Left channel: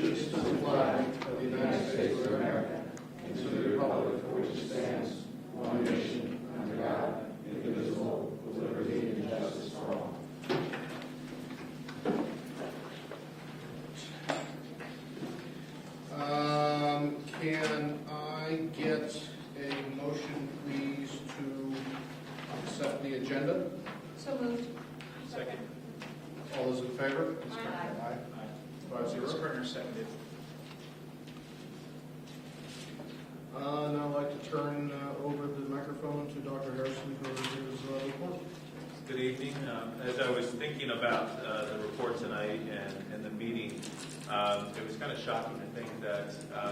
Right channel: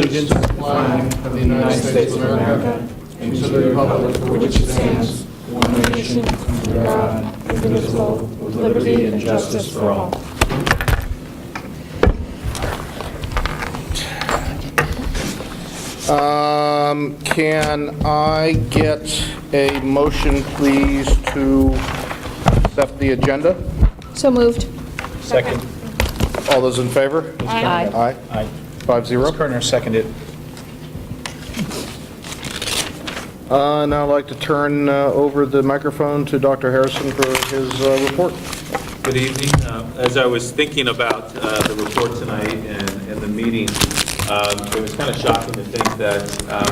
allegiance to the flag of the United States of America and to the republic for which it stands, one nation, under God, indivisible, with liberty and justice for all. Can I get a motion, please, to accept the agenda? So moved. Second. All those in favor? Aye. Aye. Aye. 5-0. Kerner seconded. Now I'd like to turn over the microphone to Dr. Harrison for his report. Good evening. As I was thinking about the report tonight and the meeting, it was kind of shocking to think that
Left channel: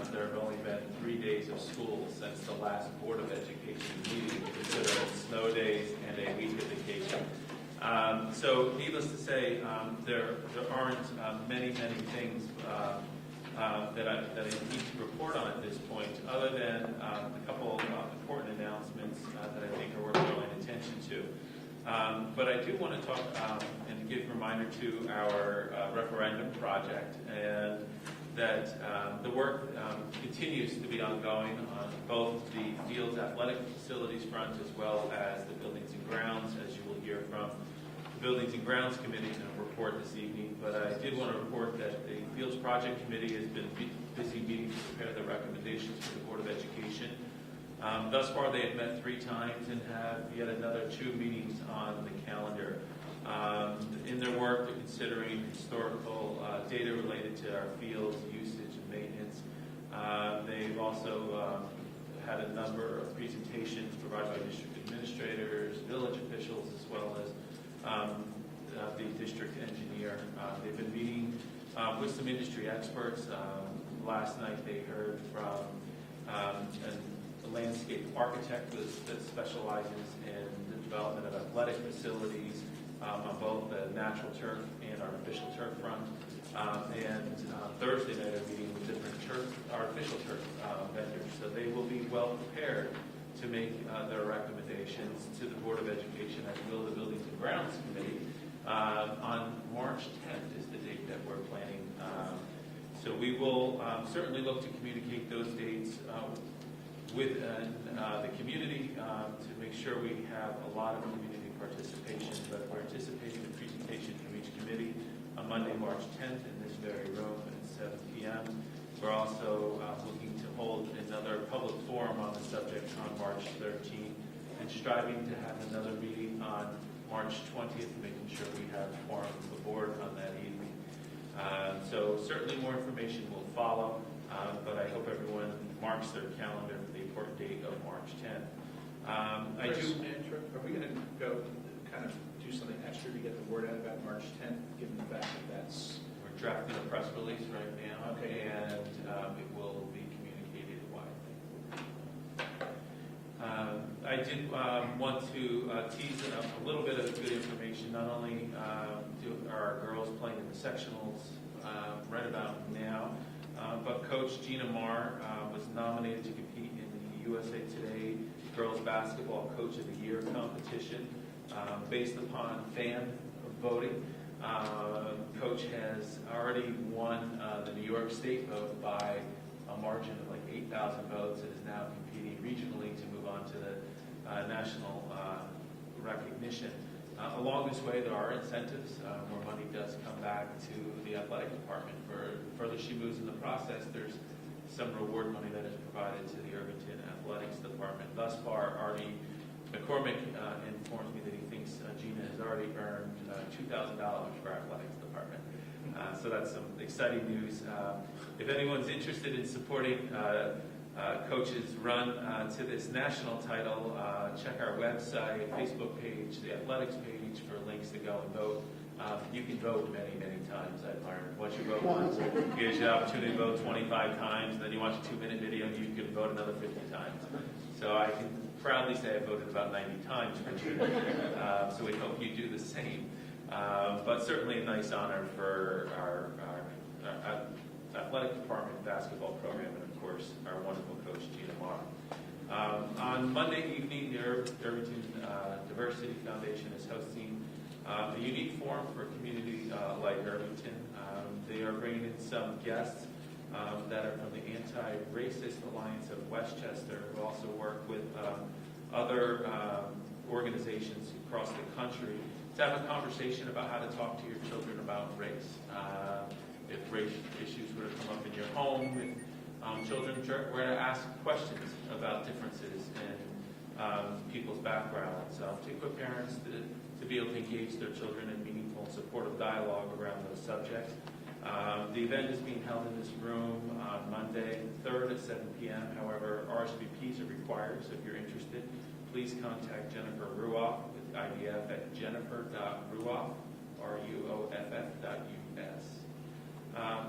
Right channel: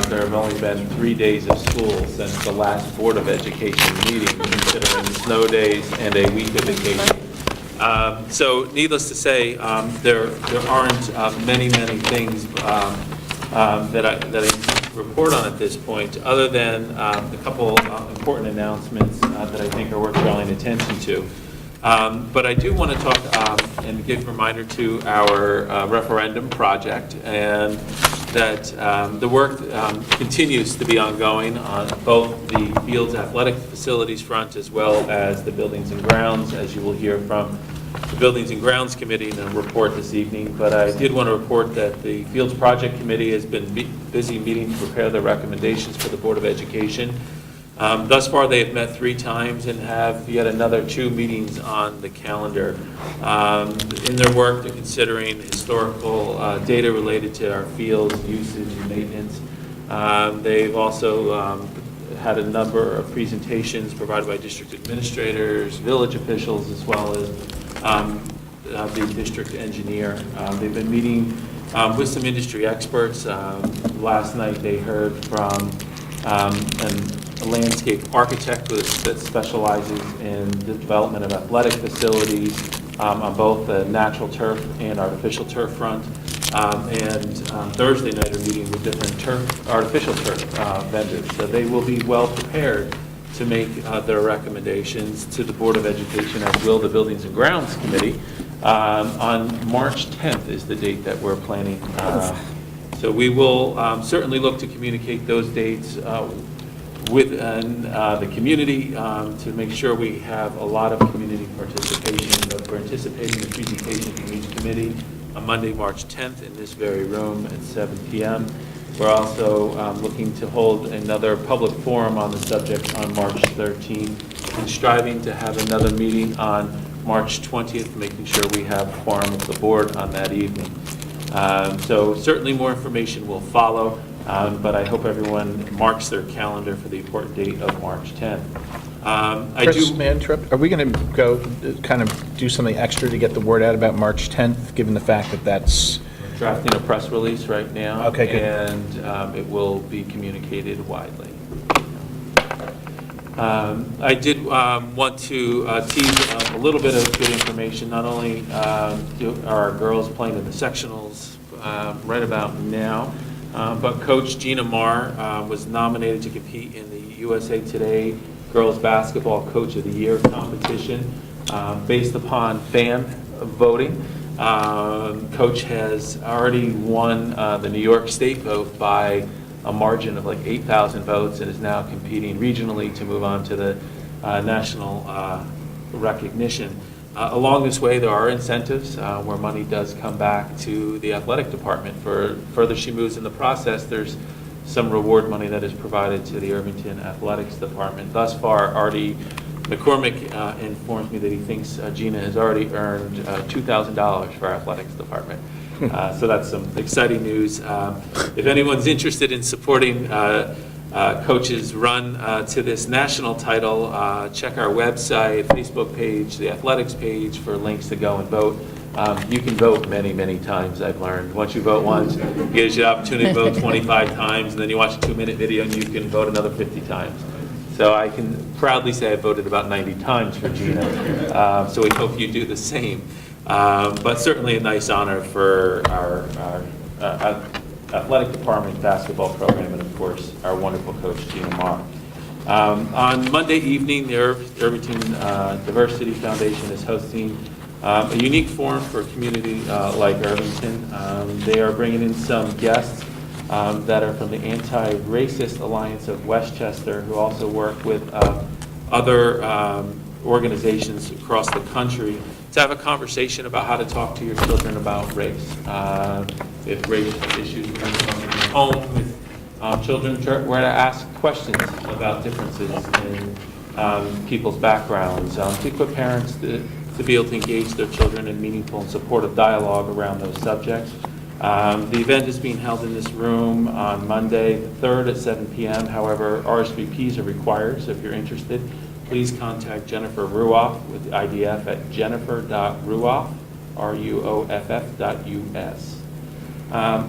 there have only been 3 days of school since the last Board of Education meeting, considering snow days and a week of vacation. So needless to say, there aren't many things that I report on at this point, other than a couple important announcements that I think are worth drawing attention to. But I do want to talk and give a reminder to our referendum project, and that the work continues to be ongoing on both the Fields athletic facilities front as well as the buildings and grounds, as you will hear from the Buildings and Grounds Committee in a report this evening. But I did want to report that the Fields Project Committee has been busy meeting to prepare their recommendations for the Board of Education. Thus far, they have met 3 times and have yet another 2 meetings on the calendar. In their work, they're considering historical data related to our fields, usage, and maintenance. They've also had a number of presentations provided by district administrators, village officials, as well as the district engineer. They've been meeting with some industry experts. Last night, they heard from a landscape architect that specializes in the development of athletic facilities on both the natural turf and artificial turf front. And Thursday night are meeting with different artificial turf vendors. So they will be well prepared to make their recommendations to the Board of Education, as will the Buildings and Grounds Committee. On March 10th is the date that we're planning. So we will certainly look to communicate those dates with the community to make sure we have a lot of community participation. But we're anticipating the presentation from each committee on Monday, March 10th in this very room at 7 p.m. We're also looking to hold another public forum on the subject on March 13th and striving to have another meeting on March 20th, making sure we have a quorum of the board on that evening. So certainly more information will follow. But I hope everyone marks their calendar for the important date of March 10th. Chris, may I interrupt? Are we going to go kind of do something extra to get the word out about March 10th, given the fact that that's... Drafting a press release right now. Okay, good. And it will be communicated widely. I did want to tease a little bit of good information. Not only are our girls playing in the sectionals right about now, but Coach Gina Marr was nominated to compete in the USA Today Girls Basketball Coach of the Year competition based upon fan voting. Coach has already won the New York State vote by a margin of like 8,000 votes and is now competing regionally to move on to the national recognition. Along this way, there are incentives where money does come back to the athletic department. For further she moves in the process, there's some reward money that is provided to the Irvington Athletics Department. Thus far, Artie McCormick informs me that he thinks Gina has already earned $2,000 for our athletics department. So that's some exciting news. If anyone's interested in supporting Coach's run to this national title, check our website, Facebook page, the athletics page for links to go and vote. You can vote many times, I've learned. Once you vote once, it gives you the opportunity to vote 25 times, and then you watch a 2-minute video and you can vote another 50 times. So I can proudly say I voted about 90 times for Gina. So we hope you do the same. But certainly a nice honor for our athletic department basketball program, and of course our wonderful coach Gina Marr. On Monday evening, the Irvington Diversity Foundation is hosting a unique forum for a community like Irvington. They are bringing in some guests that are from the Anti-Racist Alliance of Westchester, who also work with other organizations across the country to have a conversation about how to talk to your children about race. If race issues were going on in your home, if children were to ask questions about differences in people's backgrounds, to equip parents to be able to engage their children in meaningful and supportive dialogue around those subjects. The event is being held in this room on Monday, the 3rd at 7 p.m. However, RSVPs are required, so if you're interested, please contact Jennifer Ruoff with the IDF at jennifer.ruoff, ruoff.us.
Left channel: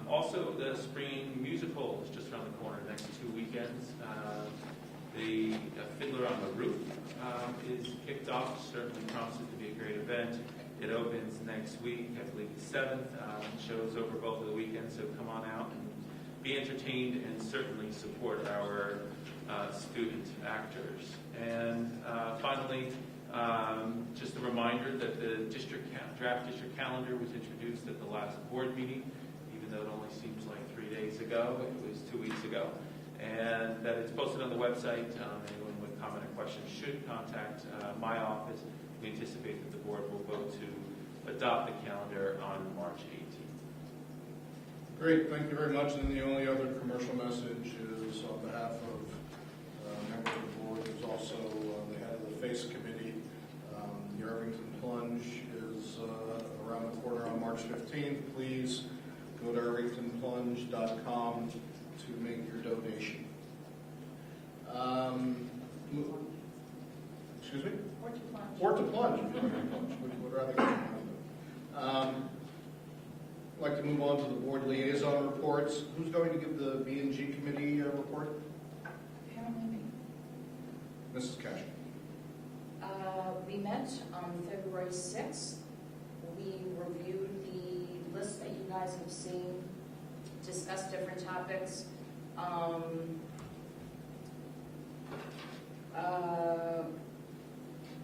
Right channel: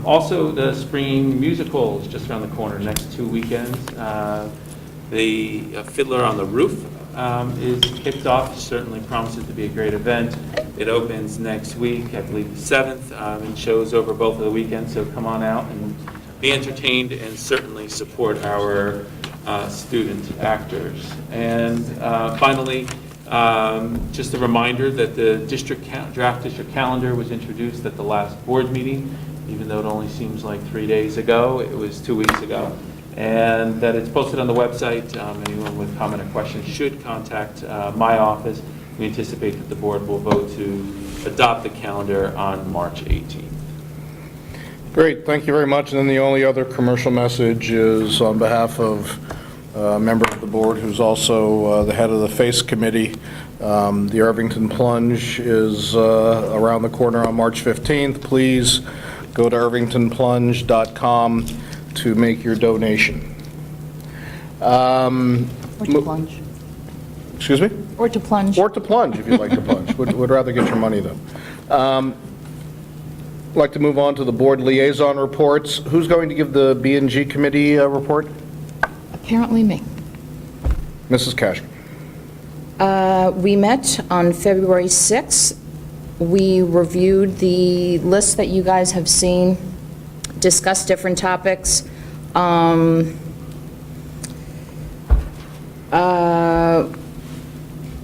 Also, the spring musical is just around the corner, next 2 weekends. The Fiddler on the Roof is kicked off, certainly promises to be a great event. It opens next week, I believe the 7th, and shows over both of the weekends, so come on out and be entertained and certainly support our student actors. And finally, just a reminder that the draft district calendar was introduced at the last board meeting, even though it only seems like 3 days ago. It was 2 weeks ago. And that it's posted on the website. Anyone with comment or questions should contact my office. We anticipate that the board will vote to adopt the calendar on March 18th. Great, thank you very much. And then the only other commercial message is on behalf of a member of the board who's also the head of the FACE committee. The Irvington Plunge is around the corner on March 15th. Please go to irvingtonplunge.com to make your donation. Or to plunge. Excuse me? Or to plunge. Or to plunge, if you'd like to plunge. Would rather get your money, though. I'd like to move on to the board liaison reports. Who's going to give the B&G committee report? Apparently me. Mrs. Cash. We met on February 6th. We reviewed the list that you guys have seen, discussed different topics.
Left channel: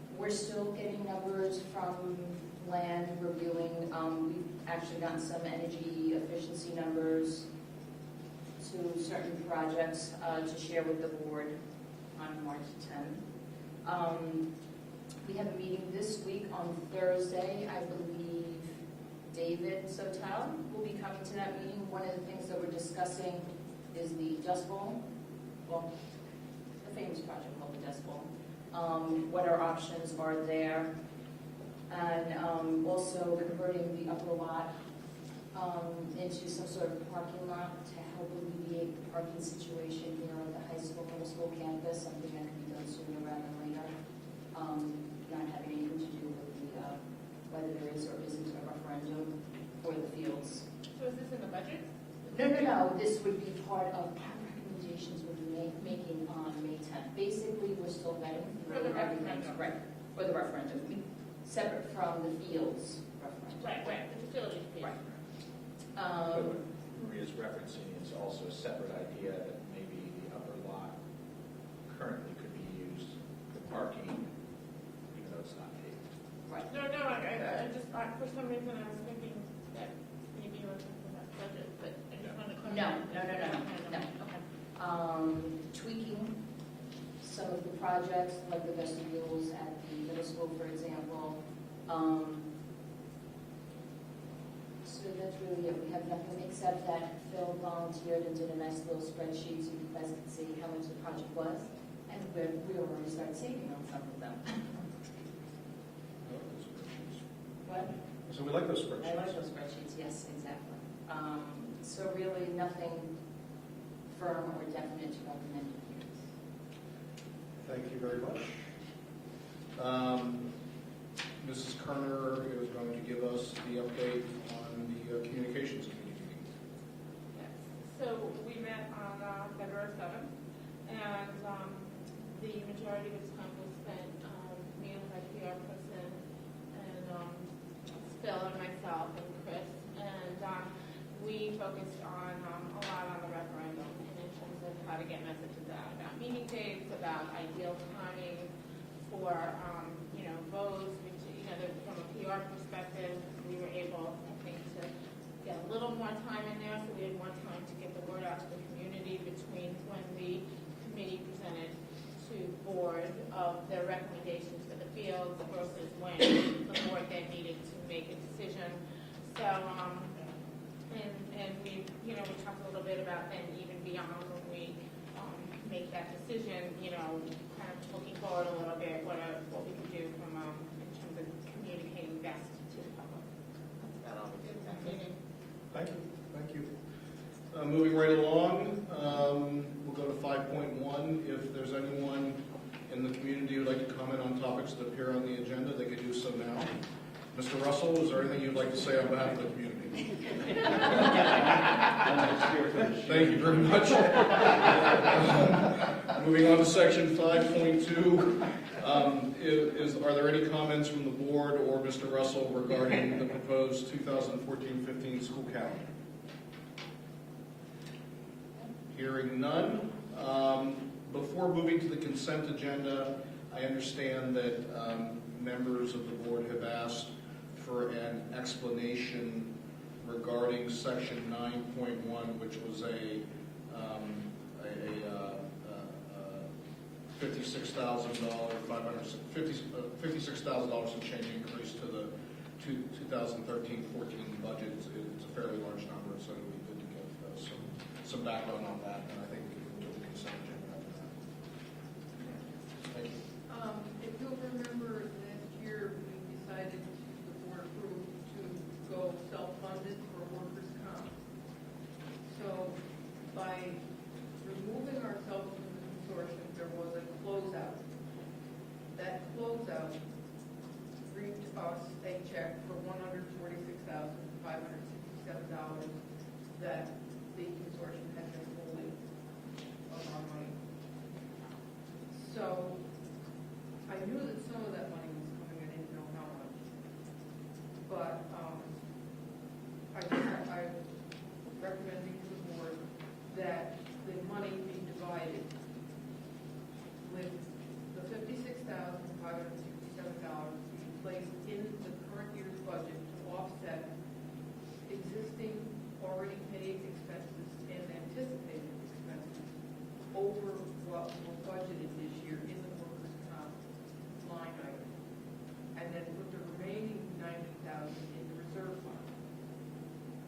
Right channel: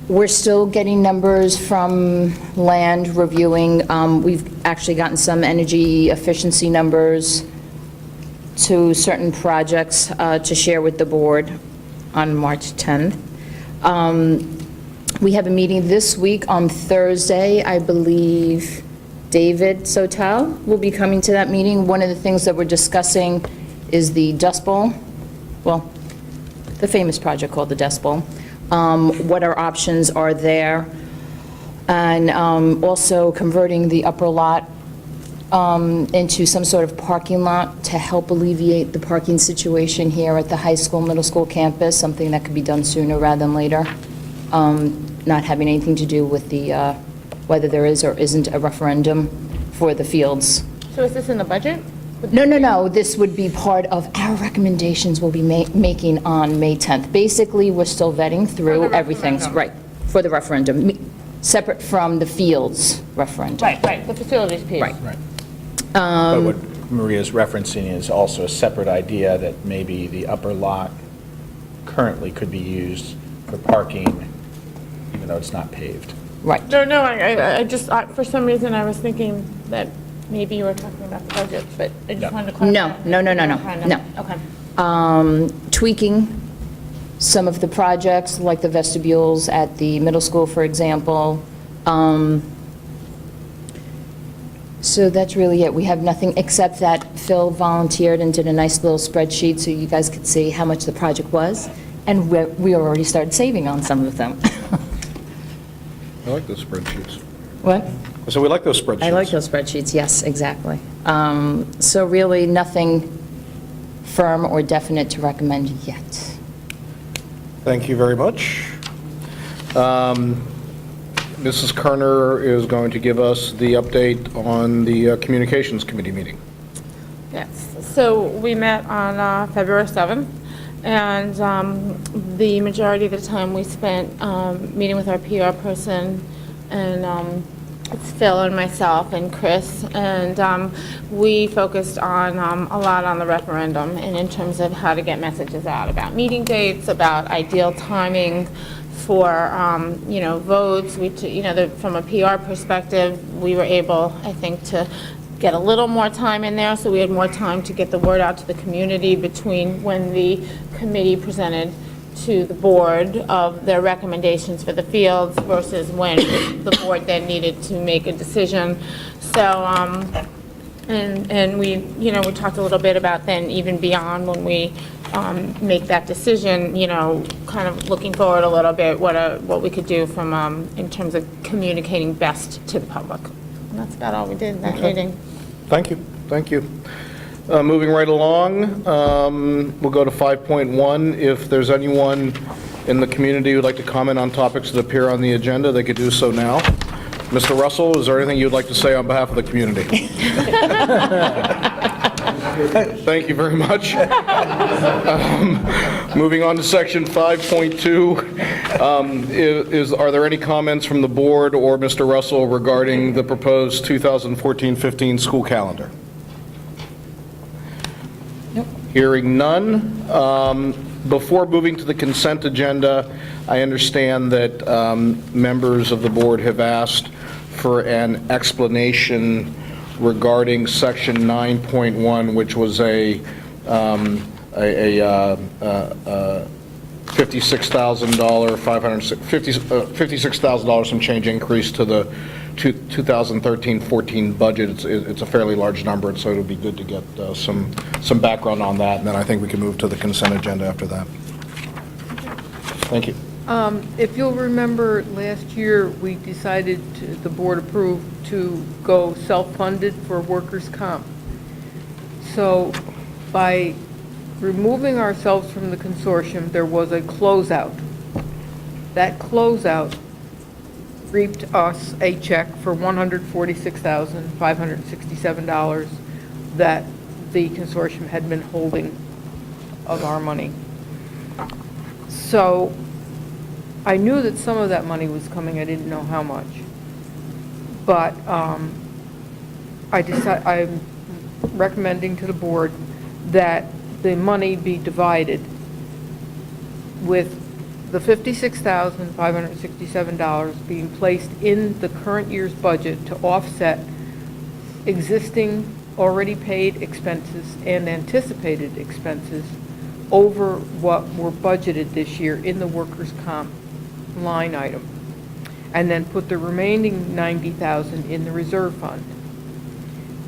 We're still getting numbers from land reviewing. We've actually gotten some energy efficiency numbers to certain projects to share with the board on March 10th. We have a meeting this week on Thursday. I believe David Sotel will be coming to that meeting. One of the things that we're discussing is the Dust Bowl, well, the famous project called the Dust Bowl. What our options are there, and also converting the upper lot into some sort of parking lot to help alleviate the parking situation here at the high school, middle school campus, something that could be done sooner rather than later, not having anything to do with the whether there is or isn't a referendum for the fields. So is this in the budget? No. This would be part of our recommendations we'll be making on May 10th. Basically, we're still vetting through everything. Right, for the referendum, separate from the fields referendum. Right, the facilities piece. Right. But what Maria's referencing is also a separate idea that maybe the upper lot currently could be used for parking, even though it's not paved. Right. No, I just, for some reason, I was thinking that maybe you were talking about the budget, but I just wanted to clarify. No. Okay. Tweaking some of the projects, like the vestibules at the middle school, for example. So that's really it. We have nothing except that Phil volunteered and did a nice little spreadsheet so you guys could see how much the project was, and we already started saving on some of them. I like those spreadsheets. What? So we like those spreadsheets. I like those spreadsheets, yes, exactly. So really, nothing firm or definite to recommend yet. Thank you very much. Mrs. Kerner is going to give us the update on the Communications Committee meeting. Yes, so we met on February 7th, and the majority of the time we spent meeting with our PR person, and it's Phil and myself and Chris, and we focused on a lot on the referendum, and in terms of how to get messages out about meeting dates, about ideal timing for votes. From a PR perspective, we were able, I think, to get a little more time in there, so we had more time to get the word out to the community between when the committee presented to the board of their recommendations for the fields versus when the board then needed to make a decision. So, and we, you know, we talked a little bit about then even beyond when we make that decision, you know, kind of looking forward a little bit, what we could do from, in terms of communicating best to the public. And that's about all we did in that meeting. Thank you, thank you. Moving right along, we'll go to 5.1. If there's anyone in the community who'd like to comment on topics that appear on the agenda, they could do so now. Mr. Russell, is there anything you'd like to say on behalf of the community? Thank you very much. Moving on to section 5.2, are there any comments from the board or Mr. Russell regarding the proposed 2014-15 school calendar? Hearing none. Before moving to the consent agenda, I understand that members of the board have asked for an explanation regarding section 9.1, which was a $56,000 some change increase to the 2013-14 budget. It's a fairly large number, and so it'll be good to get some background on that, and then I think we can move to the consent agenda after that. Thank you. If you'll remember, last year, we decided, the board approved to go self-funded for workers' comp. So by removing ourselves from the consortium, there was a closeout. That closeout reaped us a check for $146,567 that the consortium had been holding of our money. So I knew that some of that money was coming. I didn't know how much. But I'm recommending to the board that the money be divided with the $56,567 being placed in the current year's budget to offset existing already paid expenses and anticipated expenses over what were budgeted this year in the workers' comp line item, and then put the remaining $90,000 in the reserve fund.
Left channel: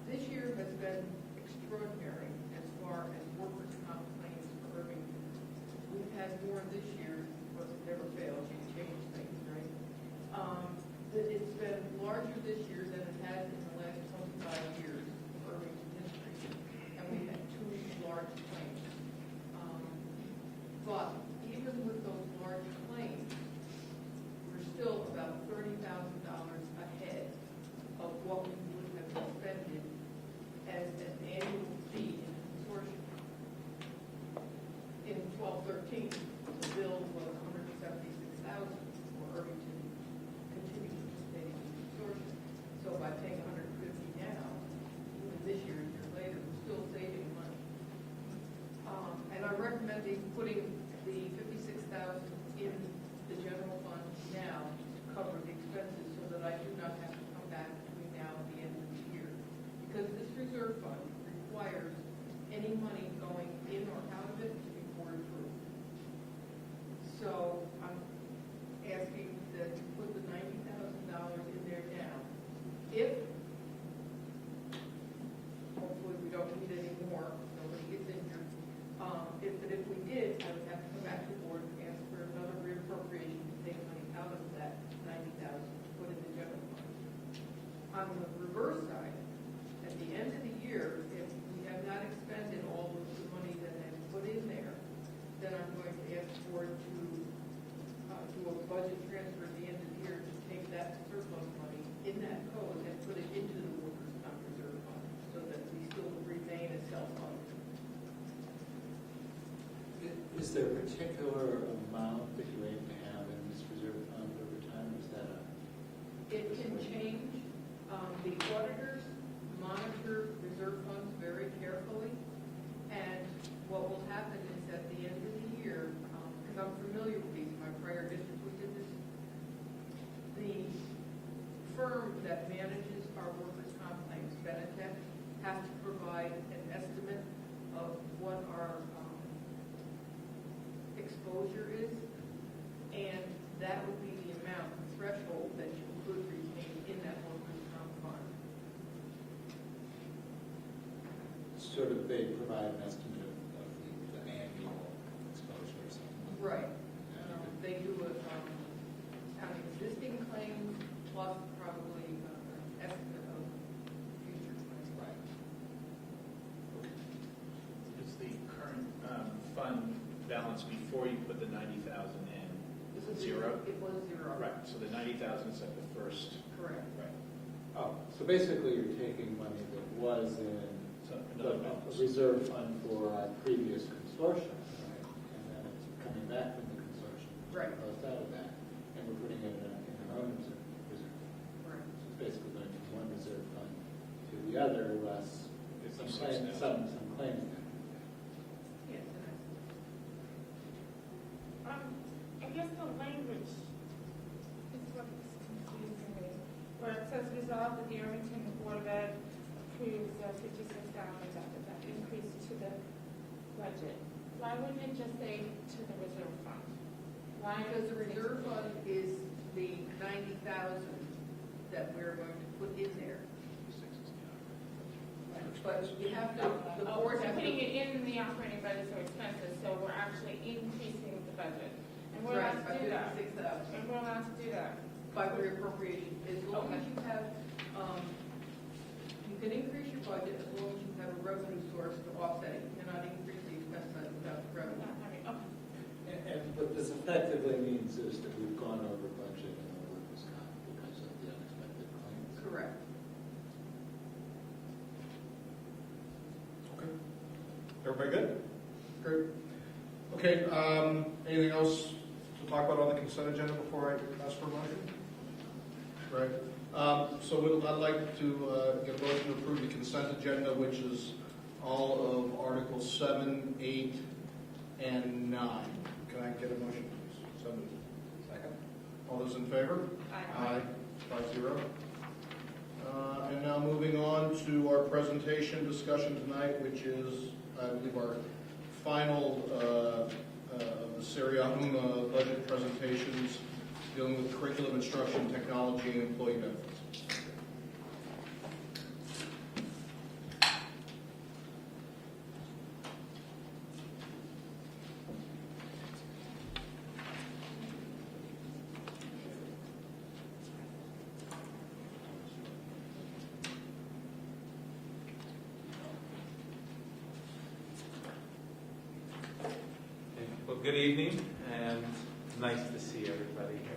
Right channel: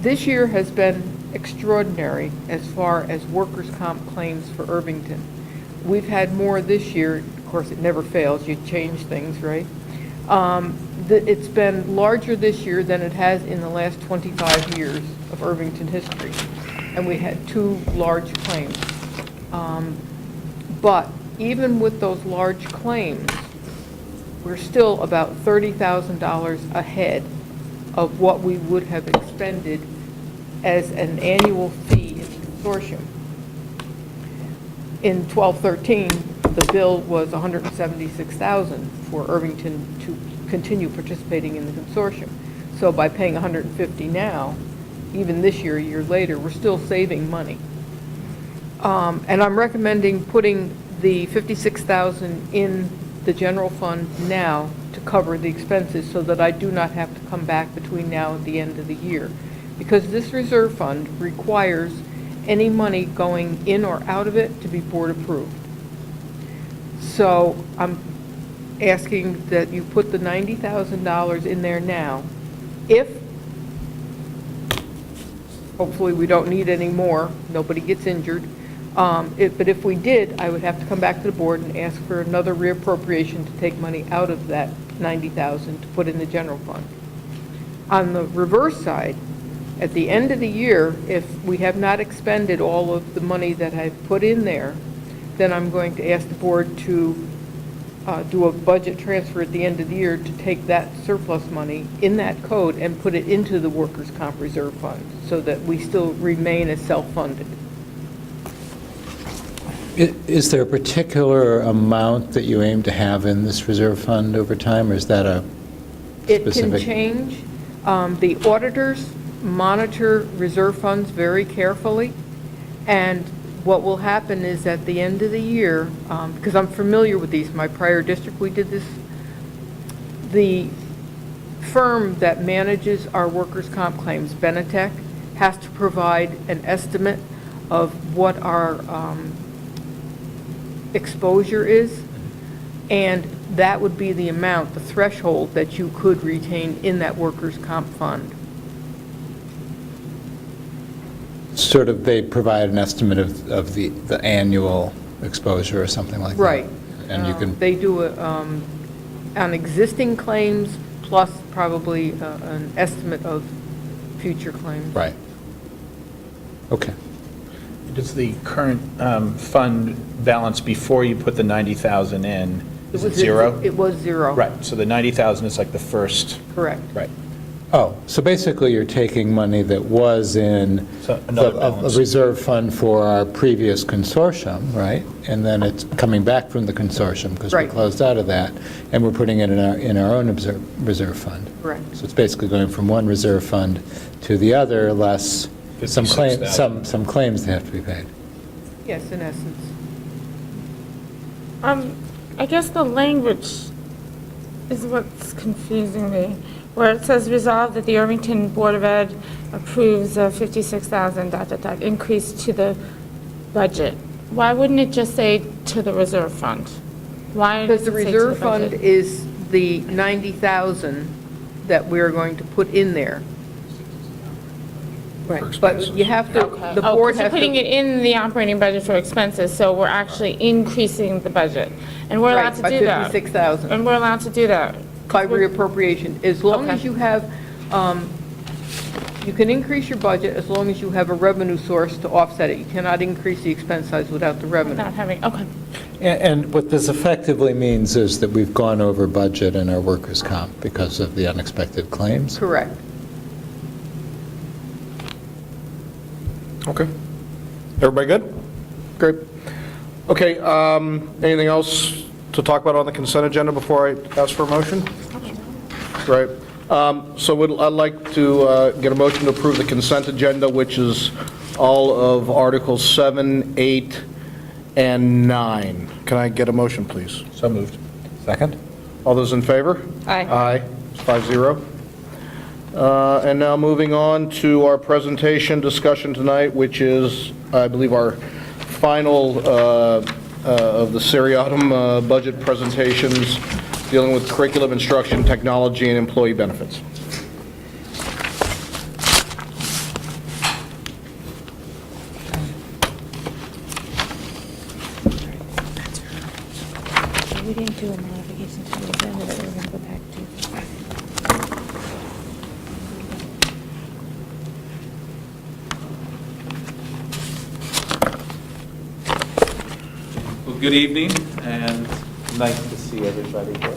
This year has been extraordinary as far as workers' comp claims for Irvington. We've had more this year. Of course, it never fails. You change things, right? It's been larger this year than it has in the last 25 years of Irvington history, and we had 2 large claims. But even with those large claims, we're still about $30,000 ahead of what we would have expended as an annual fee in the consortium. In 12-13, the bill was $176,000 for Irvington to continue participating in the consortium. So by paying $150 now, even this year, a year later, we're still saving money. And I'm recommending putting the $56,000 in the general fund now to cover the expenses so that I do not have to come back between now and the end of the year. Because this reserve fund requires any money going in or out of it to be board approved. So I'm asking that you put the $90,000 in there now. If, hopefully we don't need any more, nobody gets injured, but if we did, I would have to come back to the board and ask for another reappropriation to take money out of that $90,000 to put in the general fund. On the reverse side, at the end of the year, if we have not expended all of the money that I've put in there, then I'm going to ask the board to do a budget transfer at the end of the year to take that surplus money in that code and put it into the workers' comp reserve fund so that we still remain as self-funded. Is there a particular amount that you aim to have in this reserve fund over time, or is that a specific? It can change. The auditors monitor reserve funds very carefully, and what will happen is at the end of the year, because I'm familiar with these, my prior district, we did this, the firm that manages our workers' comp claims, Benetech, has to provide an estimate of what our exposure is, and that would be the amount, the threshold that you could retain in that workers' comp fund. Sort of, they provide an estimate of the annual exposure or something like that? Right. And you can, They do it on existing claims, plus probably an estimate of future claims. right. Okay. Does the current fund balance before you put the 90,000 in, is it zero? It was zero. Right, so the 90,000 is like the first, Correct. right. Oh, so basically you're taking money that was in So another a balance. reserve fund for our previous consortium, right? And then it's coming back from the consortium because we Right. closed out of that, and we're putting it in our own reserve fund. Correct. So it's basically going from one reserve fund to the other, less some claims, 56,000. some claims that have to be paid. Yes, in essence. I guess the language is what's confusing me, where it says resolve that the Irvington Board of Ed approves a 56,000 ... increase to the budget. Why wouldn't it just say to the reserve fund? Why Because does the it say to reserve fund budget? is the 90,000 that we're going to put in there. Right, but you have to, Okay. the Oh, board 'cause you're has putting to. it in the operating budget for expenses, so we're actually increasing the budget. And we're allowed Right, to by do that. 56,000. And we're allowed to do that. By reappropriation, as long Okay. as you have, you can increase your budget as long as you have a revenue source to offset it. You cannot increase the expense size without the revenue. Not having, okay. And what this effectively means is that we've gone over budget in our workers' comp because of the unexpected claims. Correct. Okay. Everybody good? Great. Okay, anything else to talk about on the consent agenda before I ask for a motion? Right. So I'd like to get a motion to approve the consent agenda, which is all of Articles 7, 8, and 9. Can I get a motion, please? So moved. Second? All those in favor? Aye. Aye, 5-0. And now moving on to our presentation discussion tonight, which is, I believe, our final of the seriatim budget presentations dealing with curriculum, instruction, technology, and employee benefits. We didn't do a modification to the agenda that we were going to go back to. Well, good evening, and nice to see everybody here.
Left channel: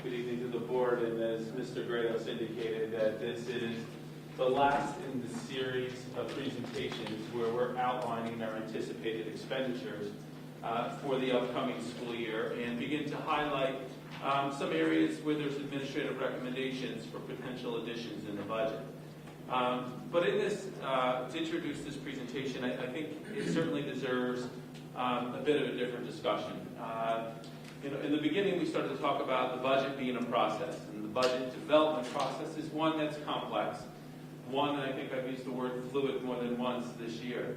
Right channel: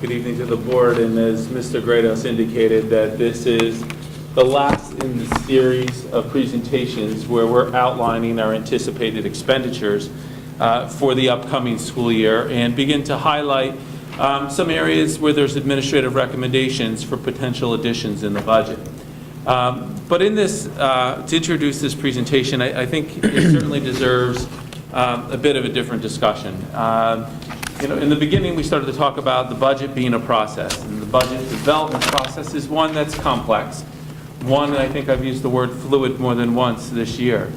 Good evening to the board, and as Mr. Grados indicated, that this is the last in the series of presentations where we're outlining our anticipated expenditures for the upcoming school year and begin to highlight some areas where there's administrative recommendations for potential additions in the budget. But in this, to introduce this presentation, I think it certainly deserves a bit of a different discussion. In the beginning, we started to talk about the budget being a process, and the budget development process is one that's complex. One, I think I've used the word fluid more than once this year.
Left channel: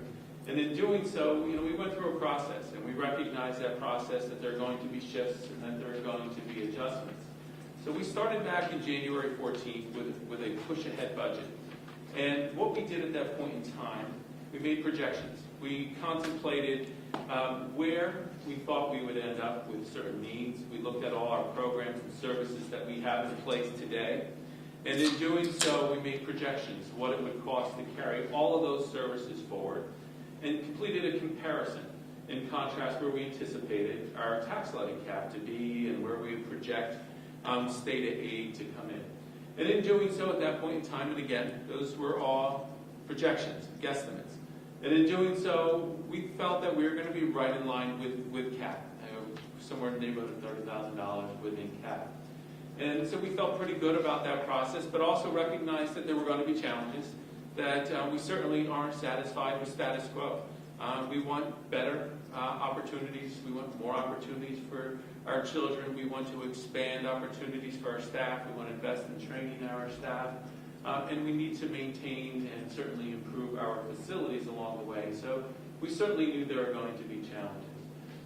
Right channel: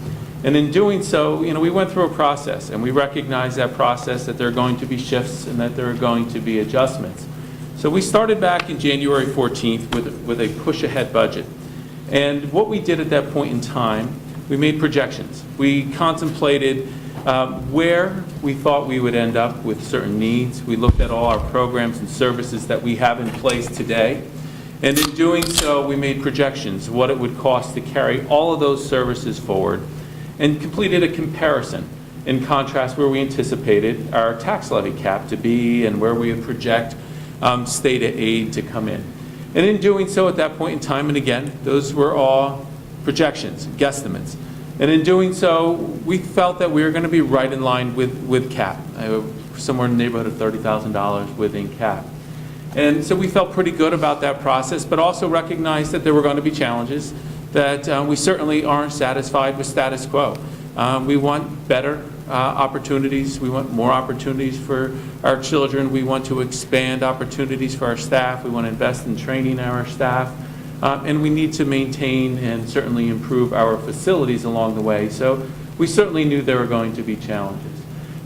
And in doing so, we went through a process, and we recognized that process, that there are going to be shifts and that there are going to be adjustments. So we started back in January 14th with a push-ahead budget. And what we did at that point in time, we made projections. We contemplated where we thought we would end up with certain needs. We looked at all our programs and services that we have in place today. And in doing so, we made projections, what it would cost to carry all of those services forward, and completed a comparison in contrast where we anticipated our tax levy cap to be and where we would project state aid to come in. And in doing so at that point in time, and again, those were all projections, guesstimates. And in doing so, we felt that we were going to be right in line with cap, somewhere in the neighborhood of $30,000 within cap. And so we felt pretty good about that process, but also recognized that there were going to be challenges, that we certainly aren't satisfied with status quo. We want better opportunities. We want more opportunities for our children. We want to expand opportunities for our staff. We want to invest in training our staff. And we need to maintain and certainly improve our facilities along the way. So we certainly knew there were going to be challenges.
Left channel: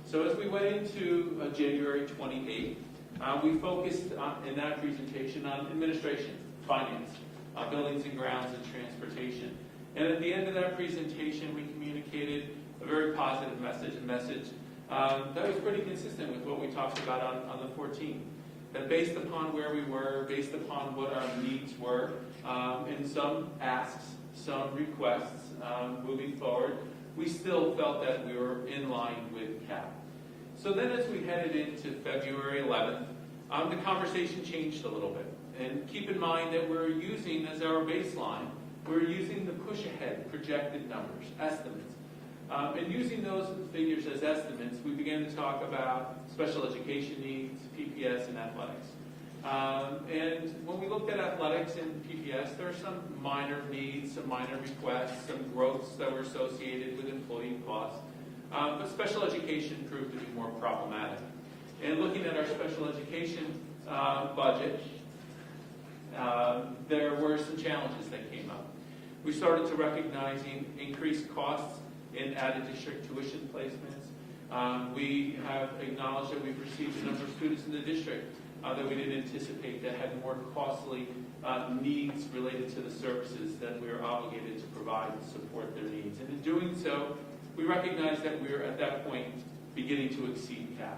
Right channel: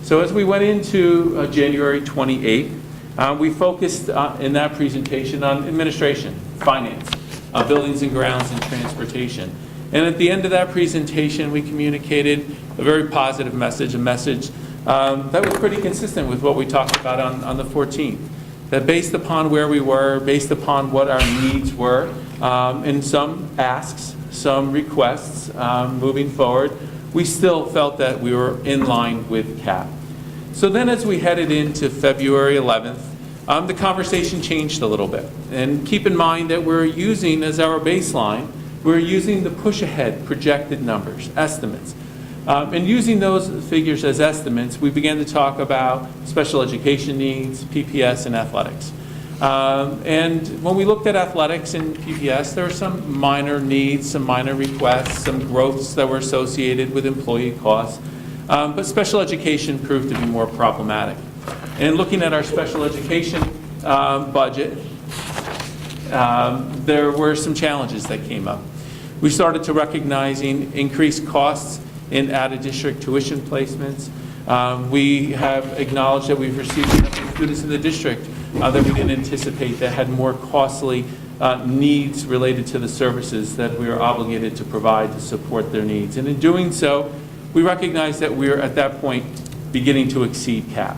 So as we went into January 28th, we focused in that presentation on administration, finance, buildings and grounds, and transportation. And at the end of that presentation, we communicated a very positive message, a message that was pretty consistent with what we talked about on the 14th. That based upon where we were, based upon what our needs were, and some asks, some requests moving forward, we still felt that we were in line with CAP. So then as we headed into February 11th, the conversation changed a little bit. And keep in mind that we're using as our baseline, we're using the push-ahead projected numbers, estimates. And using those figures as estimates, we began to talk about special education needs, PPS, and athletics. And when we looked at athletics and PPS, there were some minor needs, some minor requests, some growths that were associated with employee costs. But special education proved to be more problematic. And looking at our special education budget, there were some challenges that came up. We started to recognizing increased costs in out-of-district tuition placements. We have acknowledged that we've received students in the district that we didn't anticipate that had more costly needs related to the services that we are obligated to provide to support their needs. And in doing so, we recognize that we are at that point beginning to exceed CAP.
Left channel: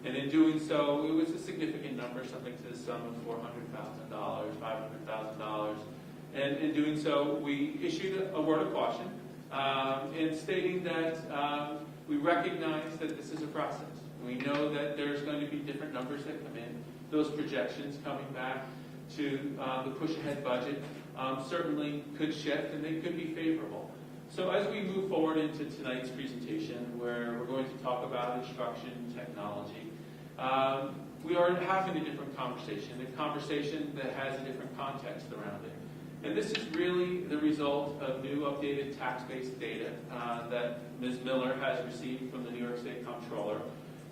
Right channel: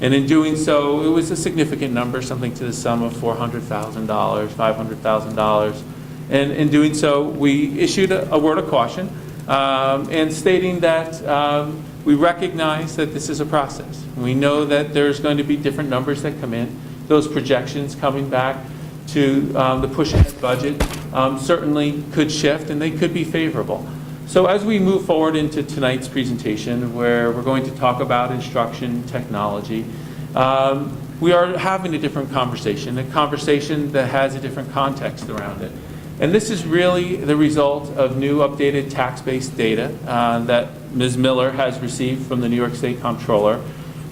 And in doing so, it was a significant number, something to the sum of $400,000, $500,000. And in doing so, we issued a word of caution and stating that we recognize that this is a process. We know that there's going to be different numbers that come in. Those projections coming back to the push-ahead budget certainly could shift, and they could be favorable. So as we move forward into tonight's presentation, where we're going to talk about instruction technology, we are having a different conversation, a conversation that has a different context around it. And this is really the result of new updated tax-based data that Ms. Miller has received from the New York State Comptroller,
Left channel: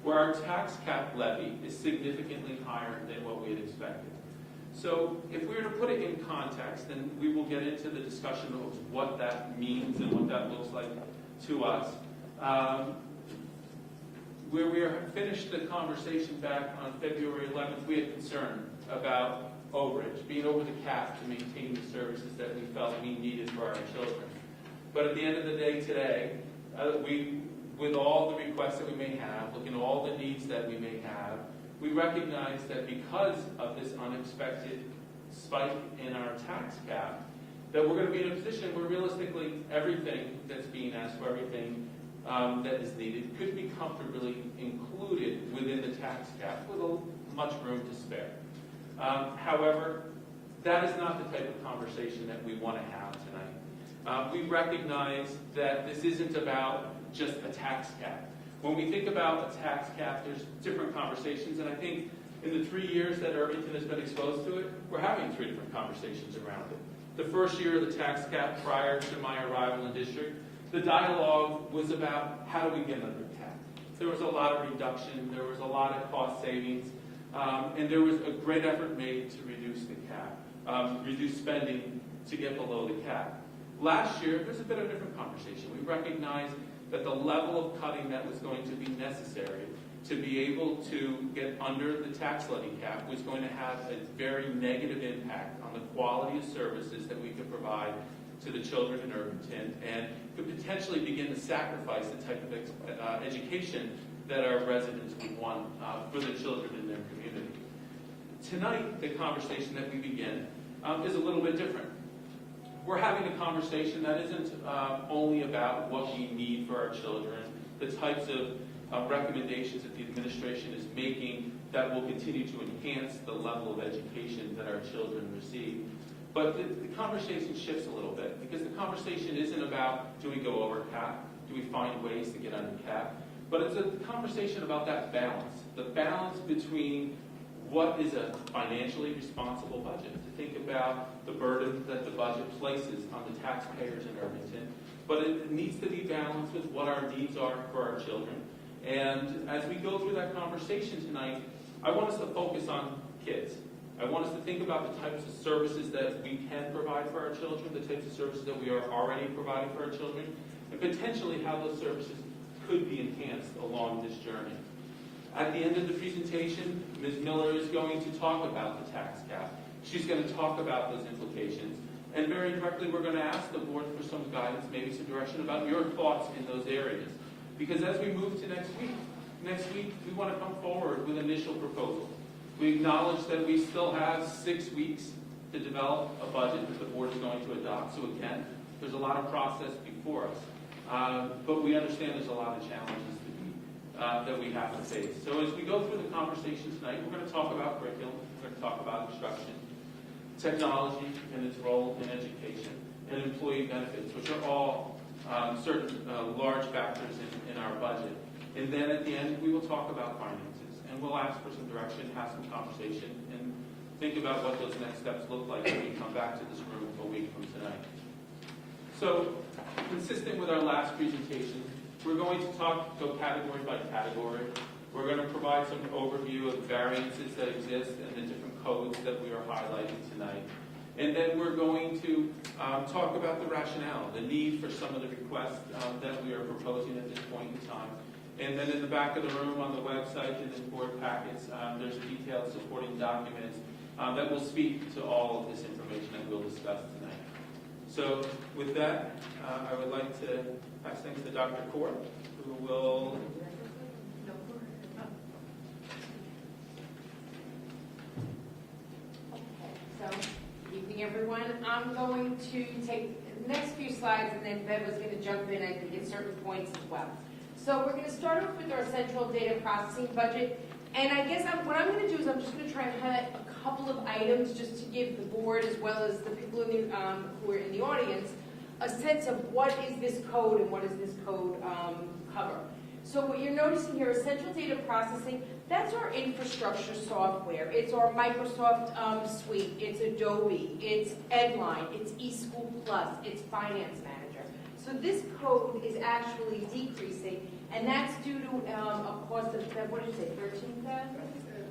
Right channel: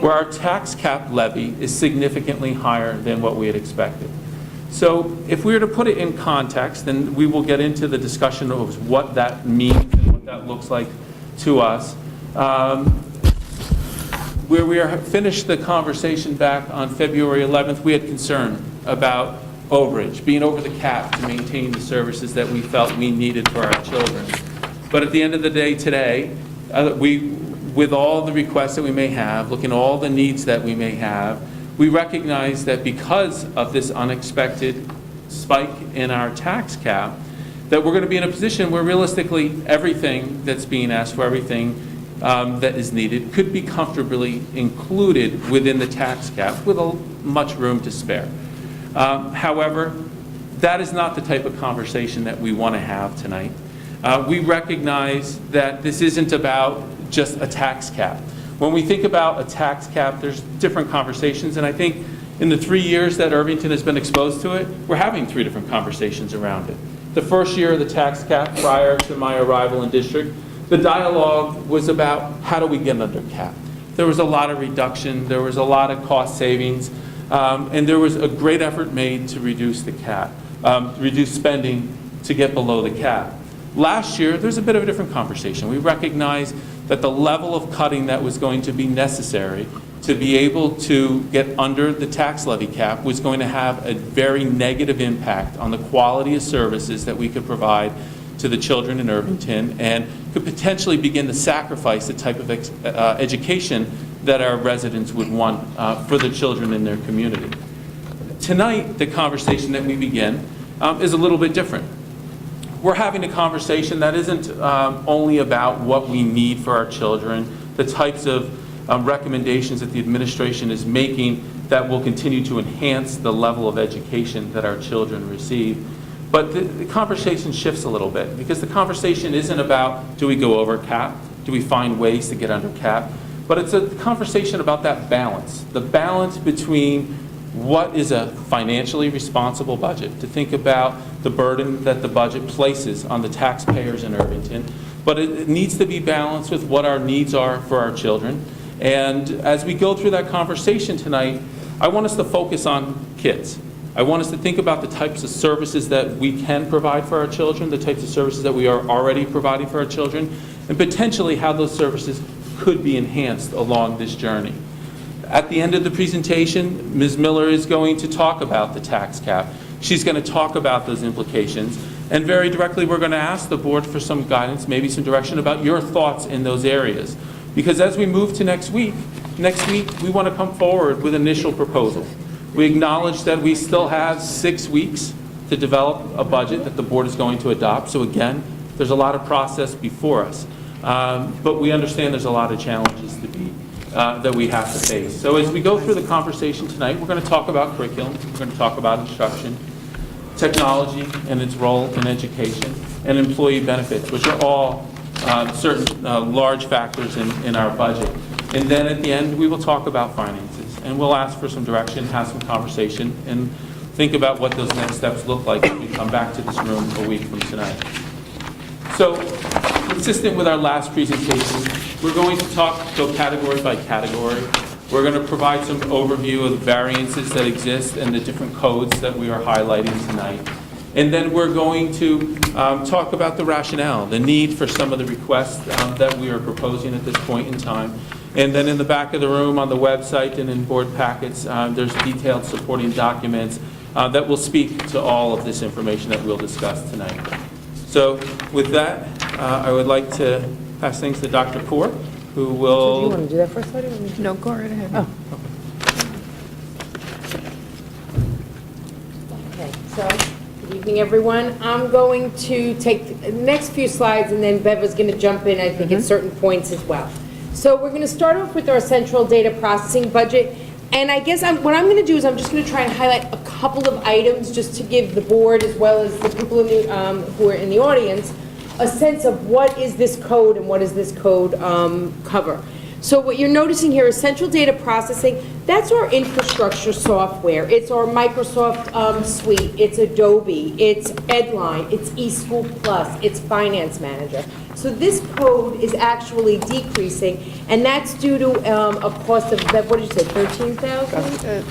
where our tax cap levy is significantly higher than what we had expected. So if we were to put it in context, then we will get into the discussion of what that means and what that looks like to us. Where we finished the conversation back on February 11th, we had concern about overage, being over the cap to maintain the services that we felt we needed for our children. But at the end of the day today, with all the requests that we may have, looking at all the needs that we may have, we recognize that because of this unexpected spike in our tax cap, that we're going to be in a position where realistically everything that's being asked for, everything that is needed, could be comfortably included within the tax cap with much room to spare. However, that is not the type of conversation that we want to have tonight. We recognize that this isn't about just a tax cap. When we think about a tax cap, there's different conversations, and I think in the 3 years that Irvington has been exposed to it, we're having 3 different conversations around it. The first year of the tax cap, prior to my arrival in district, the dialogue was about how do we get under cap. There was a lot of reduction, there was a lot of cost savings, and there was a great effort made to reduce the cap, reduce spending to get below the cap. Last year, there's a bit of a different conversation. We recognized that the level of cutting that was going to be necessary to be able to get under the tax levy cap was going to have a very negative impact on the quality of services that we could provide to the children in Irvington, and could potentially begin to sacrifice the type of education that our residents would want for the children in their community. Tonight, the conversation that we begin is a little bit different. We're having a conversation that isn't only about what we need for our children, the types of recommendations that the administration is making that will continue to enhance the level of education that our children receive. But the conversation shifts a little bit, because the conversation isn't about, do we go over cap? Do we find ways to get under cap? But it's a conversation about that balance, the balance between what is a financially responsible budget, to think about the burden that the budget places on the taxpayers in Irvington, but it needs to be balanced with what our needs are for our children. And as we go through that conversation tonight, I want us to focus on kids. I want us to think about the types of services that we can provide for our children, the types of services that we are already providing for our children, and potentially how those services could be enhanced along this journey. At the end of the presentation, Ms. Miller is going to talk about the tax cap. She's going to talk about those implications. And very directly, we're going to ask the board for some guidance, maybe some direction about your thoughts in those areas. Because as we move to next week, we want to come forward with initial proposals. We acknowledge that we still have 6 weeks to develop a budget that the board is going to adopt. So again, there's a lot of process before us. But we understand there's a lot of challenges that we have to face. So as we go through the conversation tonight, we're going to talk about curriculum, we're going to talk about instruction, technology and its role in education, and employee benefits, which are all certain large factors in our budget. And then at the end, we will talk about finances, and we'll ask for some direction, have some conversation, and think about what those next steps look like when we come back to this room a week from tonight. So, consistent with our last presentation, we're going to go category by category. We're going to provide some overview of the variances that exist and the different codes that we are highlighting tonight. And then we're going to talk about the rationale, the need for some of the requests that we are proposing at this point in time. And then in the back of the room on the website and in board packets, there's detailed supporting documents that will speak to all of this information that we'll discuss tonight. So with that, I would like to pass things to Dr. Poor, who will... Do you want to do that first? No, go right ahead. Oh. Okay, so, good evening, everyone. I'm going to take the next few slides, and then Bev is going to jump in, I think, at certain points as well. So we're going to start off with our central data processing budget. And I guess what I'm going to do is I'm just going to try and highlight a couple of items just to give the board, as well as the people in the, who are in the audience, a sense of what is this code and what does this code cover. So what you're noticing here is central data processing. That's our infrastructure software. It's our Microsoft suite. It's Adobe. It's Edline. It's eSchool Plus. It's Finance Manager. So this code is actually decreasing, and that's due to a cost of, what did you say, $13,000?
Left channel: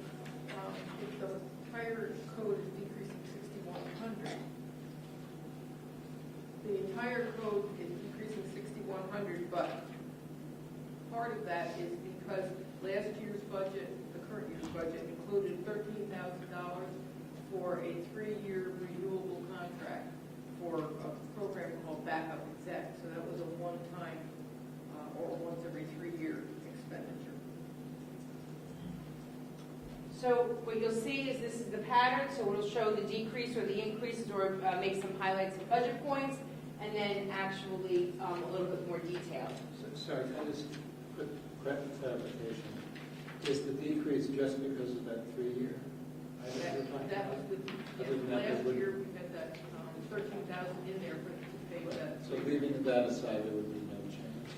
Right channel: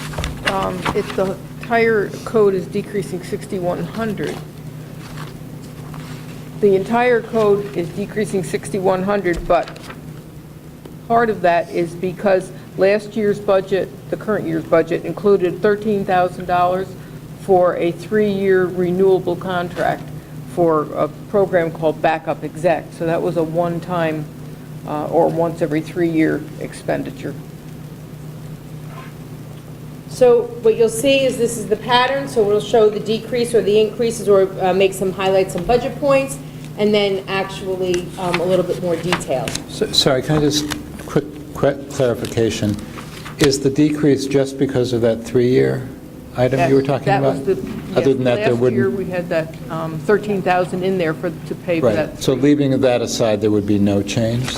The entire code is decreasing $6,100. The entire code is decreasing $6,100, but part of that is because last year's budget, the current year's budget, included $13,000 for a 3-year renewable contract for a program called Backup Exec. So that was a one-time or once every 3-year expenditure. So what you'll see is this is the pattern, so it'll show the decrease or the increases, or make some highlights, some budget points, and then actually a little bit more detail. Sorry, can I just quick clarification? Is the decrease just because of that 3-year item you were talking about? That was the, Other than that, there last year wouldn't... we had that $13,000 in there to pay for that. Right, so leaving that aside, there would be no change?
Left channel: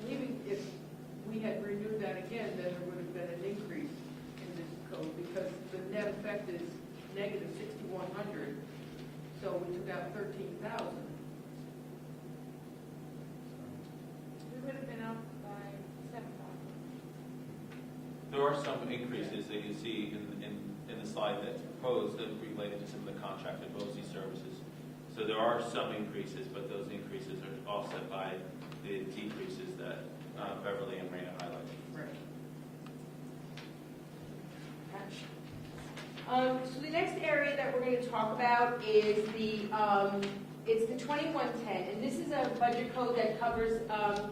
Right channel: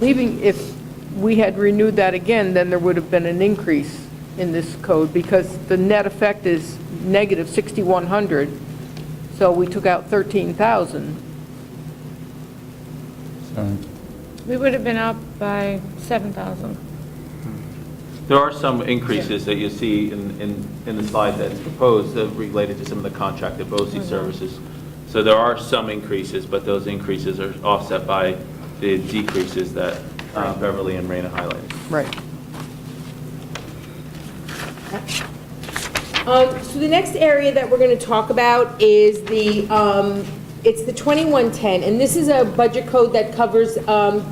Leaving, if we had renewed that again, then there would have been an increase in this code, because the net effect is negative $6,100, so we took out $13,000. We would have been up by 7,000. There are some increases that you see in the slide that's proposed that related to some of the contracted BOCES services. So there are some increases, but those increases are offset by the decreases that Beverly and Raina highlighted. Right. So the next area that we're going to talk about is it's the 2110, and this is a budget code that covers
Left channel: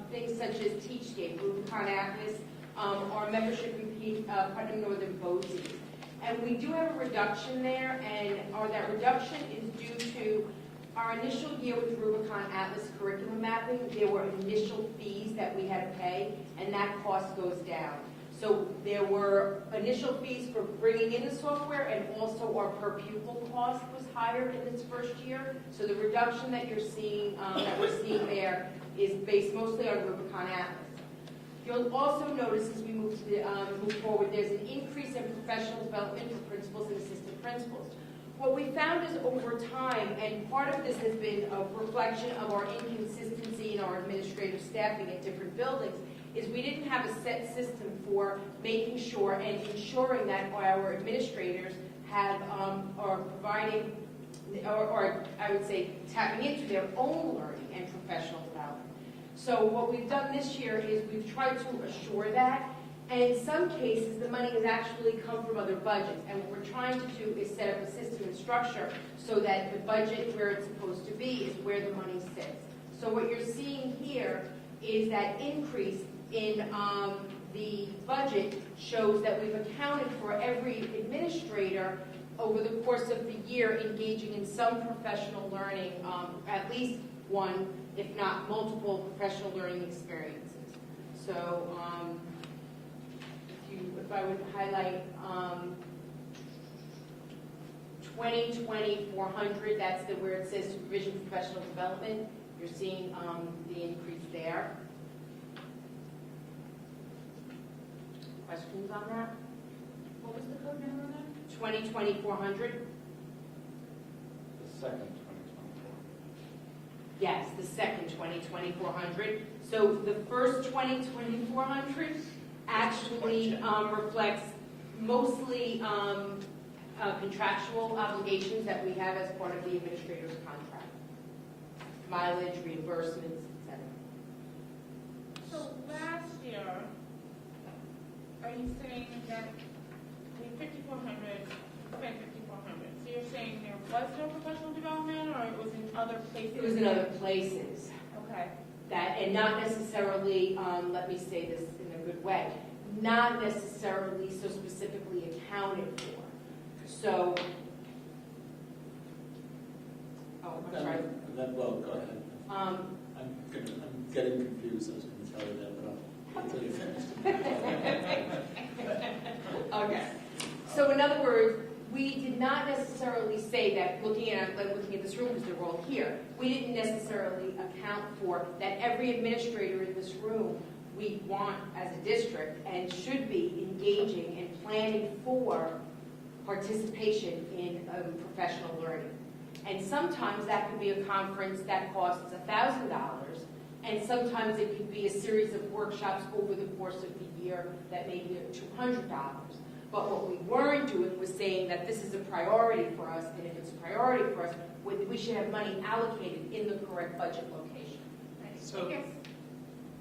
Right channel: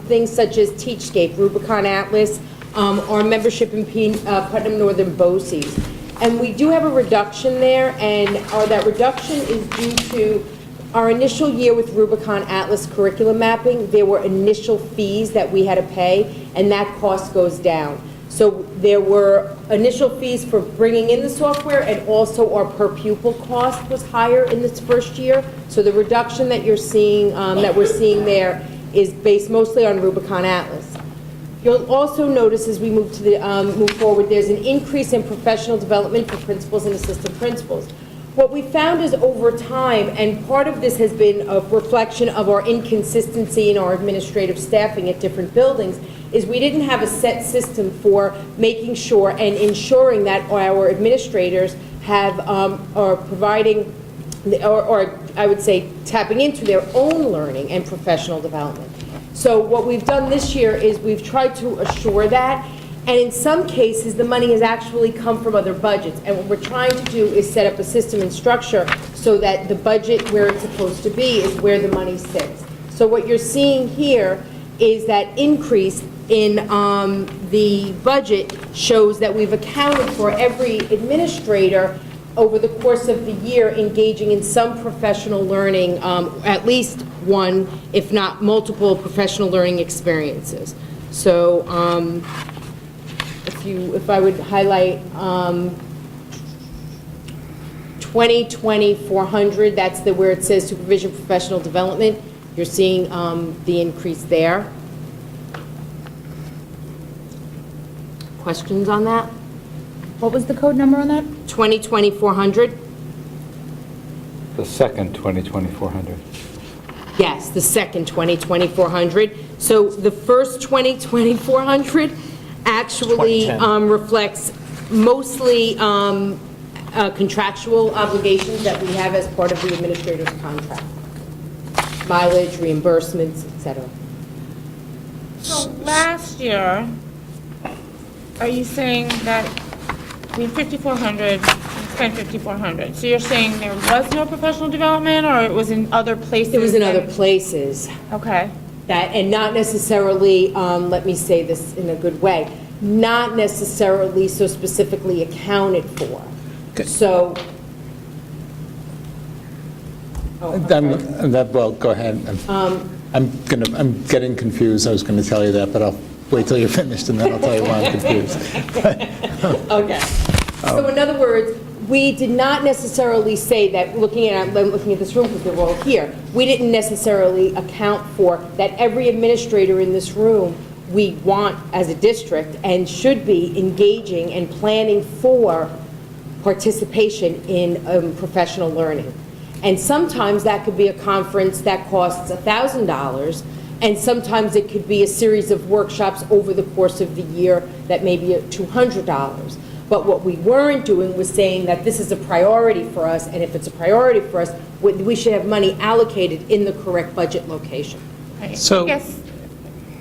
things such as Teachscape, Rubicon Atlas, our membership in Putnam Northern BOCES. And we do have a reduction there, and that reduction is due to our initial year with Rubicon Atlas curriculum mapping. There were initial fees that we had to pay, and that cost goes down. So there were initial fees for bringing in the software, and also our per pupil cost was higher in this first year. So the reduction that you're seeing, that we're seeing there, is based mostly on Rubicon Atlas. You'll also notice as we move to the move forward, there's an increase in professional development for principals and assistant principals. What we found is over time, and part of this has been a reflection of our inconsistency in our administrative staffing at different buildings, is we didn't have a set system for making sure and ensuring that our administrators have, are providing, or I would say tapping into their own learning and professional development. So what we've done this year is we've tried to assure that, and in some cases, the money has actually come from other budgets. And what we're trying to do is set up a system and structure so that the budget where it's supposed to be is where the money sits. So what you're seeing here is that increase in the budget shows that we've accounted for every administrator over the course of the year engaging in some professional learning, at least one, if not multiple professional learning experiences. So if I would highlight 2020-400, that's where it says supervision professional development, you're seeing the increase there. Questions on that? What was the code number on that? 2020-400? The second 2020-400. Yes, the second 2020-400. So the first 2020-400 actually reflects mostly contractual obligations that we have as part of the administrator's contract. Mileage, reimbursements, et cetera. So last year, are you saying that we had 5,400, spent 5,400? So you're saying there was no professional development, or it was in other places? It was in other places. Okay. That, and not necessarily, let me say this in a good way, not necessarily so specifically accounted for. So. Oh, I'm sorry. Well, go ahead. I'm getting confused. I was going to tell you that, but I'll wait till you're finished, and then I'll tell you why I'm confused. Okay. So in other words, we did not necessarily say that, I'm looking at this room because they're all here, we didn't necessarily account for that every administrator in this room we want as a district and should be engaging and planning for participation in professional learning. And sometimes that could be a conference that costs $1,000, and sometimes it could be a series of workshops over the course of the year that may be at $200. But what we weren't doing was saying that this is a priority for us, and if it's a priority for us, we should have money allocated in the correct budget location. Right. So- I guess,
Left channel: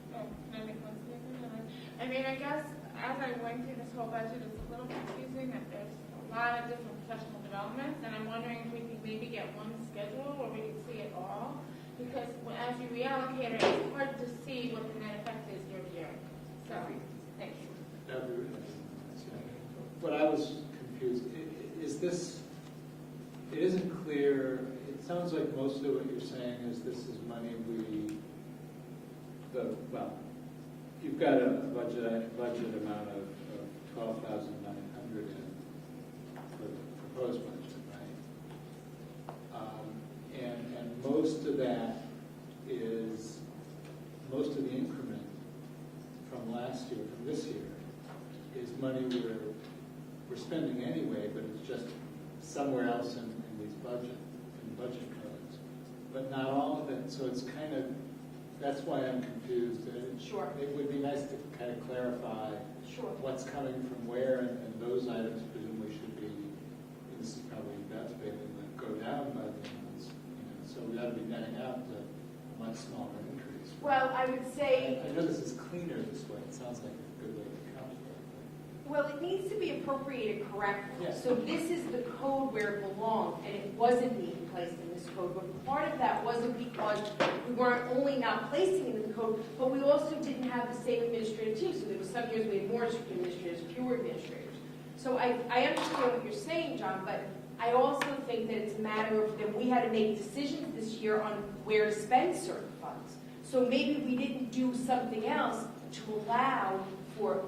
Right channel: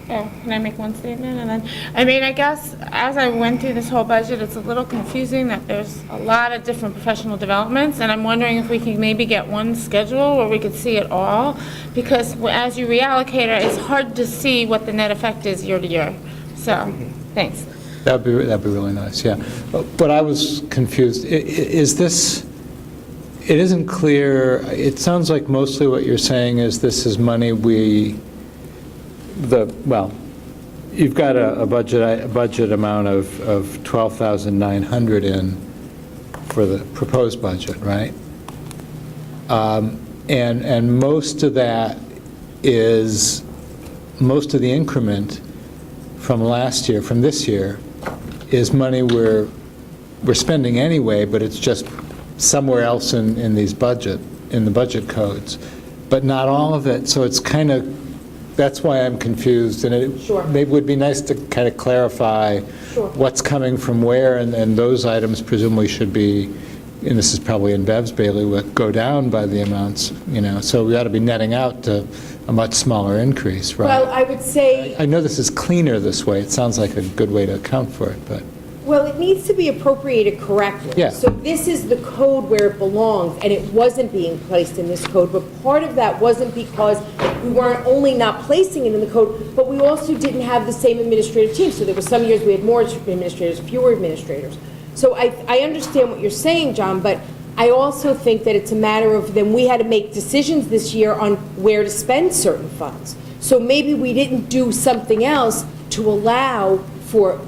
can I make one statement? And then, I mean, I guess as I went through this whole budget, it's a little confusing that there's a lot of different professional developments, and I'm wondering if we can maybe get one schedule where we could see it all, because as you reallocate it, it's hard to see what the net effect is year to year. So, thanks. That'd be really nice, yeah. But I was confused. Is this, it isn't clear, it sounds like mostly what you're saying is this is money well, you've got a budget amount of 12,900 in for the proposed budget, right? And most of that is, most of the increment from last year, from this year, is money we're spending anyway, but it's just somewhere else in the budget codes, but not all of it. So it's kind of, that's why I'm confused, and it Sure. maybe would be nice to kind of clarify Sure. what's coming from where, and those items presumably should be, and this is probably in Bev's bailiwick, go down by the amounts, so we ought to be netting out to a much smaller increase, right? Well, I would say, I know this is cleaner this way. It sounds like a good way to account for it, but, well, it needs to be appropriated correctly. Yeah. So this is the code where it belongs, and it wasn't being placed in this code, but part of that wasn't because we weren't only not placing it in the code, but we also didn't have the same administrative team. So there were some years we had more administrators, fewer administrators. So I understand what you're saying, John, but I also think that it's a matter of then we had to make decisions this year on where to spend certain funds. So maybe we didn't do something else to allow for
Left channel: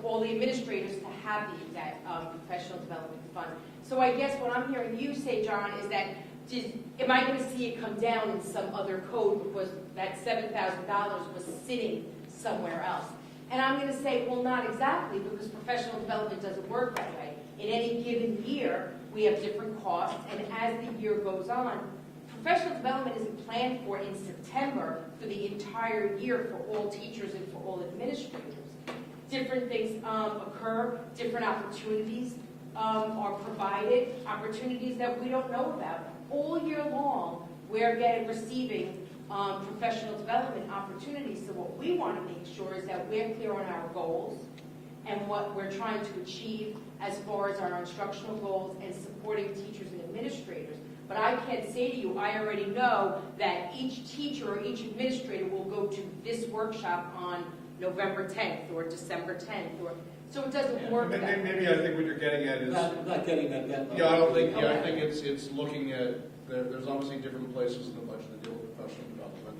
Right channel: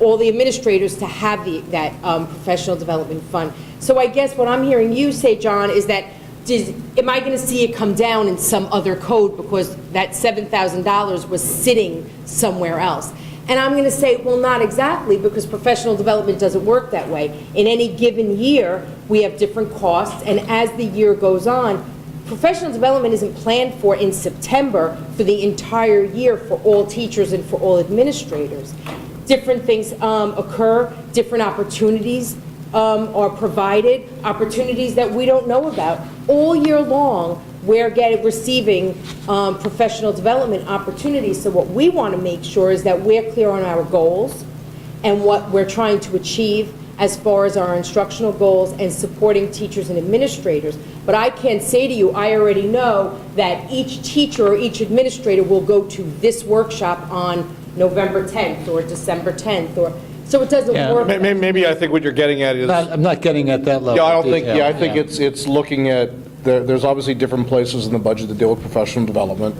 all the administrators to have that professional development fund. So I guess what I'm hearing you say, John, is that am I going to see it come down in some other code because that $7,000 was sitting somewhere else? And I'm going to say, well, not exactly, because professional development doesn't work that way. In any given year, we have different costs, and as the year goes on, professional development isn't planned for in September for the entire year for all teachers and for all administrators. Different things occur, different opportunities are provided, opportunities that we don't know about. All year long, we're receiving professional development opportunities. So what we want to make sure is that we're clear on our goals and what we're trying to achieve as far as our instructional goals and supporting teachers and administrators. But I can say to you, I already know that each teacher or each administrator will go to this workshop on November 10th or December 10th, or, so it doesn't Yeah. work. Maybe I think what you're getting at is, I'm not getting at that level yeah, I of don't think, detail. yeah, I think it's looking at, there's obviously different places in the budget that deal with professional development.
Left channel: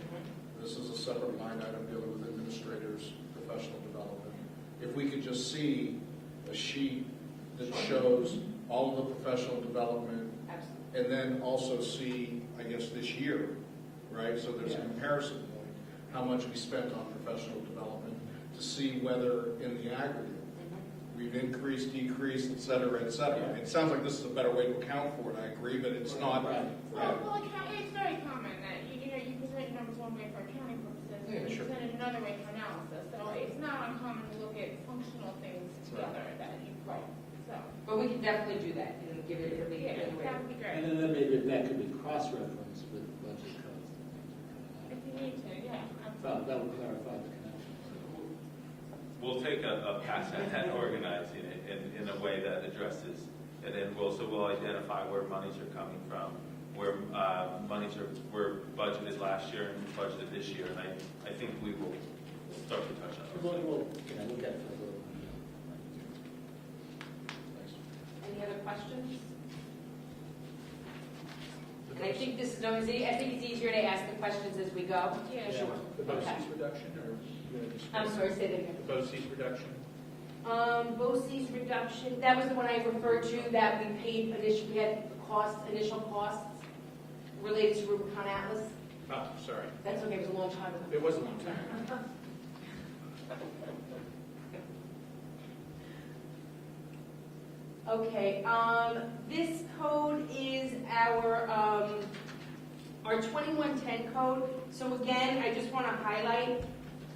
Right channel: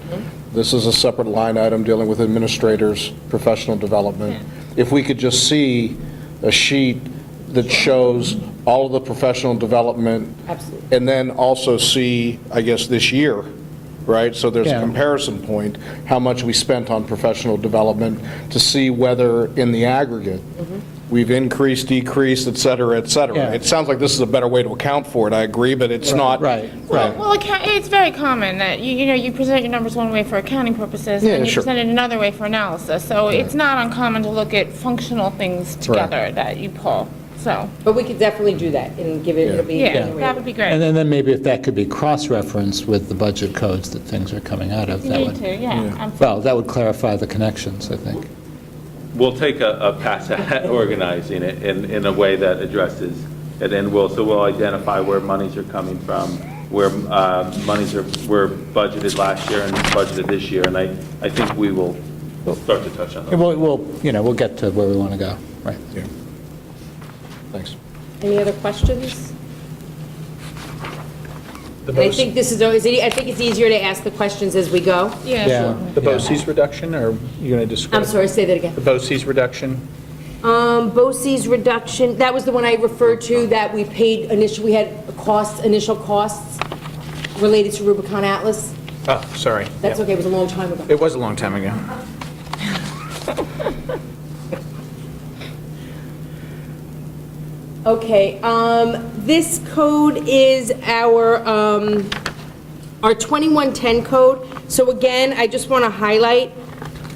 This is a separate line item dealing with administrators' professional development. If we could just see a sheet that shows all of the professional development. Absolutely. And then also see, I guess, this year, right? So there's a Yeah. comparison point, how much we spent on professional development, to see whether in the aggregate, we've increased, decreased, et cetera, et cetera. Yeah. It sounds like this is a better way to account for it, I agree, but it's not. Right, right. Well, it's very common that, you present your numbers one way for accounting purposes, Yeah, and you sure. present it another way for analysis. So it's not uncommon to look at functional things together that you pull, so, But we could definitely do that and give it, it'll be. yeah, that would be great. And then maybe if that could be cross-referenced with the budget codes that things are coming out of, You that need would, to, yeah. well, that would clarify the connections, I think. We'll take a pass at organizing it in a way that addresses it, and we'll identify where monies are coming from, where monies were budgeted last year and budgeted this year, and I think we'll start to touch on And those. we'll get to where we want to go, right. Yeah. Thanks. Any other questions? And I think this is, I think it's easier to ask the questions as we go. Yeah, Yeah. sure. The BOCES reduction, or are you going to describe? I'm sorry, say that again. The BOCES reduction? BOCES reduction, that was the one I referred to, that we paid initially, we had initial costs related to Rubicon Atlas. Oh, sorry. That's Yeah. okay, it was a long time ago. It was a long time ago. Okay, this code is our 2110 code. So again, I just want to highlight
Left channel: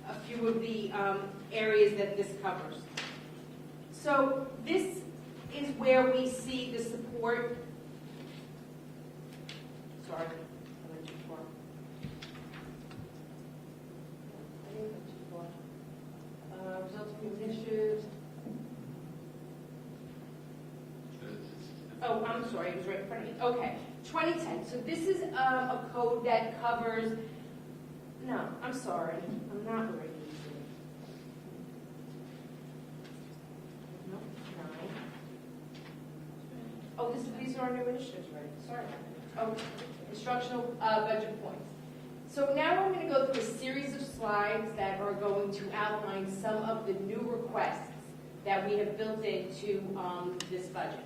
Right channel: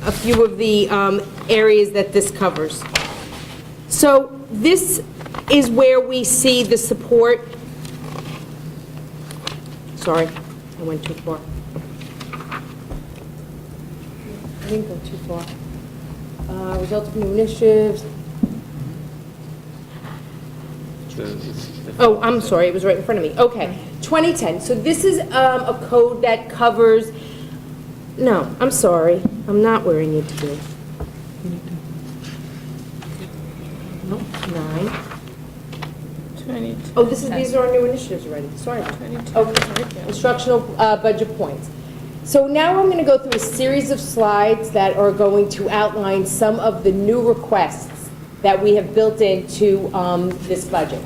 a few of the areas that this covers. So this is where we see the support. Sorry, I went too far. I didn't go too far. Results of new initiatives. Oh, I'm sorry, it was right in front of me. Okay, 2010. So this is a code that covers, no, I'm sorry. I'm not where I need to be. Nope, 9. 22. Oh, these are our new initiatives already. Sorry about that. Okay, instructional budget points. So now I'm going to go through a series of slides that are going to outline some of the new requests that we have built into this budget.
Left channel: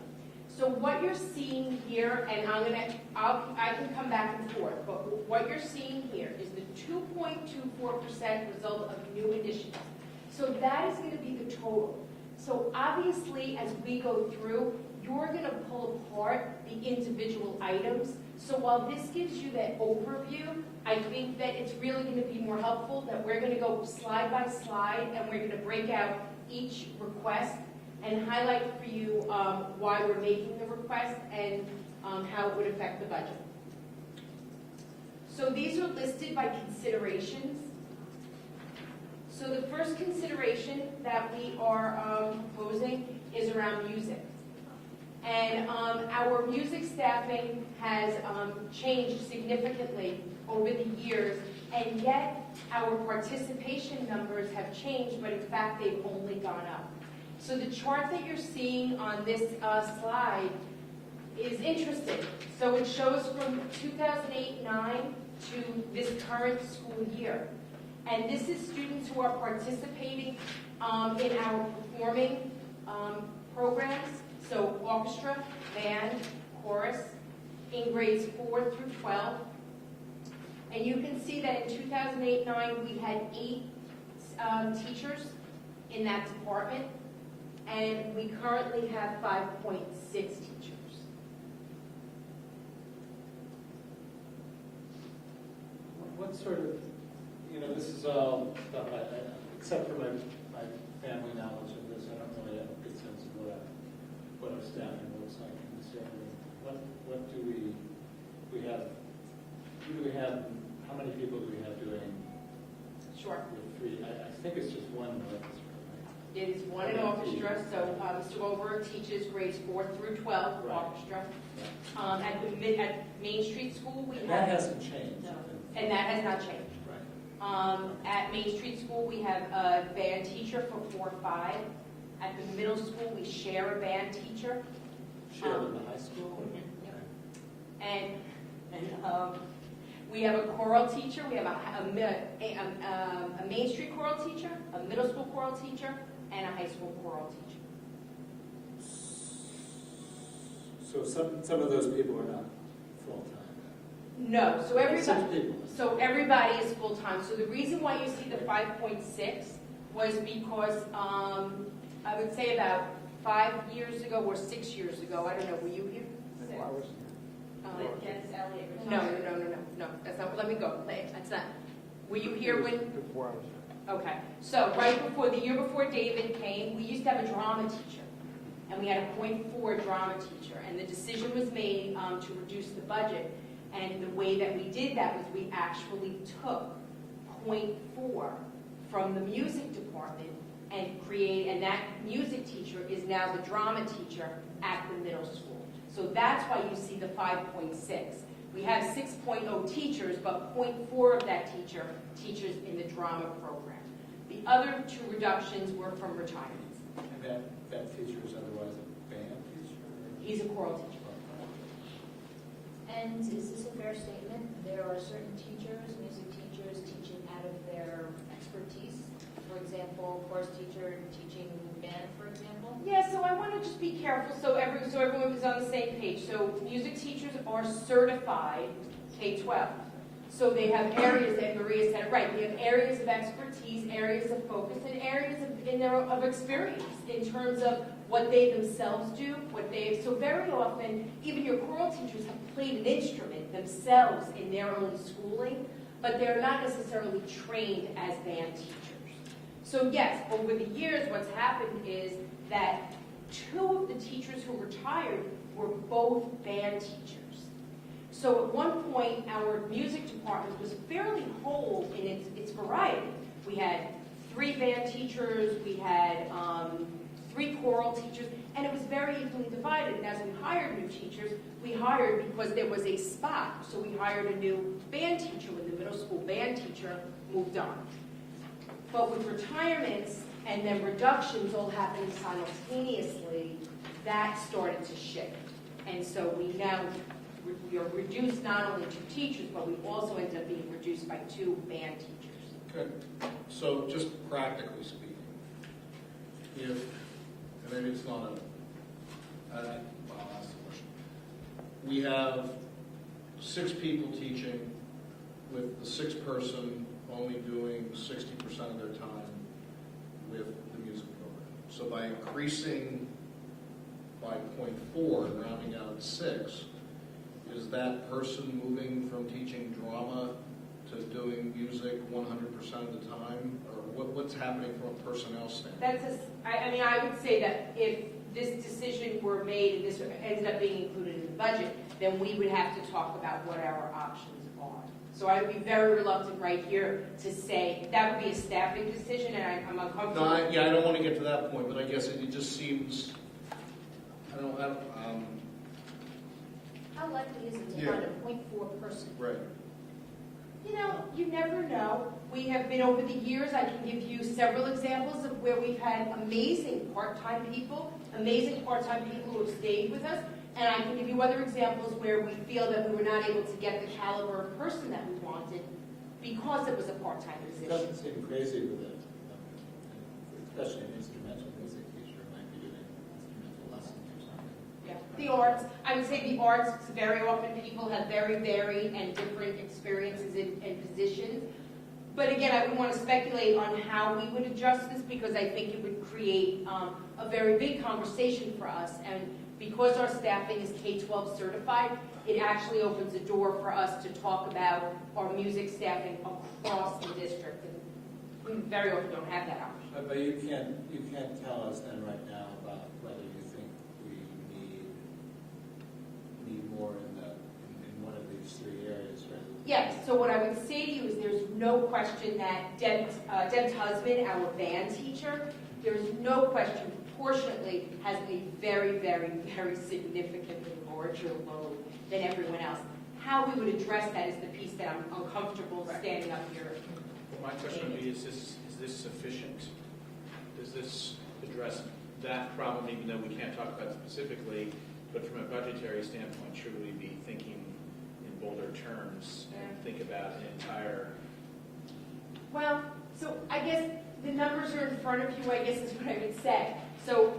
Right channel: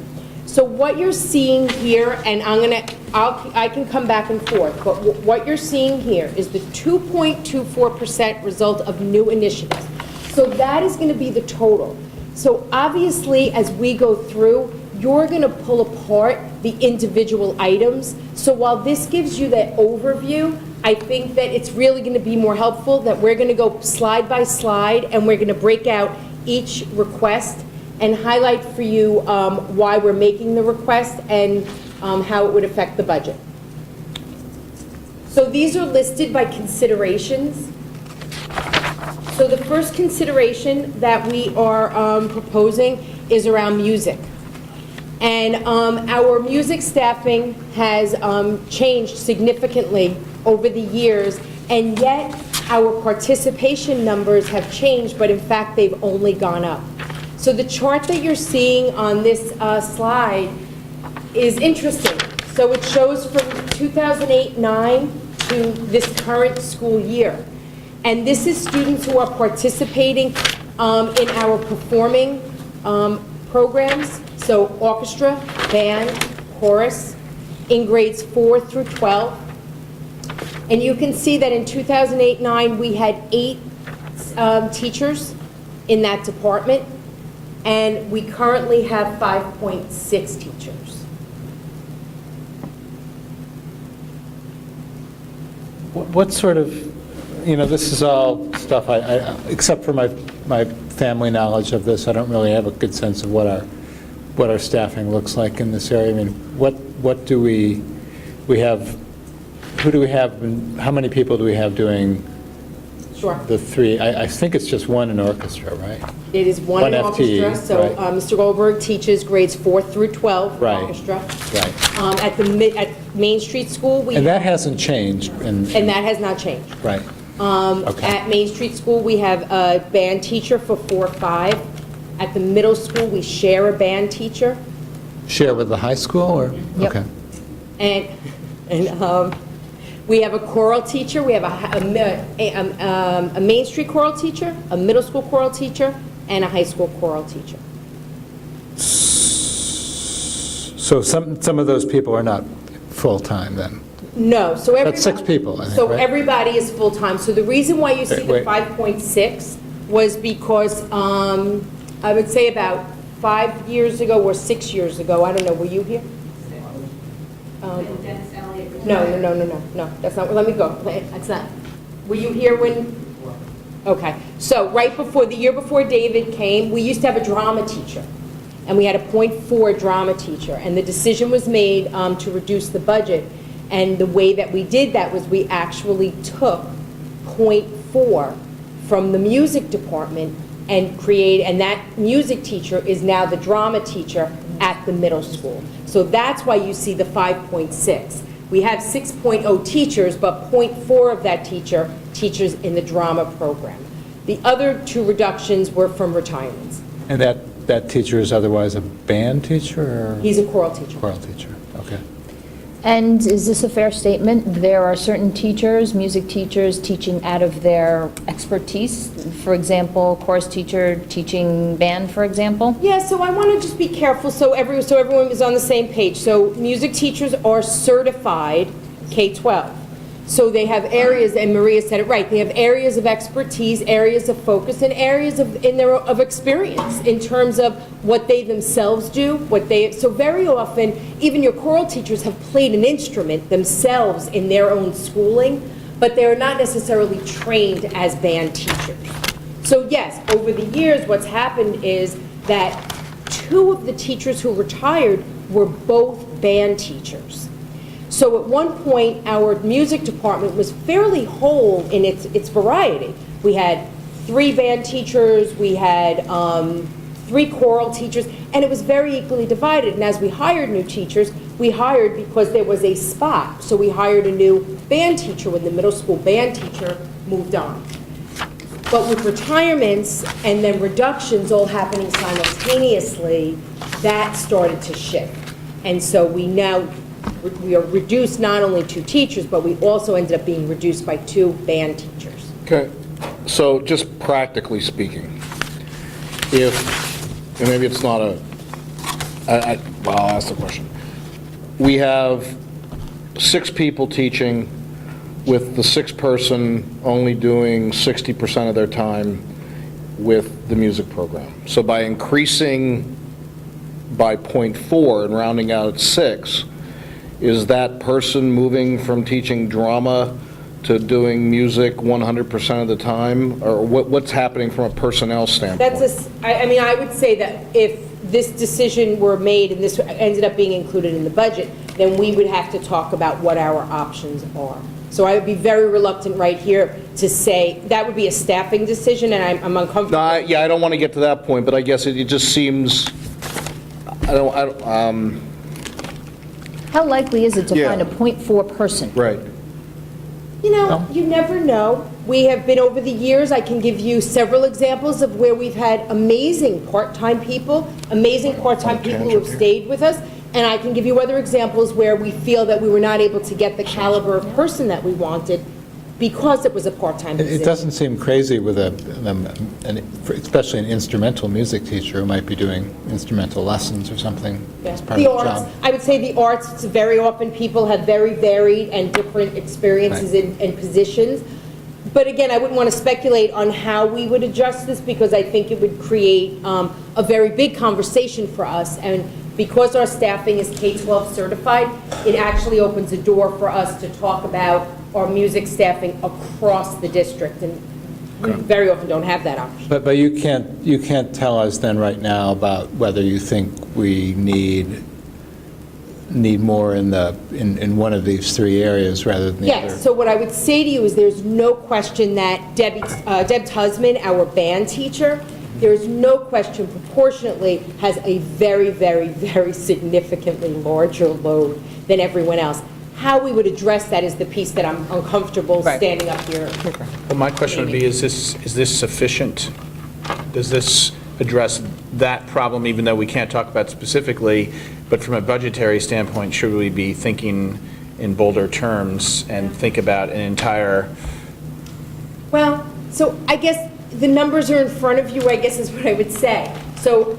So what you're seeing here, and I can come back and forth, but what you're seeing here is the 2.24% result of new initiatives. So that is going to be the total. So obviously, as we go through, you're going to pull apart the individual items. So while this gives you that overview, I think that it's really going to be more helpful that we're going to go slide by slide, and we're going to break out each request and highlight for you why we're making the request and how it would affect the budget. So these are listed by considerations. So the first consideration that we are proposing is around music. And our music staffing has changed significantly over the years, and yet our participation numbers have changed, but in fact, they've only gone up. So the chart that you're seeing on this slide is interesting. So it shows from 2008-9 to this current school year. And this is students who are participating in our performing programs, so orchestra, band, chorus, in grades 4 through 12. And you can see that in 2008-9, we had 8 teachers in that department, and we currently have 5.6 teachers. What sort of, this is all stuff except for my family knowledge of this, I don't really have a good sense of what our staffing looks like in this area. I mean, what do we have, who do we have, and how many people do we have doing Sure. the three? I think it's just one in orchestra, right? It is one in FTE, orchestra, so right. Mr. Goldberg teaches grades 4 through 12 in Right. orchestra. Right. At Main Street School, we And that have, hasn't changed. and that has not changed. Right. Okay. At Main Street School, we have a band teacher for 4-5. At the middle school, we share a band teacher. Share with the high school, or? Yep. Okay. And we have a choral teacher, we have a Main Street choral teacher, a middle school choral teacher, and a high school choral teacher. So some of those people are not full-time then? No, so That's 6 people, I think, So right? everybody is full-time. So the reason why you see the Wait. 5.6 was because, I would say about 5 years ago or 6 years ago, I don't know, were you here? No, that's not, let me go, that's not, were you here when? Okay, so right before, the year before David came, we used to have a drama teacher, and we had a .4 drama teacher, and the decision was made to reduce the budget, and the way that we did that was we actually took .4 from the music department and and that music teacher is now the drama teacher at the middle school. So that's why you see the 5.6. We have 6.0 teachers, but .4 of that teacher teaches in the drama program. The other 2 reductions were from retirements. And that teacher is otherwise a band teacher, or? He's a choral teacher. Choral teacher, okay. And is this a fair statement? There are certain teachers, music teachers, teaching out of their expertise. For example, chorus teacher teaching band, for example. Yeah, so I want to just be careful so everyone is on the same page. So music teachers are certified K-12. So they have areas, and Maria said it right, they have areas of expertise, areas of focus, and areas of experience in terms of what they themselves do, so very often, even your choral teachers have played an instrument themselves in their own schooling, but they are not necessarily trained as band teachers. So yes, over the years, what's happened is that 2 of the teachers who retired were both band teachers. So at one point, our music department was fairly whole in its variety. We had 3 band teachers, we had 3 choral teachers, and it was very equally divided. And as we hired new teachers, we hired because there was a spot. So we hired a new band teacher when the middle school band teacher moved on. But with retirements and then reductions all happening simultaneously, that started to shift. And so we are reduced not only 2 teachers, but we also ended up being reduced by 2 band teachers. Okay, so just practically speaking, and maybe it's not well, I'll ask the question. We have 6 people teaching, with the 6th person only doing 60% of their time with the music program. So by increasing by .4 and rounding out at 6, is that person moving from teaching drama to doing music 100% of the time? Or what's happening from a personnel standpoint? I would say that if this decision were made and this ended up being included in the budget, then we would have to talk about what our options are. So I would be very reluctant right here to say, that would be a staffing decision, and I'm uncomfortable. No, I don't want to get to that point, but I guess it just seems, How likely is it to Yeah. find a .4 person? right. You never know. We have been, over the years, I can give you several examples of where we've had amazing part-time people, amazing part-time people who have stayed with us, and I can give you other examples where we feel that we were not able to get the caliber of person that we wanted because it was a part-time position. It doesn't seem crazy with especially an instrumental music teacher who might be doing instrumental lessons or something as part The of the arts, job. I would say the arts, it's very often people have very varied and different experiences and positions. But again, I wouldn't want to speculate on how we would adjust this, because I think it would create a very big conversation for us. And because our staffing is K-12 certified, it actually opens a door for us to talk about our music staffing across the district. And we very often don't have that option. But you can't tell us then right now about whether you think we need more in one of these three areas rather than the other? Yes, so what I would say to you is there's no question that Deb Tusman, our band teacher, there's no question proportionately has a very, very, very significantly larger load than everyone else. How we would address that is the piece that I'm uncomfortable standing up here. Well, my question would be, is this sufficient? Does this address that problem, even though we can't talk about it specifically, but from a budgetary standpoint, should we be thinking in bolder terms and think about an entire? Well, so I guess the numbers are in front of you, I guess is what I would say. So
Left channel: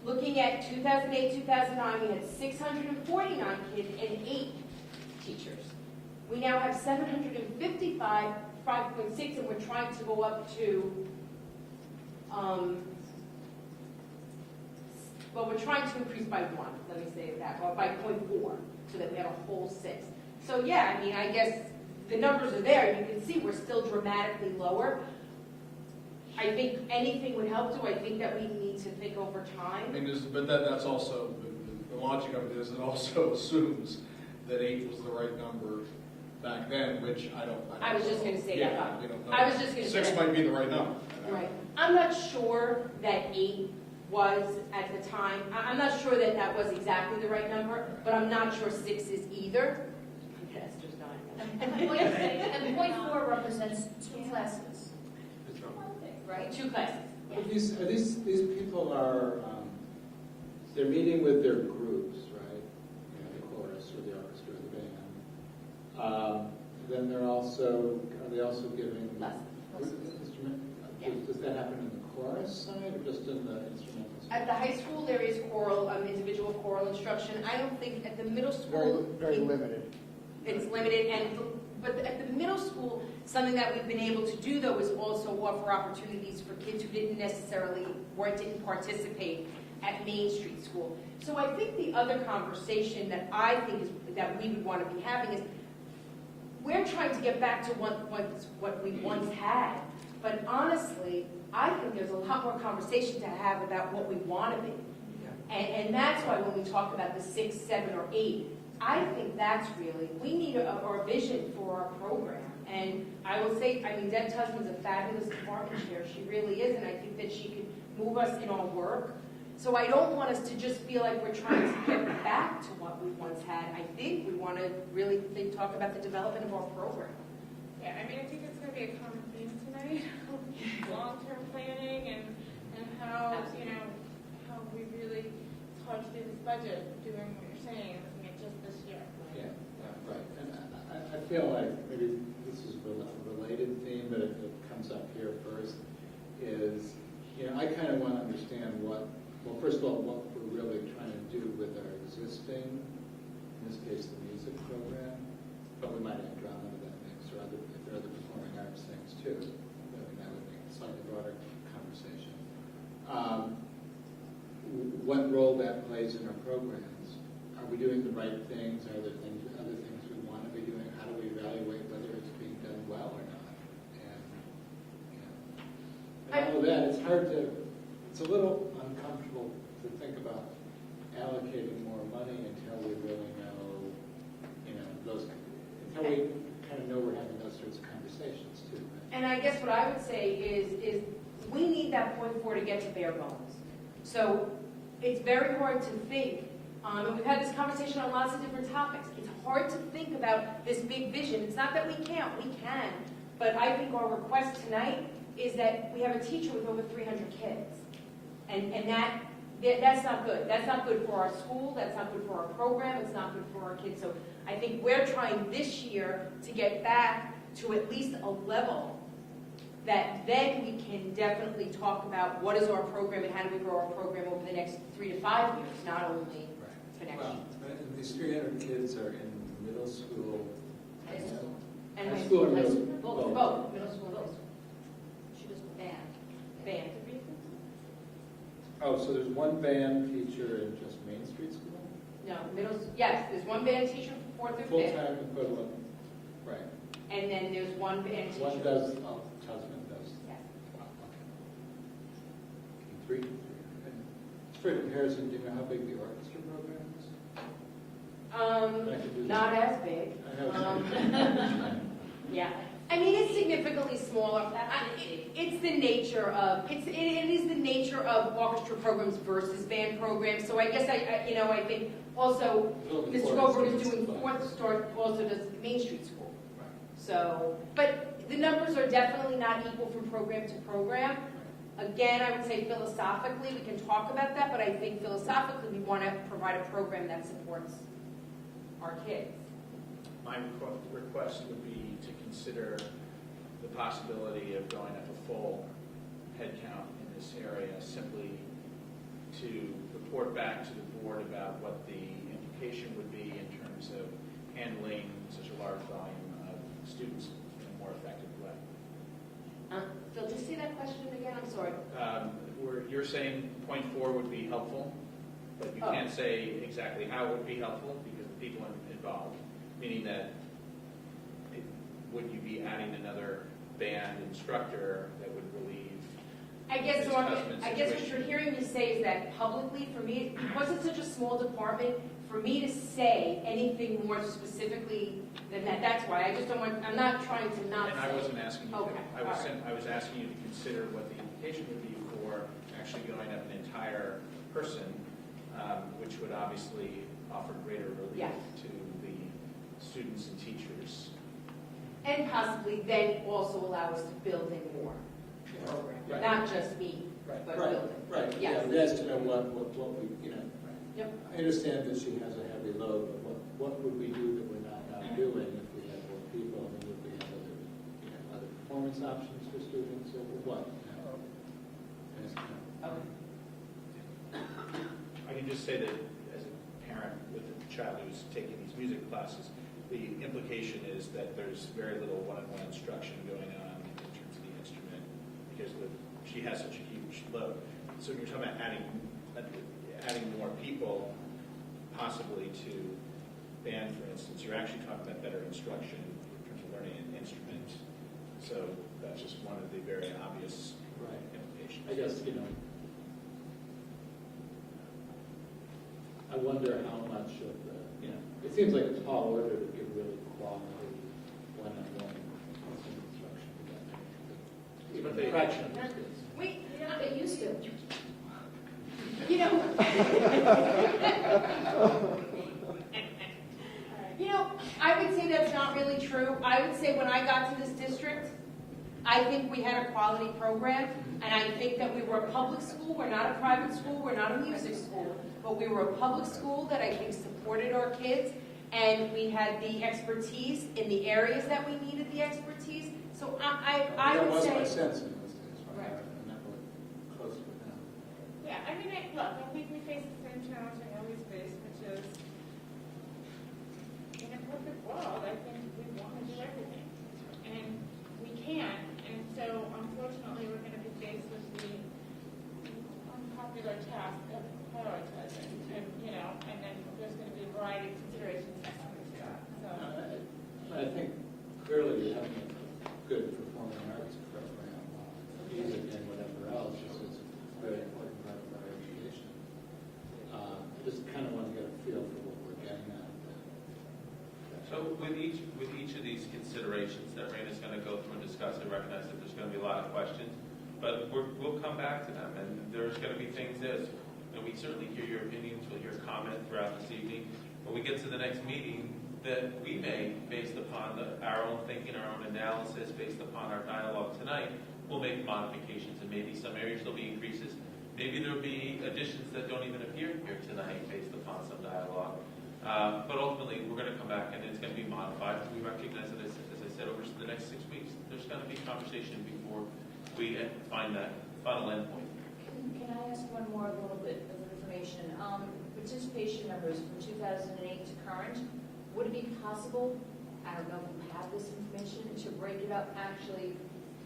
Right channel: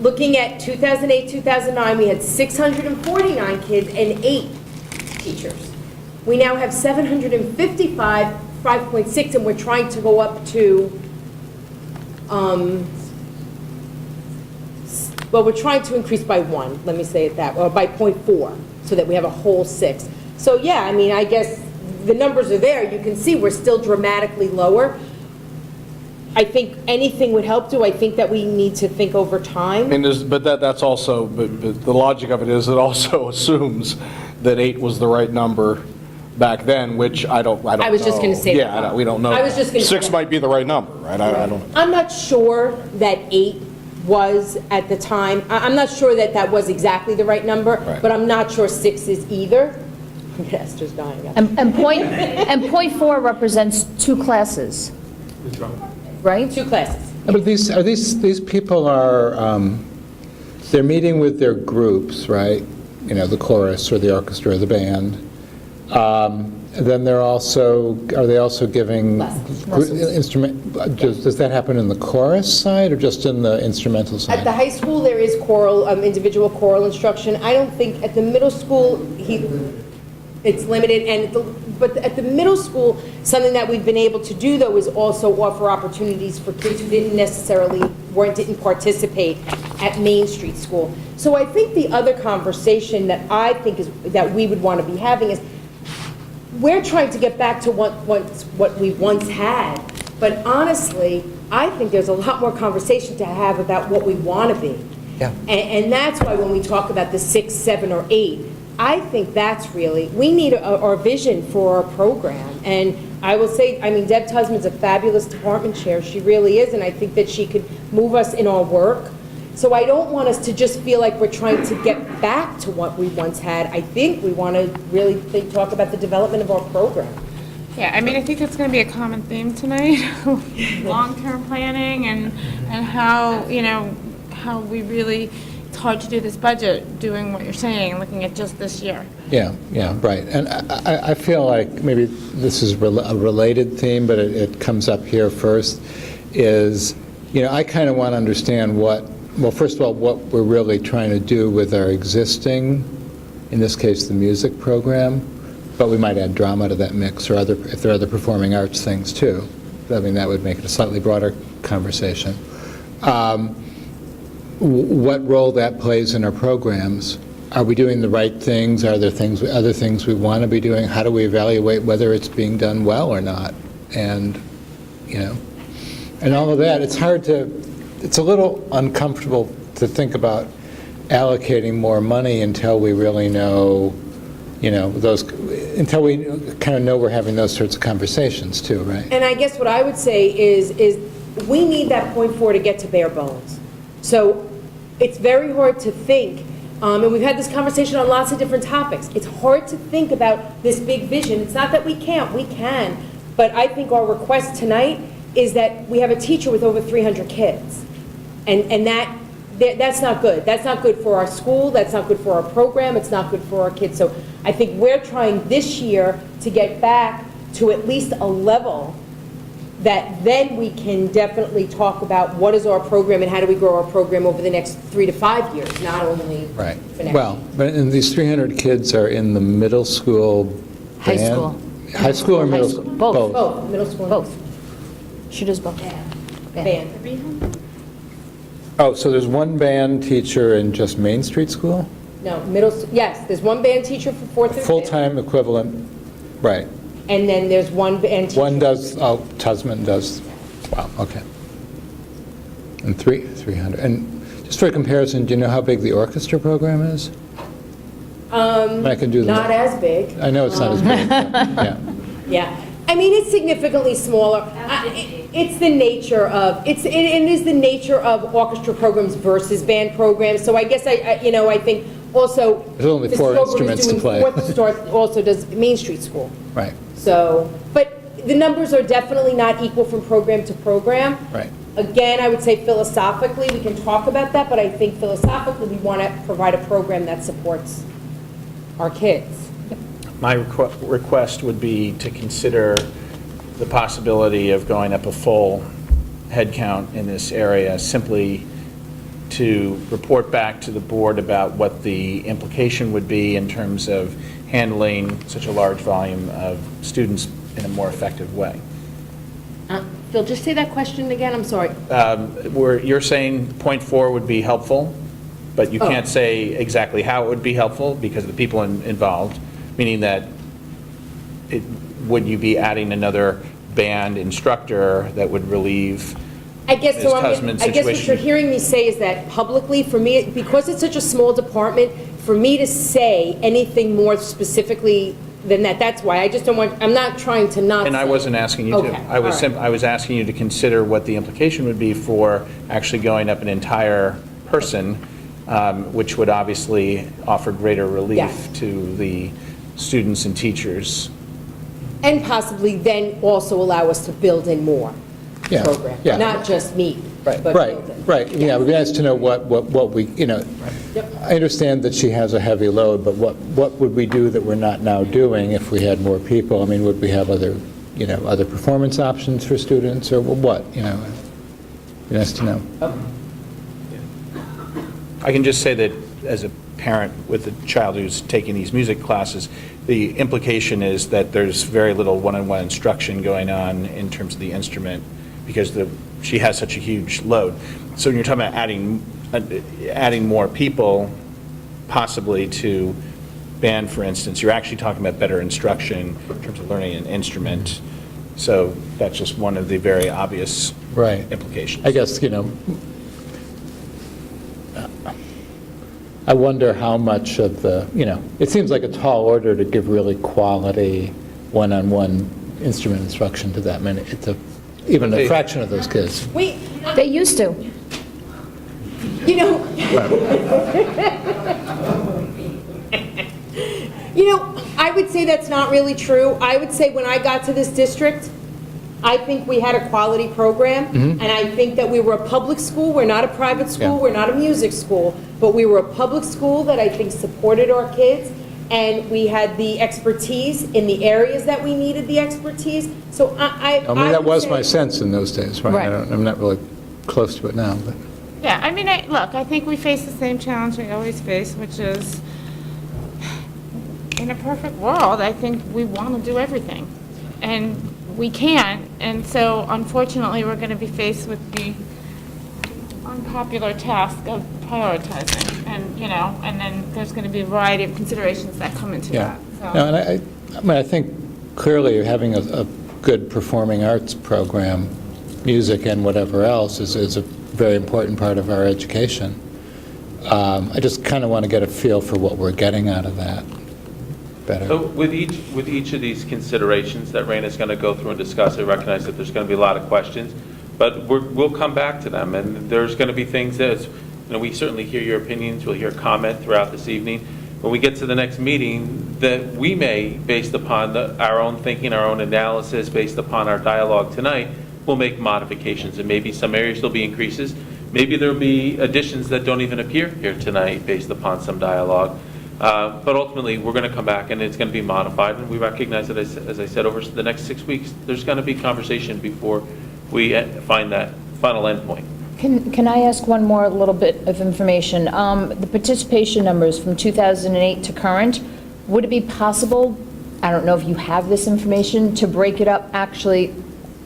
looking at 2008, 2009, we had 649 kids and 8 teachers. We now have 755, 5.6, and we're trying to go up to, well, we're trying to increase by 1, let me say it that way, or by 0.4, so that we have a whole 6. So yeah, I mean, I guess the numbers are there. You can see we're still dramatically lower. I think anything would help. Do I think that we need to think over time? But that's also, but the logic of it is, it also assumes that 8 was the right number back then, which I don't know. I was just going to say that. Yeah, we don't know. I was just going to say 6 that. might be the right number, right? I don't. I'm not sure that 8 was at the time. I'm not sure that that was exactly the right number, Right. but I'm not sure 6 is either. Esther's dying. And point 4 represents 2 classes, right? 2 classes. But these people are, they're meeting with their groups, right? You know, the chorus or the orchestra or the band. Then are they also giving instrument, does that happen in the chorus side or just in the instrumental side? At the high school, there is choral, individual choral instruction. I don't think, at the middle school, it's limited, but at the middle school, something that we've been able to do, though, is also offer opportunities for kids who didn't participate at Main Street School. So I think the other conversation that I think that we would want to be having is, we're trying to get back to what we once had, but honestly, I think there's a lot more conversation to have about what we want to be. Yeah. And that's why when we talk about the 6, 7, or 8, I think that's really, we need our vision for our program. And I will say, I mean, Deb Tusman's a fabulous department chair. She really is, and I think that she could move us in our work. So I don't want us to just feel like we're trying to get back to what we once had. I think we want to really talk about the development of our program. Yeah, I mean, I think that's going to be a common theme tonight, long-term planning and how, you know, how we really, it's hard to do this budget, doing what you're saying, looking at just this year. Yeah, right. And I feel like maybe this is a related theme, but it comes up here first, is, you know, I kind of want to understand well, first of all, what we're really trying to do with our existing, in this case, the music program, but we might add drama to that mix, or if there are other performing arts things too. I mean, that would make it a slightly broader conversation. What role that plays in our programs? Are we doing the right things? Are there other things we want to be doing? How do we evaluate whether it's being done well or not? And, you know, and all of that, it's a little uncomfortable to think about allocating more money until we really know, you know, until we kind of know we're having those sorts of conversations too, right? And I guess what I would say is we need that 0.4 to get to bare bones. So it's very hard to think, and we've had this conversation on lots of different topics. It's hard to think about this big vision. It's not that we can't, we can. But I think our request tonight is that we have a teacher with over 300 kids. And that's not good. That's not good for our school. That's not good for our program. It's not good for our kids. So I think we're trying this year to get back to at least a level that then we can definitely talk about what is our program and how do we grow our program over the next 3 to 5 years, not only Right. for next Well, year. but and these 300 kids are in the middle school High band? school. High school or middle High school? school. Both. Both, middle school. Both. She does both. Band. Oh, so there's one band teacher in just Main Street School? No, yes, there's one band teacher for fourth and fifth. Full-time equivalent, right. And then there's one band teacher. One does, oh, Tusman does, wow, okay. And 300. And just for comparison, do you know how big the orchestra program is? I can do that. Not as big. I know it's not as big, but, yeah. Yeah, I mean, it's significantly smaller. It's the nature of, it is the nature of orchestra programs versus band programs. So I guess I think also. There's only 4 instruments to play. Fourth Start also does Main Street School. Right, So, but the numbers are definitely not equal from program to program. right. Again, I would say philosophically, we can talk about that, but I think philosophically, we want to provide a program that supports our kids. My request would be to consider the possibility of going up a full headcount in this area, simply to report back to the board about what the implication would be in terms of handling such a large volume of students in a more effective way. Phil, just say that question again, I'm sorry. Where you're saying point 4 would be helpful, but you can't say exactly how it would be helpful because of the people involved, meaning that would you be adding another band instructor that would relieve I guess so. Ms. Tusman's I guess what situation? you're hearing me say is that publicly, for me, because it's such a small department, for me to say anything more specifically than that, that's why. I just don't want, I'm not trying to not And I say. wasn't asking you Okay, to. all right. I was asking you to consider what the implication would be for actually going up an entire person, which would obviously offer greater relief Yes. to the students and teachers. And possibly then also allow us to build in more Yeah, program, yeah. not just meet, but build Right, in. right, yeah, it would be nice to know what we, Yep. I understand that she has a heavy load, but what would we do that we're not now doing if we had more people? I mean, would we have other performance options for students, or what, It'd be nice to know. I can just say that as a parent with a child who's taking these music classes, the implication is that there's very little one-on-one instruction going on in terms of the instrument because she has such a huge load. So when you're talking about adding more people, possibly to band, for instance, you're actually talking about better instruction in terms of learning an instrument. So that's just one of the very obvious Right. implications. I guess, I wonder how much of it seems like a tall order to give really quality one-on-one instrument instruction to that many, even a fraction of those kids. Wait, They used to. I would say that's not really true. I would say when I got to this district, I think we had a quality program, and I think that we were a public school. We're not a private school. Yeah. We're not a music school, but we were a public school that I think supported our kids, and we had the expertise in the areas that we needed the expertise. So I I mean, that would was say- my sense in those days, right? Right. I'm not really close to it now, but. Yeah, I mean, look, I think we face the same challenge we always face, which is, in a perfect world, I think we want to do everything. And we can't, and so unfortunately, we're going to be faced with the unpopular task of prioritizing. And then there's going to be a variety of considerations that come into Yeah. that. No, So, and I mean, I think clearly having a good performing arts program, music and whatever else, is a very important part of our education. I just kind of want to get a feel for what we're getting out of that better. So with each of these considerations that Raina's going to go through and discuss, I recognize that there's going to be a lot of questions, but we'll come back to them, and there's going to be things that, we certainly hear your opinions, we'll hear comment throughout this evening. When we get to the next meeting, that we may, based upon our own thinking, our own analysis, based upon our dialogue tonight, we'll make modifications, and maybe some areas there'll be increases. Maybe there'll be additions that don't even appear here tonight based upon some dialogue. But ultimately, we're going to come back and it's going to be modified. And we recognize that, as I said, over the next 6 weeks, there's going to be conversation before we find that final endpoint. Can I ask one more little bit of information? The participation numbers from 2008 to current, would it be possible I don't know if you have this information, to break it up, actually,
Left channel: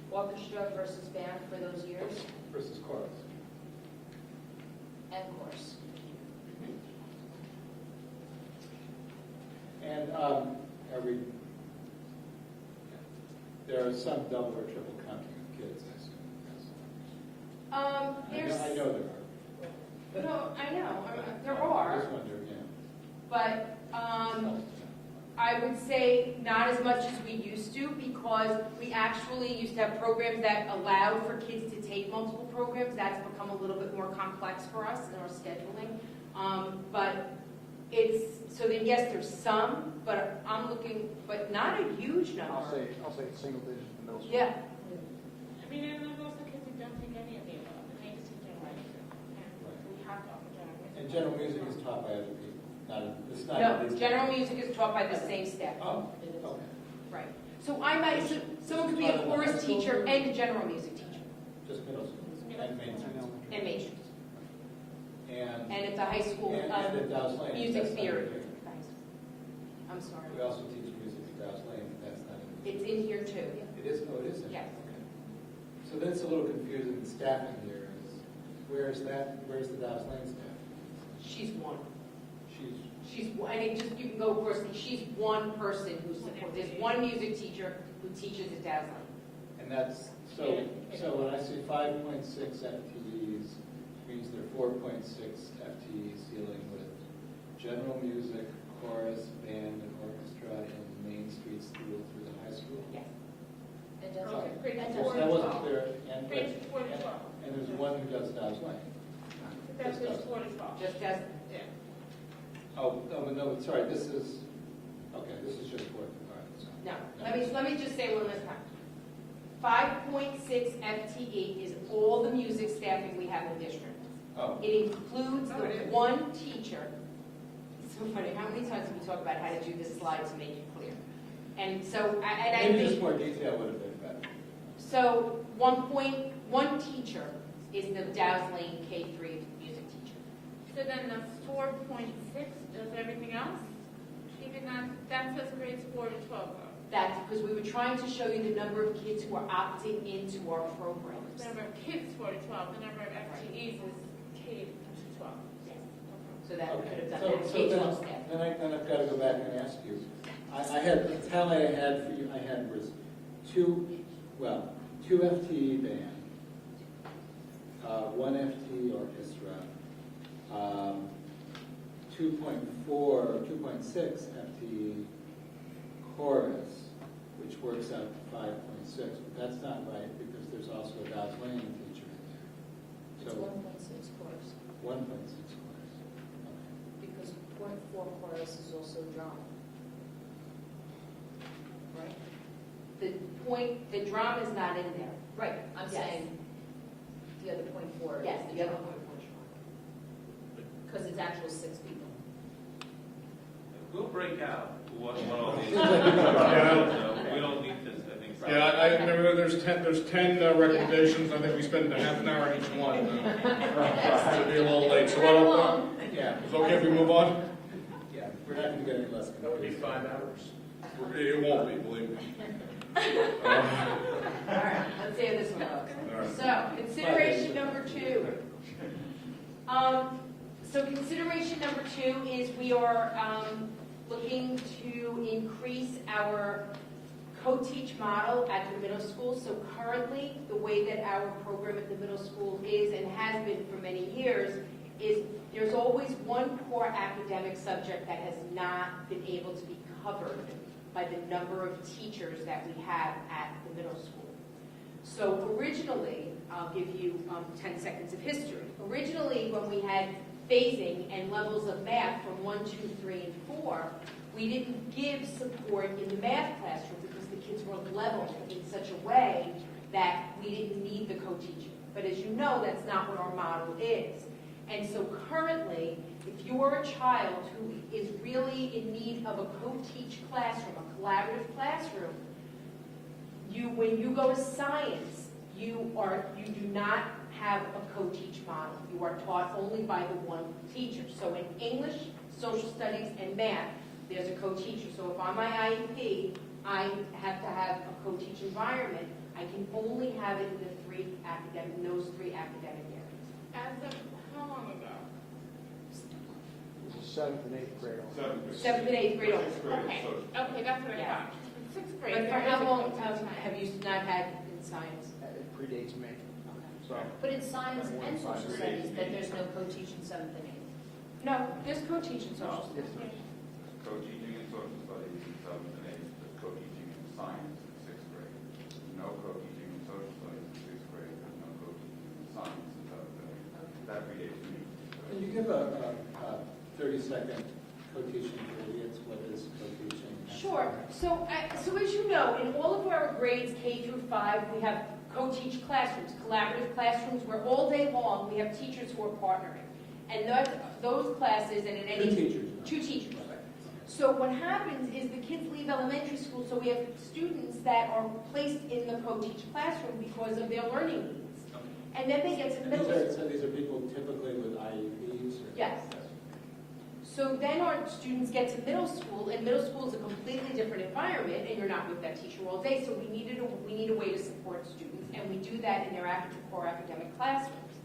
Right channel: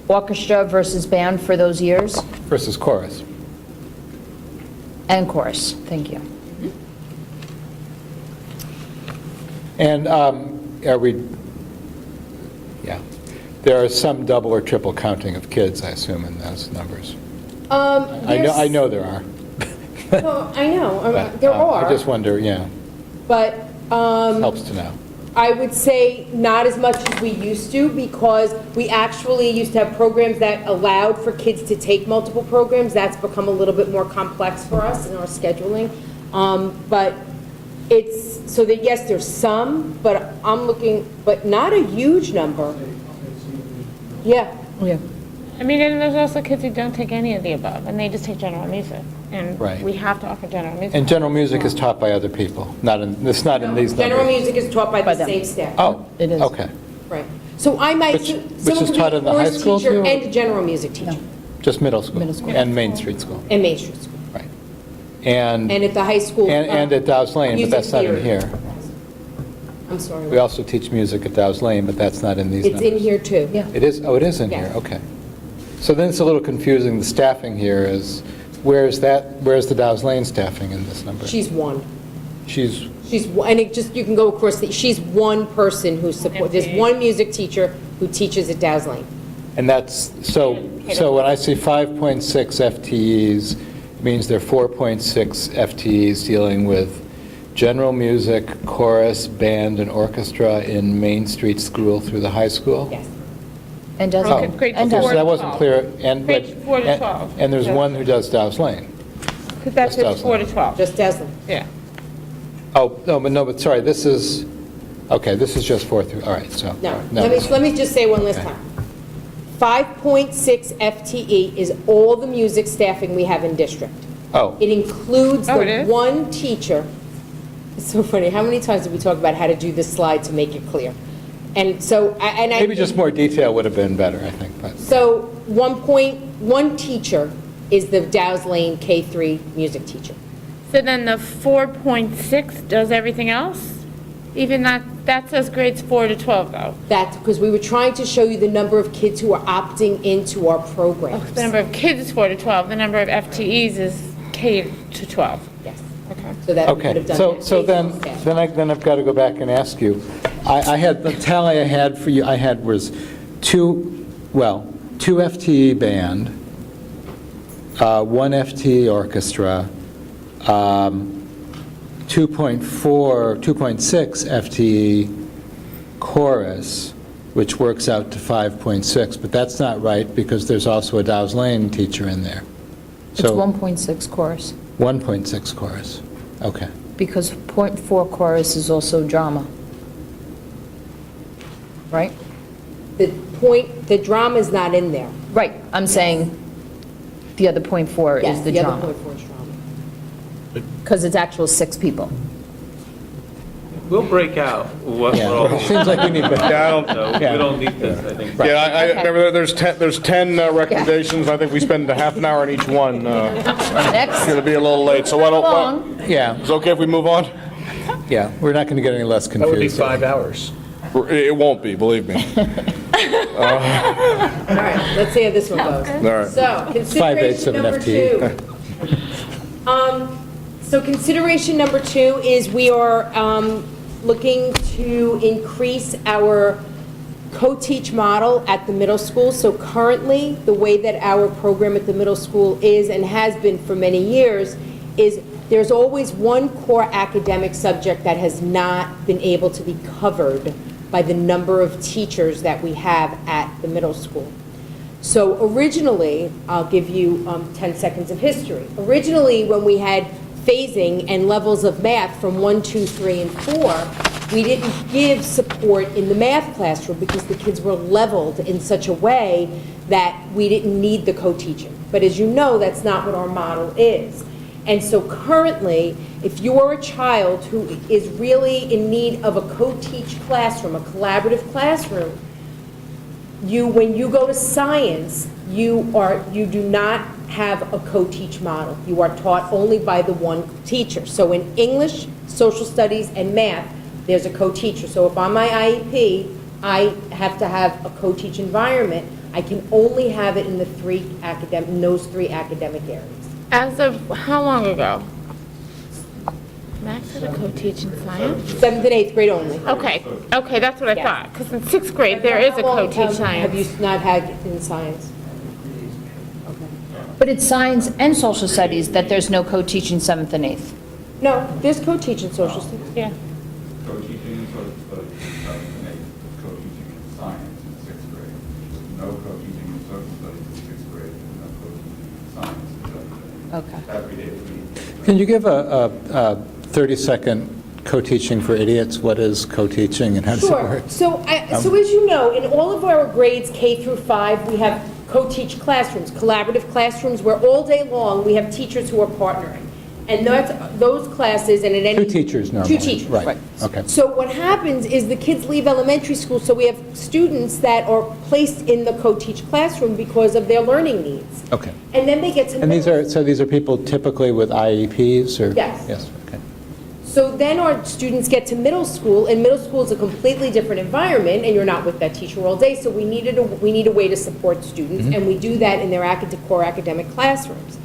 orchestra versus band for those years, Versus chorus. and chorus, thank you. And are we, yeah, there are some double or triple counting of kids, I assume, in those numbers. I know there are. No, I know, but, there I just are, wonder, yeah, but helps to know. I would say not as much as we used to, because we actually used to have programs that allowed for kids to take multiple programs. That's become a little bit more complex for us in our scheduling. But it's, so that yes, there's some, but I'm looking, but not a huge number. Yeah, Yeah. I mean, and there's also kids who don't take any of the above, and they just take general music. And Right. we have to offer general music. And general music is taught by other people, it's not in these numbers. general music is taught by the them. same staff. Oh, It is. okay. Right. So I might, Which someone is could taught be a in the high chorus school teacher too? and a general music teacher, Just middle school? Middle school. And Main Street School, and Main Street School. right. And And at the high school. and at Dow's Lane, but music that's not in theory. here. I'm sorry. We also teach music at Dow's Lane, but that's not in these It's numbers. in here too. Yeah. It is, oh, it is in here, Yes. okay. So then it's a little confusing, the staffing here is, where's the Dow's Lane staffing in this number? She's one. She's, And it just, you can go across, she's one person who supports, there's one music teacher who teaches at Dow's Lane. and that's, so when I see 5.6 FTEs, it means there are 4.6 FTEs dealing with general music, chorus, band, and orchestra in Main Street School through the high school? Yes. And does, Okay, grade and four does, So that wasn't clear, and, but... Grades 4 to 12. And there's one who does Dow's Lane. Because that's Just just 4 to 12. Just Dow's Lane. Yeah. Oh, no, but sorry, this is, okay, this is just 4 through, all right, so... No, no, let me just say one last Okay. time. 5.6 FTE is all the music staffing we have in district. Oh, It includes Oh, it the is? one teacher. It's so funny, how many times did we talk about how to do this slide to make it clear? And so, and I. maybe just more detail would have been better, I think, but... So 1.1 teacher is the Dow's Lane K-3 music teacher. So then the 4.6 does everything else? Even that says grades 4 to 12, though. That's because we were trying to show you the number of kids who are opting into our Oh, programs. the number of kids is 4 to 12. The number of FTEs is K to 12. Yes, Okay. so that we could Okay, have done so that. so based on then, staff. then I've got to go back and ask you, I had, the tally I had for you, I had was two FTE band, 1 FTE orchestra, 2.6 FTE chorus, which works out to 5.6, but that's not right because there's also a Dow's Lane teacher in there. it's So 1.6 chorus, 1.6 chorus, okay. because .4 chorus is also drama. Right? The drama's not in there. Right, I'm saying the other .4 is Yes, the the other drama, point four is drama. because it's actual 6 people. We'll break out what we're all. It seems like we need better. No, Yeah. we don't need this, I think. Yeah, I remember there's 10 recommendations, I think we spend a half an hour on each one. It's Next, going to be a little late, so why don't, along. Yeah, is it okay if we move on? yeah, we're not going to get any less confused. That would be 5 hours. It won't be, believe me. All right, let's see how this one goes. All right. So, 5/8 of consideration an number FTE. 2. So consideration number 2 is we are looking to increase our co-teach model at the middle school. So currently, the way that our program at the middle school is and has been for many years is there's always one core academic subject that has not been able to be covered by the number of teachers that we have at the middle school. So originally, I'll give you 10 seconds of history. Originally, when we had phasing and levels of math from 1, 2, 3, and 4, we didn't give support in the math classroom because the kids were leveled in such a way that we didn't need the co-teaching. But as you know, that's not what our model is. And so currently, if you're a child who is really in need of a co-teach classroom, a collaborative classroom, when you go to science, you do not have a co-teach model. You are taught only by the one teacher. So in English, social studies, and math, there's a co-teacher. So if on my IEP, I have to have a co-teach environment, I can only have it in those three academic areas. As of how long ago? Max had a co-teach in science? 7th and 8th grade only. Okay, that's what I Yes. thought, because in 6th grade, there is a How long co-teach have you science. not had in science? But it's science and social studies that there's no co-teaching 7th and 8th. No, there's co-teach in social studies. Yeah. Co-teaching in social studies in 7th and 8th, co-teaching in science in 6th grade. No co-teaching in social studies in 6th grade, and no co-teaching in science in 7th and 8th. Okay. Every day of the week. Can you give a 30-second co-teaching for idiots? What is co-teaching and how does it Sure. work? So as you know, in all of our grades, K through 5, we have co-teach classrooms, collaborative classrooms, where all day long, we have teachers who are partnering. And those classes, and at any... Two teachers normally. Two teachers. Right, okay. So what happens is the kids leave elementary school, so we have students that are placed in the co-teach classroom because of their learning needs. Okay. And then they get to... And these are people typically with IEPs or? Yes. Yes, okay. So then our students get to middle school, and middle school is a completely different environment, and you're not with that teacher all day, so we need a way to support students, and we do that in their core academic classrooms.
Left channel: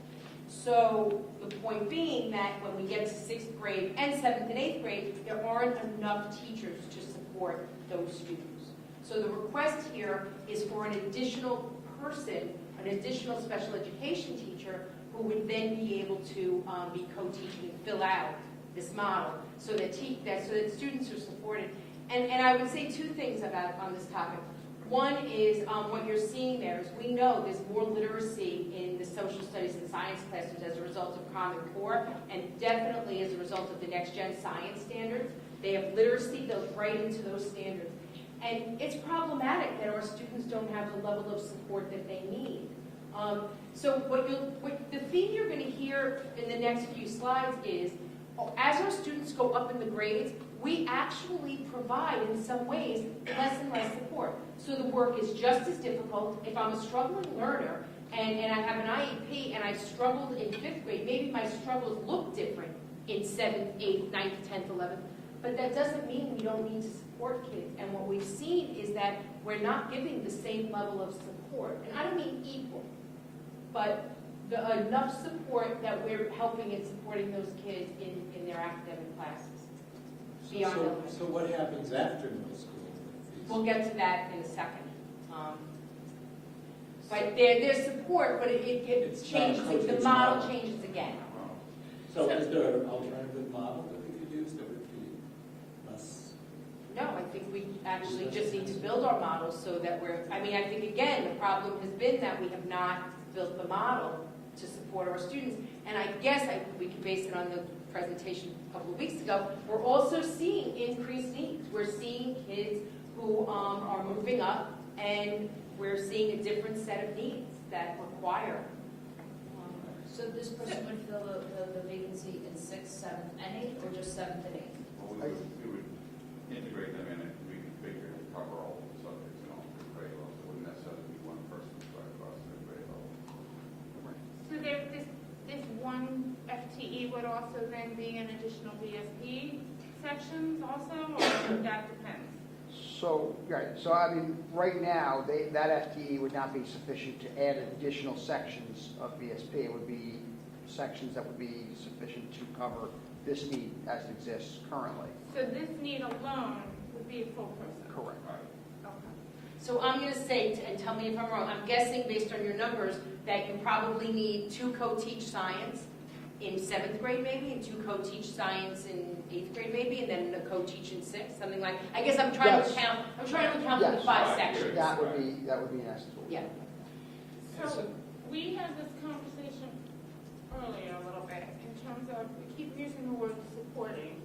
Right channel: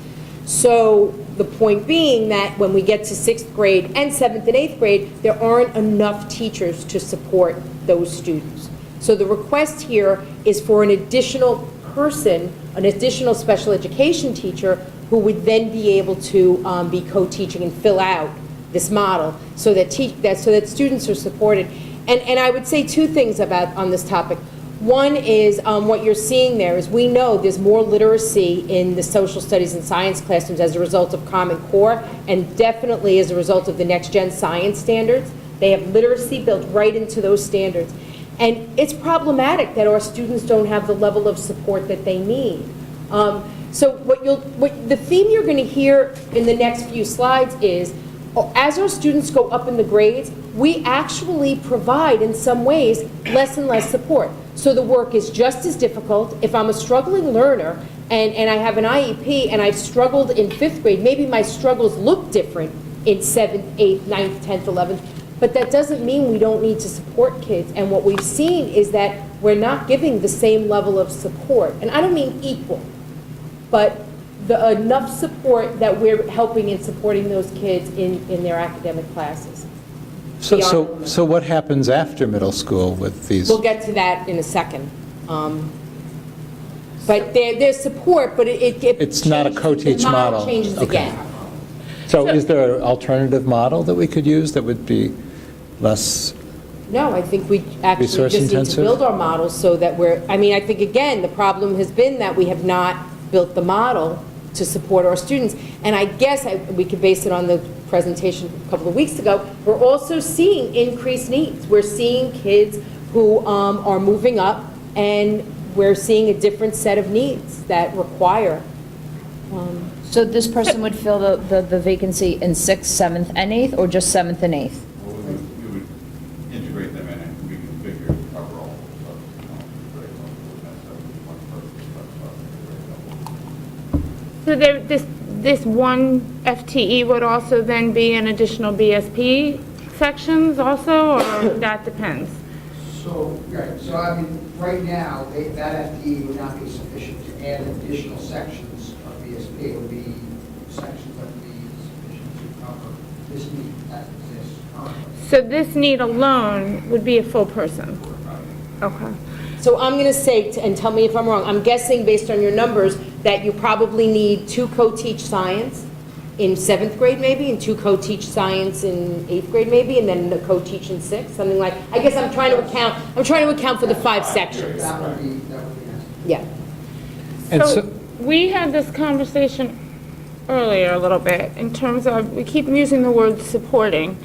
So the point being that when we get to 6th grade and 7th and 8th grade, there aren't enough teachers to support those students. So the request here is for an additional person, an additional special education teacher, who would then be able to be co-teaching and fill out this model so that students are supported. And I would say two things on this topic. One is what you're seeing there is we know there's more literacy in the social studies and science classrooms as a result of Common Core, and definitely as a result of the Next Gen Science standards. They have literacy built right into those standards. And it's problematic that our students don't have the level of support that they need. So the theme you're going to hear in the next few slides is, as our students go up in the grades, we actually provide, in some ways, less and less support. So the work is just as difficult. If I'm a struggling learner and I have an IEP and I've struggled in 5th grade, maybe my struggles look different in 7th, 8th, 9th, 10th, 11th, but that doesn't mean we don't need to support kids. And what we've seen is that we're not giving the same level of support. And I don't mean equal, but enough support that we're helping and supporting those kids in their academic classes. So what happens after middle school with these? We'll get to that in a second. But there's support, but It's not a co-teach the model. changes Okay. again. So is there an alternative model that we could use that would be less? No, I think we actually Resource just need to intensive? build our models so that I think, again, the problem has been that we have not built the model to support our students. And I guess we could base it on the presentation a couple of weeks ago. We're also seeing increased needs. We're seeing kids who are moving up, and we're seeing a different set of needs that require. So this person would fill the vacancy in 6th, 7th, and 8th, or just 7th and 8th? Well, we would integrate them in and we can figure overall, so, grade level, we have one person, grade level. So this one FTE would also then be an additional BSP sections also, or that depends? So, right, so I mean, right now, that FTE would not be sufficient to add additional sections of BSP. It would be sections that would be sufficient to cover this need that exists currently. So this need alone would be a full person? Okay. So I'm going to say, and tell me if I'm wrong, I'm guessing based on your numbers that you probably need 2 co-teach science in 7th grade maybe, and 2 co-teach science in 8th grade maybe, and then a co-teach in 6th, something like, I guess I'm trying to account for the 5 sections. That would be yes. Yeah. And So we had this conversation earlier a little bit in terms of, we keep using the word supporting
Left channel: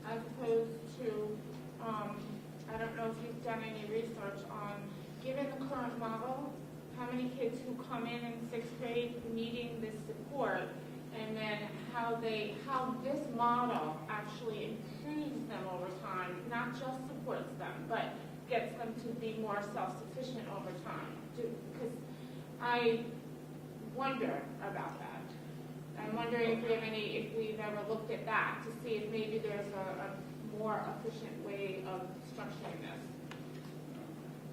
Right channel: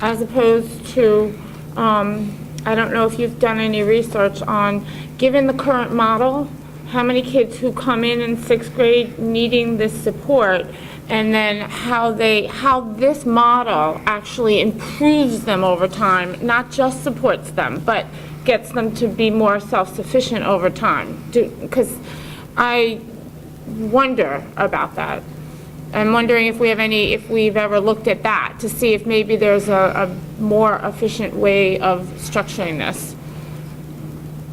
as opposed to, I don't know if you've done any research on, given the current model, how many kids who come in 6th grade needing this support, and then how this model actually improves them over time, not just supports them, but gets them to be more self-sufficient over time. Because I wonder about that. I'm wondering if we've ever looked at that, to see if maybe there's a more efficient way of structuring this.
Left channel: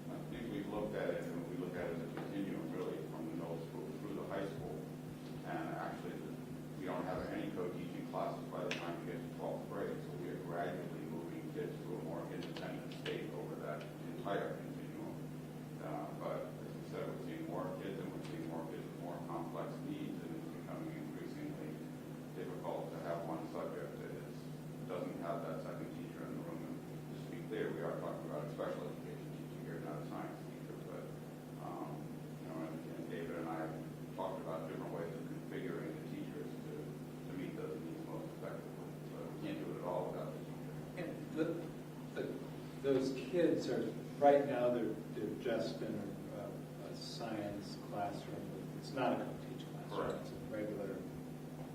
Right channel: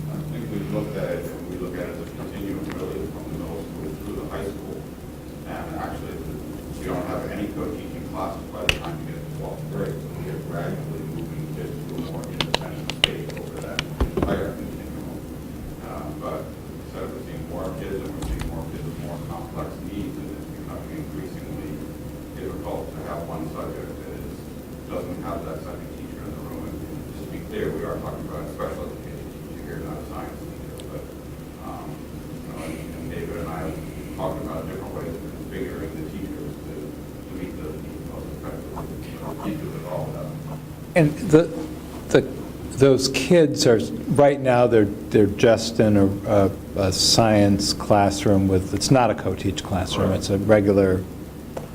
I think we looked at it, and we look at it as a continuum really from the middle school through the high school. And actually, we don't have any co-teaching classes by the time we get to 12th grade. So we are gradually moving kids to a more independent state over that entire continuum. But instead of seeing more kids, and we're seeing more kids with more complex needs, and it's becoming increasingly difficult to have one subject that doesn't have that second teacher in the room. And just to be clear, we are talking about a special education teacher here, not a science teacher. But, and David and I have talked about different ways of configuring the teachers to meet those needs most effectively. Teachers of all that. And those kids are, right now, they're just in a science classroom with, it's not a co-teach classroom, it's a regular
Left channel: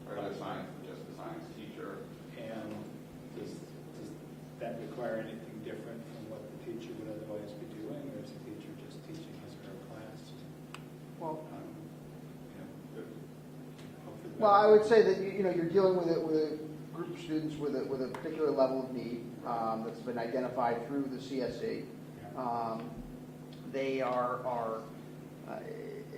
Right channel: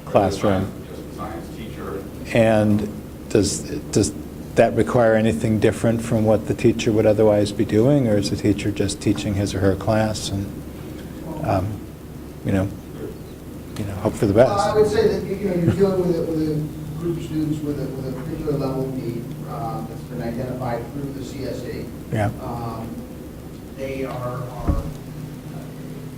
classroom. Just a science teacher. And does that require anything different from what the teacher would otherwise be doing, or is the teacher just teaching his or her class and, hope for the Well, I best? would say that, you're dealing with a group of students with a particular level of need that's been identified through the CSE. Yeah. They are,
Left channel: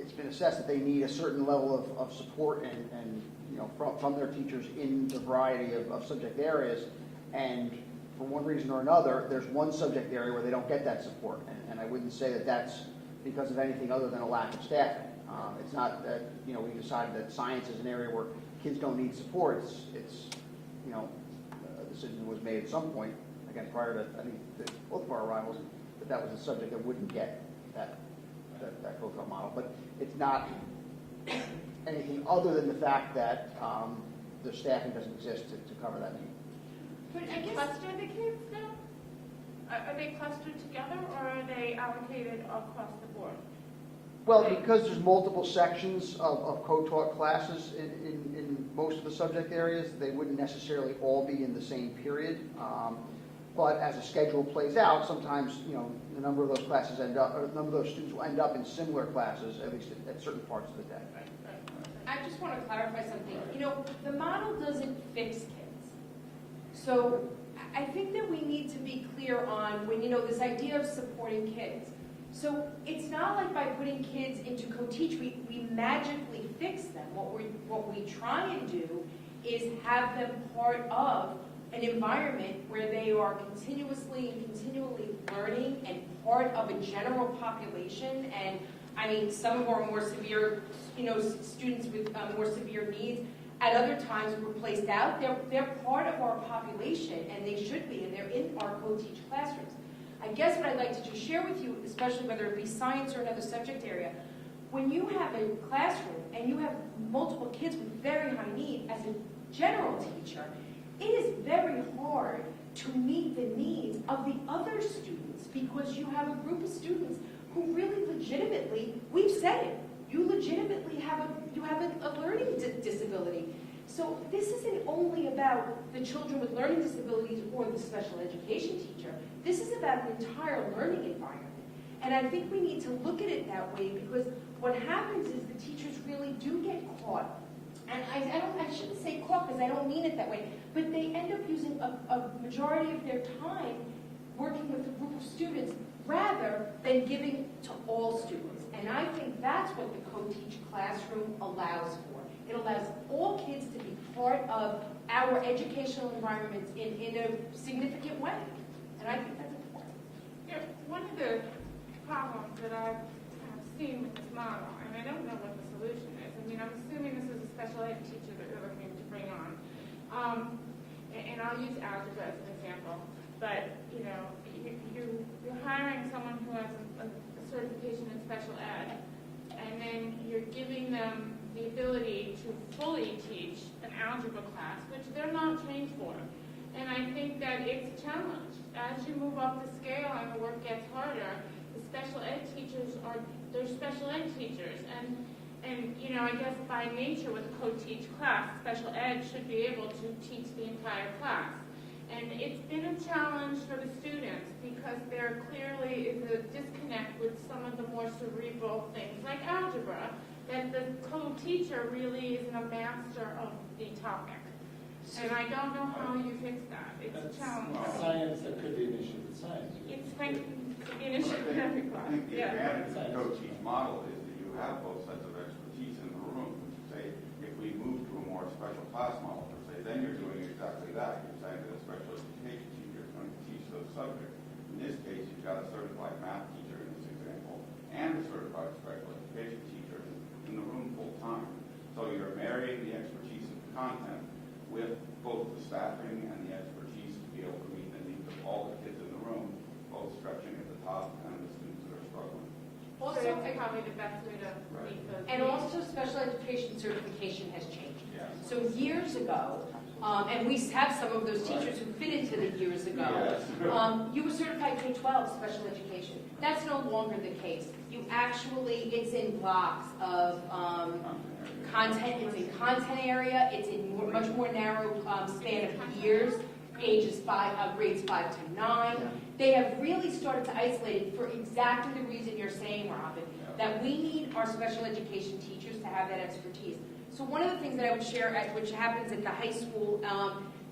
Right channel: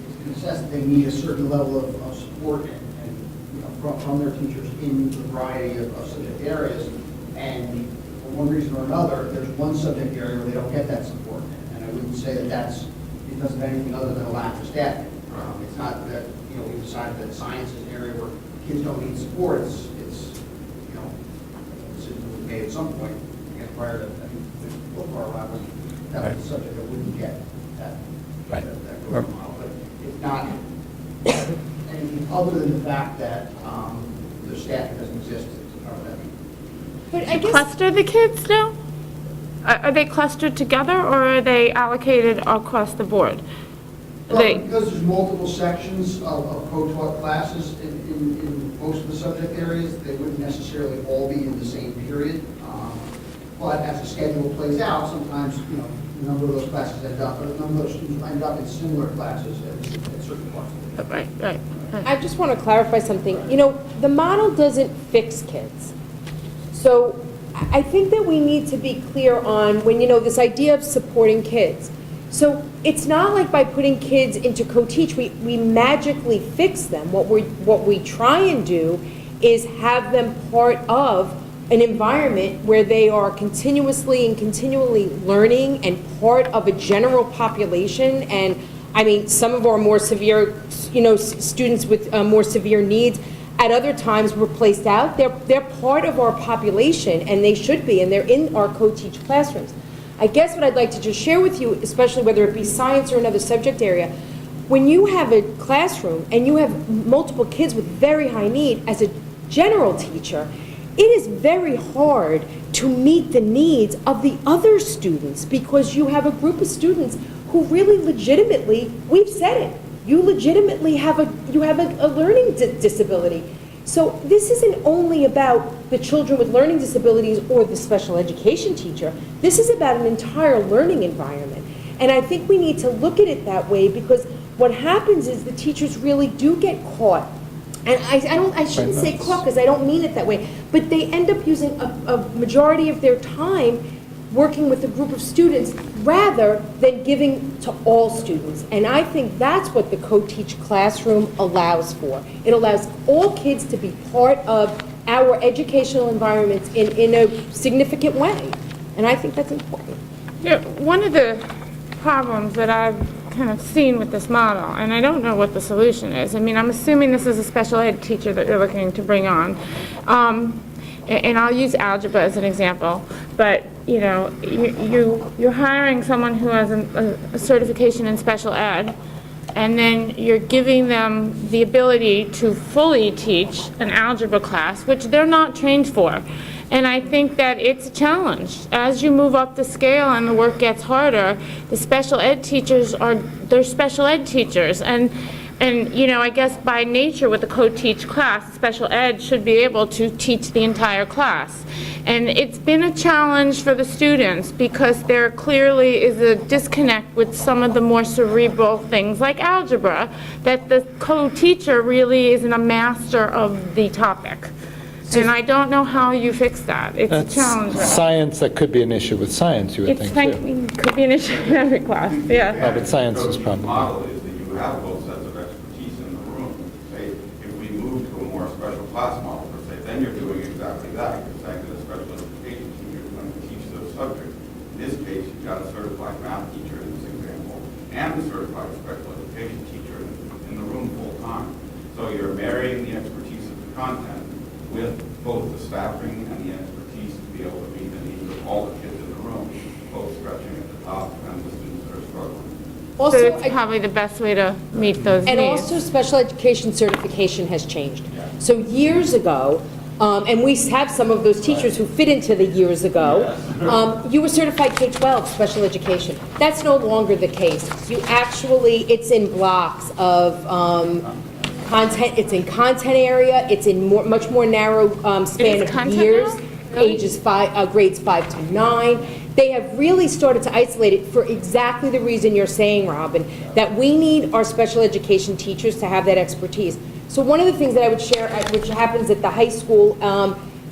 it's been assessed that they need a certain level of support and from their teachers in a variety of subject areas. And for one reason or another, there's one subject area where they don't get that support. And I wouldn't say that that's because of anything other than a lack of staffing. It's not that, we decided that science is an area where kids don't need support. It's a decision was made at some point, again, prior to, both of our arrivals, that was a subject that wouldn't get that, Right. that growth model. But it's not anything other than the fact that the staffing doesn't exist to cover that need. But I guess, cluster the kids now? Are they clustered together, or are they allocated across the board? Well, because there's multiple sections of co-taught classes in most of the subject areas, they wouldn't necessarily all be in the same period. But as the schedule plays out, sometimes, the number of those classes end up, or the number of those students will end up in similar classes at certain parts of the day. Right. I just want to clarify something. The model doesn't fix kids. So I think that we need to be clear on when, this idea of supporting kids. So it's not like by putting kids into co-teach, we magically fix them. What we try and do is have them part of an environment where they are continuously and continually learning and part of a general population. And I mean, some of our more severe, students with more severe needs at other times were placed out. They're part of our population, and they should be, and they're in our co-teach classrooms. I guess what I'd like to just share with you, especially whether it be science or another subject area, when you have a classroom and you have multiple kids with very high need, as a general teacher, it is very hard to meet the needs of the other students, because you have a group of students who really legitimately, we've said it, you legitimately have a learning disability. So this isn't only about the children with learning disabilities or the special education teacher. This is about an entire learning environment. And I think we need to look at it that way, because what happens is the teachers really do get caught. And I shouldn't say caught, because I don't mean it that way, but they end up using a majority of their time working with a group of students rather than giving to all students. And I think that's what the co-teach classroom allows for. It allows all kids to be part of our educational environments in a significant way. And I think that's important. One of the problems that I've kind of seen with this model, and I don't know what the solution is. I mean, I'm assuming this is a special ed teacher that you're looking to bring on. And I'll use algebra as an example, but you're hiring someone who has a certification in special ed, and then you're giving them the ability to fully teach an algebra class, which they're not trained for. And I think that it's a challenge. As you move up the scale and the work gets harder, the special ed teachers they're special ed teachers. And And, I guess by nature with the co-teach class, special ed should be able to teach the entire class. And it's been a challenge for the students because there clearly is a disconnect with some of the more cerebral things like algebra, that the co-teacher really isn't a master of the topic. And I don't know how you fix that. It's a That's challenge. science, that could be an issue with science, you would It's think, like, too. could be an issue in every class, yeah. Oh, but science is The probably. model is that you have both sets of expertise in the room. Say, if we move to a more special class model, per se, then you're doing exactly that. You're saying that a special education teacher is going to teach those subjects. In this case, you've got a certified math teacher in this example, and a certified special education teacher in the room full time. So you're marrying the expertise of the content with both the staffing and the expertise to be able to meet the needs of all the kids in the room, both stretching at the top and the students that are struggling. So Also, it's probably the best way to meet those needs. and also, special education certification has changed. So years ago, and we have some of those teachers who fit into the years ago, you were certified K-12 special education. That's no longer the case. You actually, it's in blocks of content, it's in content area, it's in much more narrow span of content years, now? Really? ages grades 5 to 9. They have really started to isolate it for exactly the reason you're saying, Robin, that we need our special education teachers to have that expertise. So one of the things that I would share, which happens at the high school,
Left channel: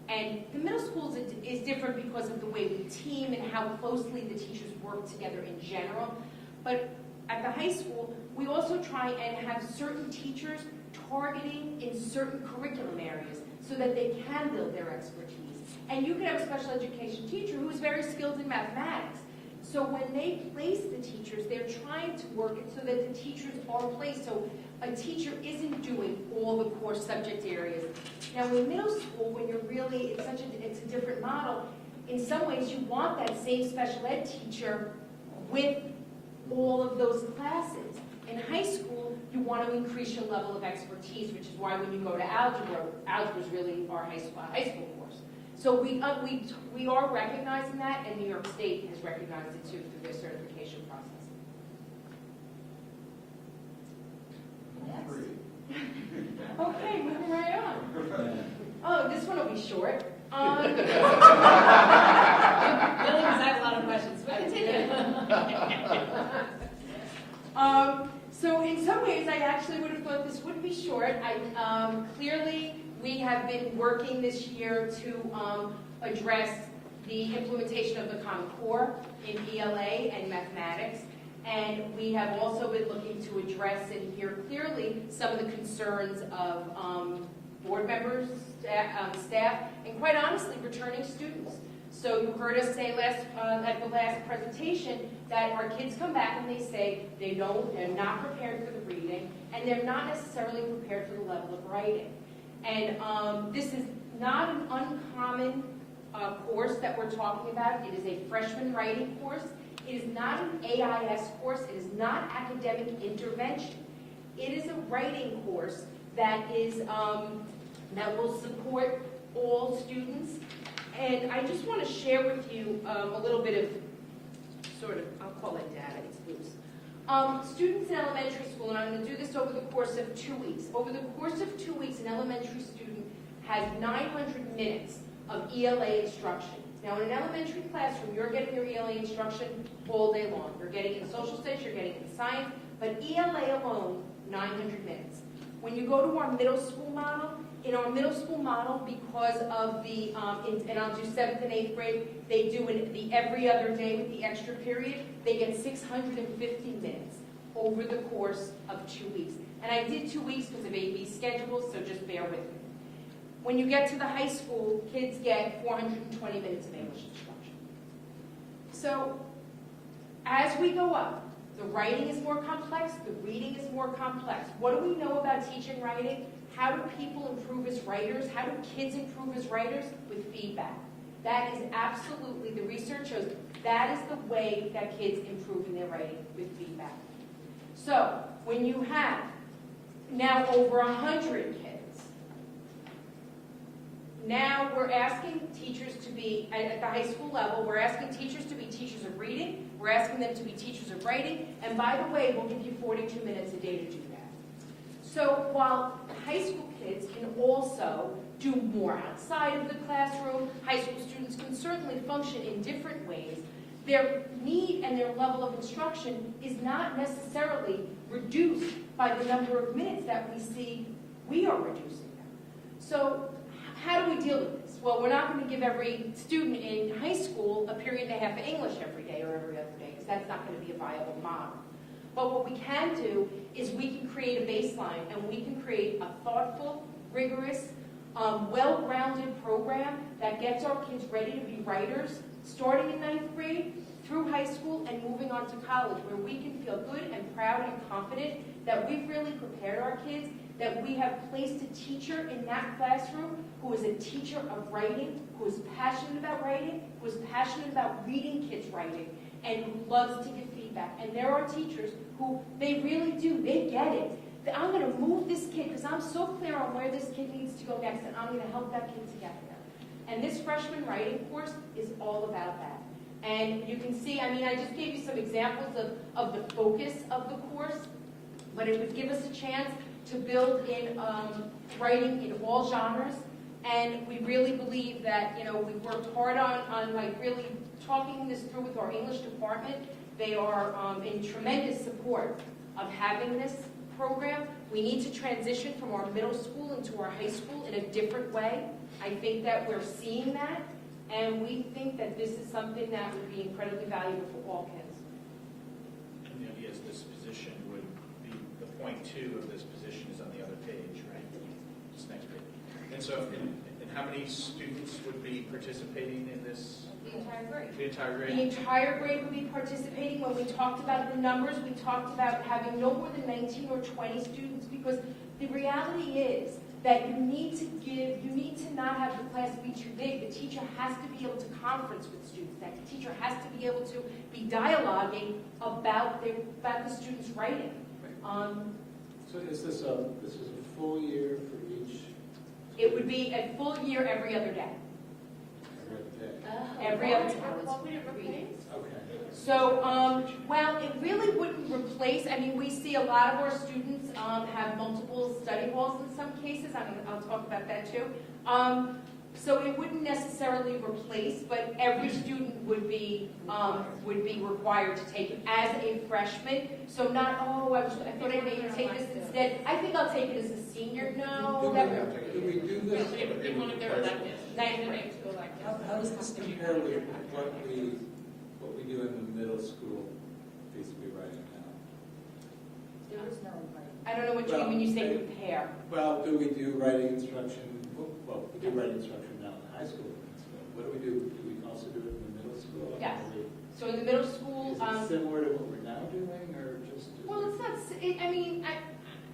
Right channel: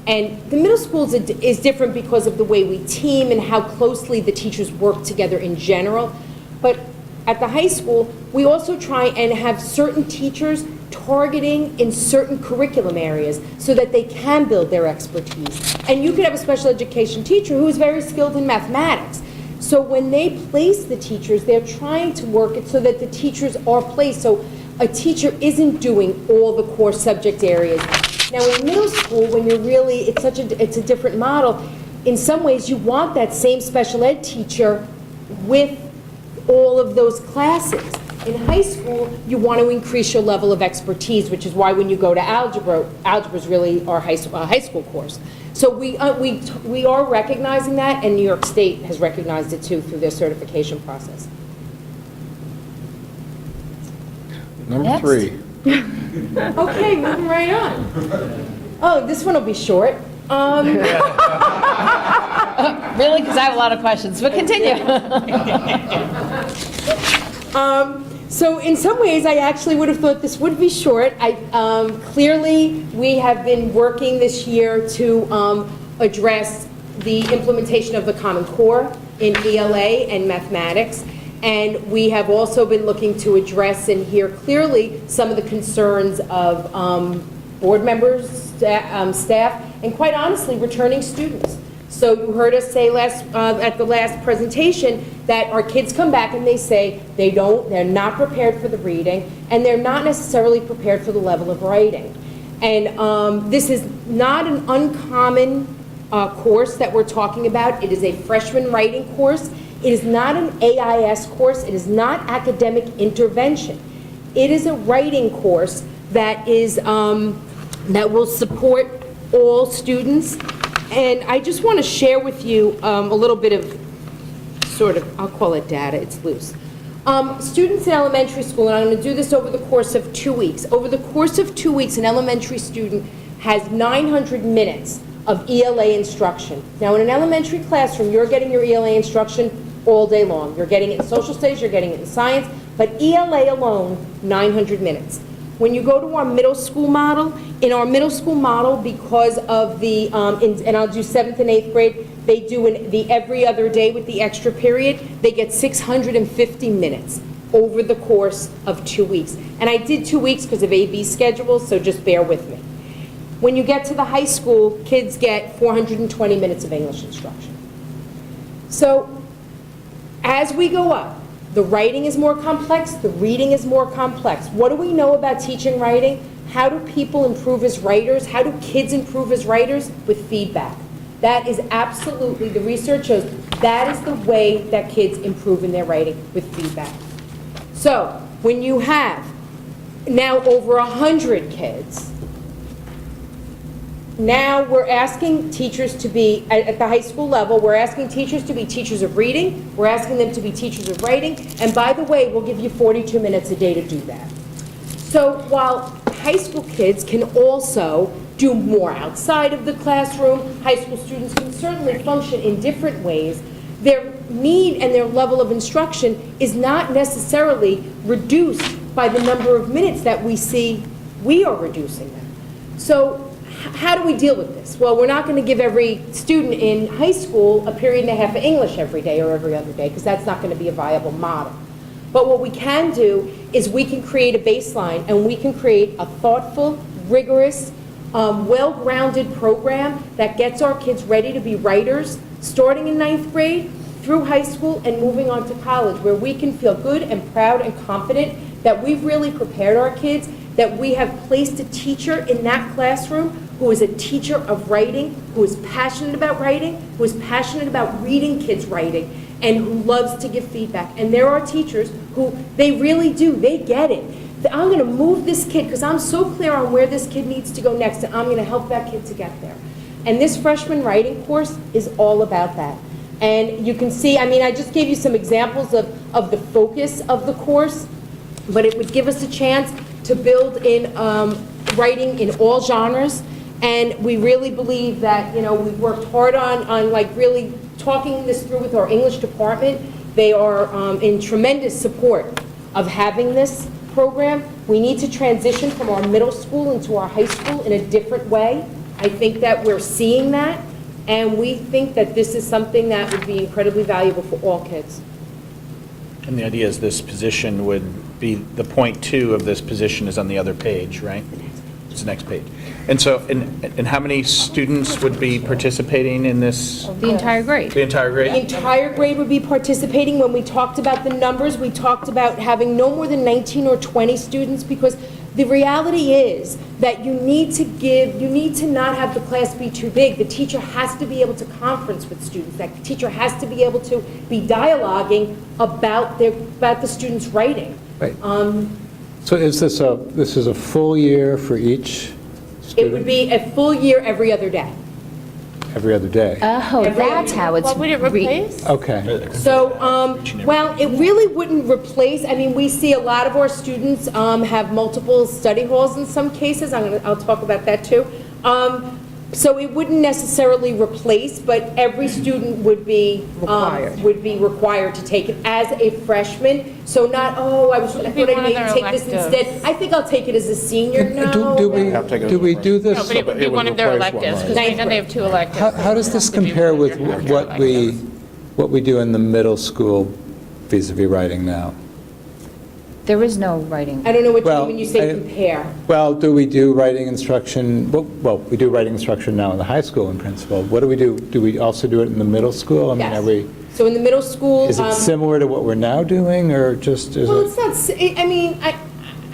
and the middle schools is different because of the way we team and how closely the teachers work together in general. But at the high school, we also try and have certain teachers targeting in certain curriculum areas so that they can build their expertise. And you could have a special education teacher who is very skilled in mathematics. So when they place the teachers, they're trying to work it so that the teachers are placed. So a teacher isn't doing all the core subject areas. Now in middle school, when you're really, it's a different model. In some ways, you want that same special ed teacher with all of those classes. In high school, you want to increase your level of expertise, which is why when you go to algebra is really our high school course. So we are recognizing that, and New York State has recognized it too through their certification process. Number Next. 3. Okay, moving right on. Oh, this one will be short. Really? Because I have a lot of questions, but continue. So in some ways, I actually would have thought this would be short. Clearly, we have been working this year to address the implementation of the Common Core in ELA and mathematics. And we have also been looking to address and hear clearly some of the concerns of board members, staff, and quite honestly, returning students. So you heard us say at the last presentation that our kids come back and they say they're not prepared for the reading, and they're not necessarily prepared for the level of writing. And this is not an uncommon course that we're talking about. It is a freshman writing course. It is not an AIS course. It is not academic intervention. It is a writing course that is that will support all students. And I just want to share with you a little bit of I'll call it data, it's loose. Students in elementary school, and I'm going to do this over the course of 2 weeks. Over the course of 2 weeks, an elementary student has 900 minutes of ELA instruction. Now, in an elementary classroom, you're getting your ELA instruction all day long. You're getting it in social studies, you're getting it in science, but ELA alone, 900 minutes. When you go to our middle school model, in our middle school model, because of the, and I'll do 7th and 8th grade, they do the every other day with the extra period, they get 650 minutes over the course of 2 weeks. And I did 2 weeks because of AB schedules, so just bear with me. When you get to the high school, kids get 420 minutes of English instruction. So as we go up, the writing is more complex, the reading is more complex. What do we know about teaching writing? How do people improve as writers? How do kids improve as writers? With feedback. That is absolutely, the research shows, that is the way that kids improve in their writing, with feedback. So when you have now over 100 kids, now we're asking teachers to be, at the high school level, we're asking teachers to be teachers of reading, we're asking them to be teachers of writing, and by the way, we'll give you 42 minutes a day to do that. So while high school kids can also do more outside of the classroom, high school students can certainly function in different ways, their need and their level of instruction is not necessarily reduced by the number of minutes that we see we are reducing them. So how do we deal with this? Well, we're not going to give every student in high school a period and a half of English every day or every other day, because that's not going to be a viable model. But what we can do is we can create a baseline, and we can create a thoughtful, rigorous, well-grounded program that gets our kids ready to be writers, starting in 9th grade through high school and moving on to college, where we can feel good and proud and confident that we've really prepared our kids, that we have placed a teacher in that classroom who is a teacher of writing, who is passionate about writing, who is passionate about reading kids' writing, and who loves to give feedback. And there are teachers who, they really do, they get it. I'm going to move this kid because I'm so clear on where this kid needs to go next, and I'm going to help that kid to get there. And this freshman writing course is all about that. And you can see, I mean, I just gave you some examples of the focus of the course, but it would give us a chance to build in writing in all genres. And we really believe that, you know, we've worked hard on like really talking this through with our English department. They are in tremendous support of having this program. We need to transition from our middle school into our high school in a different way. I think that we're seeing that, and we think that this is something that would be incredibly valuable for all kids. And the idea is this position would be, the point 2 of this position is on the other page, right? It's the next page. And so, and how many students would be participating in this? The entire grade. The entire The grade? entire grade would be participating. When we talked about the numbers, we talked about having no more than 19 or 20 students, because the reality is that you need to not have the class be too big. The teacher has to be able to conference with students. That teacher has to be able to be dialoguing about the students' writing. Right. So is this a full year for each It would student? be a full year every other day. Every other day? Oh, that's how it's. What would it replace? Okay. So, well, it really wouldn't replace, I mean, we see a lot of our students have multiple study halls in some cases. I'll talk about that too. So it wouldn't necessarily replace, but every student would be required to take it as a freshman. So not, I thought I be one of needed their to take this electives. instead. I think I'll take it as a senior. No. Do we do this? No, but it would be one of their electives, because right now they have 2 electives. How does this compare with what we do in the middle school vis-à-vis writing now? There is no writing. I don't know what you Well, mean when you say I- compare. Well, do we do writing instruction, well, we do writing instruction now in the high school in principle. What do we do? Do we also do it in the middle school? I mean, Yes. are we, So in the middle school. is it similar to what we're now doing, or just, is Well, it? it's not, I mean,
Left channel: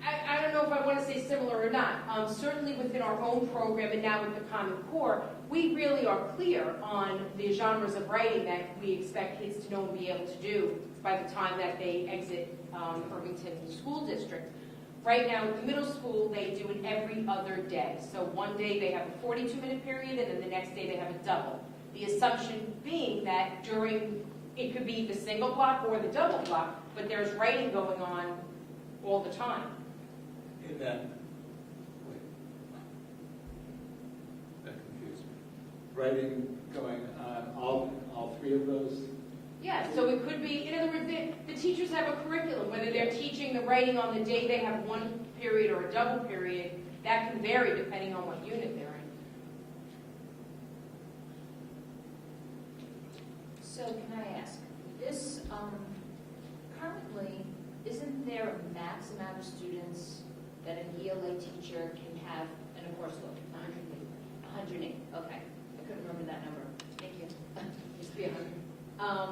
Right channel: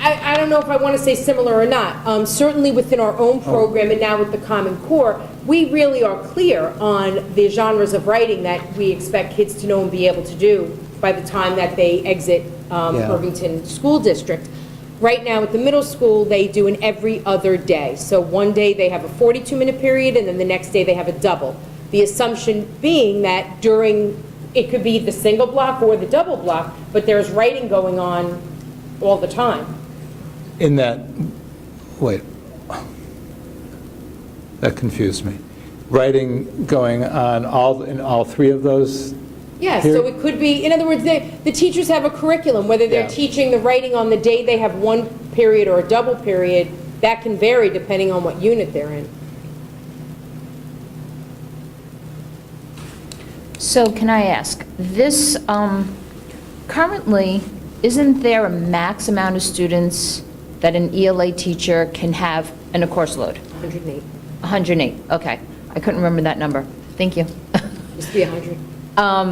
I don't know if I want to say similar or not. Certainly within our own program and now with the Common Core, we really are clear on the genres of writing that we expect kids to know and be able to do by the time that they exit Irvington School District. Right now at the middle school, they do an every other day. So one day they have a 42-minute period, and then the next day they have a double. The assumption being that during, it could be the single block or the double block, but there's writing going on all the time. In that, wait, that confused me. Writing going on in all 3 of those? Yeah, Here- so it could be, in other words, the teachers have a curriculum, whether they're Yeah. teaching the writing on the day they have one period or a double period, that can vary depending on what unit they're in. So can I ask, this, currently, isn't there a max amount of students that an ELA teacher can have in a course load? 108, 108, okay. I couldn't remember that number. Thank you. used to be 100,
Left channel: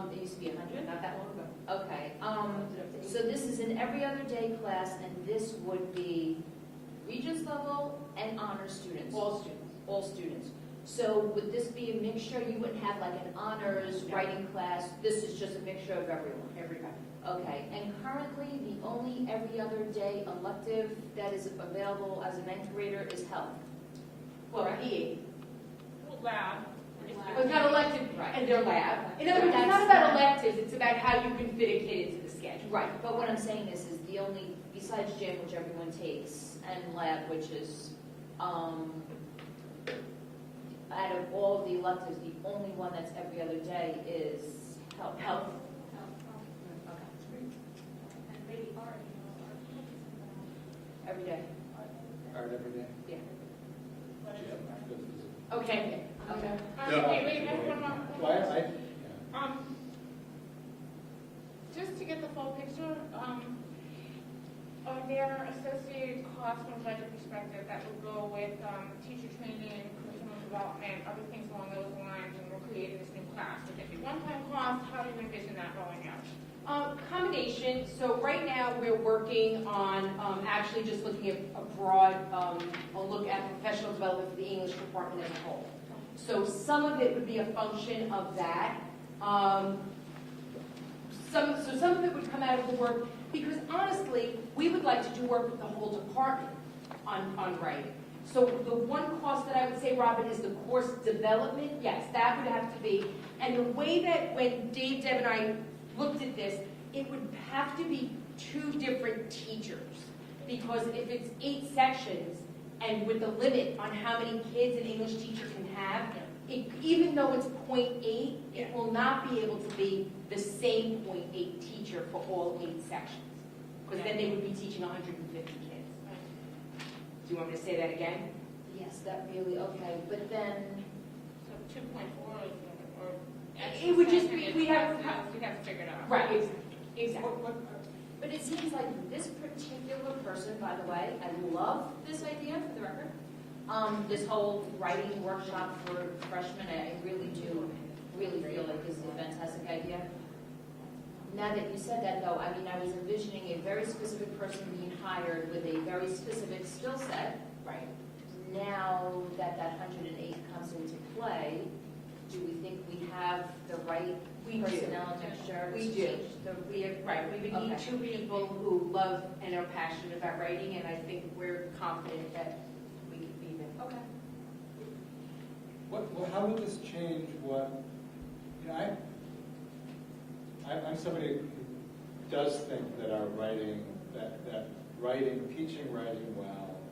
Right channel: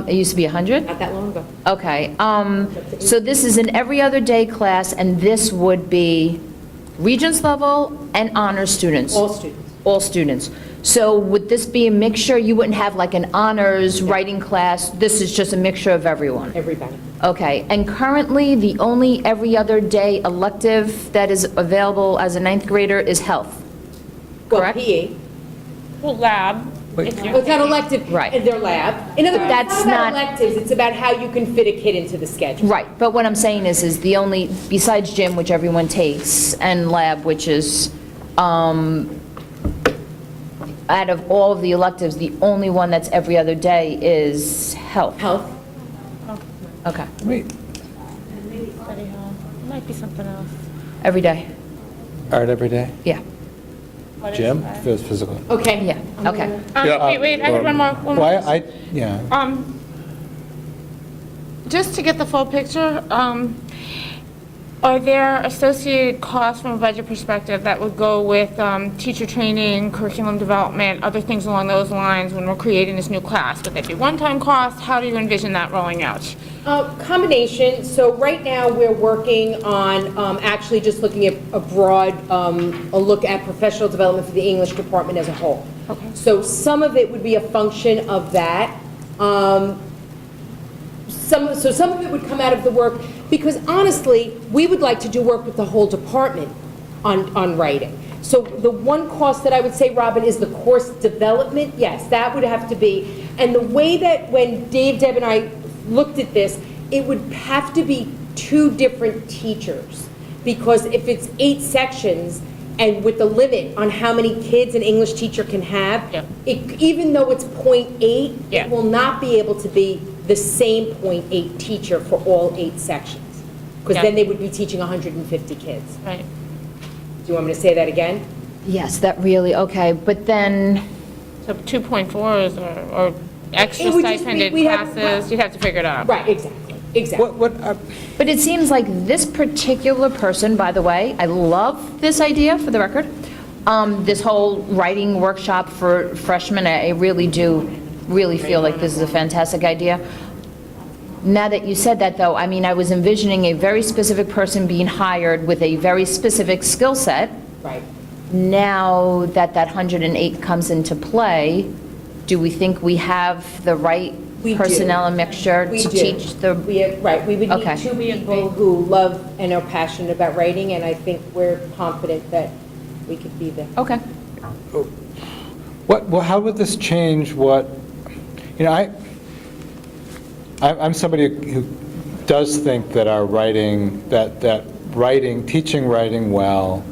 It used to be 100? not that long ago. Okay, so this is an every other day class, and this would be Regents level and honors students? All students. All students. So would this be a mixture? You wouldn't have like an honors writing class? This is just a mixture of everyone? Everybody. Okay, and currently, the only every other day elective that is available as a 9th grader is health, Well, correct? PE, Well, lab, Well, it's not elective Right. in their lab. In other words, That's it's not not- about electives, it's about how you can fit a kid into the schedule. Right, but what I'm saying is the only, besides gym, which everyone takes, and lab, which is, out of all of the electives, the only one that's every other day is health. Health. Okay, Wait, Study hall. Might be something else. every day, art every day? yeah, Gym, physical? Okay. yeah, okay. Wait, I had one more. Why, yeah. Just to get the full picture, are there associated costs from a budget perspective that would go with teacher training, curriculum development, other things along those lines when we're creating this new class? Would that be one-time cost? How do you envision that rolling out? Combination, so right now, we're working on actually just looking at a broad, a look at professional development for the English department as a whole. Okay. So some of it would be a function of that. Some of it would come out of the work, because honestly, we would like to do work with the whole department on writing. So the one cost that I would say, Robin, is the course development. Yes, that would have to be. And the way that when Dave, Deb, and I looked at this, it would have to be 2 different teachers. Because if it's 8 sections, and with the limit on how many kids an English teacher can have, Yeah. even though it's 0.8, Yeah. it will not be able to be the same 0.8 teacher for all 8 sections. Because Yeah. then they would be teaching 150 kids. Right. Do you want me to say that again? Yes, that really, okay, but then, So 2.4s or extra It would just be- stipended we'd have- classes, you'd have to figure it out. Right, exactly. but it seems like this particular person, by the way, I love this idea, for the record, this whole writing workshop for freshmen, I really do really feel like this is a fantastic idea. Now that you said that, though, I mean, I was envisioning a very specific person being hired with a very specific skill set. Right. Now that that 108 comes into play, do we think we have the right We do. personnel and mixture We to do. teach the? Right, we would Okay. need 2 people who love and are passionate about writing, and I think we're confident that we could be there. Okay. Well, how would this change what, I'm somebody who does think that our writing, that writing, teaching writing well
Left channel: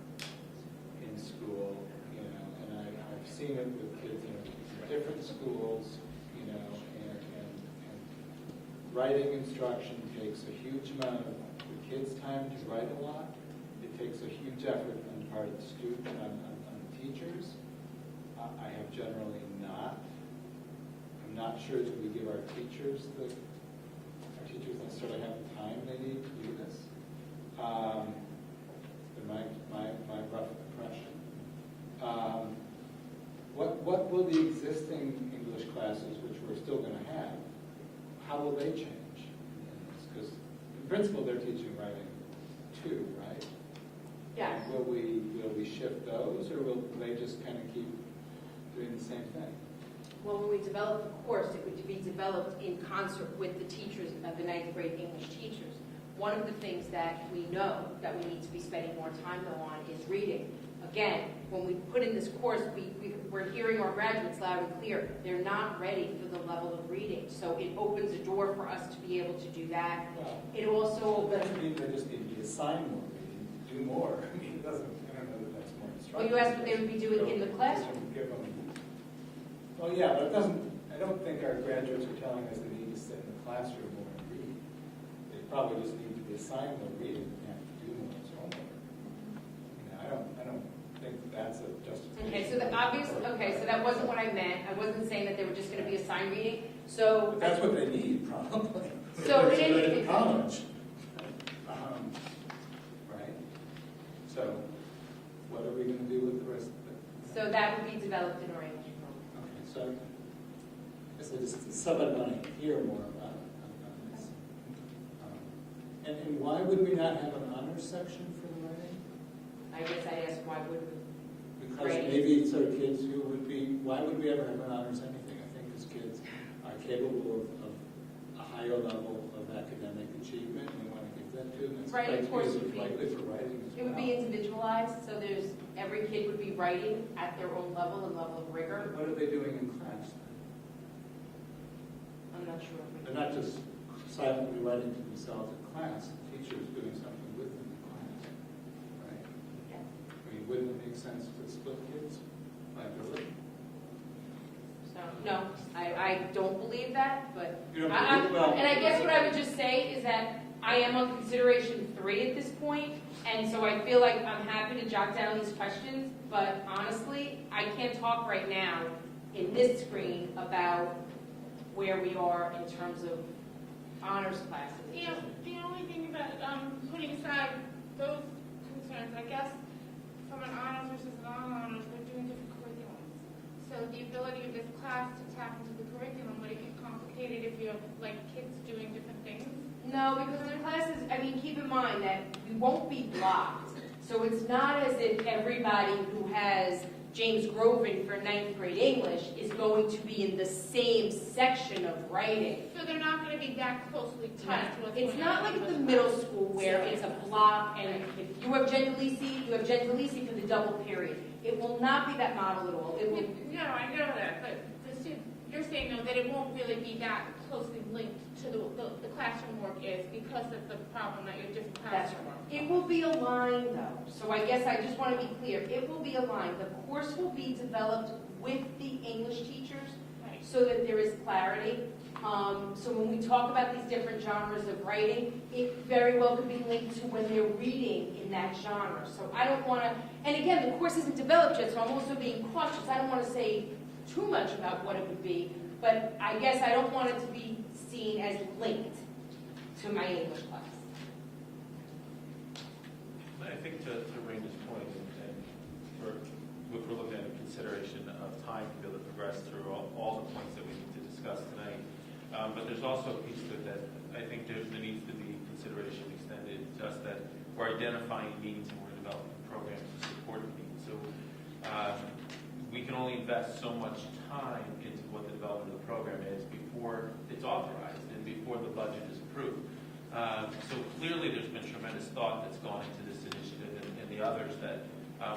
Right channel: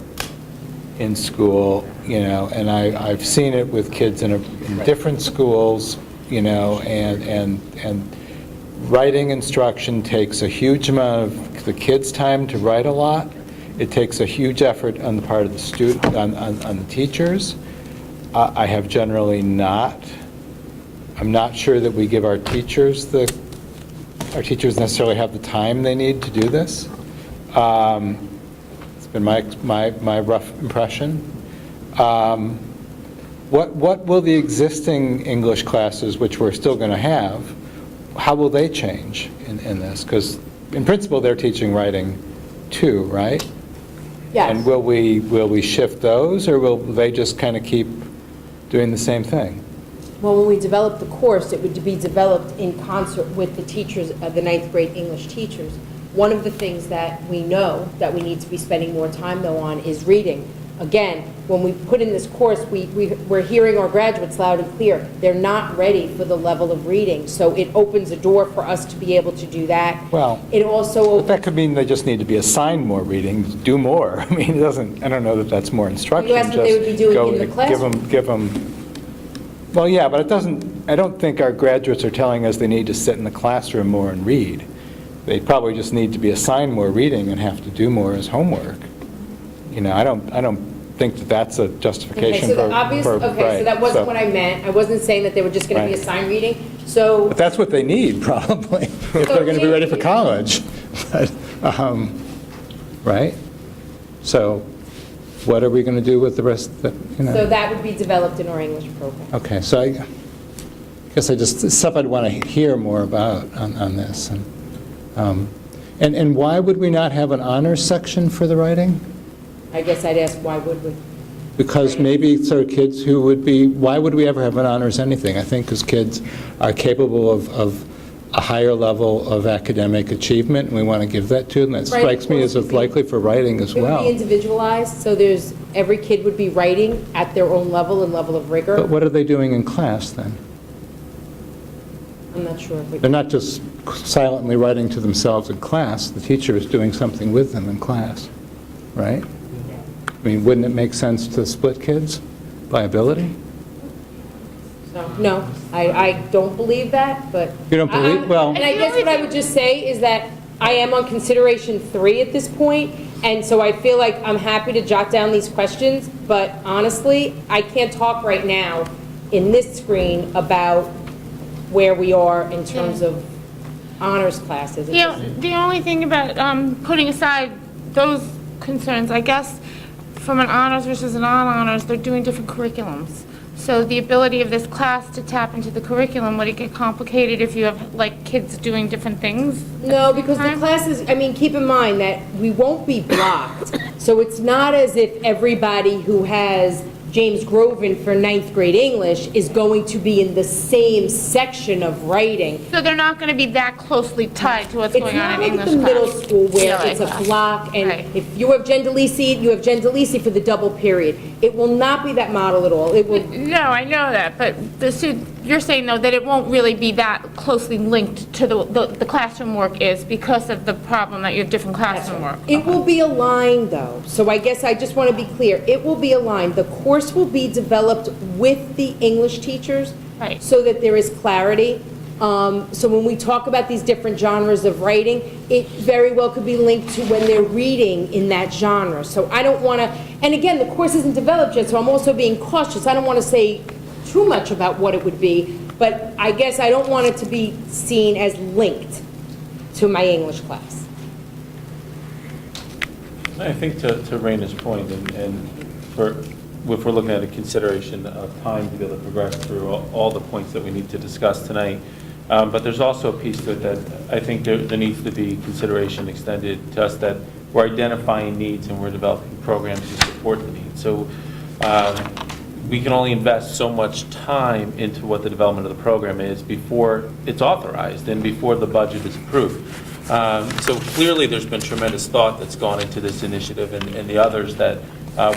in school, and I've seen it with kids in different schools, and writing instruction takes a huge amount of the kids' time to write a lot. It takes a huge effort on the part of the student, on the teachers. I have generally not. I'm not sure that we give our teachers necessarily have the time they need to do this. It's been my rough impression. What will the existing English classes, which we're still going to have, how will they change in this? Because in principle, they're teaching writing too, right? Yes. And will we shift those, or will they just kind of keep doing the same thing? Well, when we develop the course, it would be developed in concert with the teachers, the 9th grade English teachers. One of the things that we know that we need to be spending more time, though, on is reading. Again, when we put in this course, we're hearing our graduates loud and clear. They're not ready for the level of reading, so it opens a door for us to be able to do that. Well, It also but that could mean they just need to be assigned more reading, do more. I mean, I don't know that that's more instruction. asked what they would be doing in the classroom. Give them, well, yeah, but I don't think our graduates are telling us they need to sit in the classroom more and read. They probably just need to be assigned more reading and have to do more as homework. I don't think that that's a justification for. so that wasn't what I meant. I wasn't saying that they were just going to be Right. assigned reading, so. But that's what they need, probably, if they're going to be ready for college. But, right? So what are we going to do with the rest, So that would be developed in our English program. Okay, so I guess stuff I'd want to hear more about on this. And why would we not have an honors section for the writing? I guess I'd ask, why would we? Because maybe there are kids who would be, why would we ever have an honors anything? I think because kids are capable a higher level of academic achievement, and we want to give that to them. That strikes me as likely for writing as It would be well. individualized, so every kid would be writing at their own level and level of rigor. But what are they doing in class, then? I'm not sure if we. They're not just silently writing to themselves in class. The teacher is doing something with them in class, right? I mean, wouldn't it make sense to split kids by ability? No, I don't believe that, but. You don't believe- well- And I guess what I would just say is that I am on consideration 3 at this point, and so I feel like I'm happy to jot down these questions, but honestly, I can't talk right now in this screen about where we are in terms of honors classes. The only thing about putting aside those concerns, I guess, from an honors versus a non-honors, they're doing different curriculums. So the ability of this class to tap into the curriculum, would it get complicated if you have, like, kids doing different things? No, because the classes, I mean, keep in mind that we won't be blocked. So it's not as if everybody who has James Groven for 9th grade English is going to be in the same section of writing. So they're not going to be that closely tied to what's going on in English It's not like the class? middle school where Yeah, it's a like that. block, and Right. if you have Jen DeLisi, you have Jen DeLisi for the double period. It will not be that model at all. It will, No, I know that, but you're saying, though, that it won't really be that closely linked to the classroom work is because of the problem that you have different classroom work? it will be aligned, though. So I guess I just want to be clear. It will be aligned. The course will be developed with the English teachers Right. so that there is clarity. So when we talk about these different genres of writing, it very well could be linked to when they're reading in that genre. So I don't want to, and again, the course isn't developed yet, so I'm also being cautious. I don't want to say too much about what it would be, but I guess I don't want it to be seen as linked to my English class. I think to Raina's point, and if we're looking at a consideration of time to be able to progress through all the points that we need to discuss tonight, but there's also a piece to it that I think there needs to be consideration extended to us, that we're identifying needs and we're developing programs to support the needs. So we can only invest so much time into what the development of the program is before it's authorized and before the budget is approved. So clearly, there's been tremendous thought that's gone into this initiative and the others that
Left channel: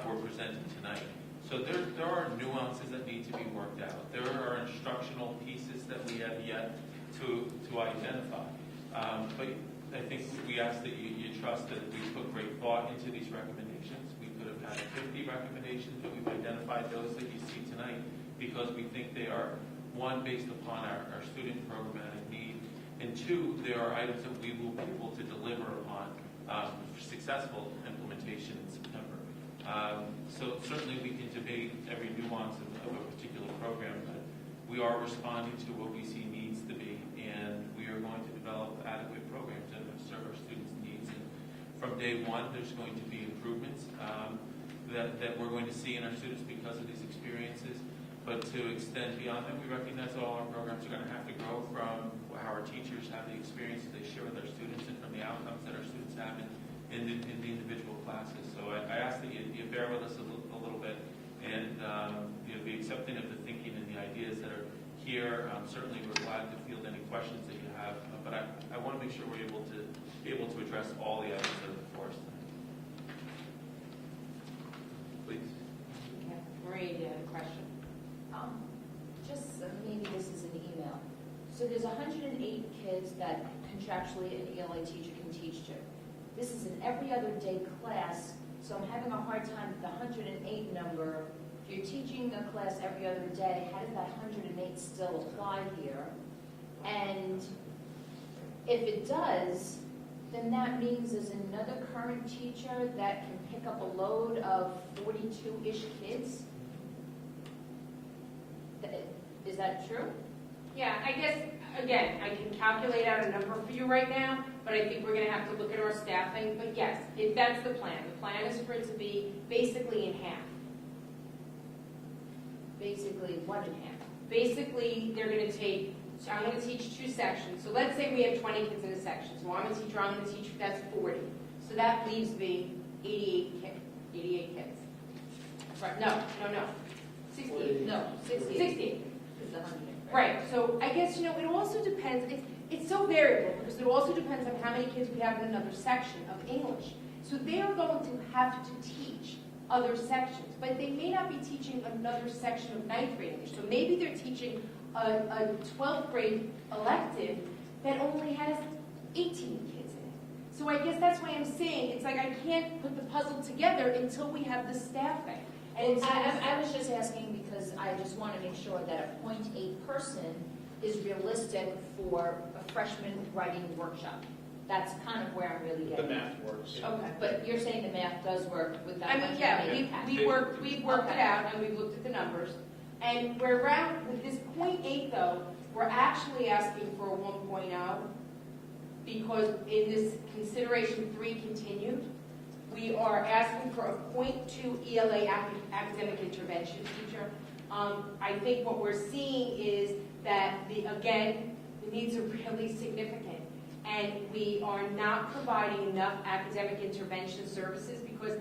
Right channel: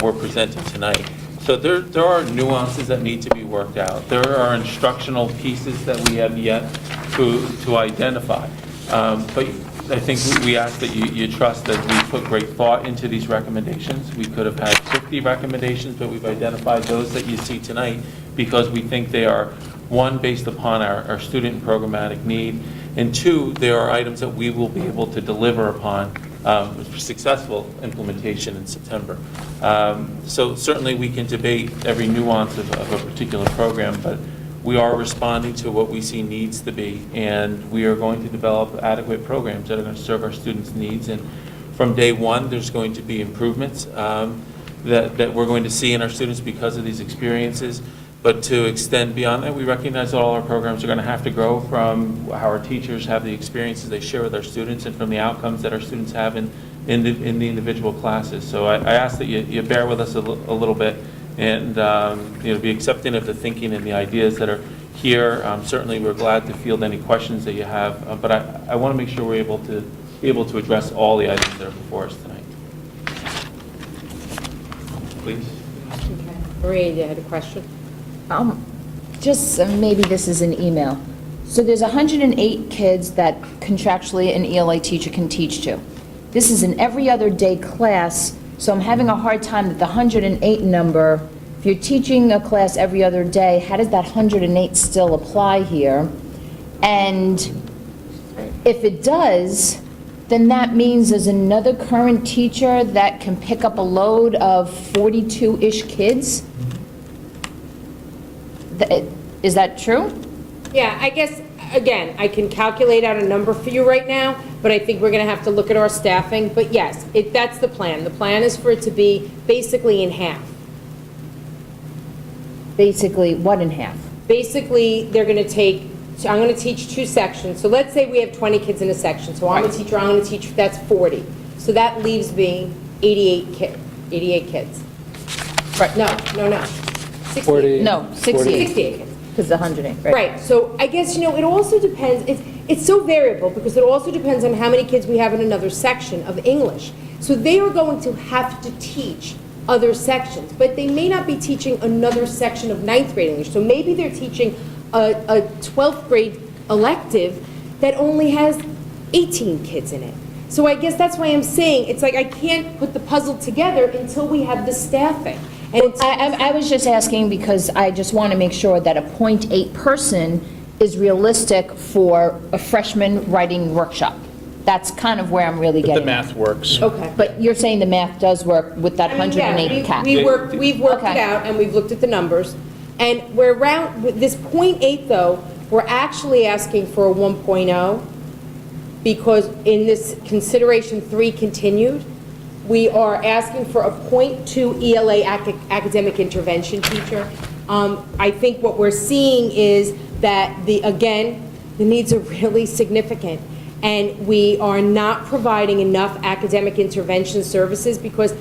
we're presenting tonight. So there are nuances that need to be worked out. There are instructional pieces that we have yet to identify. But I think we ask that you trust that we put great thought into these recommendations. We could have had 50 recommendations, but we've identified those that you see tonight because we think they are, one, based upon our student and programmatic need, and two, there are items that we will be able to deliver upon for successful implementation in September. So certainly we can debate every nuance of a particular program, but we are responding to what we see needs to be, and we are going to develop adequate programs that are going to serve our students' needs. And from day one, there's going to be improvements that we're going to see in our students because of these experiences. But to extend beyond that, we recognize that all our programs are going to have to grow from how our teachers have the experiences they share with our students and from the outcomes that our students have in the individual classes. So I ask that you bear with us a little bit and be accepting of the thinking and the ideas that are here. Certainly, we're glad to field any questions that you have, but I want to make sure we're able to address all the items that are before us tonight. Please. Maria, you had a question? Just maybe this is an email. So there's 108 kids that contractually an ELA teacher can teach to. This is an every other day class, so I'm having a hard time that the 108 number, if you're teaching a class every other day, how does that 108 still apply here? And if it does, then that means there's another current teacher that can pick up a load of 42-ish kids? Is that true? Yeah, I guess, again, I can calculate out a number for you right now, but I think we're going to have to look at our staffing. But yes, that's the plan. The plan is for it to be basically in half. Basically, what in half? Basically, they're going to take, so I'm going to teach 2 sections. So let's say we have 20 kids in a section. So I'm a teacher, I'm going to teach, that's 40. So that leaves me 88 kids. Right, no. 68. No, 68. 68 kids. Because the 108, right? Right, so I guess, it also depends, it's so variable because it also depends on how many kids we have in another section of English. So they are going to have to teach other sections, but they may not be teaching another section of 9th grade English. So maybe they're teaching a 12th grade elective that only has 18 kids in it. So I guess that's why I'm saying, it's like I can't put the puzzle together until we have the staffing. And it's, I was just asking because I just want to make sure that a .8 person is realistic for a freshman writing workshop. That's kind of where I'm really But getting the at. math works. okay. But you're saying the math does work with that 108 cap? We've worked it Okay. out, and we've looked at the numbers. And we're around, with this .8, though, we're actually asking for a 1.0, because in this consideration 3 continued, we are asking for a .2 ELA academic intervention teacher. I think what we're seeing is that, again, the needs are really significant, and we are not providing enough academic intervention services, because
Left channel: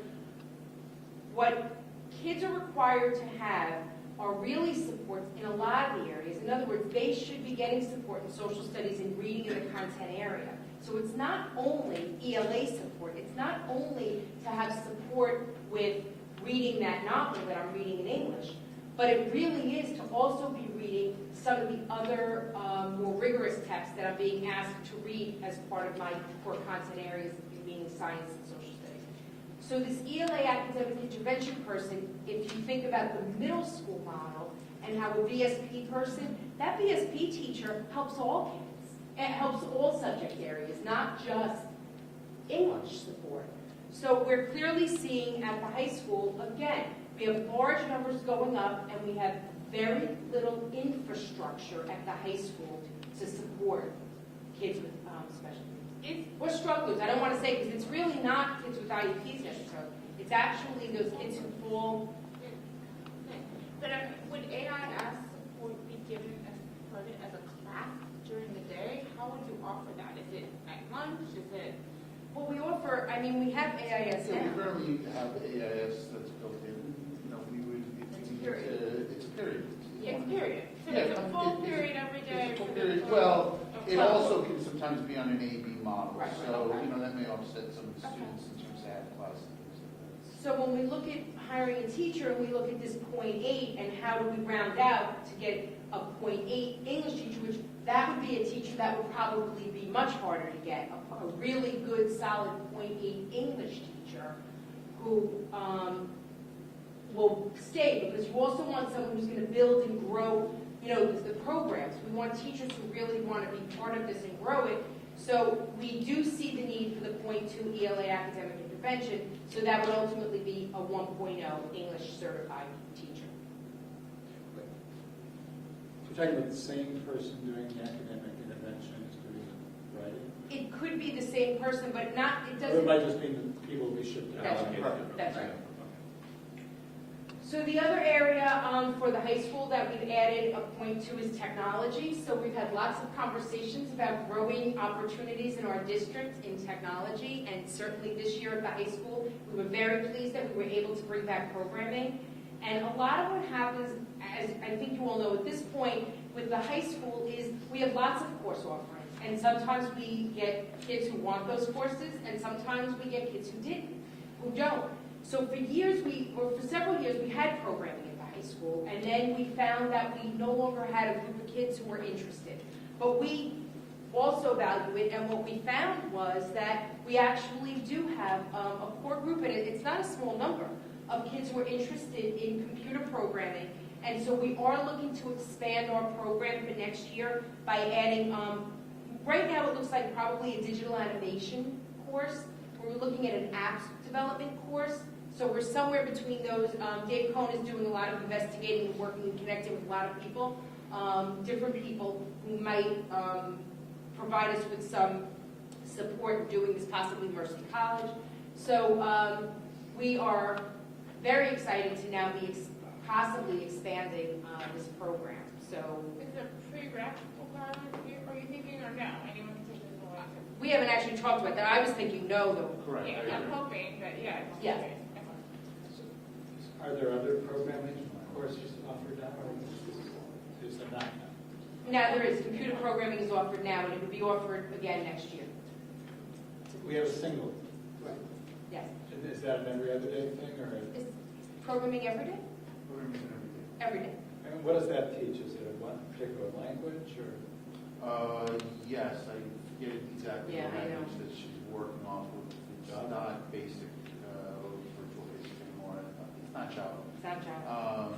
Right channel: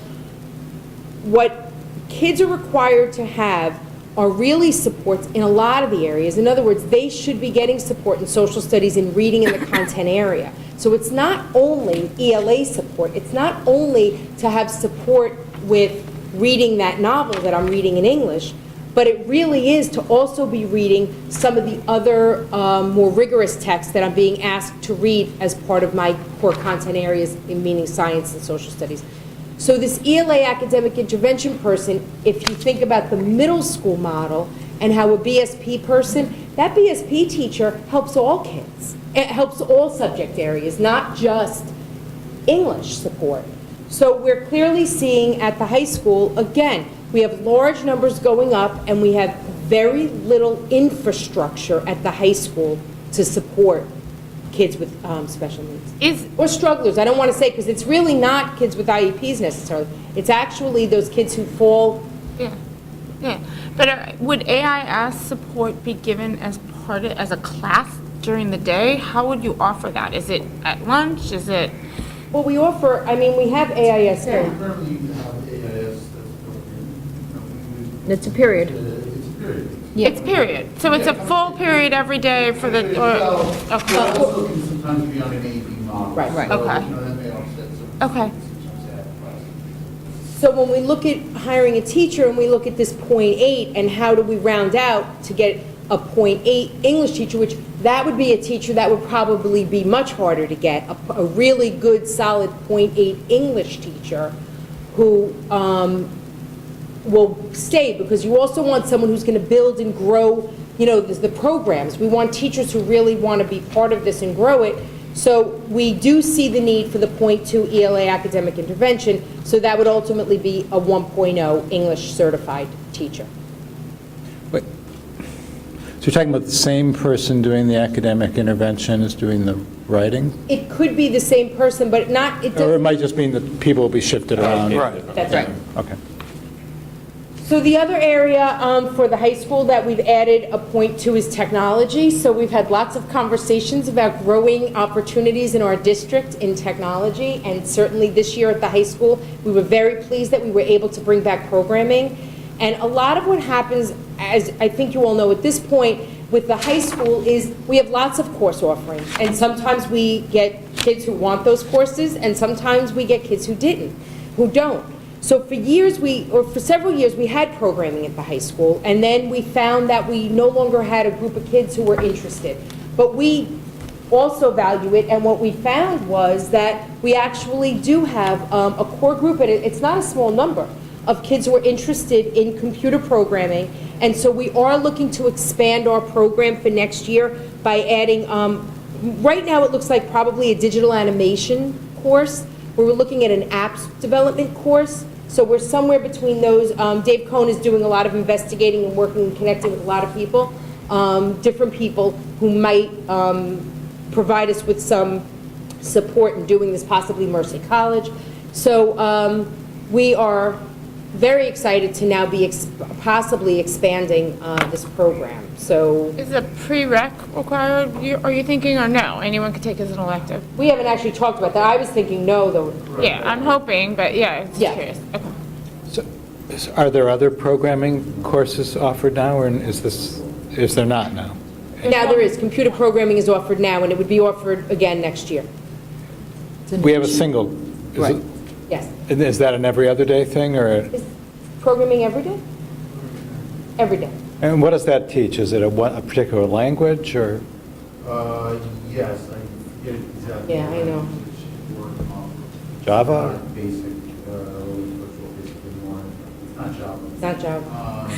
what kids are required to have are really supports in a lot of the areas. In other words, they should be getting support in social studies and reading in the content area. So it's not only ELA support, it's not only to have support with reading that novel that I'm reading in English, but it really is to also be reading some of the other more rigorous texts that I'm being asked to read as part of my core content areas, meaning science and social studies. So this ELA academic intervention person, if you think about the middle school model and how a BSP person, that BSP teacher helps all kids. It helps all subject areas, not just English support. So we're clearly seeing at the high school, again, we have large numbers going up, and we have very little infrastructure at the high school to support kids with special needs. Or strugglers, I don't want to say, because it's really not kids with IEPs necessarily. It's actually those kids who fall. Yeah, yeah. But would AIS support be given as as a class during the day? How would you offer that? Is it at lunch? Is it? Well, we offer, I mean, we have AIS. Currently, you have AIS that's built in. It's a period. It's a period. Yeah. It's period. So it's a full period every day for the, Well, okay. it also can sometimes be on an AB model. Right. Right. So, Okay. you know, that may offset some. Okay. So when we look at hiring a teacher and we look at this .8 and how do we round out to get a .8 English teacher, which that would be a teacher that would probably be much harder to get, a really good, solid .8 English teacher who will stay, because you also want someone who's going to build and grow, you know, the programs. We want teachers who really want to be part of this and grow it. So we do see the need for the .2 ELA academic intervention, so that would ultimately be a 1.0 English certified teacher. Wait. So you're talking about the same person doing the academic intervention as doing the writing? It could be the same person, but not, it Or it doesn't. might just mean that people will be shifted around? Right. That's right. Okay. So the other area for the high school that we've added a .2 is technology. So we've had lots of conversations about growing opportunities in our district in technology, and certainly this year at the high school, we were very pleased that we were able to bring back programming. And a lot of what happens, as I think you all know at this point, with the high school is we have lots of course offerings, and sometimes we get kids who want those courses, and sometimes we get kids who don't. So for several years, we had programming at the high school, and then we found that we no longer had a group of kids who were interested. But we also value it, and what we found was that we actually do have a core group, and it's not a small number, of kids who are interested in computer programming. And so we are looking to expand our program for next year by adding, right now it looks like probably a digital animation course, where we're looking at an apps development course. So we're somewhere between those. Dave Cohn is doing a lot of investigating and working and connecting with a lot of people, different people who might provide us with some support in doing this, possibly Mercy College. So we are very excited to now be possibly expanding this program. So Is a prereq required, are you thinking, or no? Anyone could take as an elective? we haven't actually talked about that. I was thinking no, though. Yeah, I'm hoping, but yeah, just Yeah. curious. Okay. So, are there other programming courses offered now, or is there not now? Now there is, computer programming is offered now, and it would be offered again next year. We have a single, is it- Yes. is that an every other day thing, or, Is programming every day? Every day. and what does that teach? Is it a particular language, or? Yes, I forget exactly. Yeah, I know. She's working off of Java? basic, virtual basic, more, not Java. It's not Java.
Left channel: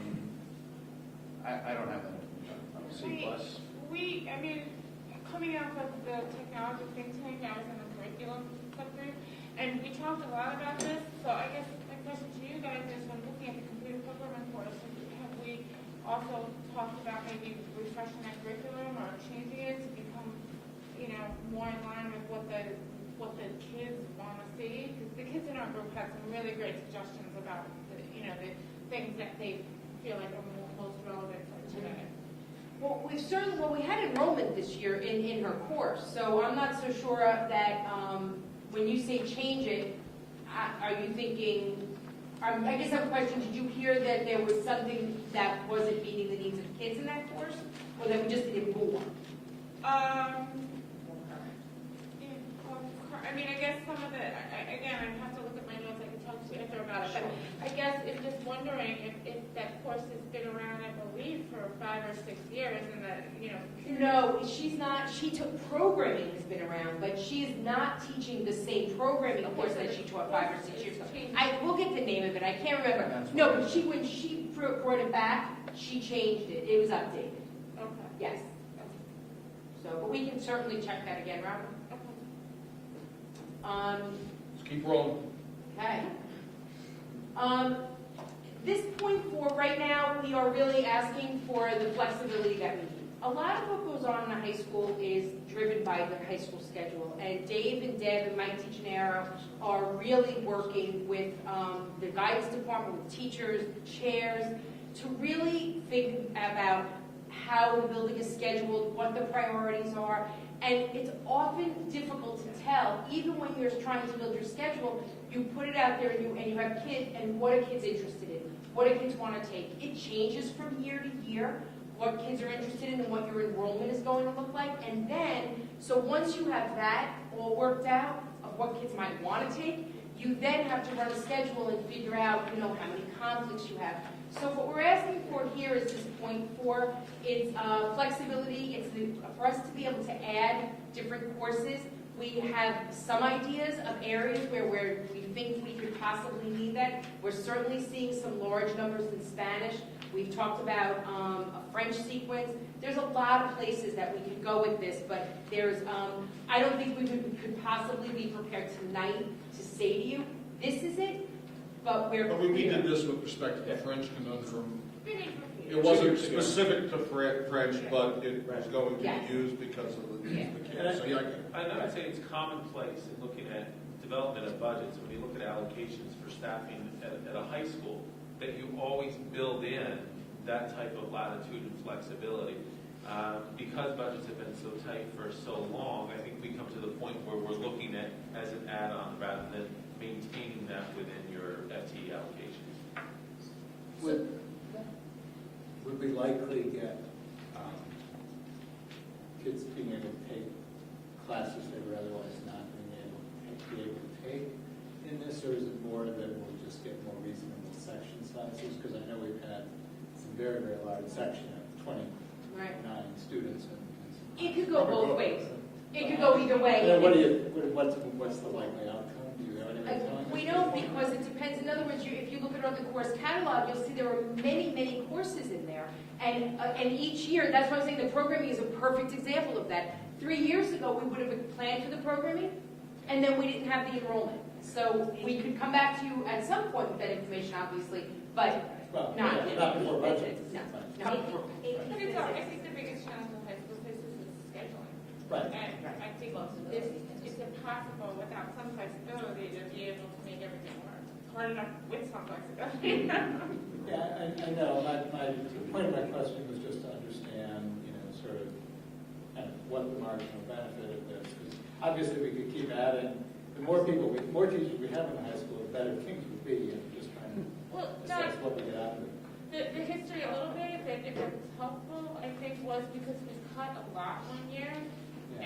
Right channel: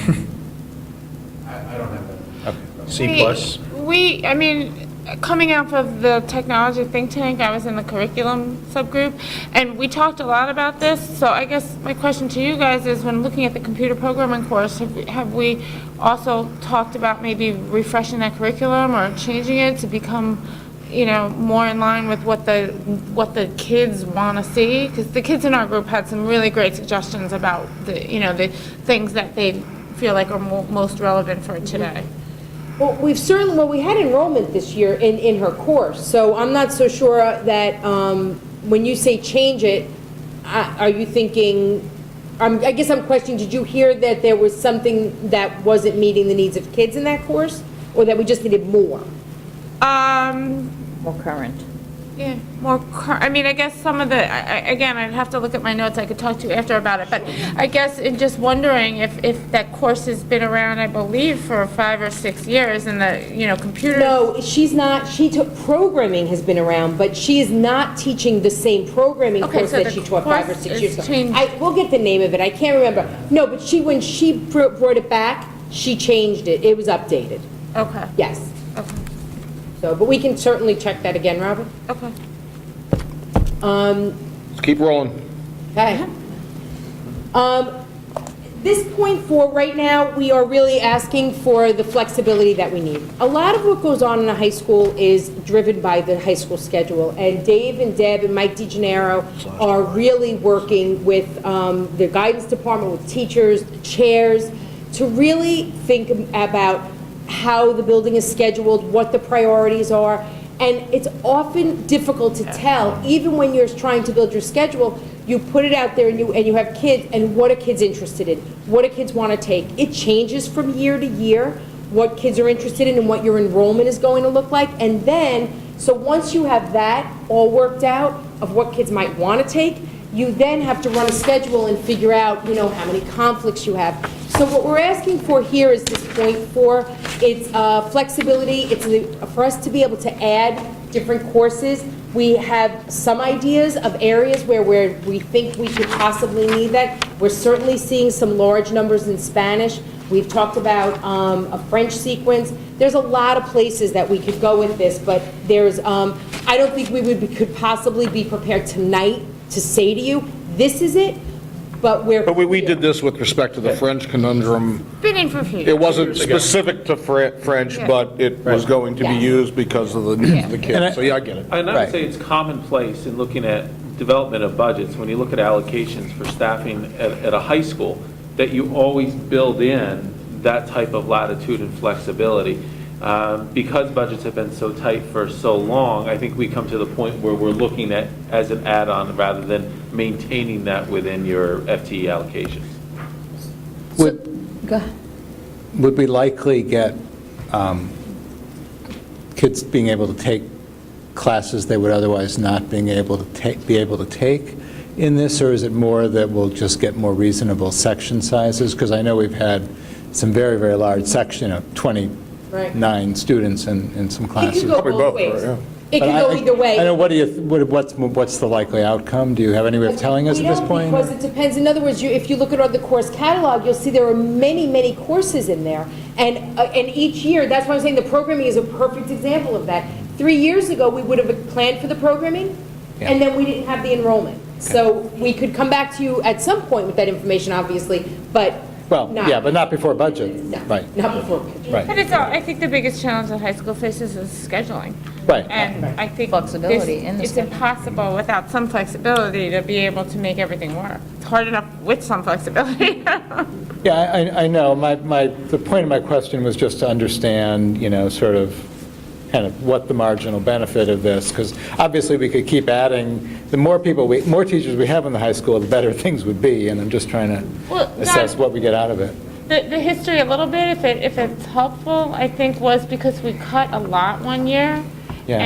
I don't have that. C+. I mean, coming out of the technology think tank, I was in the curriculum subgroup, and we talked a lot about this, so I guess my question to you guys is, when looking at the computer programming course, have we also talked about maybe refreshing that curriculum or changing it to become, more in line with what the kids want to see? Because the kids in our group had some really great suggestions about the things that they feel like are most relevant for today. Well, we had enrollment this year in her course, so I'm not so sure that, when you say change it, are you thinking, I guess I'm questioning, did you hear that there was something that wasn't meeting the needs of kids in that course? Or that we just needed more? More current. Yeah, I mean, I guess some of the, again, I'd have to look at my notes, I could talk to you after about it, but I guess in just wondering if that course has been around, I believe, for 5 or 6 years, and the, computer. No, she's not, programming has been around, but she is not teaching the same programming Okay, course so that the she taught 5 or course 6 years is ago. changed. We'll get the name of it, I can't remember. No, but when she brought it back, she changed it, it was updated, Okay, yes. okay, So, but we can certainly check that again, Robert. okay. Let's keep rolling. Okay. This point 4, right now, we are really asking for the flexibility that we need. A lot of what goes on in a high school is driven by the high school schedule, and Dave and Deb and Mike DeGennaro are really working with the guidance department, with teachers, chairs, to really think about how the building is scheduled, what the priorities are. And it's often difficult to tell, even when you're trying to build your schedule, you put it out there and you have kids, and what are kids interested in? What do kids want to take? It changes from year to year, what kids are interested in and what your enrollment is going to look like. And then, so once you have that all worked out of what kids might want to take, you then have to run a schedule and figure out, how many conflicts you have. So what we're asking for here is this point 4. It's flexibility. It's for us to be able to add different courses. We have some ideas of areas where we think we could possibly need that. We're certainly seeing some large numbers in Spanish. We've talked about a French sequence. There's a lot of places that we could go with this, but there's, I don't think could possibly be prepared tonight to say to you, this is it, but We did this with respect to the French conundrum. Been in for a few years. It wasn't specific to French, Yeah. but it was going to be Yes. used because of the needs of the kids. So, yeah, I get it. And I Right. would say it's commonplace in looking at development of budgets, when you look at allocations for staffing at a high school, that you always build in that type of latitude and flexibility. Because budgets have been so tight for so long, I think we come to the point where we're looking at as an add-on rather than maintaining that within your FTE allocations. Would Go ahead. would we likely get kids being able to take classes they would otherwise not be able to take in this, or is it more that we'll just get more reasonable section sizes? Because I know we've had some very, very large section, 29 students in some It classes. could go Probably both both, ways. yeah. It could go either way. I know, what's the likely outcome? Do you have any way of telling us at this point? We don't, because it depends. In other words, if you look at the course catalog, you'll see there are many, many courses in there. And each year, that's why I'm saying the programming is a perfect example of that. 3 years ago, we would have planned for the programming, and then we didn't have the enrollment. So we could come back to you at some point with that information, obviously, but Well, yeah, but not before budget. No, Right, not before budget. right, But I think the biggest challenge that high school faces is scheduling. right. And I think Flexibility in the it's schedule. impossible without some flexibility to be able to make everything work. It's hard enough with some flexibility. Yeah, I know. The point of my question was just to understand, sort of, kind of what the marginal benefit of this, because obviously we could keep adding, the more teachers we have in the high school, the better things would be, and I'm just trying to Well, assess John- what we get out of it. The history a little bit, if it's helpful, I think was because we cut a lot one year. Yeah.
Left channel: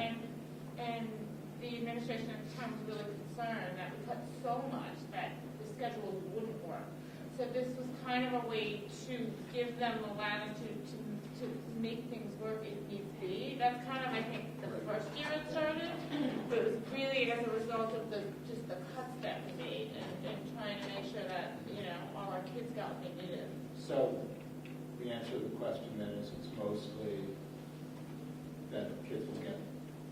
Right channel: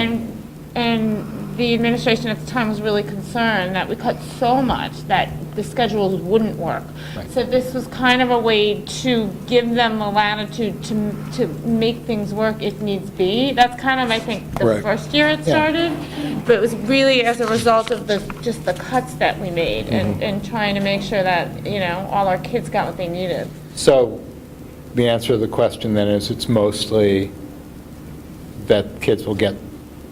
And the administration at the time was really concerned that we cut so much that the schedules wouldn't work. Right. So this was kind of a way to give them the latitude to make things work if needs be. That's kind of, I think, the Right. first year it started. But it was really as a result of just the cuts that we made and trying to make sure that, all our kids got what they needed. So the answer to the question then is it's mostly that kids will get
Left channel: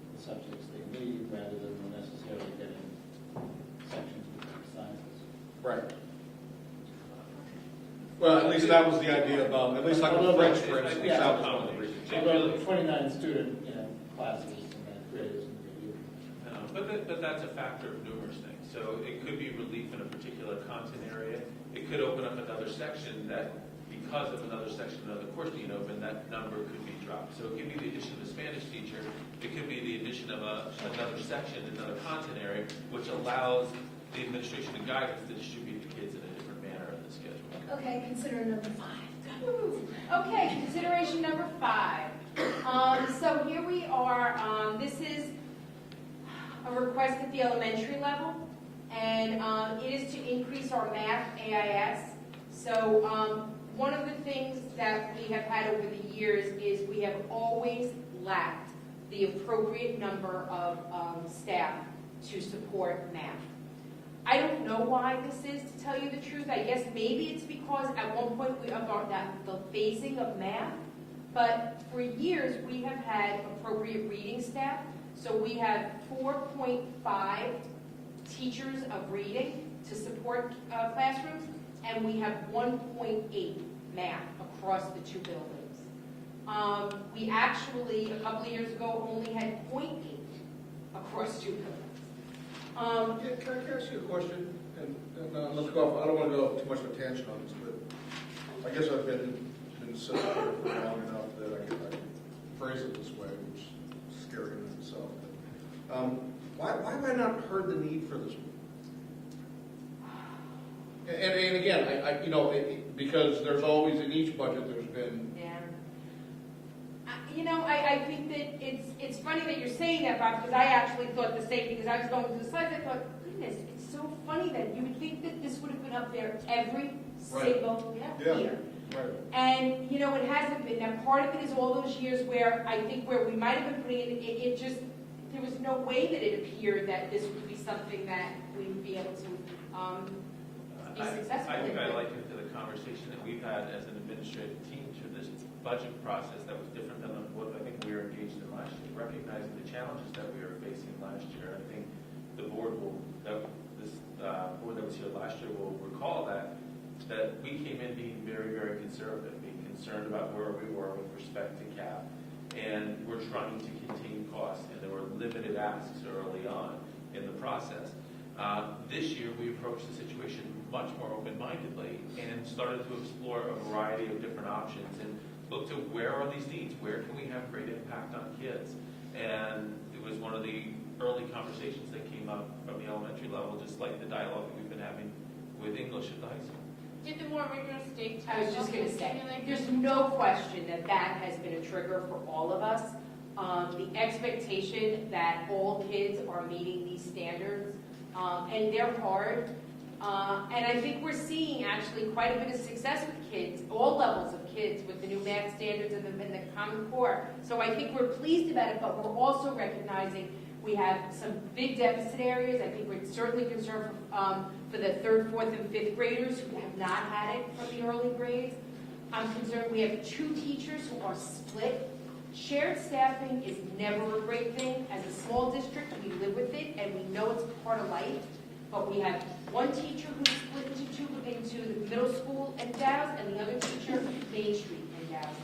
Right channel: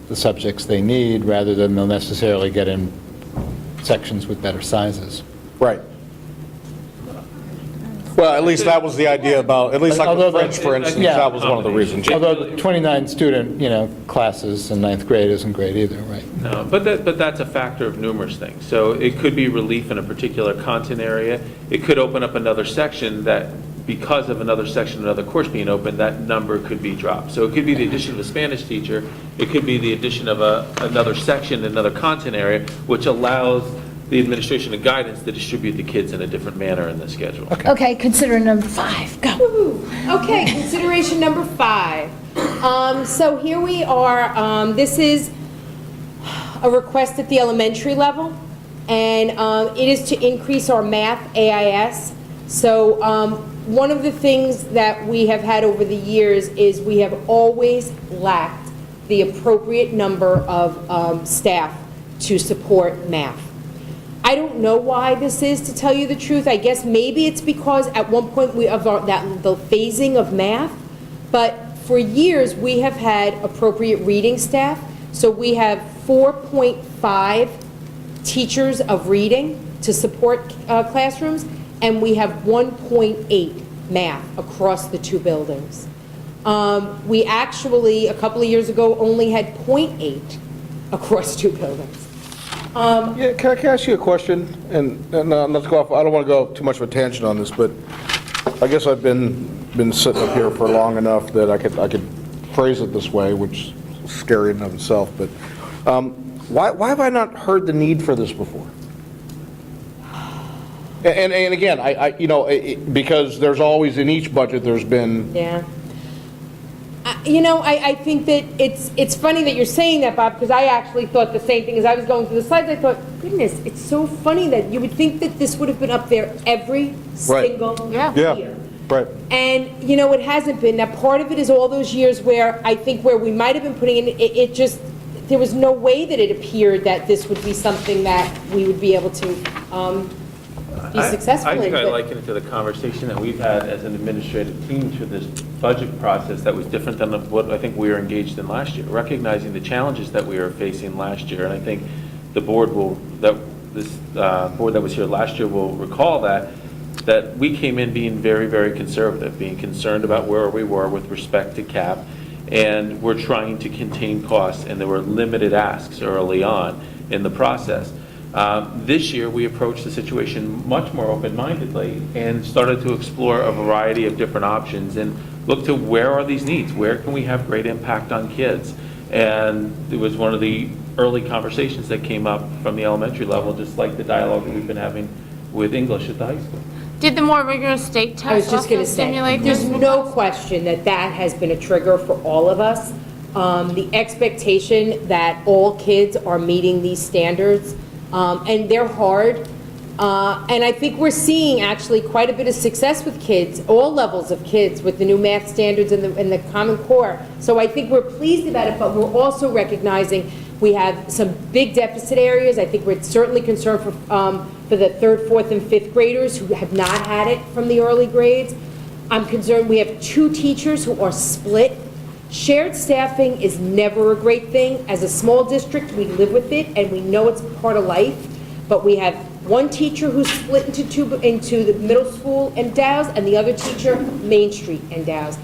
the subjects they need rather than they'll necessarily get in sections with better sizes. Right. Well, at least that was the idea about, at least like the French, for instance, Yeah. that was one of the reasons. Although the 29 student, classes in ninth grade isn't great either, right? No, but that's a factor of numerous things. So it could be relief in a particular content area. It could open up another section that, because of another section, another course being open, that number could be dropped. So it could be the addition of a Spanish teacher. It could be the addition of another section, another content area, which allows the administration and guidance to distribute the kids in a different manner in the schedule. Okay, consider number 5, go. Woo-hoo. Okay, consideration number 5. So here we are, this is a request at the elementary level, and it is to increase our math AIS. So one of the things that we have had over the years is we have always lacked the appropriate number of staff to support math. I don't know why this is, to tell you the truth. I guess maybe it's because at one point the phasing of math, but for years we have had appropriate reading staff. So we have 4.5 teachers of reading to support classrooms, and we have 1.8 math across the 2 buildings. We actually, a couple of years ago, only had 0.8 across 2 buildings. Yeah, can I ask you a question? And let's go off, I don't want to go too much of a tangent on this, but I guess I've been sitting up here for long enough that I could phrase it this way, which is scary in and of itself, but why have I not heard the need for this before? And again, because there's always, in each budget, there's been... Yeah. I think that it's funny that you're saying that, Bob, because I actually thought the same thing. As I was going through the slides, I thought, goodness, it's so funny that you would think that this would have been up there every single year. Right. And, it hasn't been. Now, part of it is all those years where I think where we might have been putting in, it just, there was no way that it appeared that this would be something that we would be able to be successful in. I think I but- liken it to the conversation that we've had as an administrative team through this budget process that was different than what I think we were engaged in last year, recognizing the challenges that we were facing last year. And I think the board this board that was here last year will recall that we came in being very, very conservative, being concerned about where we were with respect to cap, and we're trying to contain costs, and there were limited asks early on in the process. This year, we approached the situation much more open-mindedly and started to explore a variety of different options and look to where are these needs, where can we have great impact on kids. And it was one of the early conversations that came up from the elementary level, just like the dialogue that we've been having with English at the high school. Did the more rigorous state I was test just going also to say, stimulate there's this? no question that that has been a trigger for all of us. The expectation that all kids are meeting these standards, and they're hard. And I think we're seeing actually quite a bit of success with kids, all levels of kids, with the new math standards and the Common Core. So I think we're pleased about it, but we're also recognizing we have some big deficit areas. I think we're certainly concerned for the 3rd, 4th, and 5th graders who have not had it from the early grades. I'm concerned we have 2 teachers who are split. Shared staffing is never a great thing. As a small district, we live with it, and we know it's part of life. But we have 1 teacher who's split into the middle school and Dow's, and the other teacher, Main Street and Dow's.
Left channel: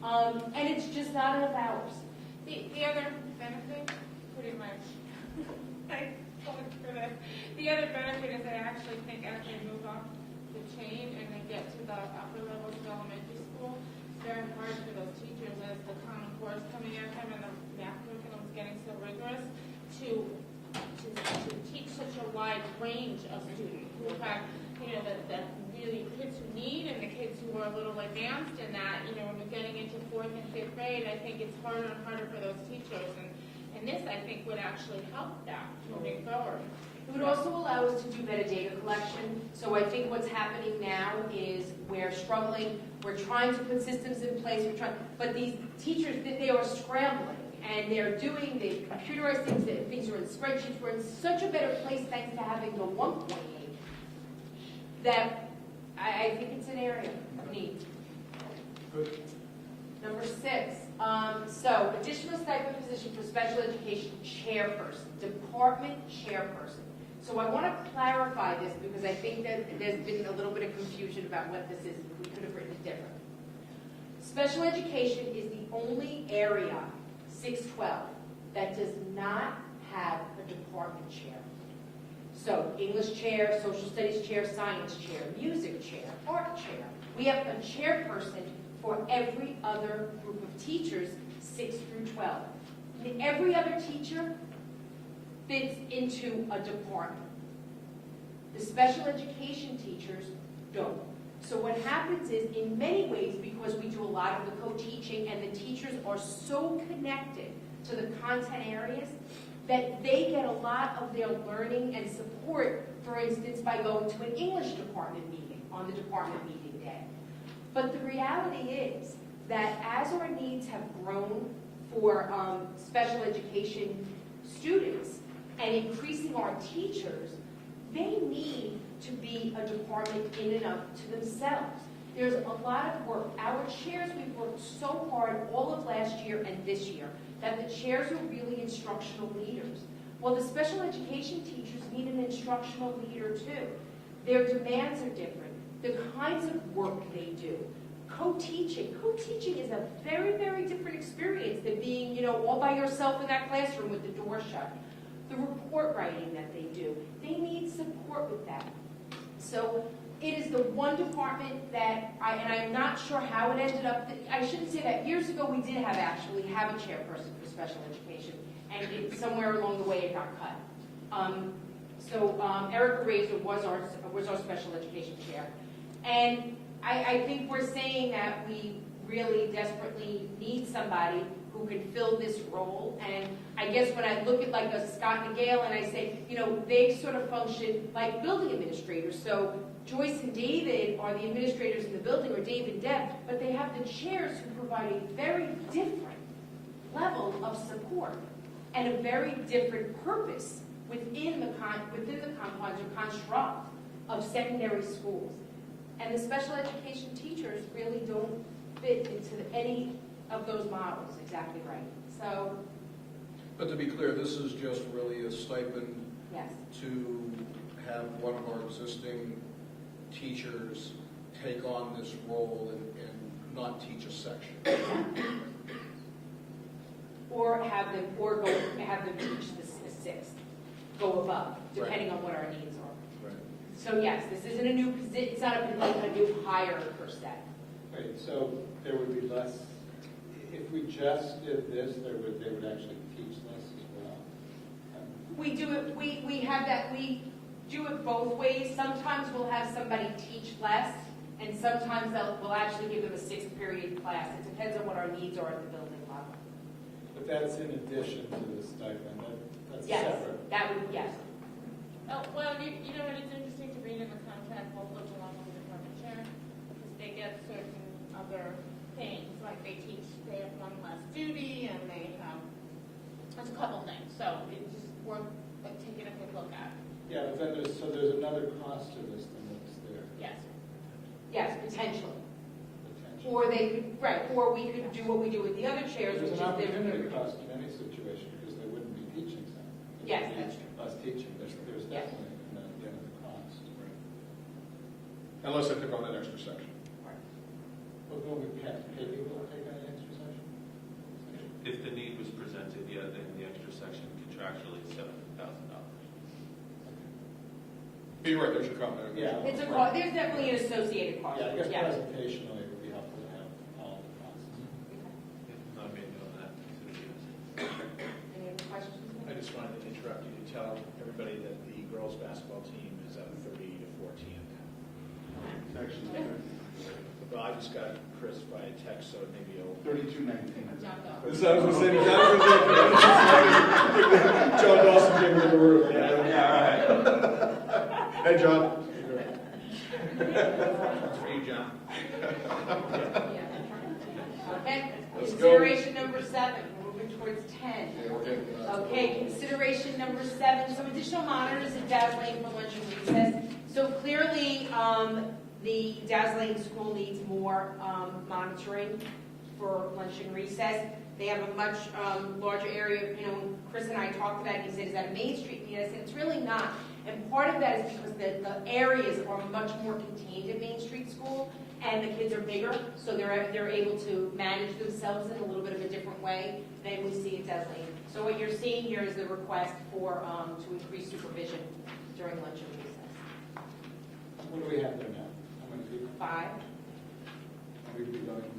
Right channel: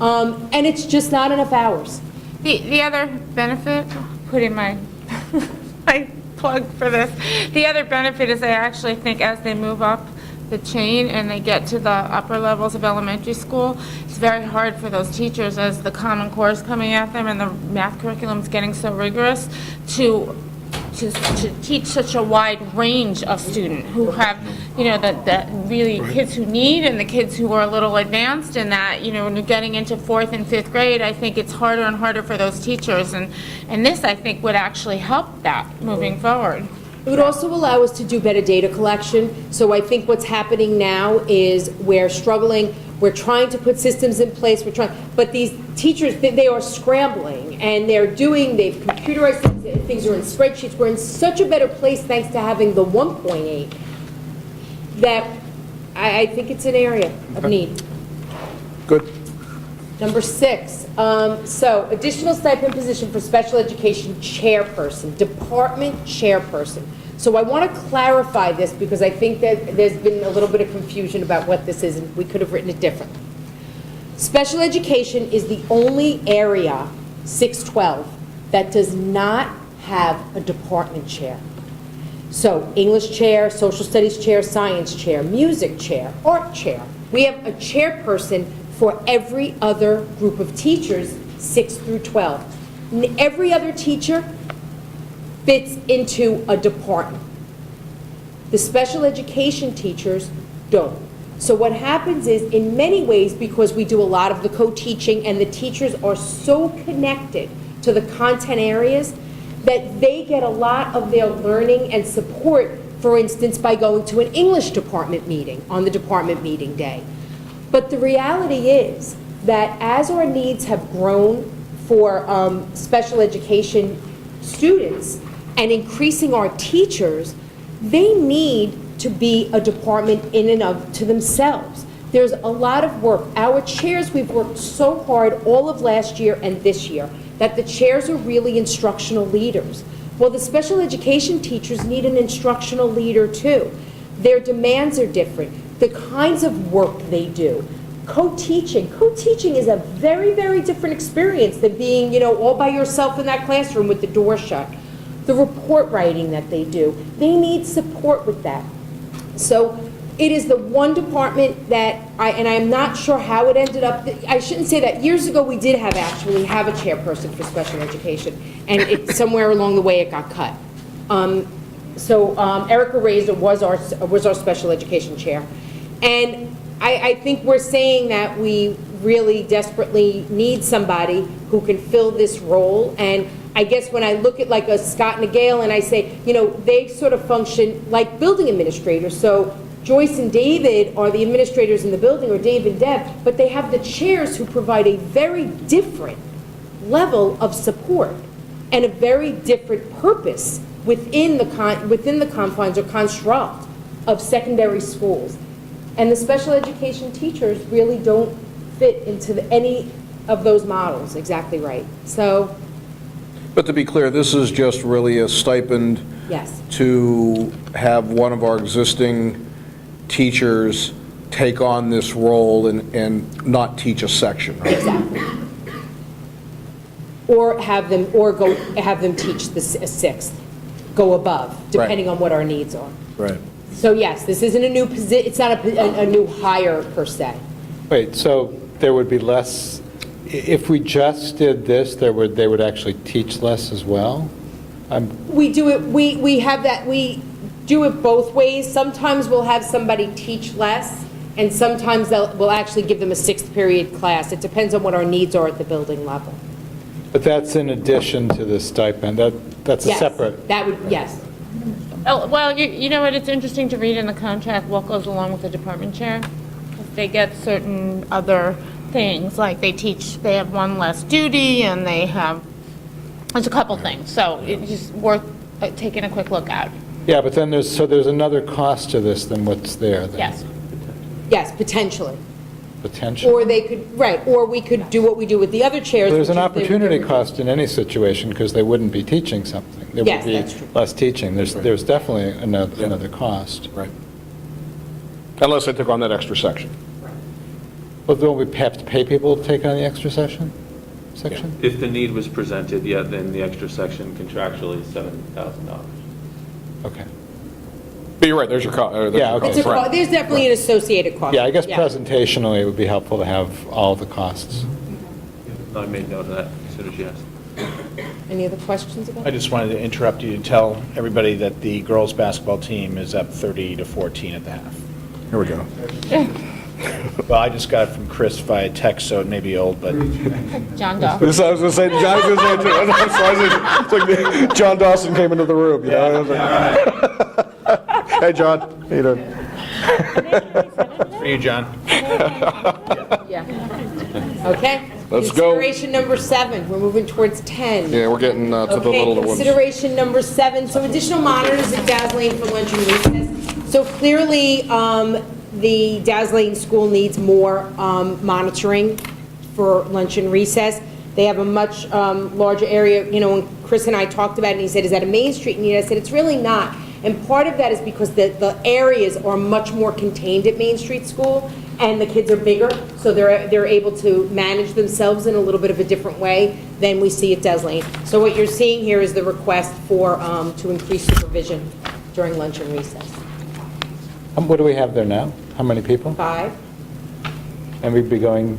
And it's just not enough hours. The other benefit, putting my my plug for this, the other benefit is I actually think as they move up the chain and they get to the upper levels of elementary school, it's very hard for those teachers as the Common Core is coming at them and the math curriculum is getting so rigorous to teach such a wide range of students who have you know, that really kids who need and the kids who are a little advanced in that, you know, when you're getting into 4th and 5th grade, I think it's harder and harder for those teachers. And this, I think, would actually help that moving forward. It would also allow us to do better data collection. So I think what's happening now is we're struggling, we're trying to put systems in place, but these teachers, they are scrambling, and they've computerized things, things are in spreadsheets. We're in such a better place thanks to having the 1.8 that I think it's an area of need. Good. Number 6, so additional stipend position for special education chairperson, department chairperson. So I want to clarify this because I think that there's been a little bit of confusion about what this is, and we could have written it differently. Special education is the only area, 612, that does not have a department chair. So English chair, social studies chair, science chair, music chair, art chair. We have a chairperson for every other group of teachers, 6 through 12. Every other teacher fits into a department. The special education teachers don't. So what happens is, in many ways, because we do a lot of the co-teaching and the teachers are so connected to the content areas, that they get a lot of their learning and support, for instance, by going to an English department meeting on the department meeting day. But the reality is that as our needs have grown for special education students and increasing our teachers, they need to be a department in and of to themselves. There's a lot of work. Our chairs, we've worked so hard all of last year and this year that the chairs are really instructional leaders. Well, the special education teachers need an instructional leader too. Their demands are different. The kinds of work they do. Co-teaching is a very, very different experience than being, you know, all by yourself in that classroom with the door shut. The report writing that they do, they need support with that. So it is the one department that and I'm not sure how it ended up, I shouldn't say that. Years ago, we did actually have a chairperson for special education, and somewhere along the way it got cut. Erica Razor was our special education chair. And I think we're saying that we really desperately need somebody who can fill this role. And I guess when I look at like a Scott and a Gail and I say, you know, they sort of function like building administrators. So Joyce and David are the administrators in the building, or Dave and Deb, but they have the chairs who provide a very different level of support and a very different purpose within the confines or construct of secondary schools. And the special education teachers really don't fit into any of those models exactly right. So, But to be clear, this is just really a stipend yes. to have one of our existing teachers take on this role and not teach a section, right? Exactly. Or have them teach the 6th, go above, depending on what our needs are. Right. So yes, this isn't a new position, it's not a new hire per se. Wait, so there would be less, if we just did this, they would actually teach less as well? We do it, we have that, we do it both ways. Sometimes we'll have somebody teach less, and sometimes we'll actually give them a 6th period class. It depends on what our needs are at the building level. But that's in addition to the stipend, that's a Yes, separate. that would, yes. Oh, well, you know what, it's interesting to read in the contract what goes along with the department chair. If they get certain other things, like they have one less duty, and there's a couple things. So it's just worth taking a quick look at. Yeah, but then there's another cost to this than what's there. Then. Yes. Yes, potentially. Potential. Or they could, right, or we could do what we do with the other chairs. There's an which is opportunity cost in any situation because they wouldn't be teaching something. There Yes, would that's be true. less teaching. There's definitely another cost. Right. Unless they took on that extra section. Well, don't we have to pay people to take on the extra section? If the need was presented, yeah, then the extra section contractually is $7,000. Okay. But you're right, there's your cost. Yeah, okay. There's definitely an associated cost. Yeah, I guess presentationally it would be helpful to have all the costs. I made note of that as soon as you asked. Any other questions about I that? just wanted to interrupt you to tell everybody that the girls' basketball team is up 30-14 at the half. Here we go. Well, I just got it from Chris via text, so it may be old, but John Doe. I was going to say, John Dawson came into the room, you know? Hey, John, how you doing? for you, John. Okay. Let's go. Consideration number 7, we're moving towards 10. Yeah, we're getting to the Okay, little ones. consideration number 7, so additional monitors at Daz Lane for lunch and recess. So clearly, the Daz Lane school needs more monitoring for lunch and recess. They have a much larger area, you know, when Chris and I talked about it, and he said, is that a Main Street need? I said, it's really not. And part of that is because the areas are much more contained at Main Street School, and the kids are bigger, so they're able to manage themselves in a little bit of a different way than we see at Des Lane. So what you're seeing here is the request for, to increase supervision during lunch and recess. What do we have there now? How many people? 5, And we'd be going,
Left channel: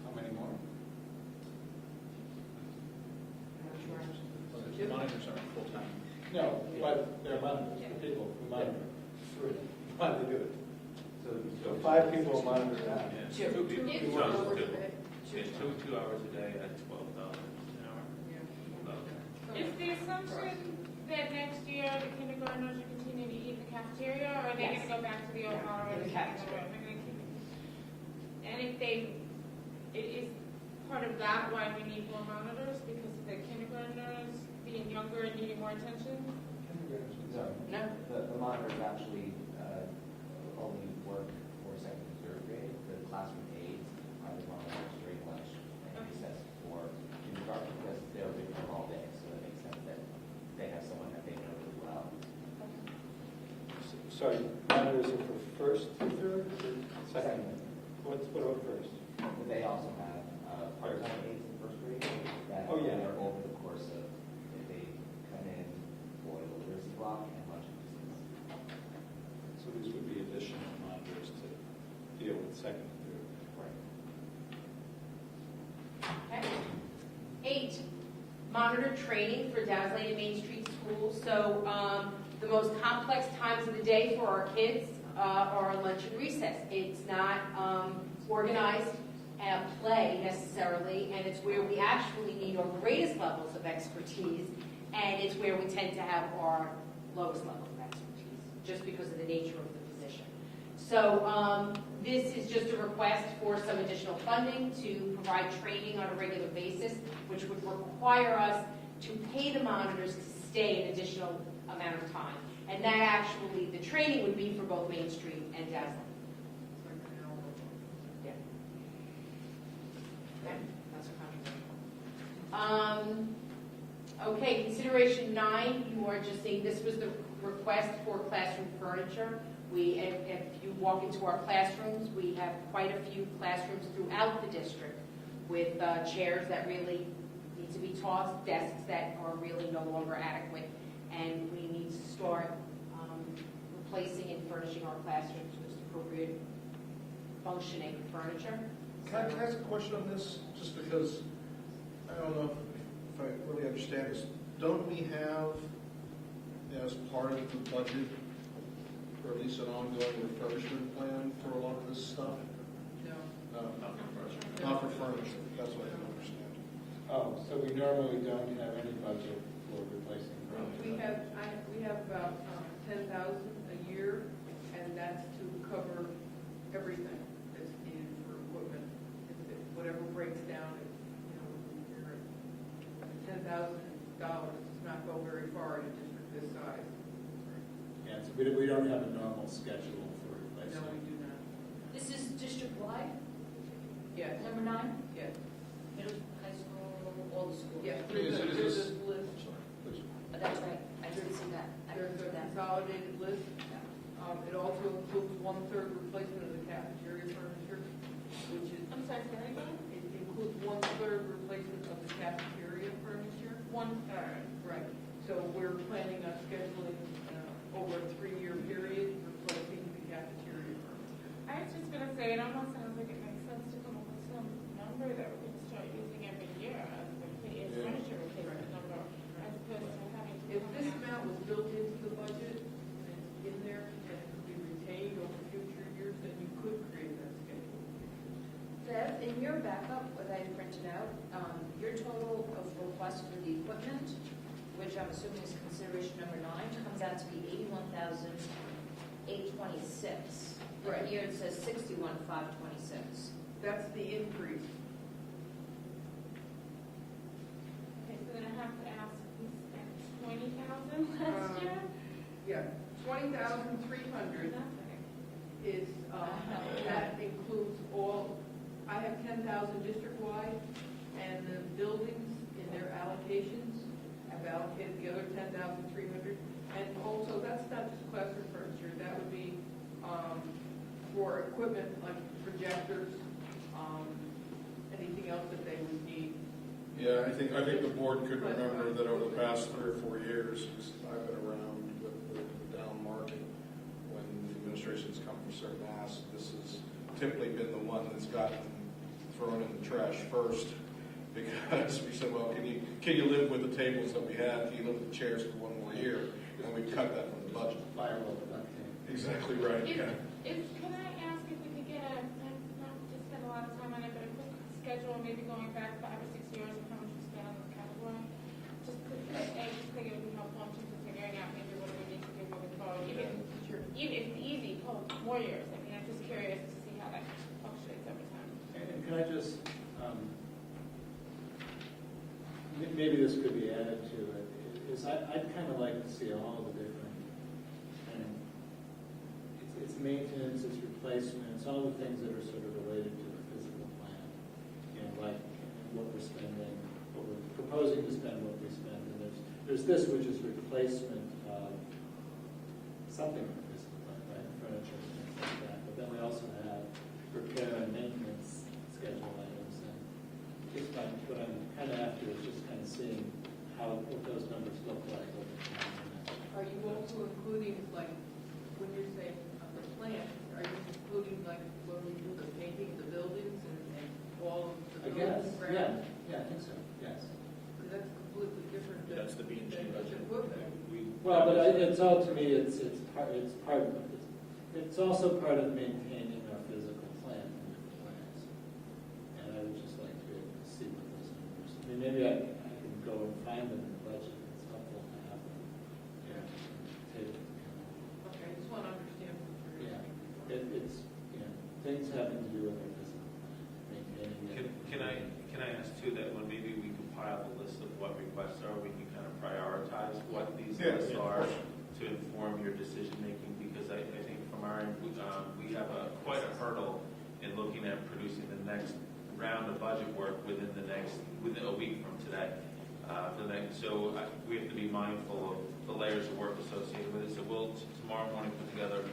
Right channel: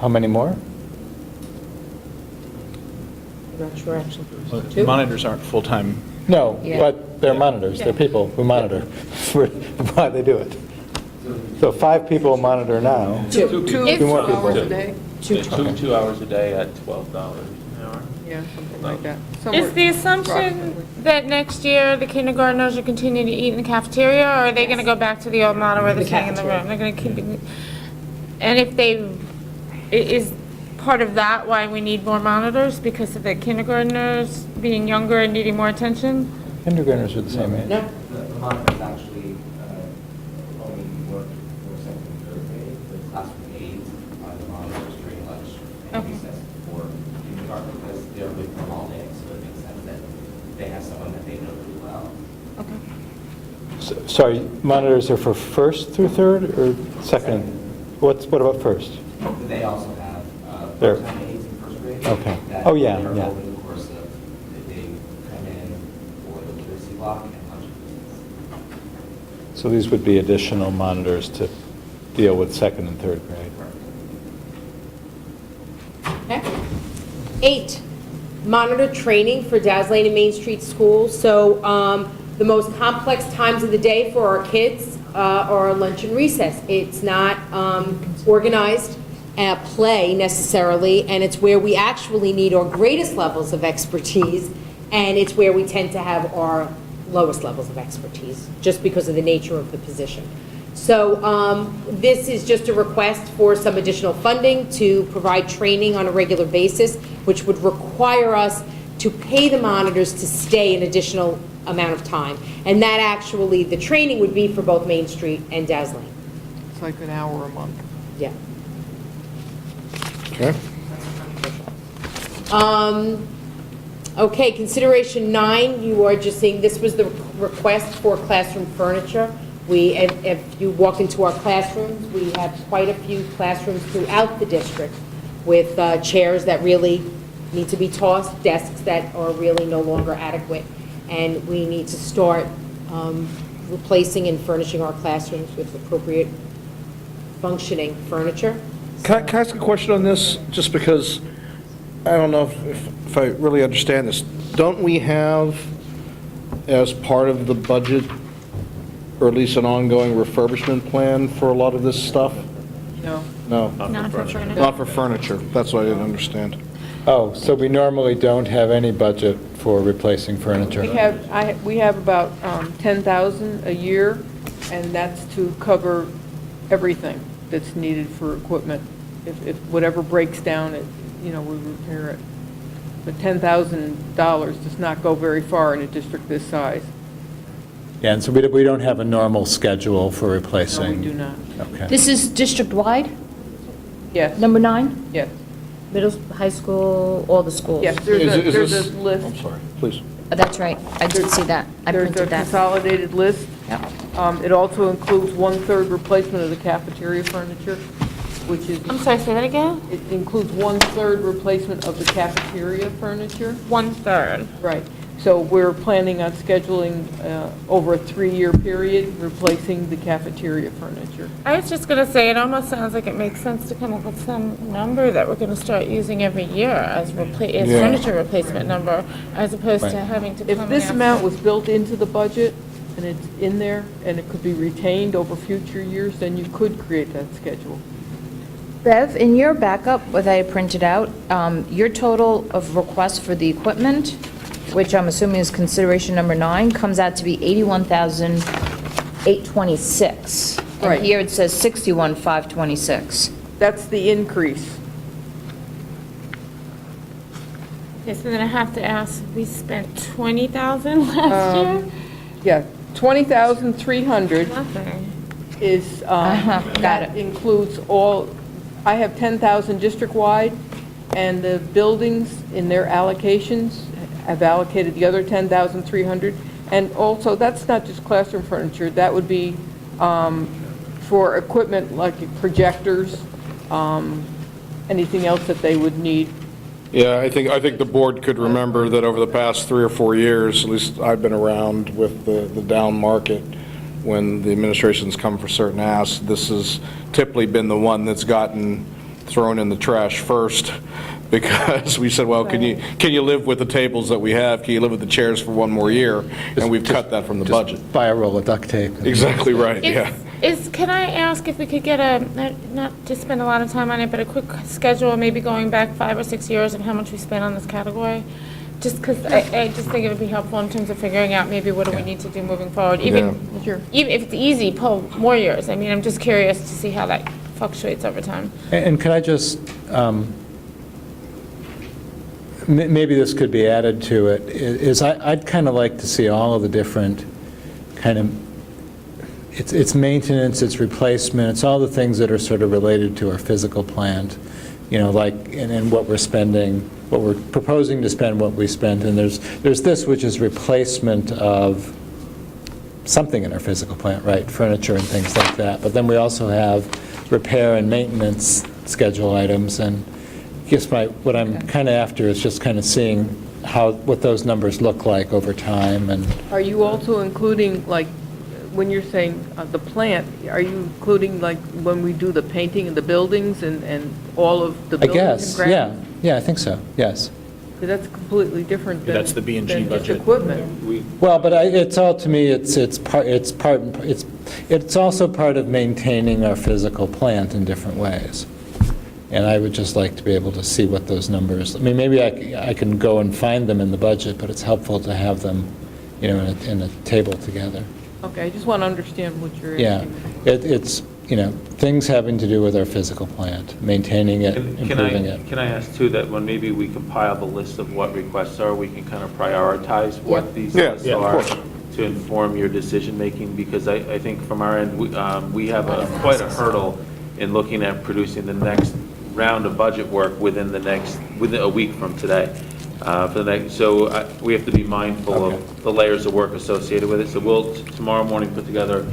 how many more? I'm not sure actually. Well, 2? Monitors aren't full-time. No, Yeah. but they're monitors, they're people who monitor. Why they do it. So 5 people monitor now. 2. Two more people. hours a day? 2 hours a day at $12 an hour. Yeah, something like that. Is Somewhere the assumption approximately. that next year the kindergartners will continue to eat in the cafeteria, or are they going to go back to the old model where they're staying in the room? They're going to keep, and if they, is part of that why we need more monitors, because of the kindergartners being younger and needing more attention? Kindergartners are the same age. No? The monitors actually only work for second and third grade. The classroom aides are the monitors during lunch and Okay. recess for kindergarten, because they're with them all day, so it makes sense that they have someone that they know really well. Sorry, monitors are for first through third or second? What about first? They also have There. part-time aides in first grade. Okay. that Oh, yeah, are yeah. over the course of, if they come in for the literacy block and lunch and recess. So these would be additional monitors to deal with second and third grade. Okay. 8, monitor training for Daz Lane and Main Street schools. So the most complex times of the day for our kids are lunch and recess. It's not organized at play necessarily, and it's where we actually need our greatest levels of expertise, and it's where we tend to have our lowest levels of expertise, just because of the nature of the position. So this is just a request for some additional funding to provide training on a regular basis, which would require us to pay the monitors to stay an additional amount of time. And that actually, the training would be for both Main Street and Daz Lane. It's like an hour a month. Yeah. Okay. Okay, consideration 9, you are just seeing, this was the request for classroom furniture. If you walk into our classrooms, we have quite a few classrooms throughout the district with chairs that really need to be tossed, desks that are really no longer adequate, and we need to start replacing and furnishing our classrooms with appropriate functioning furniture. Can I ask a question on this? Just because I don't know if I really understand this. Don't we have, as part of the budget, or at least an ongoing refurbishment plan for a lot of this stuff? No. No, Not for furniture. not for furniture. That's what I didn't understand. Oh, so we normally don't have any budget for replacing furniture? We have about 10,000 a year, and that's to cover everything that's needed for equipment. If whatever breaks down, we repair it. But $10,000 does not go very far in a district this size. Yeah, and so we don't have a normal schedule for No, replacing? we do not. Okay. This is district-wide, Yes, number 9? yes, Middle, high school, all the schools? yes. Is There's this- a list. I'm sorry, please. That's right, I did see that, I There's a printed that. consolidated list. Yep. It also includes 1/3 replacement of the cafeteria furniture, which is, I'm sorry, say that again? it includes 1/3 replacement of the cafeteria furniture. 1/3. Right. So we're planning on scheduling over a 3-year period, replacing the cafeteria furniture. I was just going to say, it almost sounds like it makes sense to come up with some number that we're going to start using every year as Yeah. furniture replacement number, as opposed to having to come If in this after. amount was built into the budget, and it's in there, and it could be retained over future years, then you could create that schedule. Bev, in your backup that I printed out, your total of requests for the equipment, which I'm assuming is consideration number 9, comes out to be $81,826. Right. And here it says $61,526. That's the increase. Okay, so then I have to ask, we spent 20,000 last year? Yeah, 20,300 Nothing. is, Got that it. includes all, I have 10,000 district-wide, and the buildings in their allocations have allocated the other 10,300. And also, that's not just classroom furniture, that would be for equipment like projectors, anything else that they would need. Yeah, I think the board could remember that over the past 3 or 4 years, at least I've been around with the down market, when the administration's come for certain asks, this has typically been the one that's gotten thrown in the trash first, because we said, well, can you live with the tables that we have? Can you live with the chairs for one more year? And we've cut that from the budget. Buy a roll of duct tape. Exactly right, yeah. Can I ask if we could get not to spend a lot of time on it, but a quick schedule, maybe going back 5 or 6 years of how much we spent on this category? Just because I just think it would be helpful in terms of figuring out maybe what do we need to do moving forward. Even if it's easy, pull more years. I mean, I'm just curious to see how that fluctuates over time. And could I just, maybe this could be added to it, is I'd kind of like to see all of the different kind of, it's maintenance, it's replacement, it's all the things that are sort of related to our physical plant, like, and what we're spending, what we're proposing to spend, what we spent, and there's this, which is replacement of something in our physical plant, right, furniture and things like that. But then we also have repair and maintenance schedule items, and I guess what I'm kind of after is just kind of seeing what those numbers look like over time. And Are you also including, like, when you're saying the plant, are you including, like, when we do the painting of the buildings and all of the I buildings? guess, and grounds? yeah, I think so, yes. That's completely different than. That's the B&G than just budget. equipment. Well, but it's all, to me, it's also part of maintaining our physical plant in different ways. And I would just like to be able to see what those numbers, I mean, maybe I can go and find them in the budget, but it's helpful to have them, in a table together. Okay, I just want to understand what you're Yeah, asking. it's, things having to do with our physical plant, maintaining it, improving it. Can I ask too, that when maybe we compile the list of what requests are, we can kind of prioritize what these lists of are course. to inform your decision-making? Because I think from our end, we have quite a hurdle in looking at producing the next round of budget work within a week from today. So we have to be mindful of the layers of work associated with it. So we'll tomorrow morning put together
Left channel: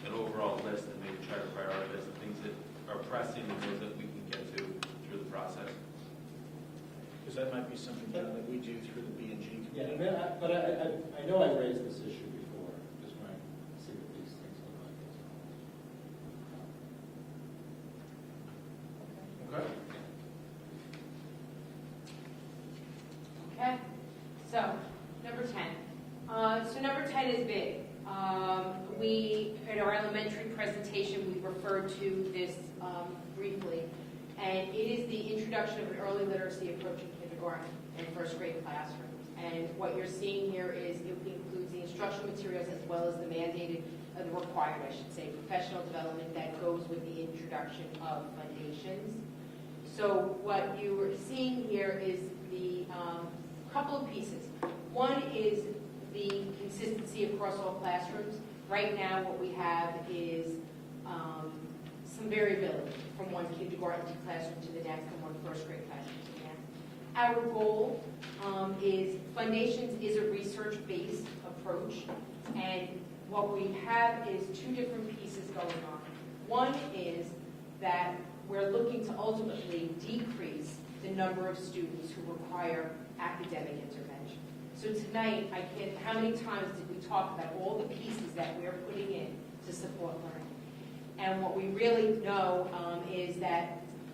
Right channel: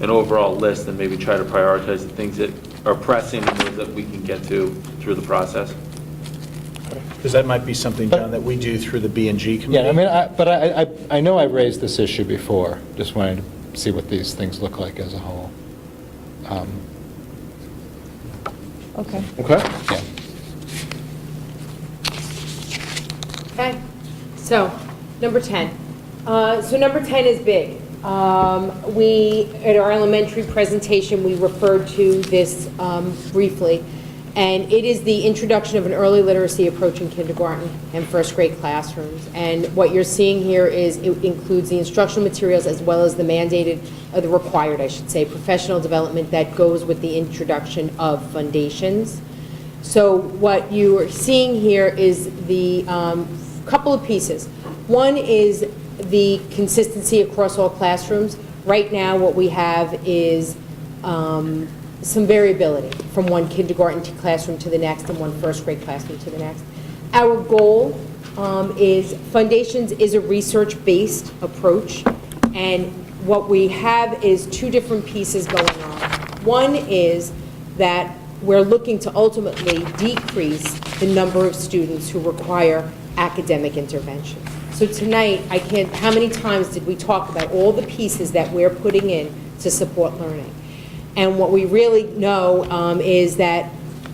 an overall list and maybe try to prioritize the things that are pressing and those that we can get to through the process. Because that might be something, John, that we do through the B&G committee. Yeah, I mean, I know I've raised this issue before, just wanted to see what these things look like as a whole. Okay. Okay. Yeah. Okay, so, number 10. So number 10 is big. At our elementary presentation, we referred to this briefly, and it is the introduction of an early literacy approach in kindergarten and first grade classrooms. And what you're seeing here is it includes the instructional materials as well as the mandated, or the required, I should say, professional development that goes with the introduction of foundations. So what you are seeing here is the couple of pieces. One is the consistency across all classrooms. Right now, what we have is some variability from one kindergarten classroom to the next and one first grade classroom to the next. Our goal is Foundations is a research-based approach, and what we have is two different pieces going on. One is that we're looking to ultimately decrease the number of students who require academic intervention. So tonight, I can't, how many times did we talk about all the pieces that we're putting in to support learning? And what we really know is that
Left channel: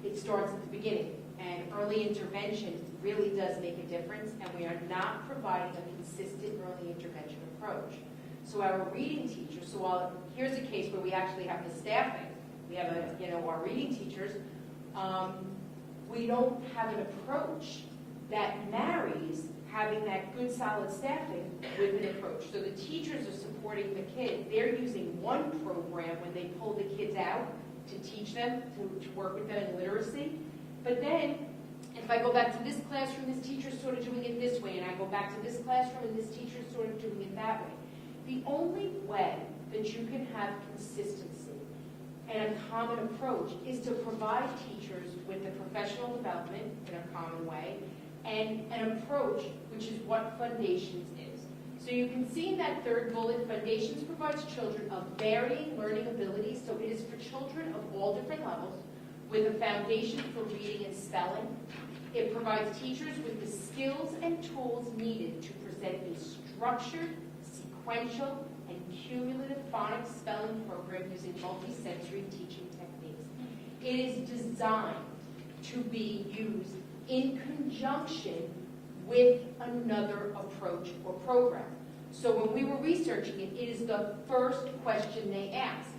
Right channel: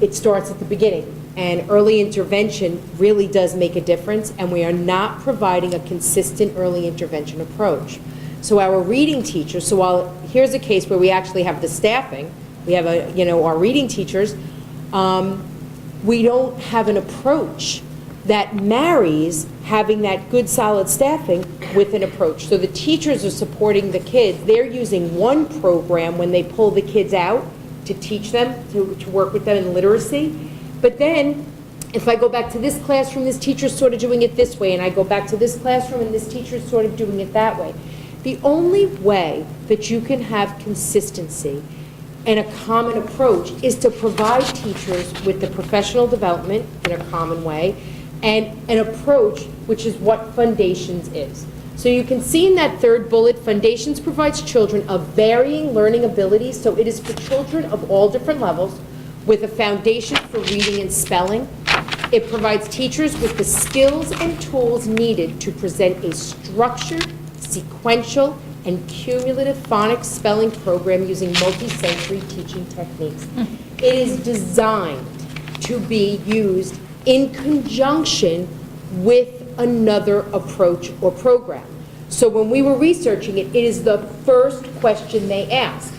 it starts at the beginning. And early intervention really does make a difference, and we are not providing a consistent early intervention approach. So our reading teachers, so while here's a case where we actually have the staffing, we have our reading teachers, we don't have an approach that marries having that good solid staffing with an approach. So the teachers are supporting the kids. They're using one program when they pull the kids out to teach them, to work with them in literacy. But then, if I go back to this classroom, this teacher's sort of doing it this way, and I go back to this classroom, and this teacher's sort of doing it that way. The only way that you can have consistency and a common approach is to provide teachers with the professional development in a common way and an approach, which is what Foundations is. So you can see in that third bullet, Foundations provides children of varying learning abilities, so it is for children of all different levels with a foundation for reading and spelling. It provides teachers with the skills and tools needed to present a structured, sequential, and cumulative phonics spelling program using multi-sensory teaching techniques. It is designed to be used in conjunction with another approach or program. So when we were researching it, it is the first question they ask.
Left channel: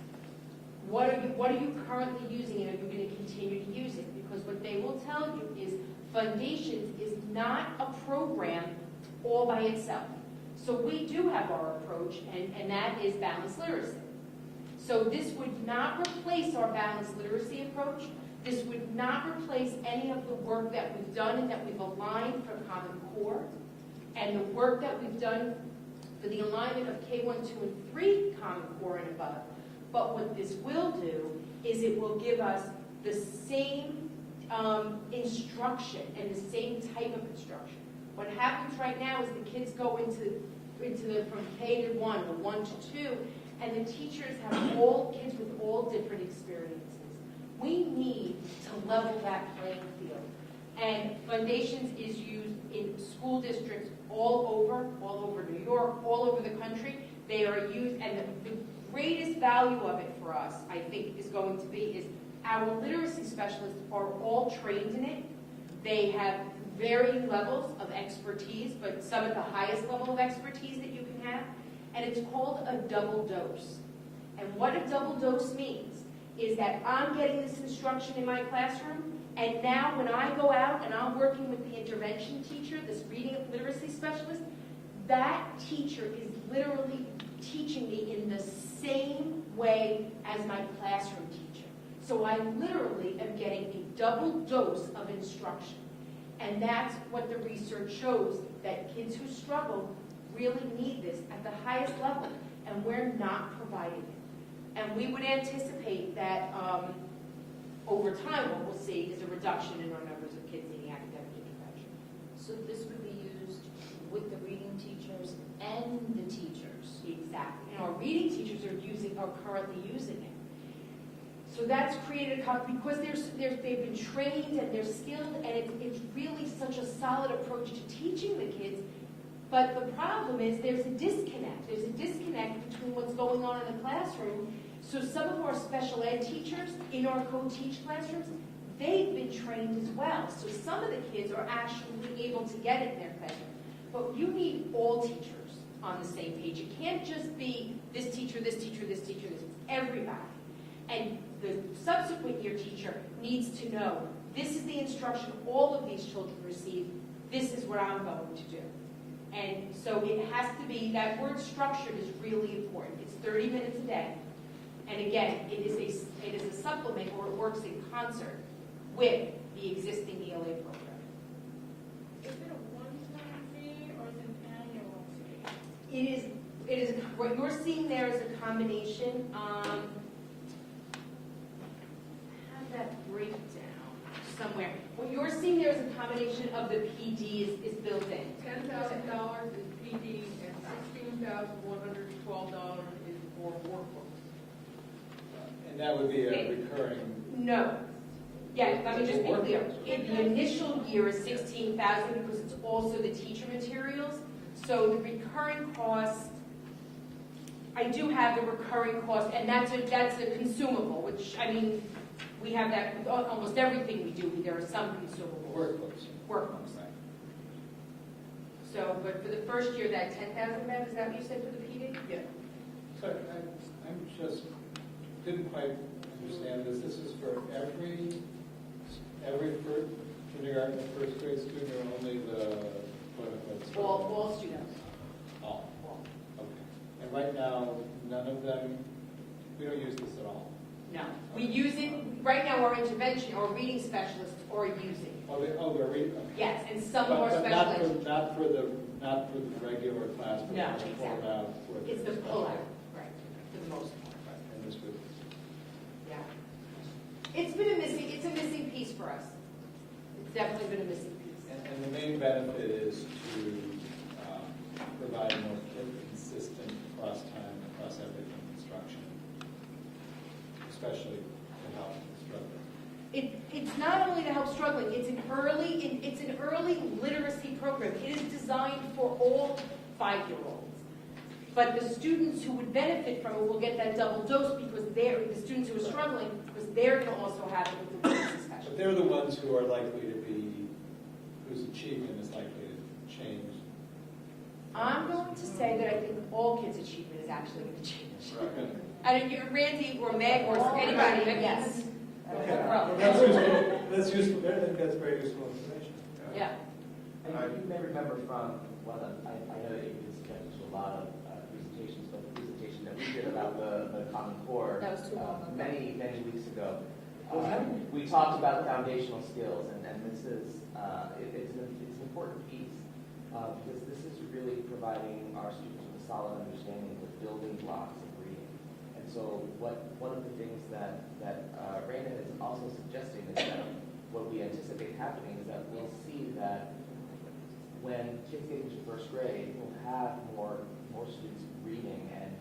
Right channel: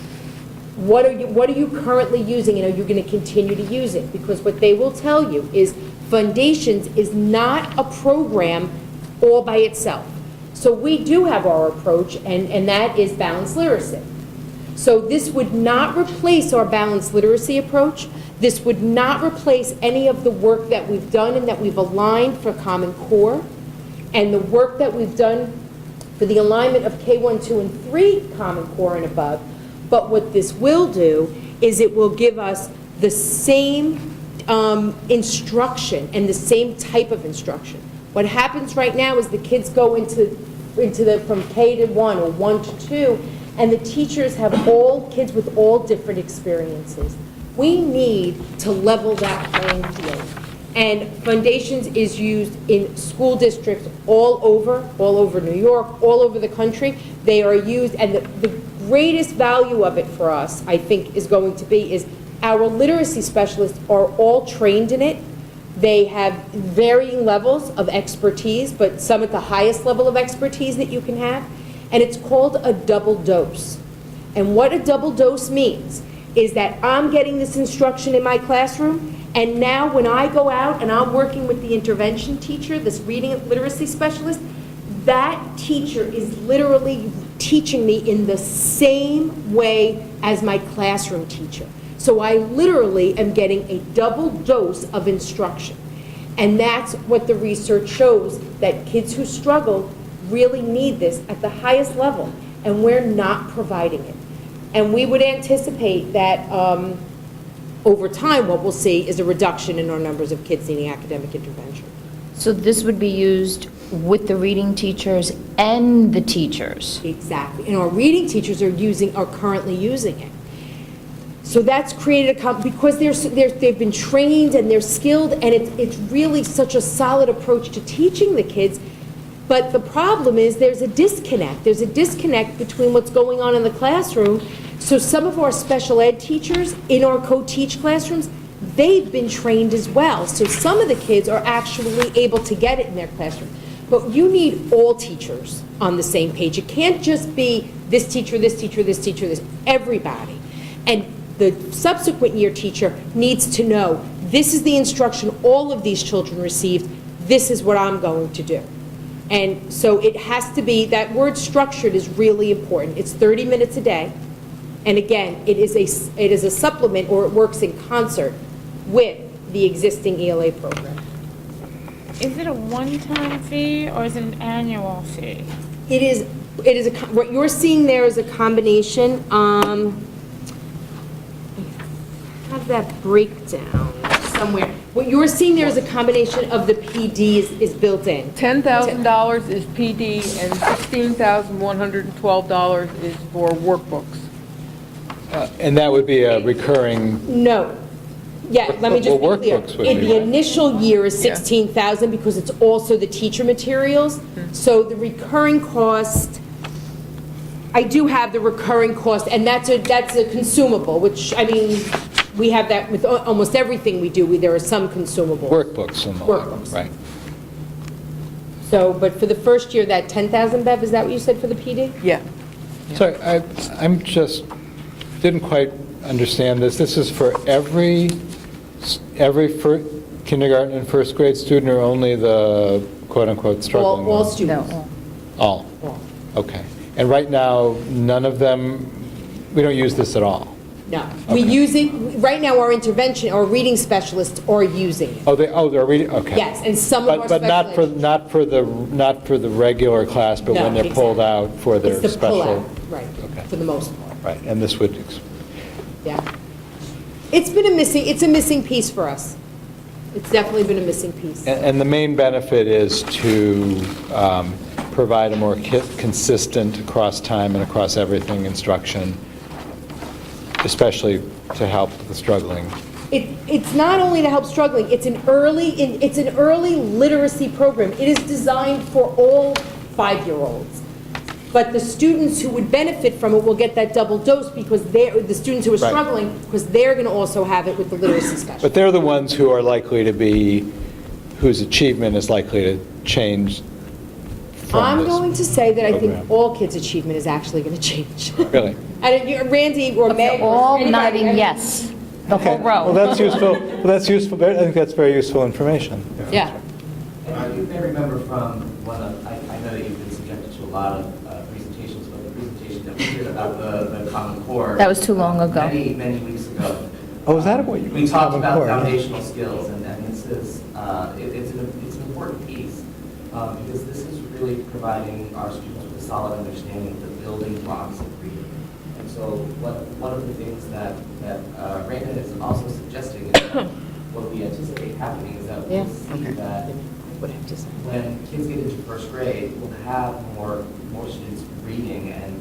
What are you currently using, and are you going to continue to use it? Because what they will tell you is Foundations is not a program all by itself. So we do have our approach, and that is balanced literacy. So this would not replace our balanced literacy approach. This would not replace any of the work that we've done and that we've aligned for Common Core, and the work that we've done for the alignment of K1, 2, and 3 Common Core and above. But what this will do is it will give us the same instruction and the same type of instruction. What happens right now is the kids go into from K to 1 or 1 to 2, and the teachers have all kids with all different experiences. We need to level that playing field. And Foundations is used in school districts all over New York, all over the country. They are used, and the greatest value of it for us, I think, is going to be is our literacy specialists are all trained in it. They have varying levels of expertise, but some at the highest level of expertise that you can have. And it's called a double dose. And what a double dose means is that I'm getting this instruction in my classroom, and now when I go out and I'm working with the intervention teacher, this reading and literacy specialist, that teacher is literally teaching me in the same way as my classroom teacher. So I literally am getting a double dose of instruction. And that's what the research shows, that kids who struggle really need this at the highest level, and we're not providing it. And we would anticipate that over time, what we'll see is a reduction in our numbers of kids needing academic intervention. So this would be used with the reading teachers and the teachers? Exactly. And our reading teachers are currently using it. So that's created because they've been trained and they're skilled, and it's really such a solid approach to teaching the kids. But the problem is there's a disconnect. There's a disconnect between what's going on in the classroom. So some of our special ed teachers in our co-teach classrooms, they've been trained as well. So some of the kids are actually able to get it in their classroom. But you need all teachers on the same page. It can't just be this teacher, this teacher, this teacher, this, everybody. And the subsequent year teacher needs to know, this is the instruction all of these children received, this is what I'm going to do. And so it has to be, that word structured is really important. It's 30 minutes a day. And again, it is a supplement, or it works in concert with the existing ELA program. Is it a one-time fee or is it an annual fee? It is what you're seeing there is a combination. Have that breakdown somewhere. What you're seeing there is a combination of the PD is built in. $10,000 is PD and $16,112 is for workbooks. And that would be a recurring, No. Yeah, let me just be Well, clear. workbooks would In be- the initial year is Yeah. 16,000 because it's also the teacher materials. So the recurring cost, I do have the recurring cost, and that's a consumable, which, I mean, we have that with almost everything we do. There are some consumables. Workbooks and the like, Workbooks. right. So, but for the first year, that 10,000, Bev, is that what you said for the PD? Yeah. Sorry, I'm just, didn't quite understand this. This is for every kindergarten and first grade student, or only the quote-unquote struggling All ones? students. No. All? All. Okay. And right now, none of them, we don't use this at all? No. We use it, right now, our intervention, our reading specialists are using it. Oh, they're reading, okay. Yes, and some of our But not for, special not for the regular class, but when No, they're pulled out for their It's the special? pull-out, right, Okay. for the most part, Right, and this would, yeah. It's a missing piece for us. It's definitely been a missing piece. and the main benefit is to provide a more consistent across time and across everything instruction, especially to help the struggling. It's not only to help struggling, it's an early literacy program. It is designed for all 5-year-olds. But the students who would benefit from it will get that double dose because the students who are Right. struggling, because they're going to also have it with the literacy specialist. But they're the ones who are likely to be, whose achievement is likely to change from I'm this. going to say that I think program. all kids' achievement is actually going to change. Really? Randy or Meg. or All anybody, nodding I mean, yes, the whole Well, row. that's useful, I think that's very useful information. Yeah. And you may remember from one of, I know that you've been subjected to a lot of presentations, but the presentation that we did about the Common Core. That was too long ago. Many, many weeks ago. Oh, is that what you? We talked about Core, yeah. foundational skills, and this is, it's an important piece, because this is really providing our students with a solid understanding of the building blocks of reading. And so one of the things that Raymond is also suggesting is that what we anticipate happening is that Yeah. we'll see that Would have to say. when kids get into first grade, we'll have more students reading and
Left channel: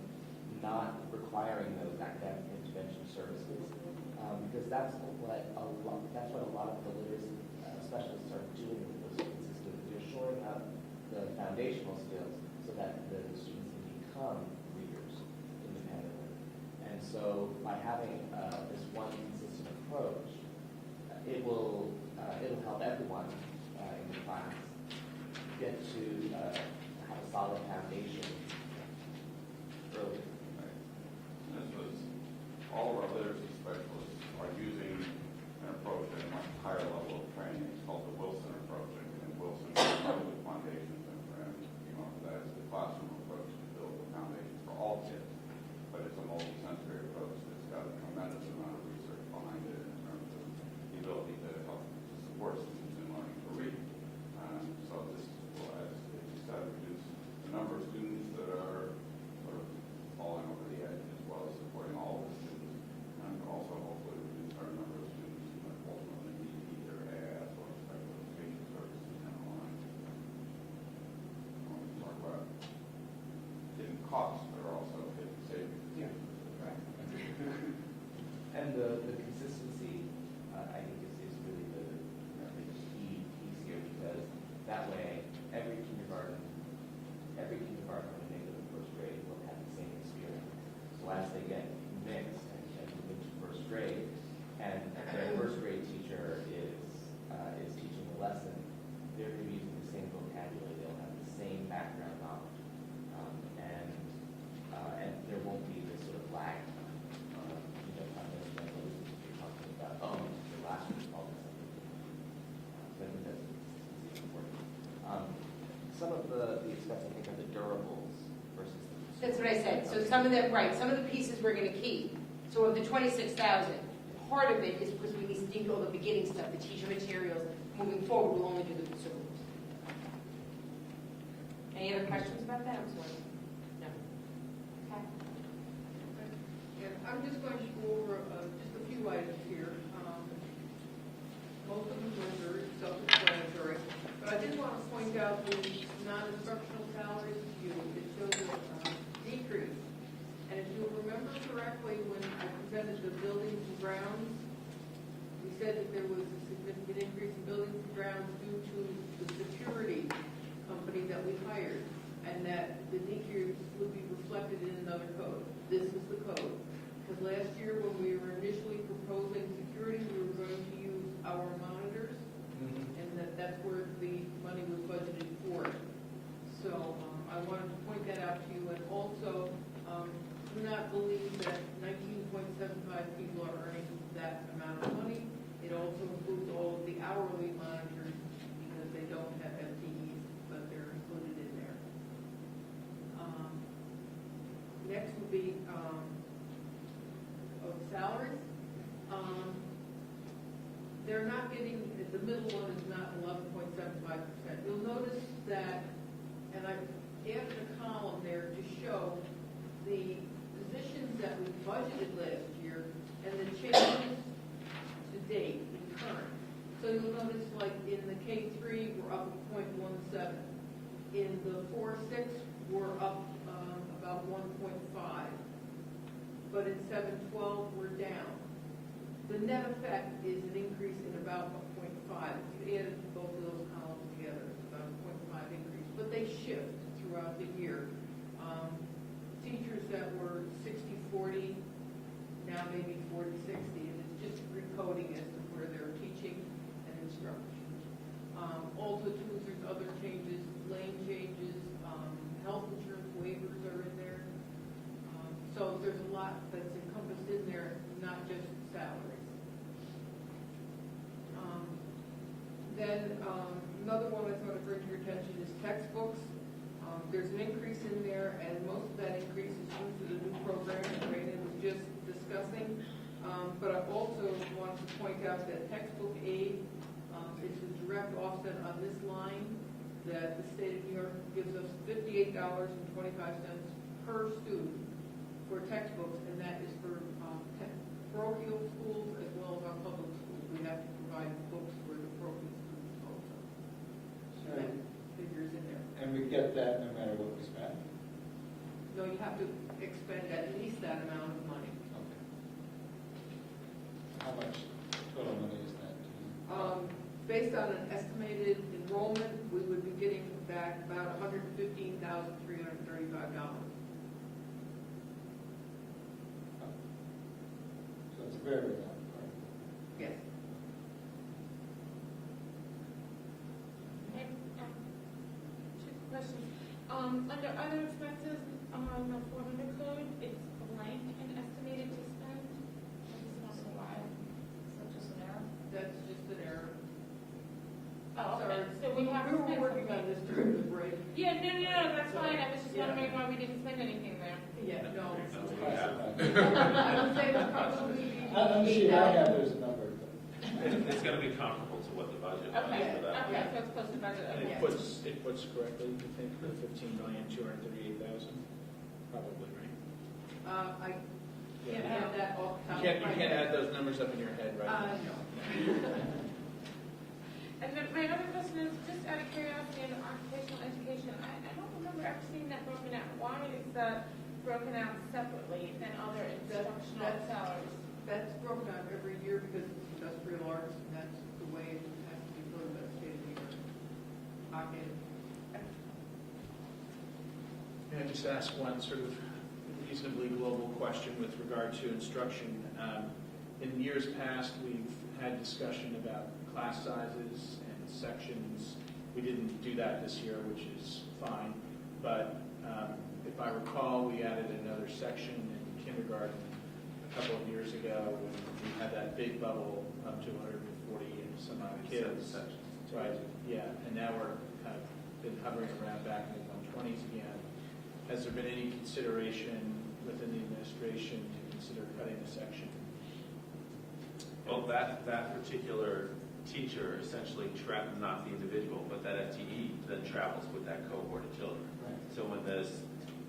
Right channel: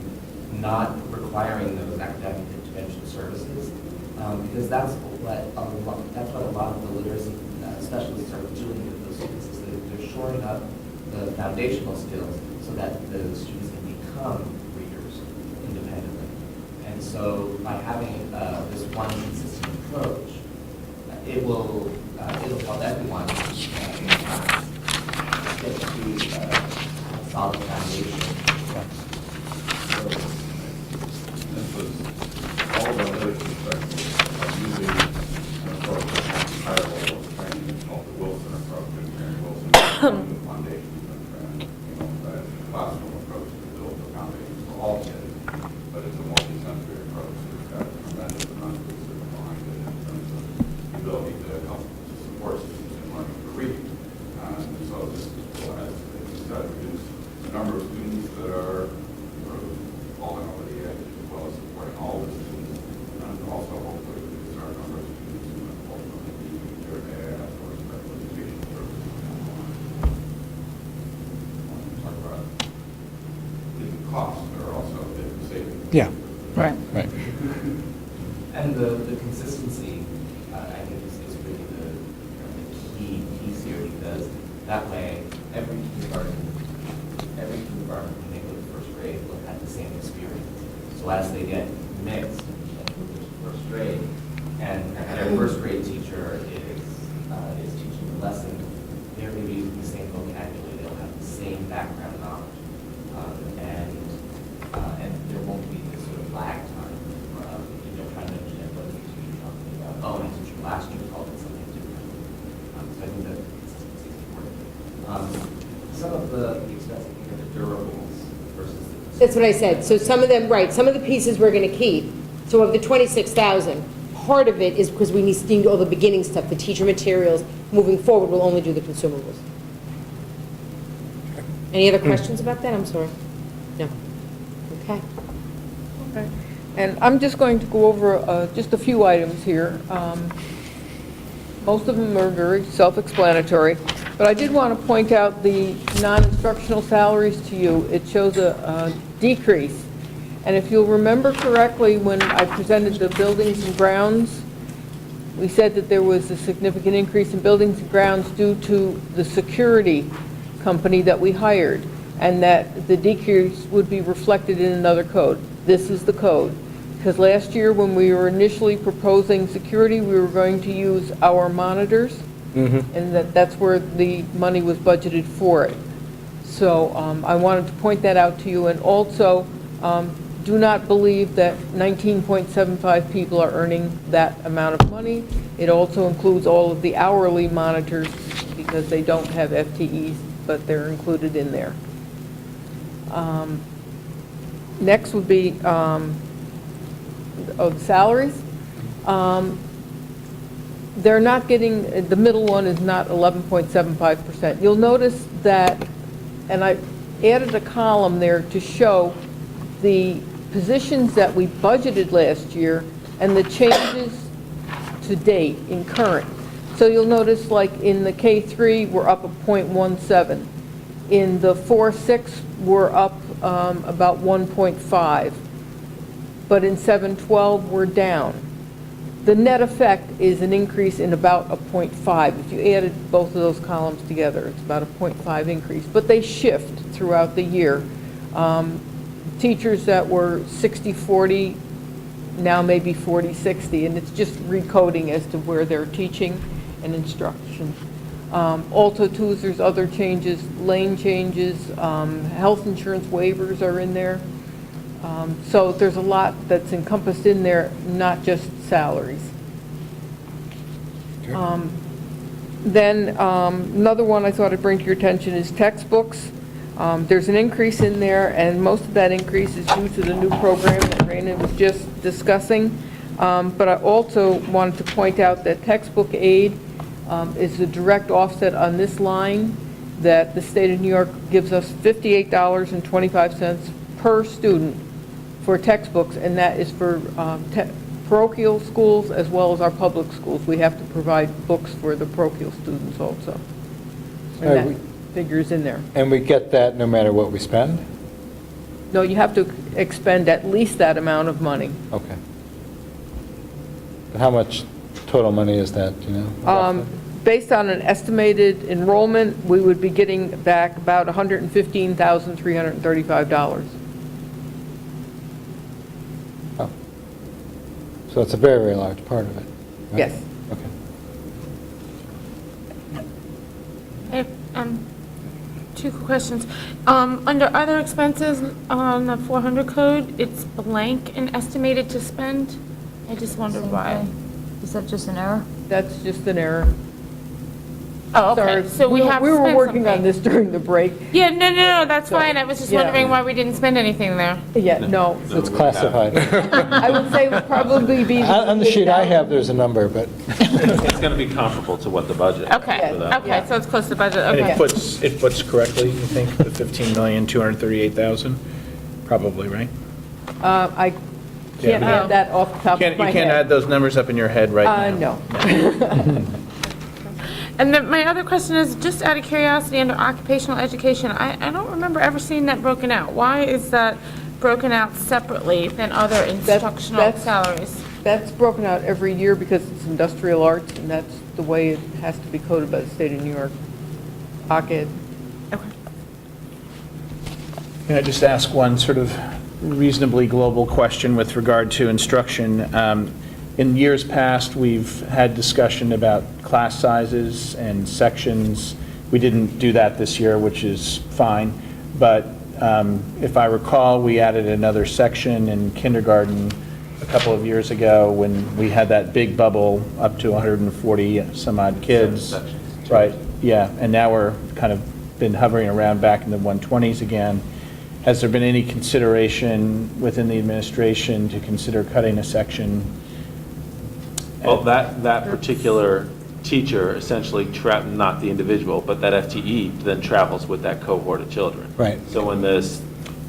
not requiring those academic intervention services, because that's what a lot of the literacy specialists are doing with those students, is they're shoring up the foundational skills so that the students can become readers independently. And so by having this one consistent approach, it'll help everyone in class get to a solid foundation. This was all of our literature perspectives of using an approach that has higher level of training called the Wilson approach. And Wilson is the foundation and that classroom approach to build the foundation for all kids. But it's a multi-sensory approach. It's got a tremendous amount of research behind it in terms of the ability to help to support students in learning to read. So this will, as you said, reduce the number of students that are sort of falling over the edge, as well as supporting all the students, and also hopefully reduce our number of students who ultimately need either AIS or special education services down the line. Talk about the costs are also a big savings. Yeah. Right. Right. And the consistency, I think, is really the key piece here, because that way, every kindergarten, when they go to first grade, will have the same experience. So as they get mixed and move into first grade, and their first grade teacher is teaching the lesson, they're going to be using the same vocabulary, they'll have the same background knowledge. And there won't be this sort of lag time, trying to understand what the teacher is talking about. Oh, and the teacher last year called it something different. So I think that consistency is important. Some of the expenses here, the durables versus the. That's what I said. So some of them, right, some of the pieces we're going to keep. So of the 26,000, part of it is because we need all the beginning stuff, the teacher materials. Moving forward, we'll only do the consumables. Any other questions about that? I'm sorry. No. Okay. Okay. And I'm just going to go over just a few items here. Most of them are very self-explanatory, but I did want to point out the non-instructional salaries to you. It shows a decrease. And if you'll remember correctly, when I presented the buildings and grounds, We said that there was a significant increase in buildings and grounds due to the security company that we hired, and that the decrease would be reflected in another code. This is the code. Because last year, when we were initially proposing security, we were going to use our monitors, and that's where the money was budgeted for it. So I wanted to point that out to you, and also do not believe that 19.75 people are earning that amount of money. It also includes all of the hourly monitors, because they don't have FTEs, but they're included in there. Next would be the salaries. They're not getting, the middle one is not 11.75%. You'll notice that, and I added a column there to show the positions that we budgeted last year and the changes to date in current. So you'll notice, like in the K3, we're up a 0.17. In the 4-6, we're up about 1.5. But in 7-12, we're down. The net effect is an increase in about a 0.5. If you added both of those columns together, it's about a 0.5 increase. But they shift throughout the year. Teachers that were 60-40 now maybe 40-60, and it's just recoding as to where they're teaching and instruction. Also, too, there's other changes, lane changes, health insurance waivers are in there. So there's a lot that's encompassed in there, not just salaries. Then another one I thought I'd bring to your attention is textbooks. There's an increase in there, and most of that increase is due to the new program that Raina was just discussing. But I also wanted to point out that textbook aid is a direct offset on this line, that the state of New York gives us $58.25 per student for textbooks, and that is for parochial schools as well as our public schools. We have to provide books for the parochial students also. And that figures in there. And we get that no matter what we spend? No, you have to expend at least that amount of money. Okay. How much total money is that, do you know? roughly? Based on an estimated enrollment, we would be getting back about $115,335. Oh. So it's a very, very large part of it. right? Yes. Okay. Two questions. Under other expenses on the 400 code, it's blank and estimated to spend. I just wondered why. Is that just an error? That's just an error. Oh, okay. Sorry. So we have We were spent working on something. this during the break. Yeah, no, that's So, fine. I was just yeah. wondering why we didn't spend anything there. Yeah, no. So it's classified. I would say it would probably be. On the sheet I have, there's a number, but It's going to be comparable to what the budget. Okay, for that. okay, so it's close to budget, And okay. it puts correctly, you think, the 15,238,000? Probably, right? I can't Yeah. add that off the top of my You head. can't add those numbers up in your head right now. No. And then my other question is, just out of curiosity, under occupational education, I don't remember ever seeing that broken out. Why is that broken out separately than other instructional that's- salaries? That's broken out every year because it's industrial arts, and that's the way it has to be coded by the state of New York. OCC. Okay. Can I just ask one sort of reasonably global question with regard to instruction? In years past, we've had discussion about class sizes and sections. We didn't do that this year, which is fine. But if I recall, we added another section in kindergarten a couple of years ago when we had that big bubble up to 140 some odd kids. Sections. Right, yeah, and now we're kind of been hovering around back in the 120s again. Has there been any consideration within the administration to consider cutting a section? Well, that particular teacher essentially, not the individual, but that FTE then travels with that cohort of children. Right. So when this.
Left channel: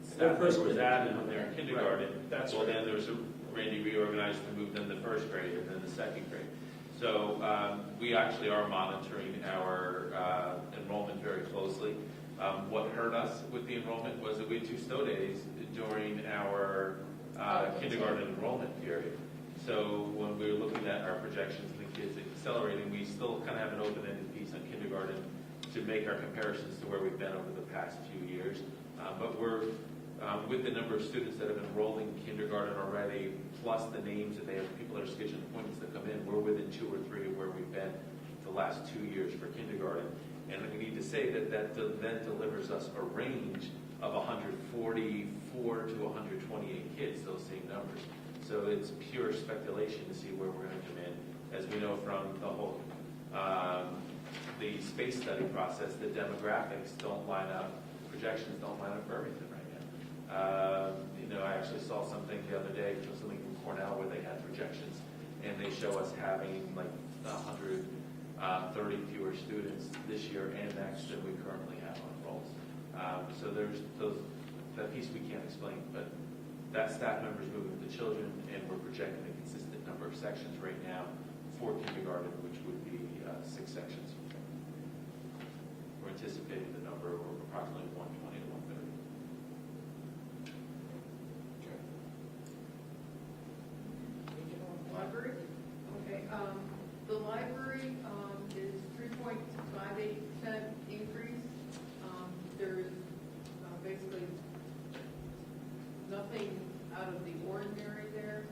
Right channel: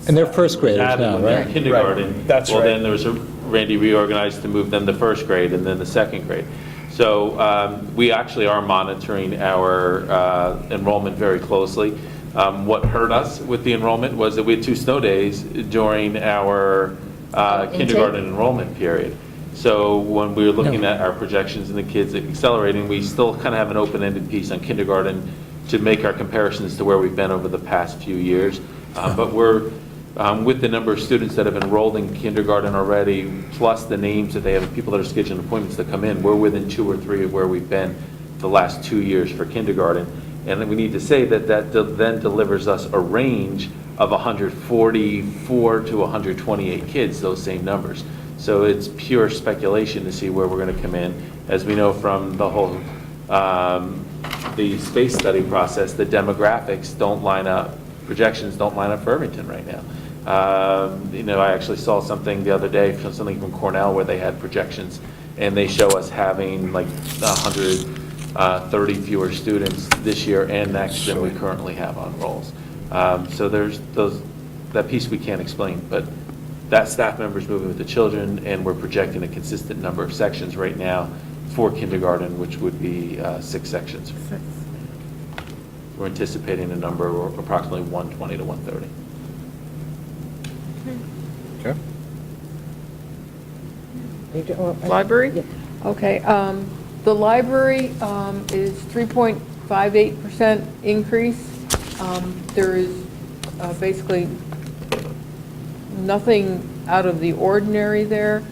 And they're first graders added now, when they're right? in kindergarten. Right. That's well, right. then there was Randy reorganized to move them to first grade and then the second grade. So we actually are monitoring our enrollment very closely. What hurt us with the enrollment was that we had 2 snow days during our kindergarten enrollment period. So when we were looking at our projections and the kids accelerating, we still kind of have an open-ended piece on kindergarten to make our comparisons to where we've been over the past few years. But we're, with the number of students that have enrolled in kindergarten already, plus the names that they have, people that are scheduling appointments to come in, we're within 2 or 3 of where we've been the last 2 years for kindergarten. And then we need to say that then delivers us a range of 144 to 128 kids, those same numbers. So it's pure speculation to see where we're going to come in. As we know from the whole, the space study process, the demographics don't line up, projections don't line up for Irvington right now. You know, I actually saw something the other day, something from Cornell where they had projections, and they show us having like 130 fewer students this year and next than we currently have on rolls. So there's that piece we can't explain, but that staff member's moving with the children, and we're projecting a consistent number of sections right now for kindergarten, which would be 6 sections. We're anticipating a number of approximately 120 to 130. Okay. Library? Okay, the library is 3.58% increase. There is basically nothing out of the ordinary there.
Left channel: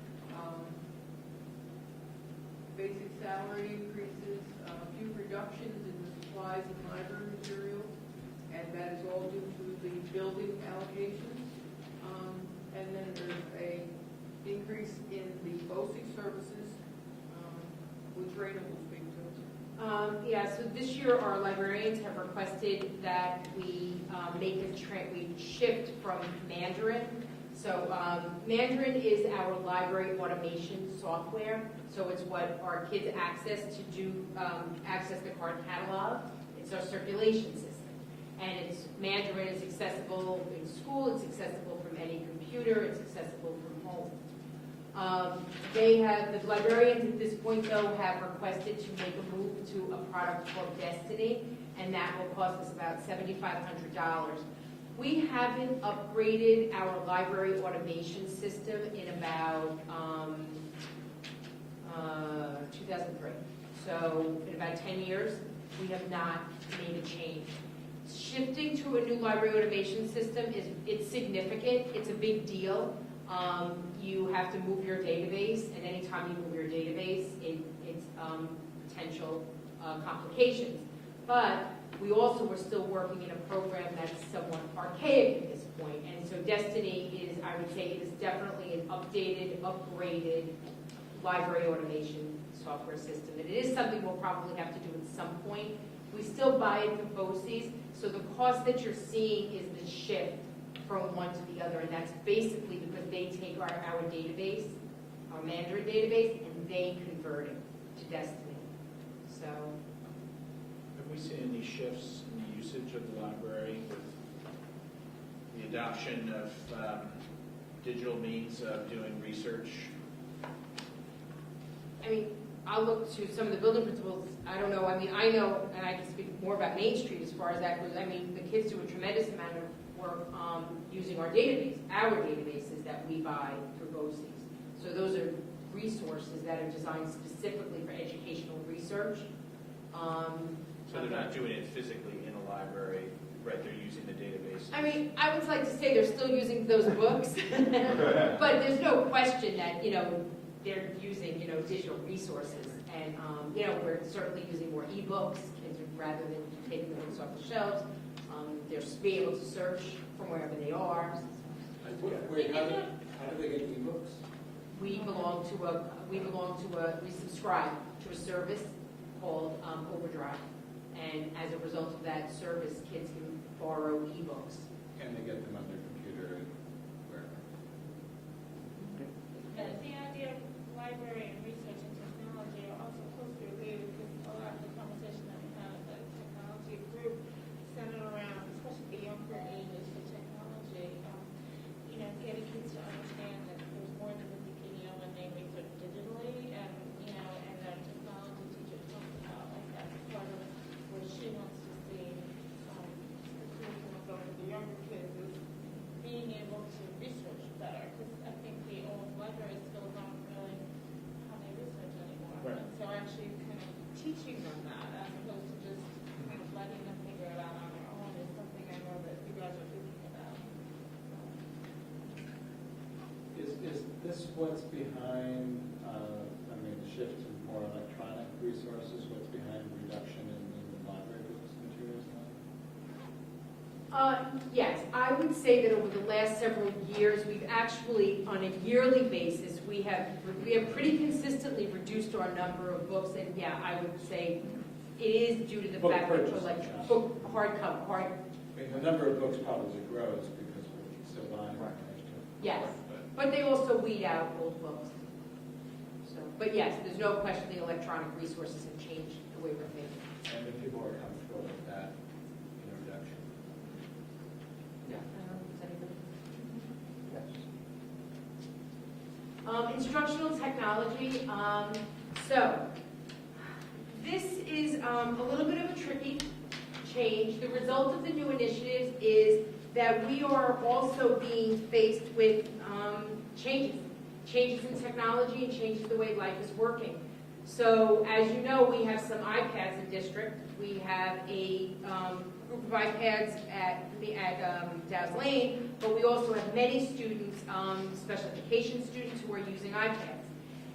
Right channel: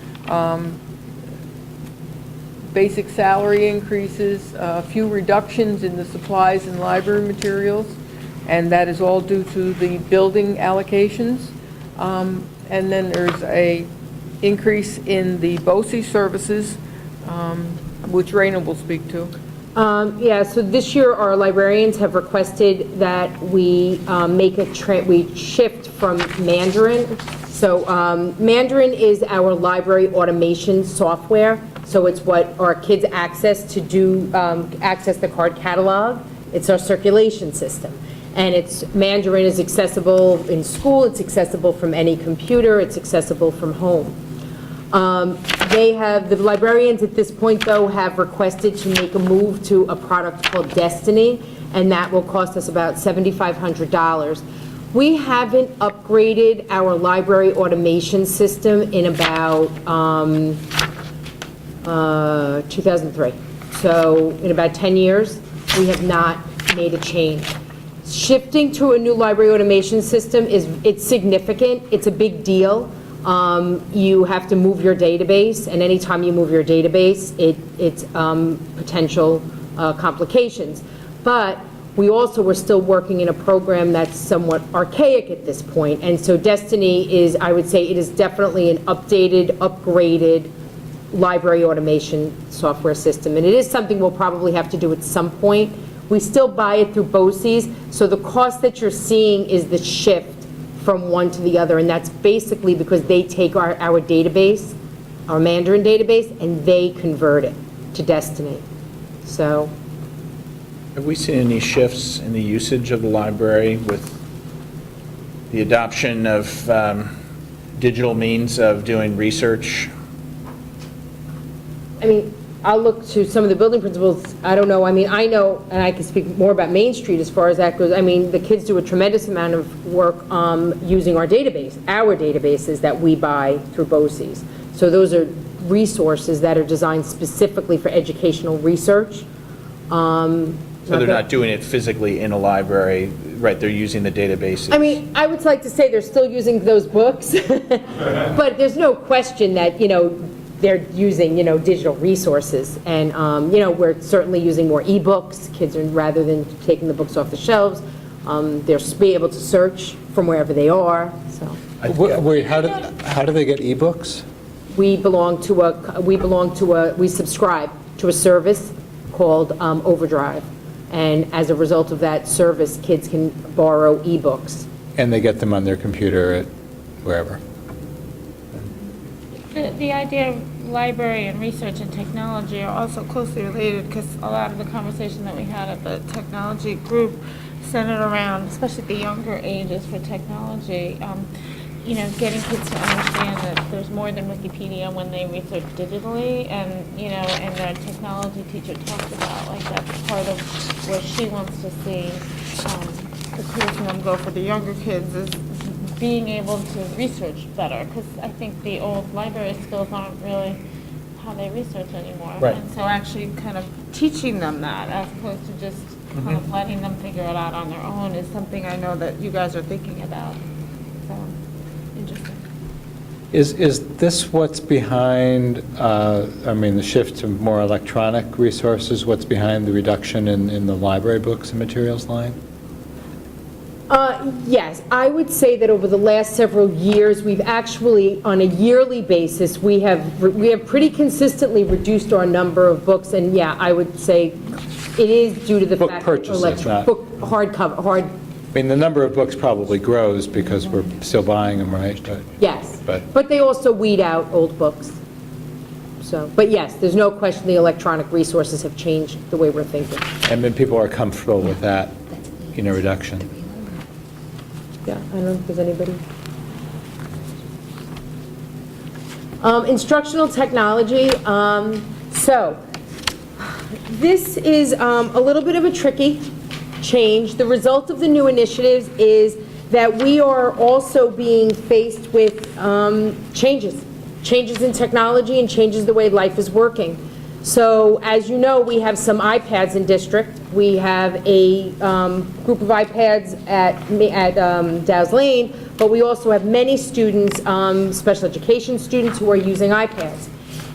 Basic salary increases, a few reductions in the supplies and library materials, and that is all due to the building allocations. And then there's a increase in the BOCES services, which Raina will speak to. Yeah, so this year our librarians have requested that we we shift from Mandarin. So Mandarin is our library automation software. So it's what our kids access to do, access the card catalog. It's our circulation system. And Mandarin is accessible in school, it's accessible from any computer, it's accessible from home. The librarians at this point, though, have requested to make a move to a product called Destiny, and that will cost us about $7,500. We haven't upgraded our library automation system in about 2003. So in about 10 years, we have not made a change. Shifting to a new library automation system it's significant, it's a big deal. You have to move your database, and anytime you move your database, it's potential complications. But we also were still working in a program that's somewhat archaic at this point, and so Destiny is, I would say, it is definitely an updated, upgraded library automation software system, and it is something we'll probably have to do at some point. We still buy it through BOCES, so the cost that you're seeing is the shift from one to the other, and that's basically because they take our database, our Mandarin database, and they convert it to Destiny. So, Have we seen any shifts in the usage of the library with the adoption of digital means of doing research? I mean, I'll look to some of the building principals. I don't know. I mean, I know, and I can speak more about Main Street as far as that goes. I mean, the kids do a tremendous amount of work using our database, our databases that we buy through BOCES. So those are resources that are designed specifically for educational research. So they're not doing it physically in a library, right? They're using the databases. I mean, I would like to say they're still using those books, but there's no question that, they're using, digital resources. And, we're certainly using more e-books. Kids are, rather than taking the books off the shelves, they're be able to search from wherever they are, so. Wait, how do they get ebooks? We subscribe to a service called Overdrive. And as a result of that service, kids can borrow ebooks. And they get them on their computer at wherever? The idea of library and research and technology are also closely related, because a lot of the conversation that we had at the technology group centered around, especially the younger ages for technology, getting kids to understand that there's more than Wikipedia when they research digitally, and and their technology teacher talked about, like, that's part of where she wants to see the curriculum go for the younger kids, is being able to research better, because I think the old library skills aren't really how they research anymore. Right. And so actually kind of teaching them that as opposed to just kind of letting them figure it out on their own is something I know that you guys are thinking about. So, interesting. Is this what's behind, the shift to more electronic resources, what's behind the reduction in the library books and materials line? Yes, I would say that over the last several years, we've actually, on a yearly basis, we have pretty consistently reduced our number of books, and yeah, I would say it is due to the Book fact purchases, that not- hard, The number of books probably grows because we're still buying them, right? yes. But- But they also weed out old books. So, but yes, there's no question the electronic resources have changed the way we're thinking. And then people are comfortable with that, reduction. Yeah, I don't know if there's anybody. Instructional technology, so this is a little bit of a tricky change. The result of the new initiatives is that we are also being faced with changes in technology and changes the way life is working. So as you know, we have some iPads in district. We have a group of iPads at Dow's Lane, but we also have many students, special education students, who are using iPads.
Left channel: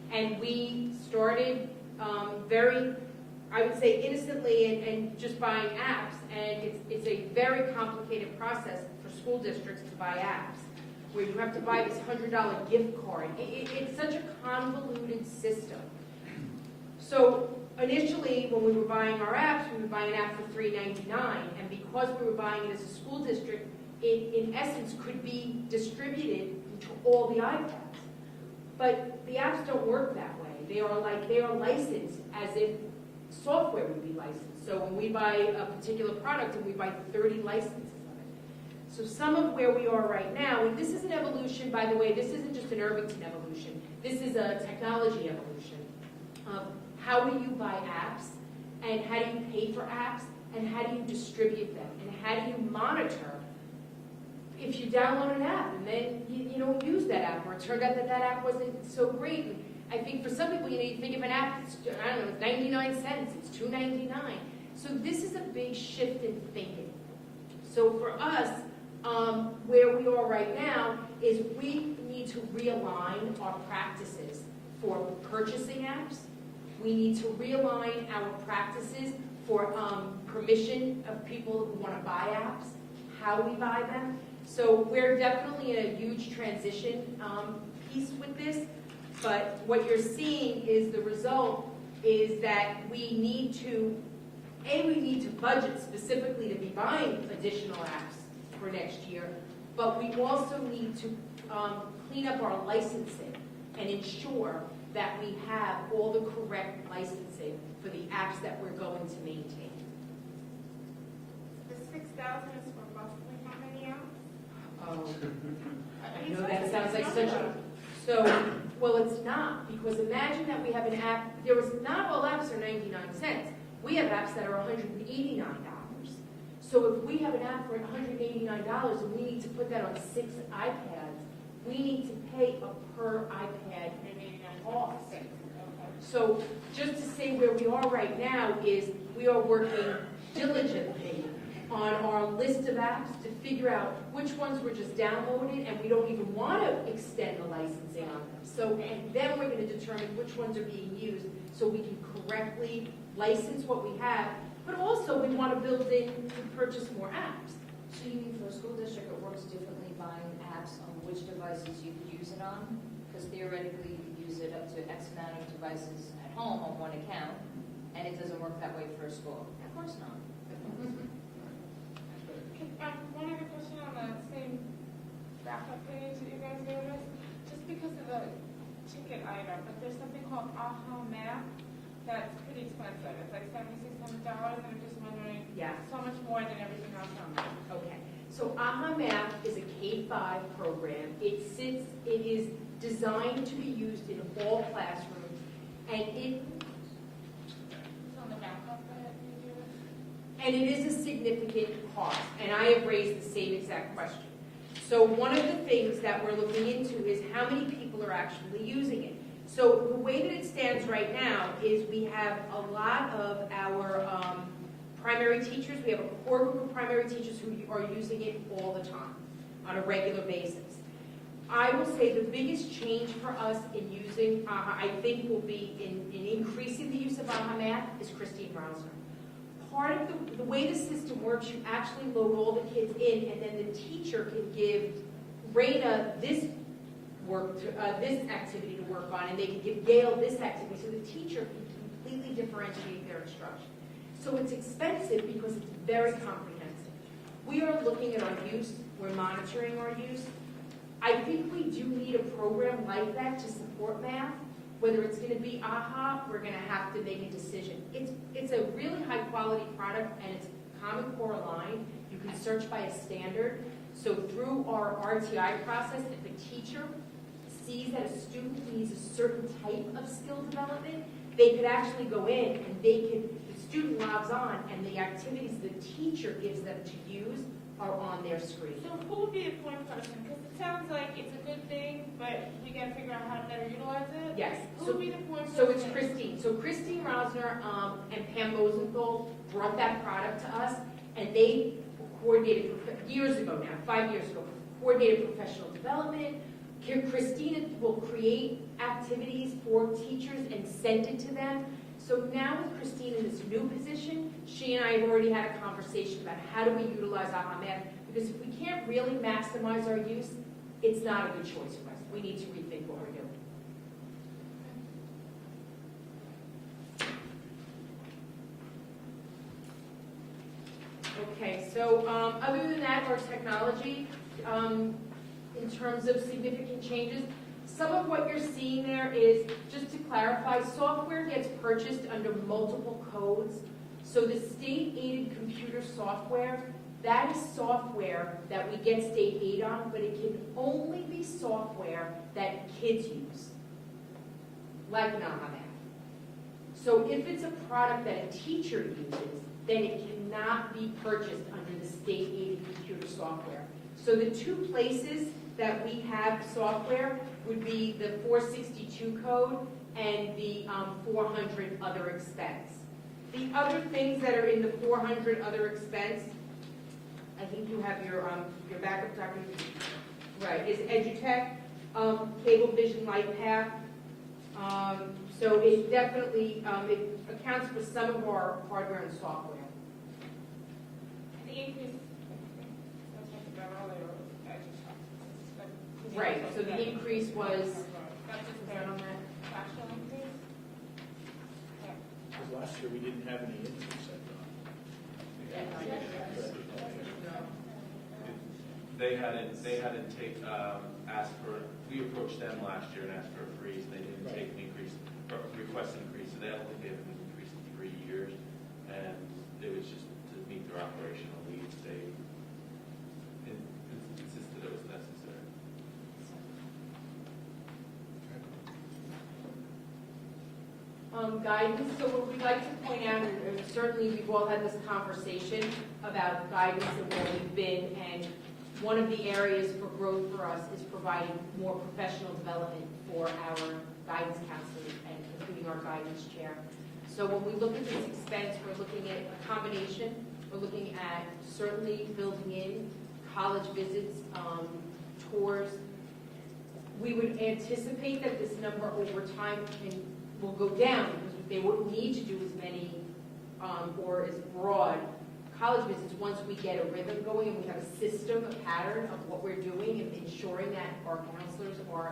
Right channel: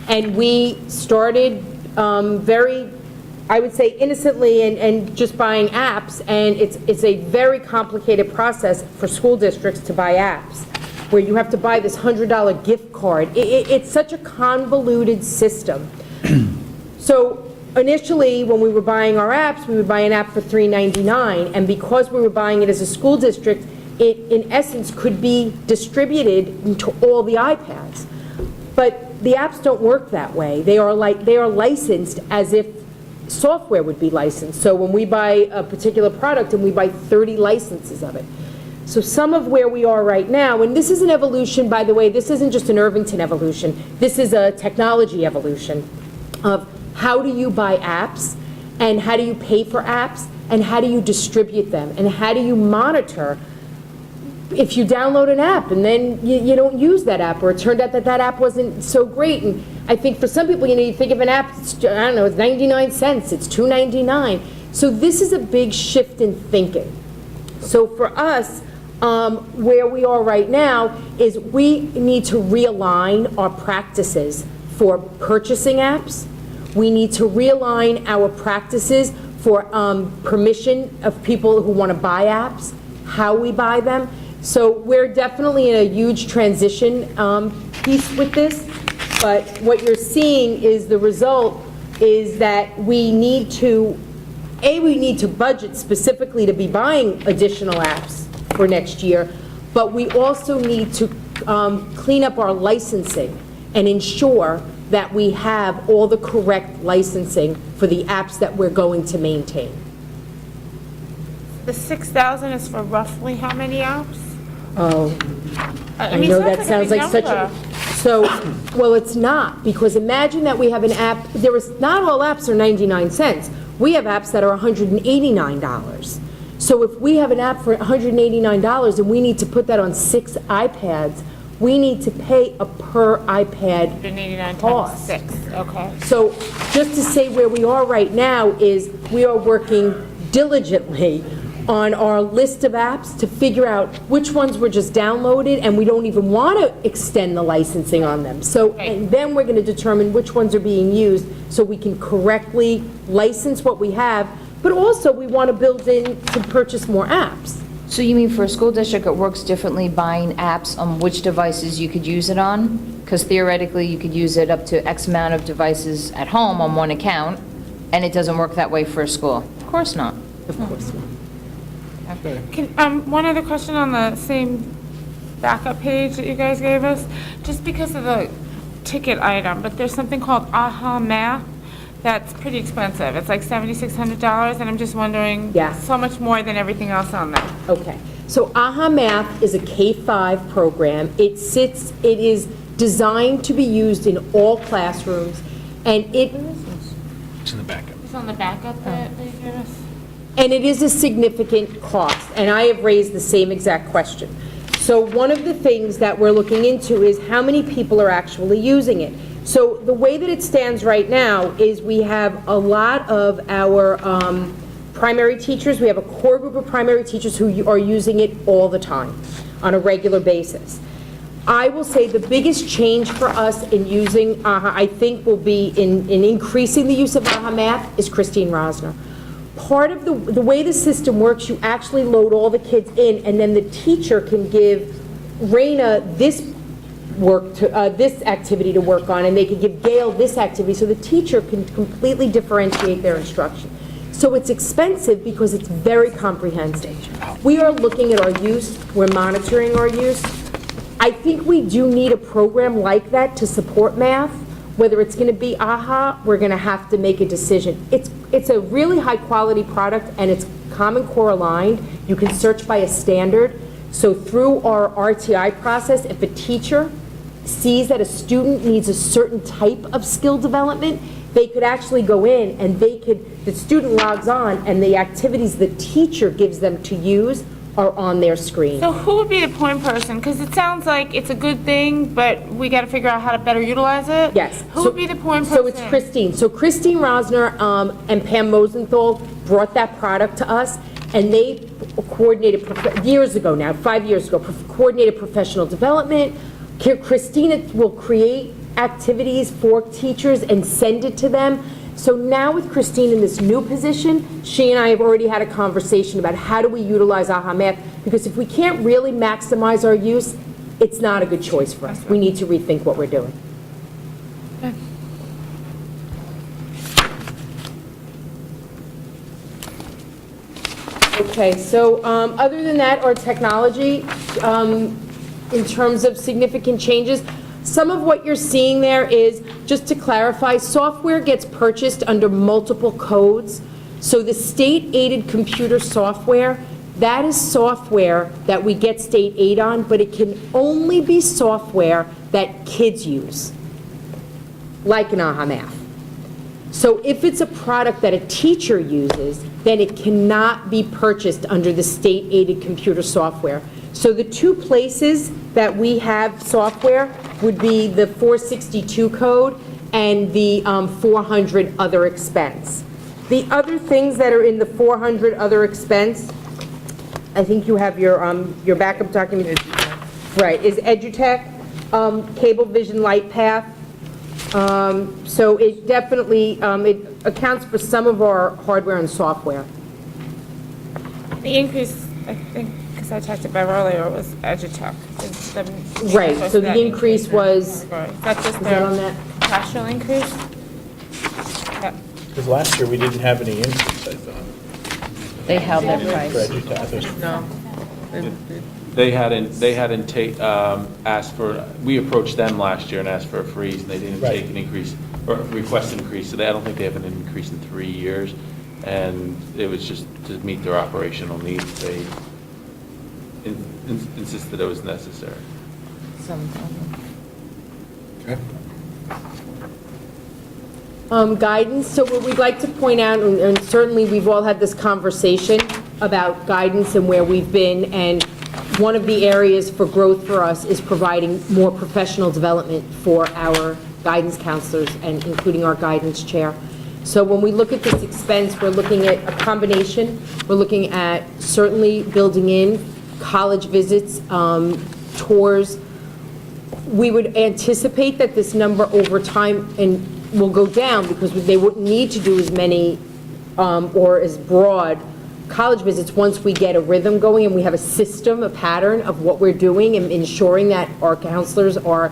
And we started very, I would say, innocently and just buying apps, and it's a very complicated process for school districts to buy apps, where you have to buy this $100 gift card. It's such a convoluted system. So initially, when we were buying our apps, we would buy an app for $3.99, and because we were buying it as a school district, it, in essence, could be distributed into all the iPads. But the apps don't work that way. They are licensed as if software would be licensed. So when we buy a particular product and we buy 30 licenses of it. So some of where we are right now, and this is an evolution, by the way, this isn't just an Irvington evolution, this is a technology evolution of how do you buy apps, and how do you pay for apps, and how do you distribute them, and how do you monitor if you download an app and then you don't use that app, or it turned out that app wasn't so great. And I think for some people, you think of an app, it's 99 cents, it's $2.99. So this is a big shift in thinking. So for us, where we are right now is we need to realign our practices for purchasing apps. We need to realign our practices for permission of people who want to buy apps, how we buy them. So we're definitely in a huge transition piece with this, but what you're seeing is the result is that we need to budget specifically to be buying additional apps for next year, but we also need to clean up our licensing and ensure that we have all the correct licensing for the apps that we're going to maintain. The 6,000 is for roughly how many apps? Oh, I mean, know sounds that sounds big like such a, number. so, well, it's not, because imagine that we have an app, not all apps are 99 cents. We have apps that are $189. So if we have an app for $189 and we need to put that on 6 iPads, we need to pay a per iPad 189 cost. times 6, okay. So just to say where we are right now is we are working diligently on our list of apps to figure out which ones were just downloaded and we don't even want to extend the licensing on them. So, and then we're going to determine which ones are being used so we can correctly license what we have, but also we want to build in to purchase more apps. So you mean for a school district, it works differently buying apps on which devices you could use it on? Because theoretically, you could use it up to X amount of devices at home on one account, and it doesn't work that way for a school? Of course not. Of course not. One other question on the same backup page that you guys gave us, just because of the ticket item, but there's something called AHA Math that's pretty expensive. It's like $7,600, and I'm just wondering, Yeah. so much more than everything else on there. Okay, so AHA Math is a K-5 program. It is designed to be used in all classrooms, and It's in the backup. It's on the backup that you gave us? and it is a significant cost, and I have raised the same exact question. So one of the things that we're looking into is how many people are actually using it. So the way that it stands right now is we have a lot of our primary teachers, we have a core group of primary teachers who are using it all the time, on a regular basis. I will say the biggest change for us in using AHA, I think will be in increasing the use of AHA Math, is Christine Rosner. Part of the way the system works, you actually load all the kids in, and then the teacher can give Raina this this activity to work on, and they could give Gail this activity, so the teacher can completely differentiate their instruction. So it's expensive because it's very comprehensive. We are looking at our use, we're monitoring our use. I think we do need a program like that to support math. Whether it's going to be AHA, we're going to have to make a decision. It's a really high-quality product, and it's Common Core aligned. You can search by a standard. So through our RTI process, if a teacher sees that a student needs a certain type of skill development, they could actually go in and the student logs on, and the activities the teacher gives them to use are on their screen. So who would be the point person? Because it sounds like it's a good thing, but we got to figure out how to better utilize it. Yes. Who would be the point person? So it's Christine. So Christine Rosner and Pam Mosenthal brought that product to us, and they coordinated, years ago now, 5 years ago, coordinated professional development. Christina will create activities for teachers and send it to them. So now with Christine in this new position, she and I have already had a conversation about how do we utilize AHA Math, because if we can't really maximize our use, it's not a good choice for us. We need to rethink what we're doing. Okay, so other than that, our technology, in terms of significant changes, some of what you're seeing there is, just to clarify, software gets purchased under multiple codes. So the state-aided computer software, that is software that we get state aid on, but it can only be software that kids use, like an AHA Math. So if it's a product that a teacher uses, then it cannot be purchased under the state-aided computer software. So the two places that we have software would be the 462 code and the 400 other expense. The other things that are in the 400 other expense, I think you have your backup document. Right, is EduTech, Cablevision LightPath. So it definitely, it accounts for some of our hardware and software. The increase, I think, because I talked about earlier, was EduTech. Right, so the increase was, That's just is that on their that? national increase? Yeah. Because last year, we didn't have any increase, I thought. They held their For price. EduTech. No. They hadn't asked for, we approached them last year and asked for a freeze, and they didn't Right. take an increase, or request an increase, so I don't think they have an increase in 3 years, and it was just to meet their operational needs. They insisted it was necessary. Guidance, so what we'd like to point out, and certainly we've all had this conversation about guidance and where we've been, and one of the areas for growth for us is providing more professional development for our guidance counselors, and including our guidance chair. So when we look at this expense, we're looking at a combination. We're looking at certainly building in college visits, tours. We would anticipate that this number over time will go down, because they wouldn't need to do as many or as broad college visits once we get a rhythm going and we have a system, a pattern of what we're doing, and ensuring that our counselors are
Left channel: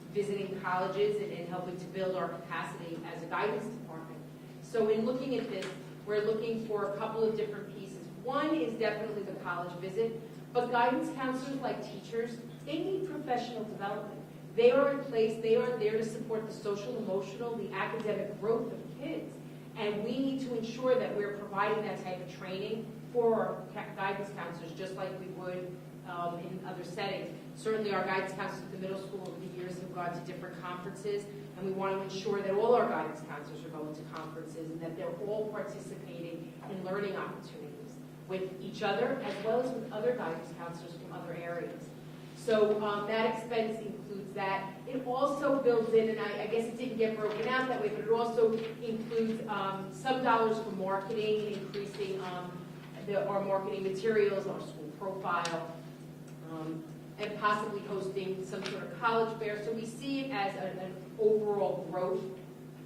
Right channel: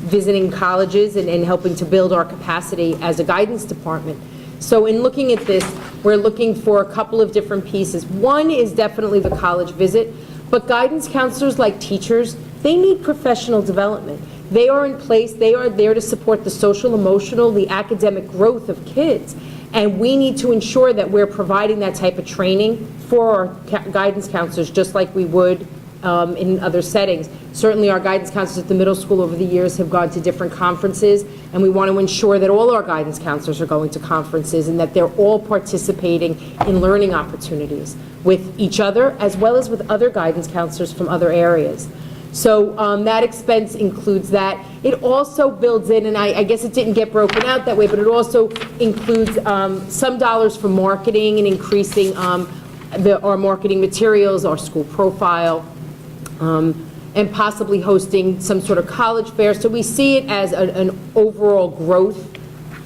visiting colleges and helping to build our capacity as a guidance department. So in looking at this, we're looking for a couple of different pieces. One is definitely the college visit, but guidance counselors, like teachers, they need professional development. They are in place, they are there to support the social, emotional, the academic growth of kids. And we need to ensure that we're providing that type of training for our guidance counselors, just like we would in other settings. Certainly our guidance counselors at the middle school over the years have gone to different conferences, and we want to ensure that all our guidance counselors are going to conferences and that they're all participating in learning opportunities with each other as well as with other guidance counselors from other areas. So that expense includes that. It also builds in, and I guess it didn't get broken out that way, but it also includes some dollars for marketing and increasing our marketing materials, our school profile, and possibly hosting some sort of college fair. So we see it as an overall growth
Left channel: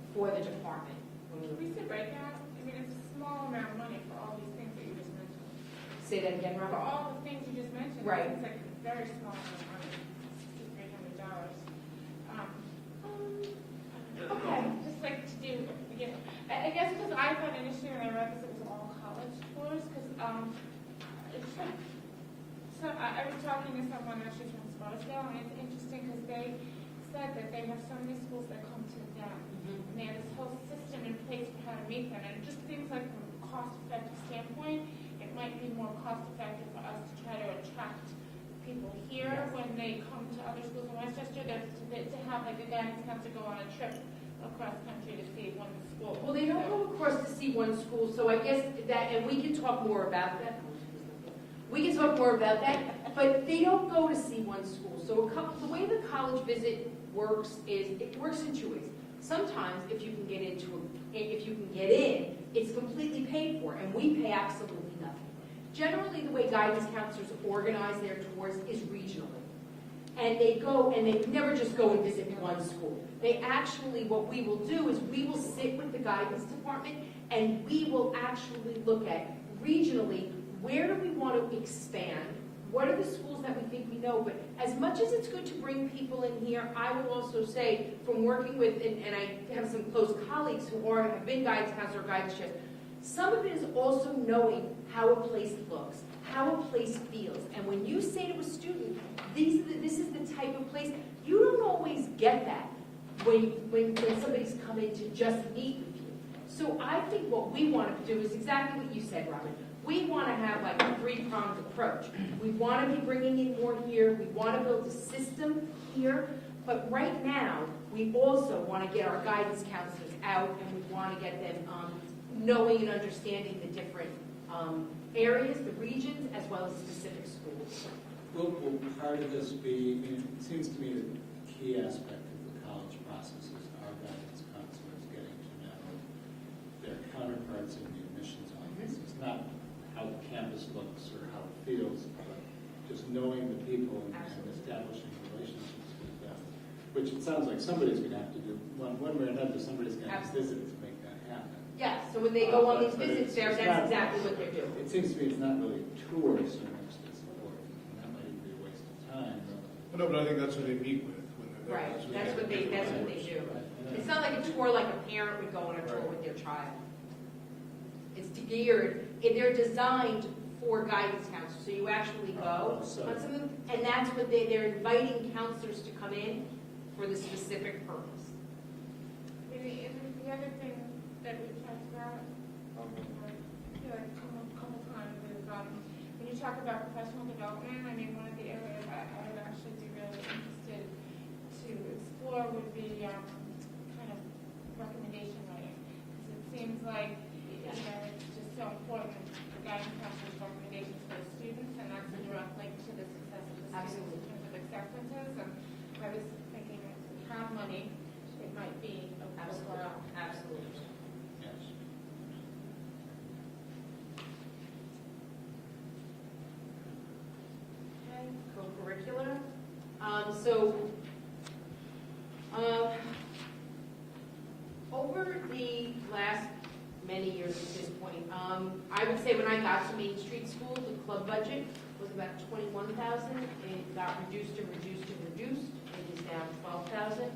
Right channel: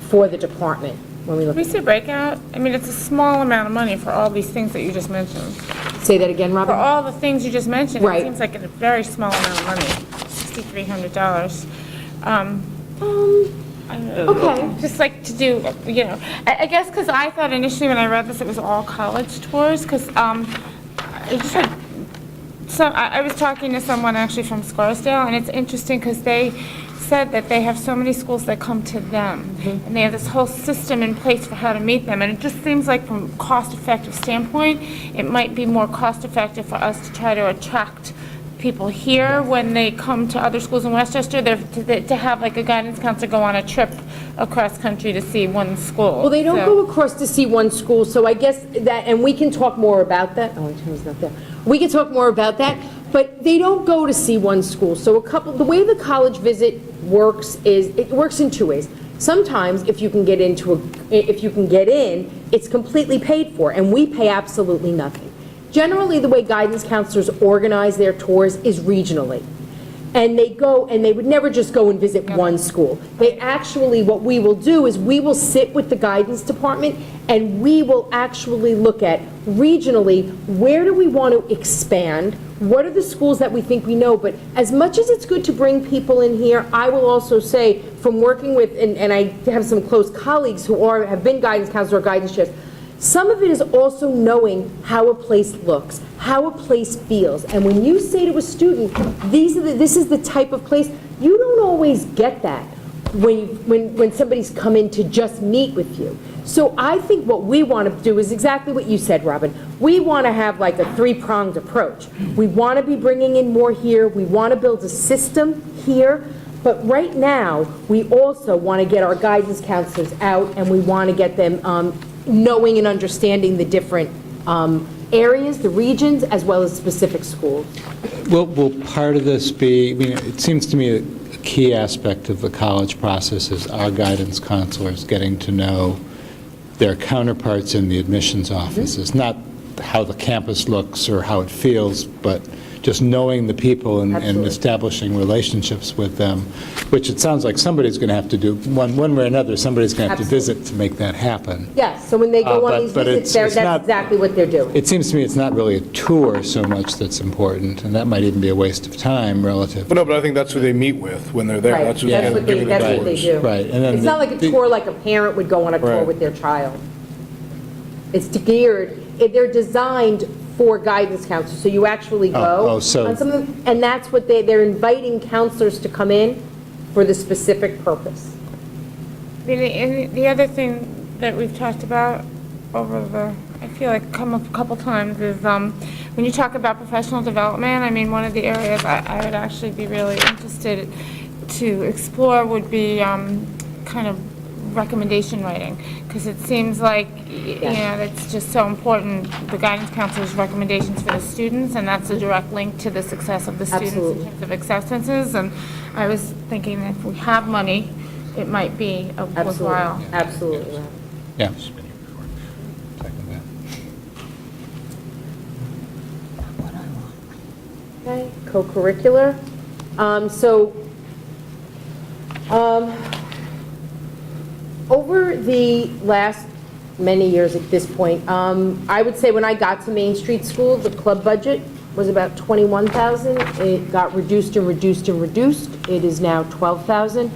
for the department when we look Can we at it. see a breakout? I mean, it's a small amount of money for all these things that you just mentioned. Say that again, For Robin? all the things you just mentioned, Right. it seems like a very small amount of money, $6,300. I don't know. Okay. Just like to do, you know, I guess because I thought initially when I read this, it was all college tours, because I just had, so I was talking to someone actually from Scarsdale, and it's interesting because they said that they have so many schools that come to them, and they have this whole system in place for how to meet them, and it just seems like from a cost-effective standpoint, it might be more cost-effective for us to try to attract people here when they come to other schools in Westchester, to have like a guidance counselor go on a trip across country to see one school. Well, they don't So- go across to see one school, so I guess that, and we can talk more about that. Oh, Tim's not there. We can talk more about that, but they don't go to see one school. So the way the college visit works is, it works in two ways. Sometimes, if you can get in, it's completely paid for, and we pay absolutely nothing. Generally, the way guidance counselors organize their tours is regionally. And they go, and they would never just go and visit one school. They actually, what we will do is we will sit with the guidance department and we will actually look at regionally, where do we want to expand? What are the schools that we think we know? But as much as it's good to bring people in here, I will also say, from working with, and I have some close colleagues who have been guidance counselors or guidance chefs, some of it is also knowing how a place looks, how a place feels. And when you say to a student, this is the type of place, you don't always get that when somebody's come in to just meet with you. So I think what we want to do is exactly what you said, Robin. We want to have like a three-pronged approach. We want to be bringing in more here. We want to build a system here. But right now, we also want to get our guidance counselors out, and we want to get them knowing and understanding the different areas, the regions, as well as specific schools. Will part of this be, I mean, it seems to me a key aspect of the college process is our guidance counselors getting to know their counterparts in the admissions offices, not how the campus looks or how it feels, but just knowing the people and establishing relationships with them, which it sounds like somebody's going to have to do, one way or another, somebody's going to have to visit to make that happen. Yes, so when they go on these but visits, it's that's not- exactly what they're doing. It seems to me it's not really a tour so much that's important, and that might even be a waste of time relative. But no, but I think that's who they meet with when they're there. Right, That's who's that's gonna what they give you the tours. do. Right, and then It's not like a tour like a parent would go on a tour Right. with their child. It's geared, they're designed for guidance counselors, so you actually go so- on some of them, and that's what they're inviting counselors to come in for the specific purpose. The other thing that we've talked about over I feel like come up a couple times is when you talk about professional development, I mean, one of the areas I would actually be really interested to explore would be kind of recommendation writing, because it seems like, you know, it's just so important, the guidance counselor's recommendations for the students, and that's a direct link to the success of the students Absolutely. in terms of acceptances, and I was thinking that if we have money, it might be a worthwhile. Absolutely. Yeah. Okay, co-curricular. Over the last many years at this point, I would say when I got to Main Street School, the club budget was about $21,000. It got reduced and reduced and reduced. It is now $12,000.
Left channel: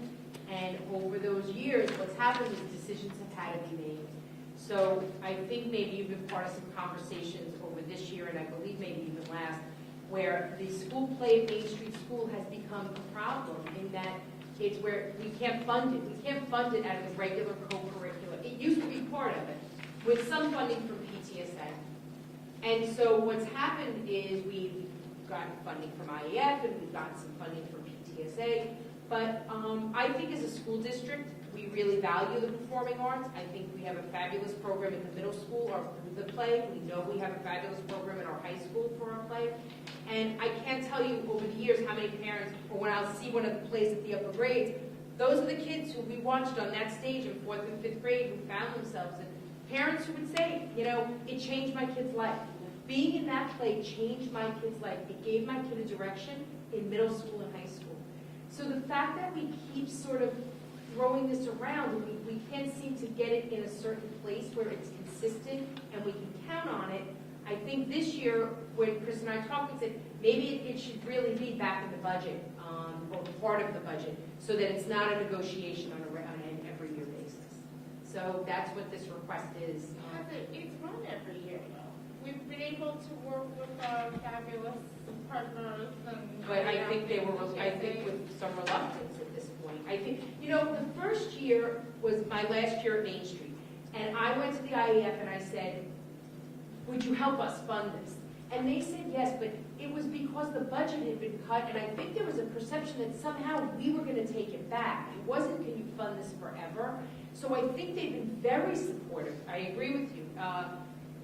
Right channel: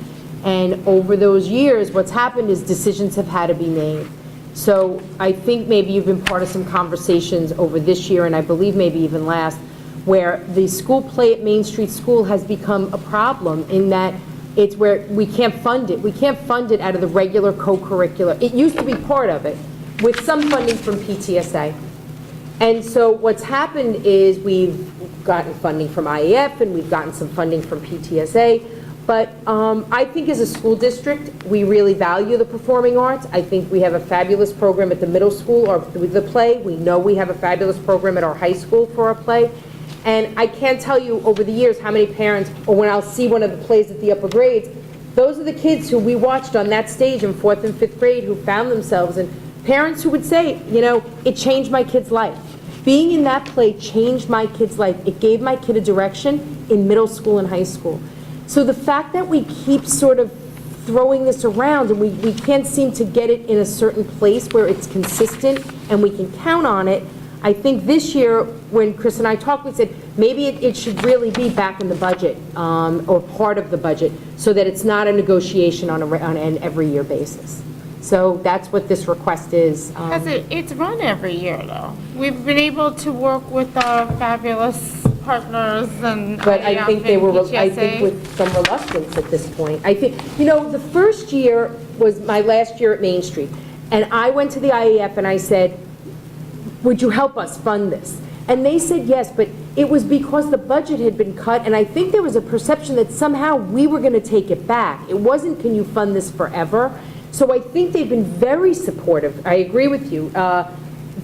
And over those years, what's happened is decisions have had to be made. So I think maybe you've been part of some conversations over this year, and I believe maybe even last, where the school play at Main Street School has become a problem in that it's where we can't fund it. We can't fund it out of the regular co-curricular. It used to be part of it, with some funding from PTSA. And so what's happened is we've gotten funding from IEF, and we've gotten some funding from PTSA. But I think as a school district, we really value the performing arts. I think we have a fabulous program at the middle school or with the play. We know we have a fabulous program at our high school for our play. And I can't tell you over the years how many parents, or when I'll see one of the plays at the upper grades, those are the kids who we watched on that stage in 4th and 5th grade who found themselves, and parents who would say, you know, it changed my kid's life. Being in that play changed my kid's life. It gave my kid a direction in middle school and high school. So the fact that we keep sort of throwing this around and we can't seem to get it in a certain place where it's consistent and we can count on it, I think this year, when Chris and I talked, we said maybe it should really be back in the budget or part of the budget so that it's not a negotiation on an every year basis. So that's what this request is. It's run every year, though. We've been able to work with our fabulous partners and. But I think they were, I think PTSA. with some reluctance at this point. I think, you know, the first year was my last year at Main Street. And I went to the IEF and I said, would you help us fund this? And they said yes, but it was because the budget had been cut, and I think there was a perception that somehow we were going to take it back. It wasn't, can you fund this forever? So I think they've been very supportive. I agree with you,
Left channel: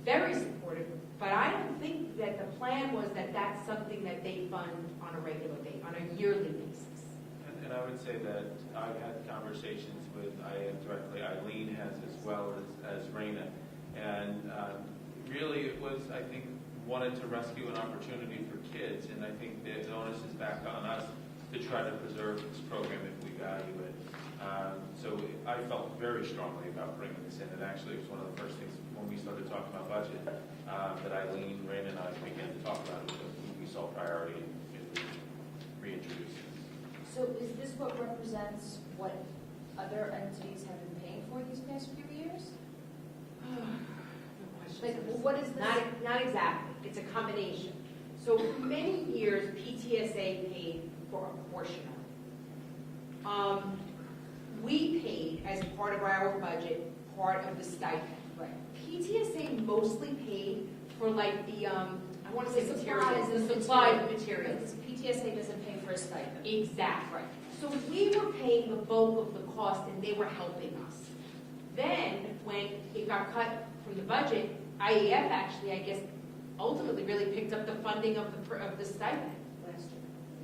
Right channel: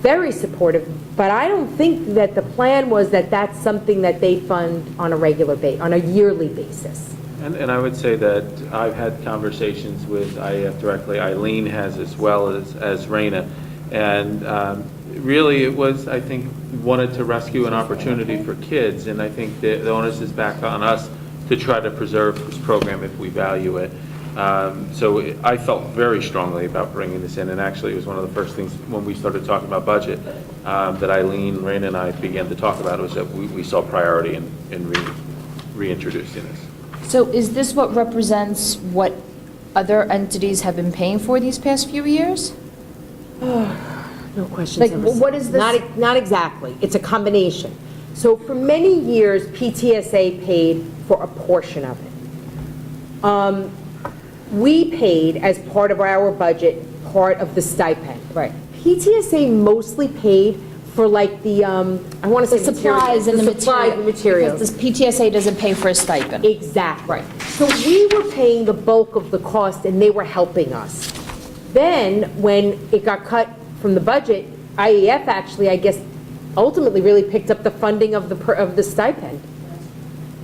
very supportive. But I don't think that the plan was that that's something that they fund on a regular basis, on a yearly basis. And I would say that I've had conversations with IEF directly. Eileen has as well as Raina. And really it was, I think, wanted to rescue an opportunity for kids. And I think the onus is back on us to try to preserve this program if we value it. So I felt very strongly about bringing this in, and actually it was one of the first things when we started talking about budget that Eileen, Raina, and I began to talk about, was that we saw priority in reintroducing this. So is this what represents what other entities have been paying for these past few years? No questions. Like, ever what is this? Not exactly. It's a combination. So for many years, PTSA paid for a portion of it. We paid, as part of our budget, part of the stipend. Right. PTSA mostly paid for like the, I want to The say supplies and the supplies and materials. Because the PTSA doesn't pay for a stipend. Exactly. Right. So we were paying the bulk of the cost, and they were helping us. Then, when it got cut from the budget, IEF actually, I guess, ultimately really picked up the funding of the stipend.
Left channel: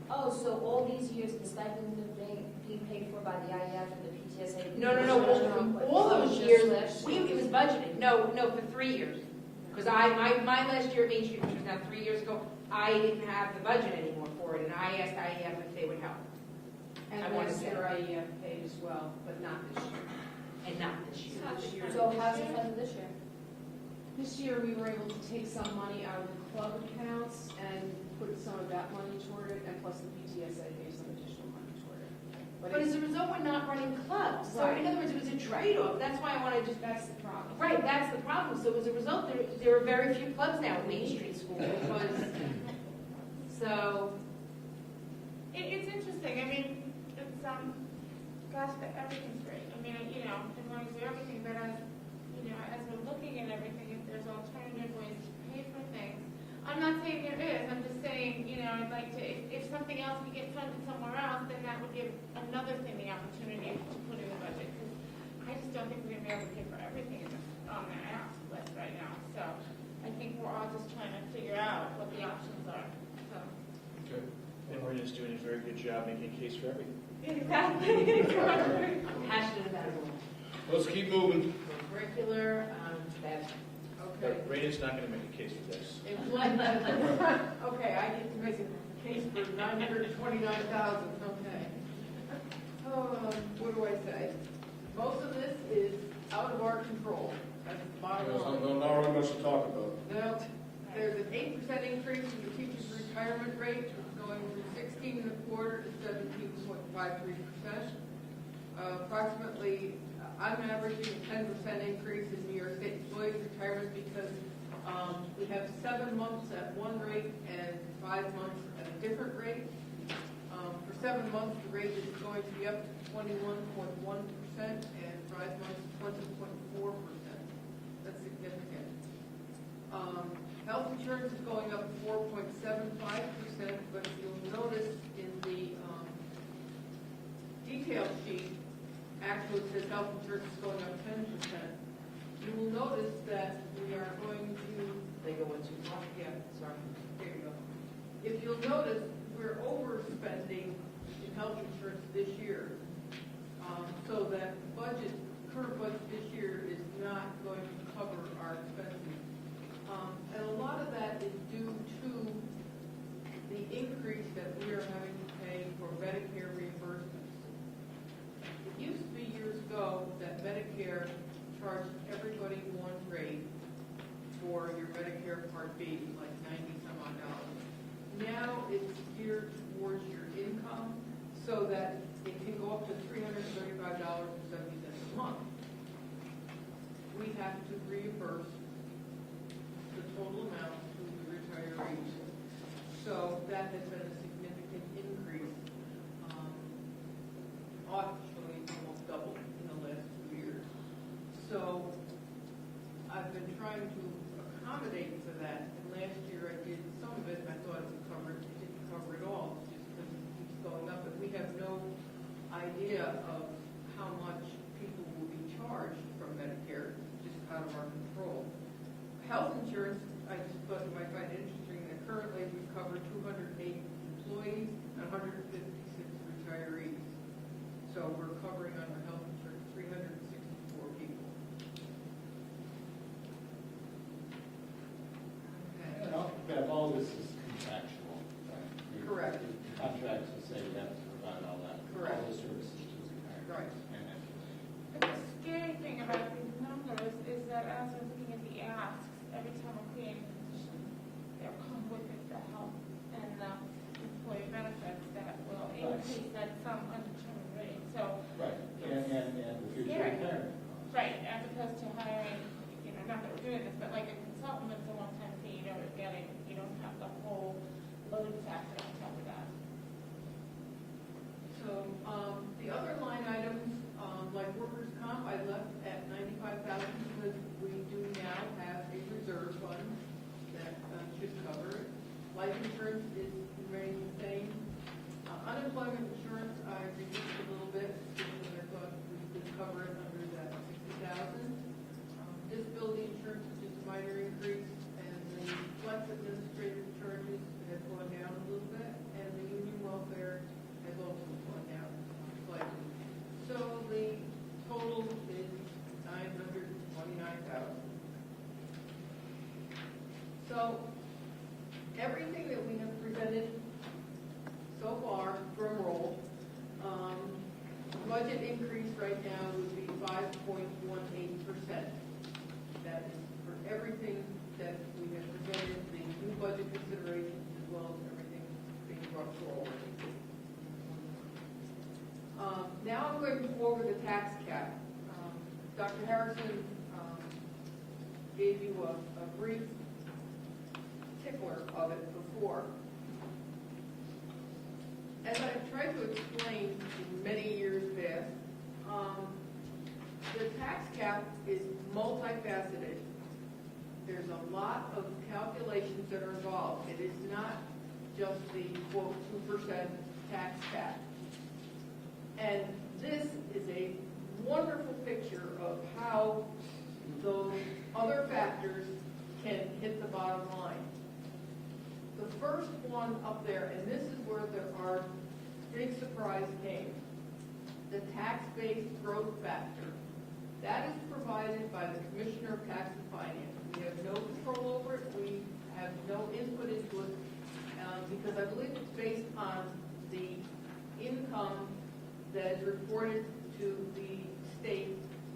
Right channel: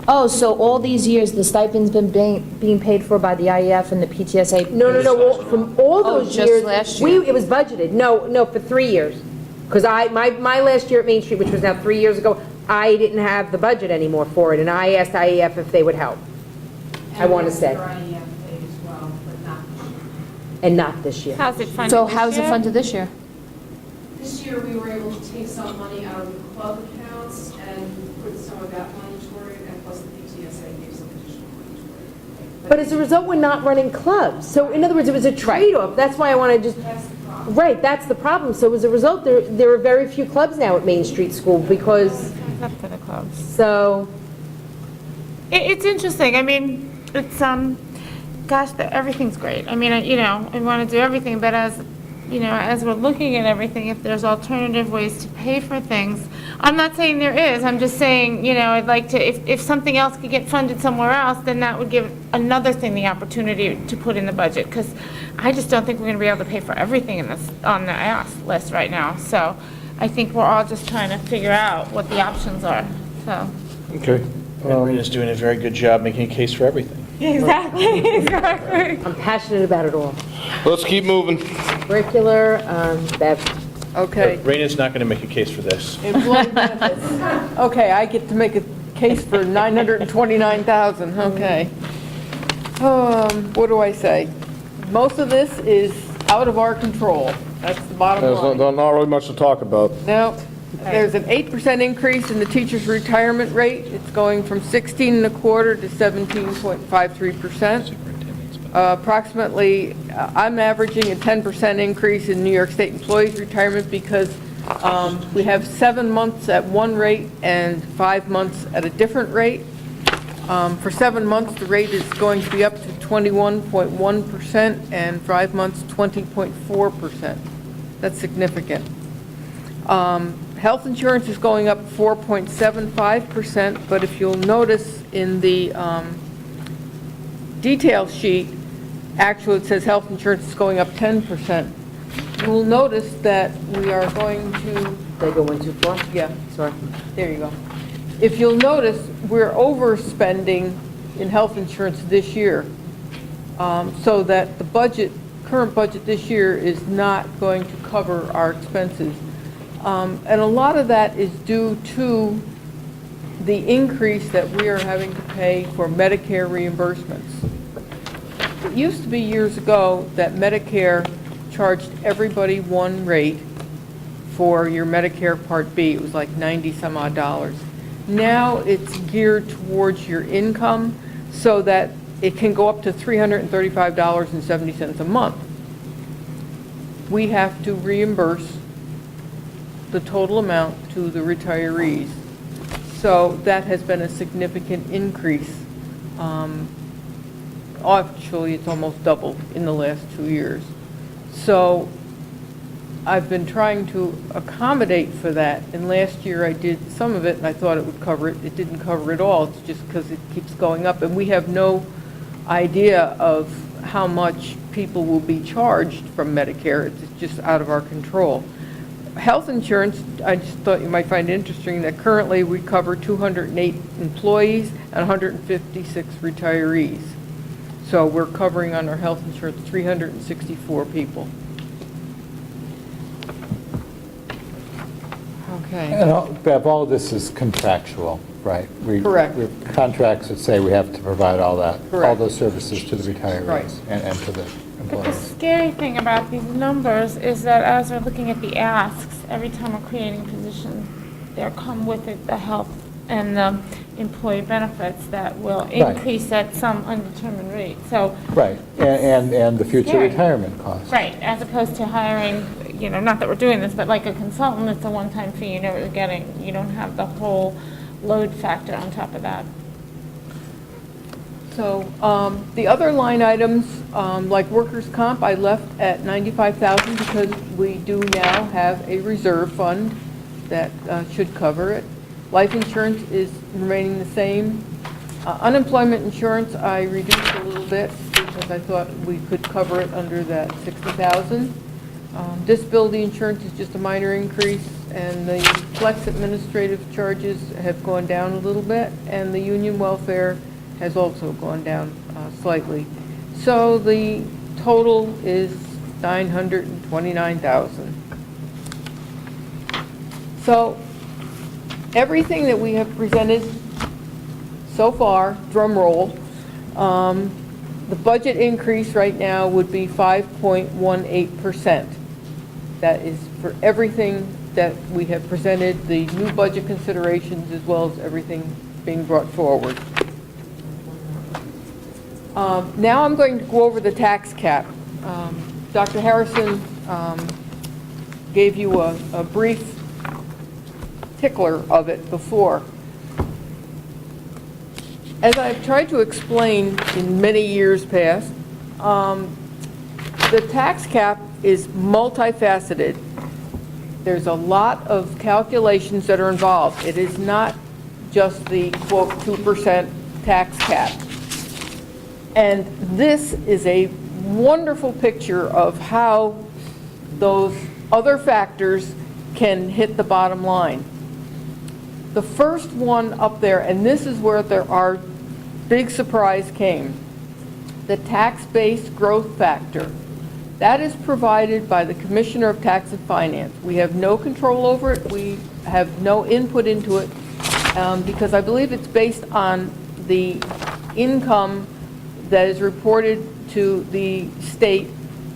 Oh, so all these years, the stipend's been being paid for by the IEF and the PTSA? No, from all Oh, those just years. last year. It was budgeted, no, for 3 years. Because my last year at Main Street, which was now 3 years ago, I didn't have the budget anymore for it, and I asked IEF if they would help. I want to say. And not this year. How's it funded So this how's it year? funded this year? This year, we were able to take some money out of the club accounts and put some of that money toward it, and plus the PTSA gave some additional money toward it. But as a result, we're not running clubs. So in other words, it was a trade-off. That's why I want to just, That's the problem. right, that's the problem. So as a result, there are very few clubs now at Main Street School because, It's up to the clubs. so, It's interesting. I mean, it's, gosh, everything's great. I mean, I want to do everything, but as we're looking at everything, if there's alternative ways to pay for things, I'm not saying there is, I'm just saying, I'd like to, if something else could get funded somewhere else, then that would give another thing the opportunity to put in the budget, because I just don't think we're going to be able to pay for everything in this, on the ask list right now. So I think we're all just trying to figure out what the options are, so. Okay. Marina's doing a very good job making a case for everything. Exactly. I'm passionate about it all. Let's keep moving. Curricular, Bev. Okay. Raina's not going to make a case for this. Employee benefits. Okay, I get to make a case for 929,000, okay. What do I say? Most of this is out of our control. That's the bottom line. There's not really much to talk about. No, there's an 8% increase in the teacher's retirement rate. It's going from 16.25 to 17.53%. Approximately, I'm averaging a 10% increase in New York State employees' retirement because we have 7 months at one rate and 5 months at a different rate. For 7 months, the rate is going to be up to 21.1%, and 5 months, 20.4%. That's significant. Health insurance is going up 4.75%, but if you'll notice in the detail sheet, actually it says health insurance is going up 10%. You will notice that we are going to, Did I go one too far? yeah, Sorry. there you go. if you'll notice, we're overspending in health insurance this year, so that the budget, current budget this year is not going to cover our expenses. And a lot of that is due to the increase that we are having to pay for Medicare reimbursements. It used to be years ago that Medicare charged everybody one rate for your Medicare Part B. It was like 90 some odd dollars. Now it's geared towards your income so that it can go up to $335.70 a month. We have to reimburse the total amount to the retirees. So that has been a significant increase. Actually, it's almost doubled in the last 2 years. So I've been trying to accommodate for that, and last year I did some of it, and I thought it would cover it. It didn't cover it all, it's just because it keeps going up, and we have no idea of how much people will be charged from Medicare. It's just out of our control. Health insurance, I just thought you might find interesting that currently we cover 208 employees and 156 retirees. So we're covering on our health insurance 364 people. Okay. And Bev, all of this is contractual, right? Correct. We have contracts that say we have to provide all that, all Correct. those services to the Right. retirees and to the But the employees. scary thing about these numbers is that as we're looking at the asks, every time we're creating a position, there come with it the health and the employee benefits that will increase at some undetermined rate. So, Right, and the future Scary. retirement costs. right, as opposed to hiring, not that we're doing this, but like a consultant, it's a one-time fee, you know what you're getting. You don't have the whole load factor on top of that. So the other line items, like workers' comp, I left at $95,000 because we do now have a reserve fund that should cover it. Life insurance is remaining the same. Unemployment insurance, I reduced a little bit because I thought we could cover it under that $60,000. Disability insurance is just a minor increase, and the flex administrative charges have gone down a little bit, and the union welfare has also gone down slightly. So the total is $929,000. So everything that we have presented so far, drum roll, the budget increase right now would be 5.18%. That is for everything that we have presented, the new budget considerations, as well as everything being brought forward. Now I'm going to go over the tax cap. Dr. Harrison gave you a brief tickler of it before. As I've tried to explain in many years past, the tax cap is multifaceted. There's a lot of calculations that are involved. It is not just the, quote, 2% tax cap. And this is a wonderful picture of how those other factors can hit the bottom line. The first one up there, and this is where our big surprise came, the tax-based growth factor. That is provided by the Commissioner of Tax and Finance. We have no control over it. We have no input into it because I believe it's based on the income that is reported to the state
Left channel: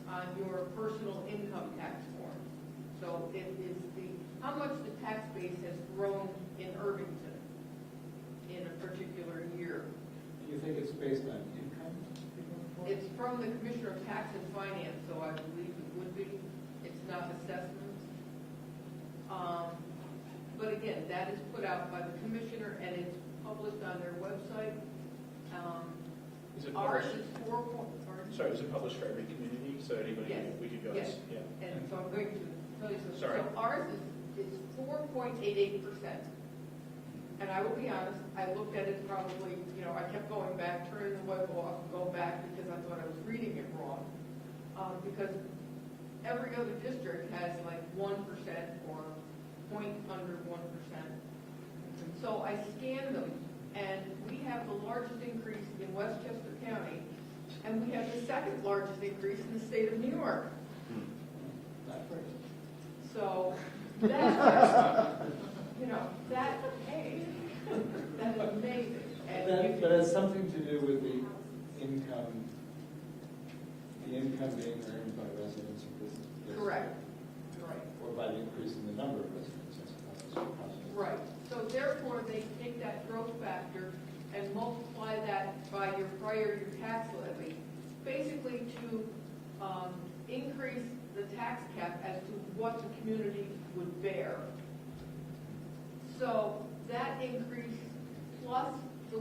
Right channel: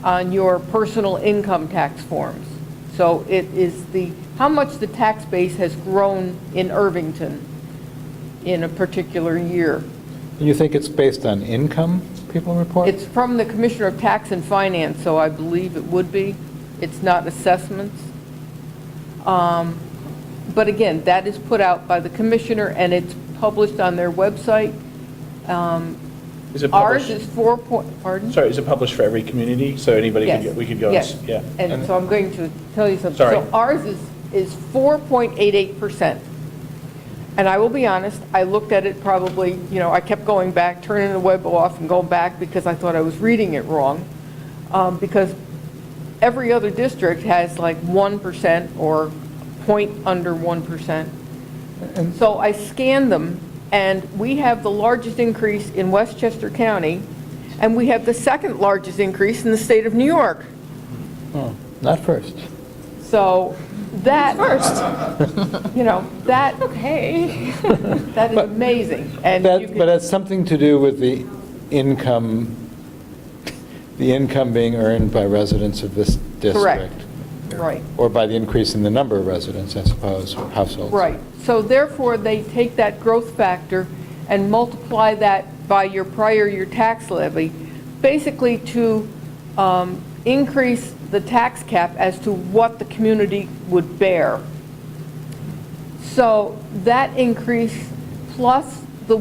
on your personal income tax forms. So it is how much the tax base has grown in Irvington in a particular year. You think it's based on income people report? It's from the Commissioner of Tax and Finance, so I believe it would be. It's not assessments. But again, that is put out by the Commissioner, and it's published on their website. Is it Ours published? is 4 point, pardon? Sorry, is it published for every community? So anybody Yes. we could go, Yes. yeah. And so I'm going to tell you something. Sorry. So ours is 4.88%. And I will be honest, I looked at it probably, I kept going back, turning the web off and going back because I thought I was reading it wrong. Because every other district has like 1% or point under 1%. So I scanned them, and we have the largest increase in Westchester County, and we have the second largest increase in the state of New York. Oh, not first. So that, that, Okay. that is amazing. And you But could, it's something to do with the income being earned by residents of this district. Correct. Right. Or by the increase in the number of residents, I suppose, households. Right. So therefore, they take that growth factor and multiply that by your prior year tax levy, basically to increase the tax cap as to what the community would bear. So that increase plus the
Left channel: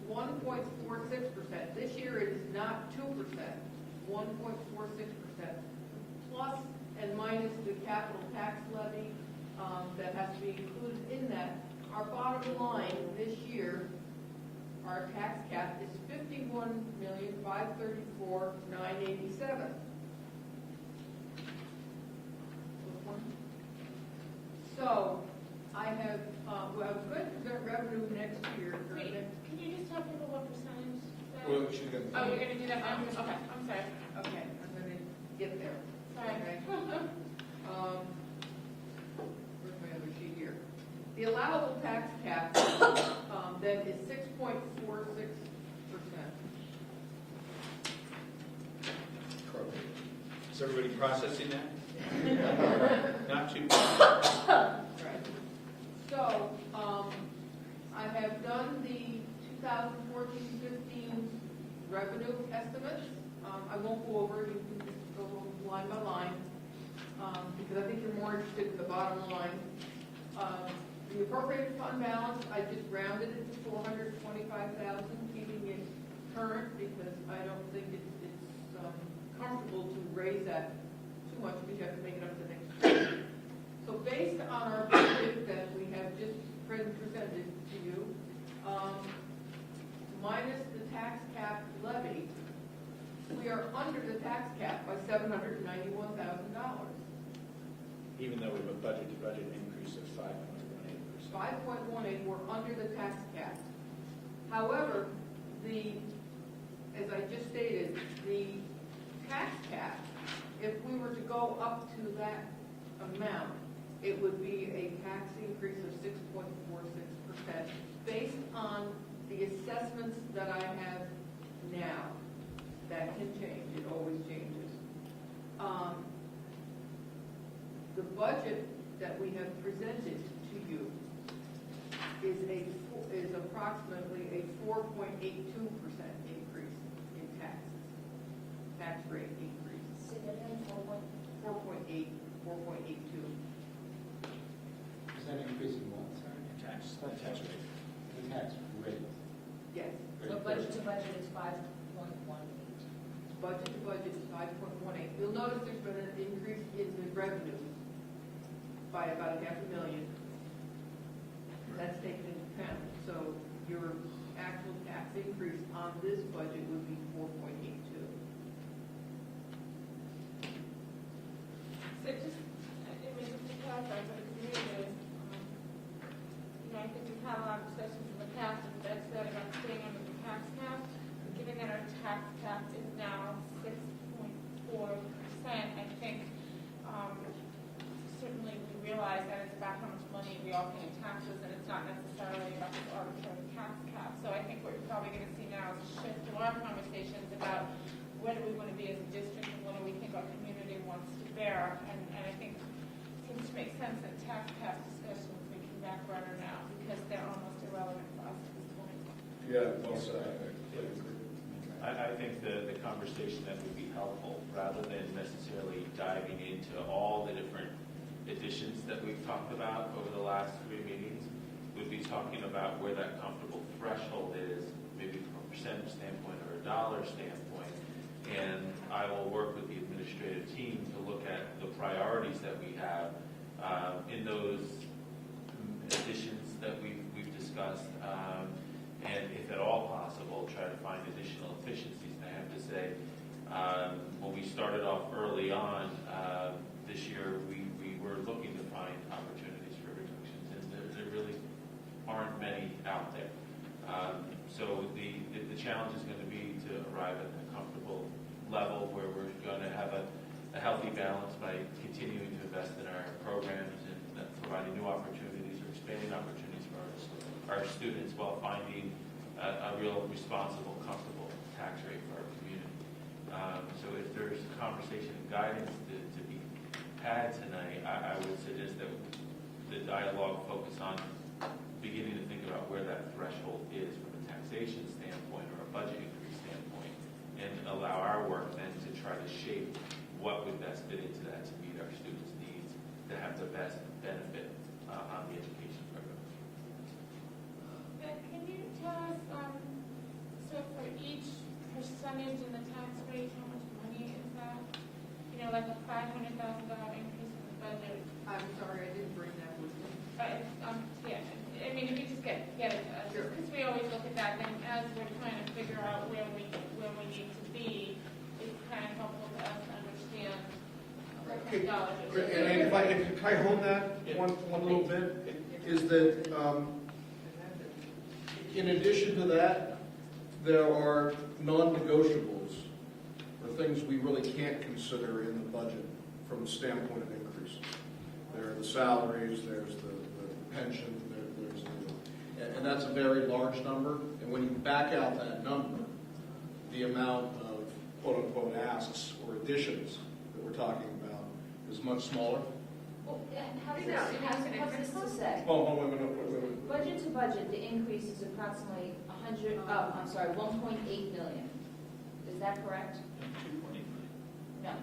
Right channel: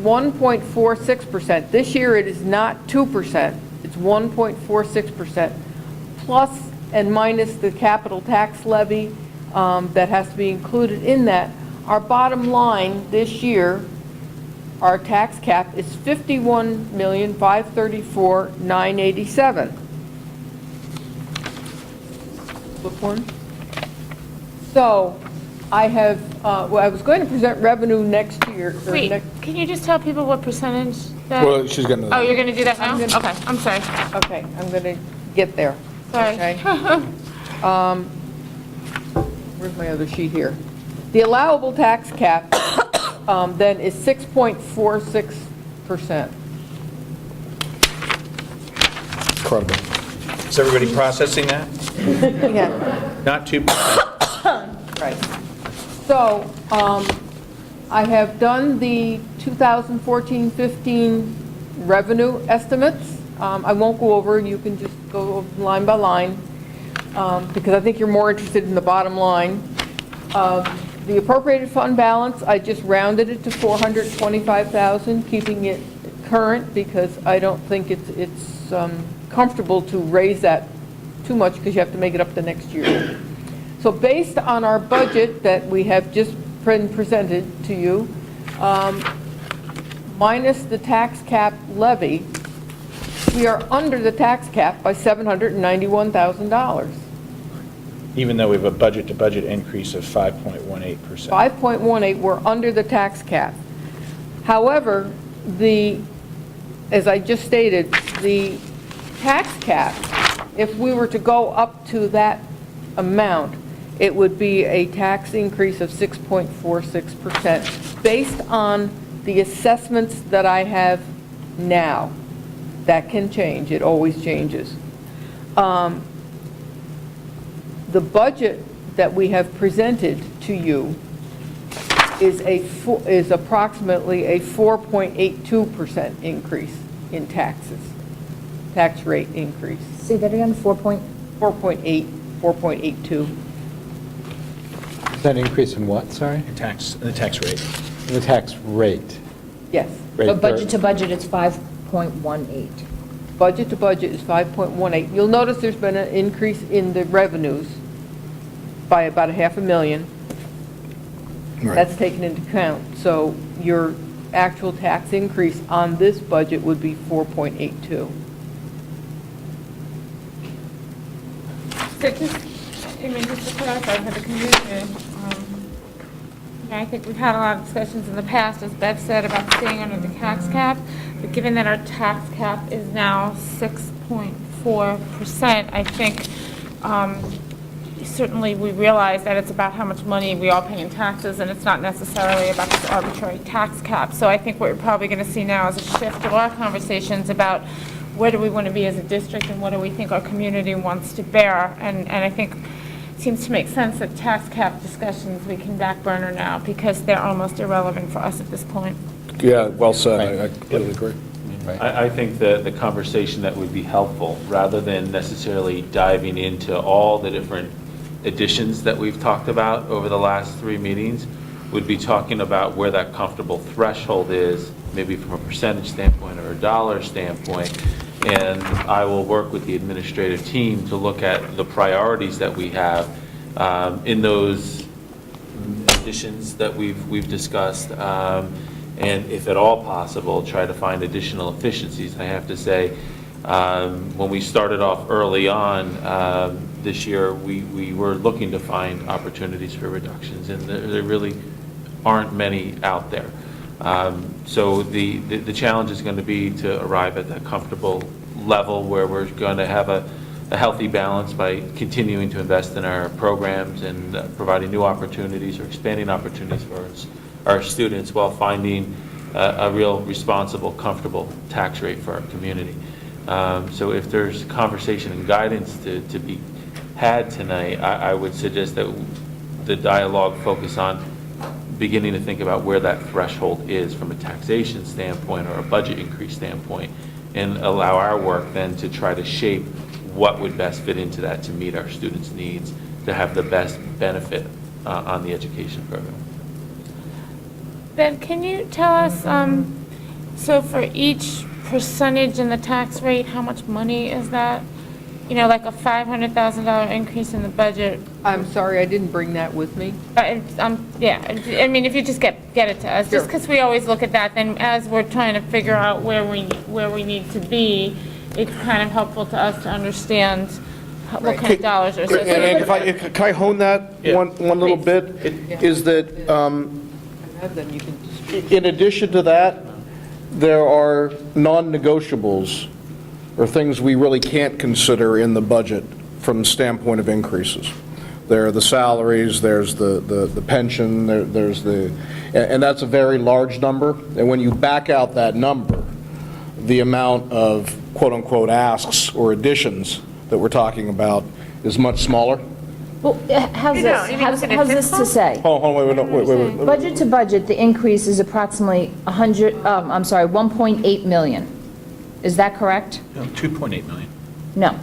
1.46%. This year it is not 2%, it's 1.46%, plus and minus the capital tax levy that has to be included in that. Our bottom line this year, our tax cap is $51,534,987. Flip one. So I have, well, I was going to present revenue next year. or Wait, next- can you just tell people what percentage that? Well, she's getting to Oh, that. you're going to do that now? I'm gonna- Okay, I'm sorry. Okay, I'm going to get there. Sorry. Okay. Where's my other sheet here? The allowable tax cap then is 6.46%. Incredible. Is everybody processing that? Yeah. Not 2%. Right. So I have done the 2014-15 revenue estimates. I won't go over, you can just go line by line, because I think you're more interested in the bottom line. The appropriated fund balance, I just rounded it to 425,000, keeping it current, because I don't think it's comfortable to raise that too much, because you have to make it up the next year. So based on our budget that we have just presented to you, minus the tax cap levy, we are under the tax cap by $791,000. Even though we have a budget-to-budget increase of 5.18%. 5.18, we're under the tax cap. However, as I just stated, the tax cap, if we were to go up to that amount, it would be a tax increase of 6.46% based on the assessments that I have now. That can change, it always changes. The budget that we have presented to you is approximately a 4.82% increase in taxes, tax rate increase. Say that again, 4.8, 4.82. Is that an increase in what, sorry? The tax rate. The tax rate. Yes. Rate But budget per- to budget, it's 5.18. Budget to budget is 5.18. You'll notice there's been an increase in the revenues by about $500,000. Right. That's taken into account. So your actual tax increase on this budget would be 4.82. So just, I mean, just to clarify for the community, I think we've had a lot of discussions in the past, as Bev said, about staying under the tax cap, but given that our tax cap is now 6.4%, I think certainly we realize that it's about how much money we all pay in taxes, and it's not necessarily about this arbitrary tax cap. So I think what we're probably going to see now is a shift of our conversations about where do we want to be as a district and what do we think our community wants to bear. And I think it seems to make sense that tax cap discussions we can back burner now because they're almost irrelevant for us at this point. Yeah, well said. I completely agree. I think the conversation that would be helpful, rather than necessarily diving into all the different additions that we've talked about over the last 3 meetings, would be talking about where that comfortable threshold is, maybe from a percentage standpoint or a dollar standpoint. And I will work with the administrative team to look at the priorities that we have in those additions that we've discussed. And if at all possible, try to find additional efficiencies. I have to say, when we started off early on this year, we were looking to find opportunities for reductions, and there really aren't many out there. So the challenge is going to be to arrive at that comfortable level where we're going to have a healthy balance by continuing to invest in our programs and providing new opportunities or expanding opportunities for our students while finding a real responsible, comfortable tax rate for our community. So if there's conversation and guidance to be had tonight, I would suggest that the dialogue focus on beginning to think about where that threshold is from a taxation standpoint or a budget increase standpoint, and allow our work then to try to shape what would best fit into that to meet our students' needs, to have the best benefit on the education program. Ben, can you tell us, so for each percentage in the tax rate, how much money is that? You know, like a $500,000 increase in the budget. I'm sorry, I didn't bring that with me. Yeah, I mean, if you just get it to us, just because we always look at that, then as we're trying to figure out where we need to be, it's kind of helpful to us to understand what kind of dollars are And associated. can I hone that one little bit? Is that, I have them, you can just. in addition to that, there are non-negotiables, or things we really can't consider in the budget from the standpoint of increases. There are the salaries, there's the pension, there's the, and that's a very large number. And when you back out that number, the amount of quote-unquote asks or additions that we're talking about is much smaller. Well, how's this to say? Hold on, wait. Budget to budget, the increase is approximately 1.8 million. Is that correct? No, 2.8 million. No.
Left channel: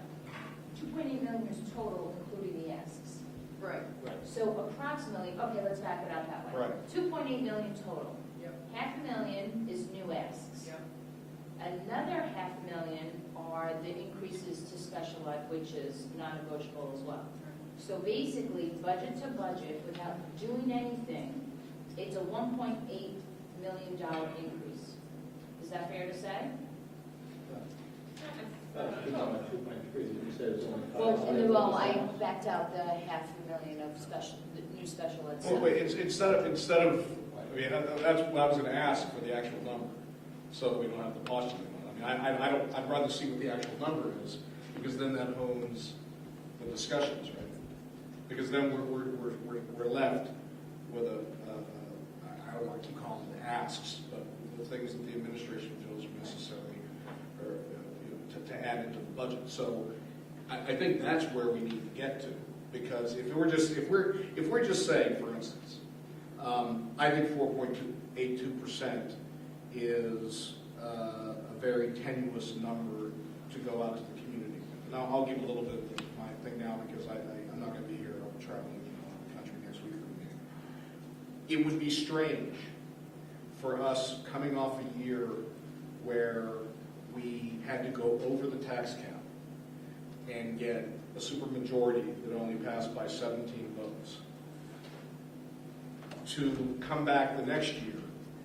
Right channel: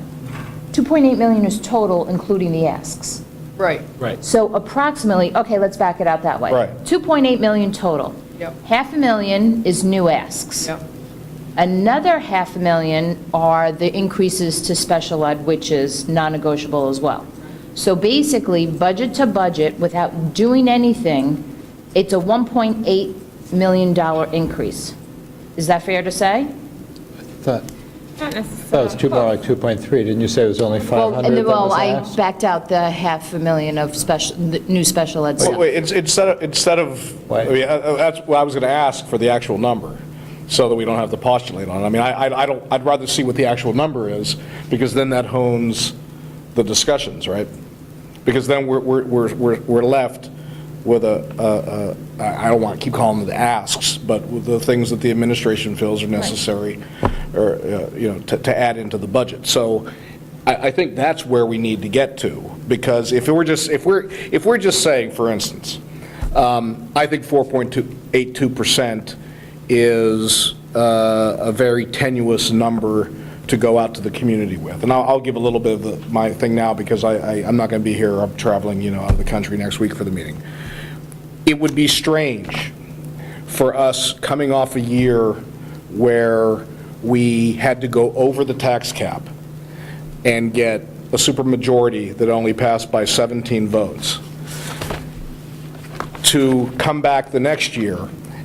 2.8 million is total, including the asks. Right. Right. So approximately, okay, let's back it out that way. Right. 2.8 million total. Yep. $500,000 is new asks. Yep. Another $500,000 are the increases to special ed, which is non-negotiable as well. So basically, budget to budget, without doing anything, it's a $1.8 million increase. Is that fair to say? Thought Not that was necessarily. more like 2.3. Didn't you say it was only 500 that Well, was I asked? backed out the $500,000 of the new special ed stuff. Wait, instead of, I mean, that's what I was going to ask for the actual number, so that we don't have to postulate on it. I mean, I'd rather see what the actual number is, because then that hones the discussions, right? Because then we're left with I don't want to keep calling them the asks, but with the things that the administration feels are necessary, or, to add into the budget. So I think that's where we need to get to, because if we're just saying, for instance, I think 4.82% is a very tenuous number to go out to the community with. And I'll give a little bit of my thing now, because I'm not going to be here. I'm traveling, out of the country next week for the meeting. It would be strange for us coming off a year where we had to go over the tax cap and get a supermajority that only passed by 17 votes, to come back the next year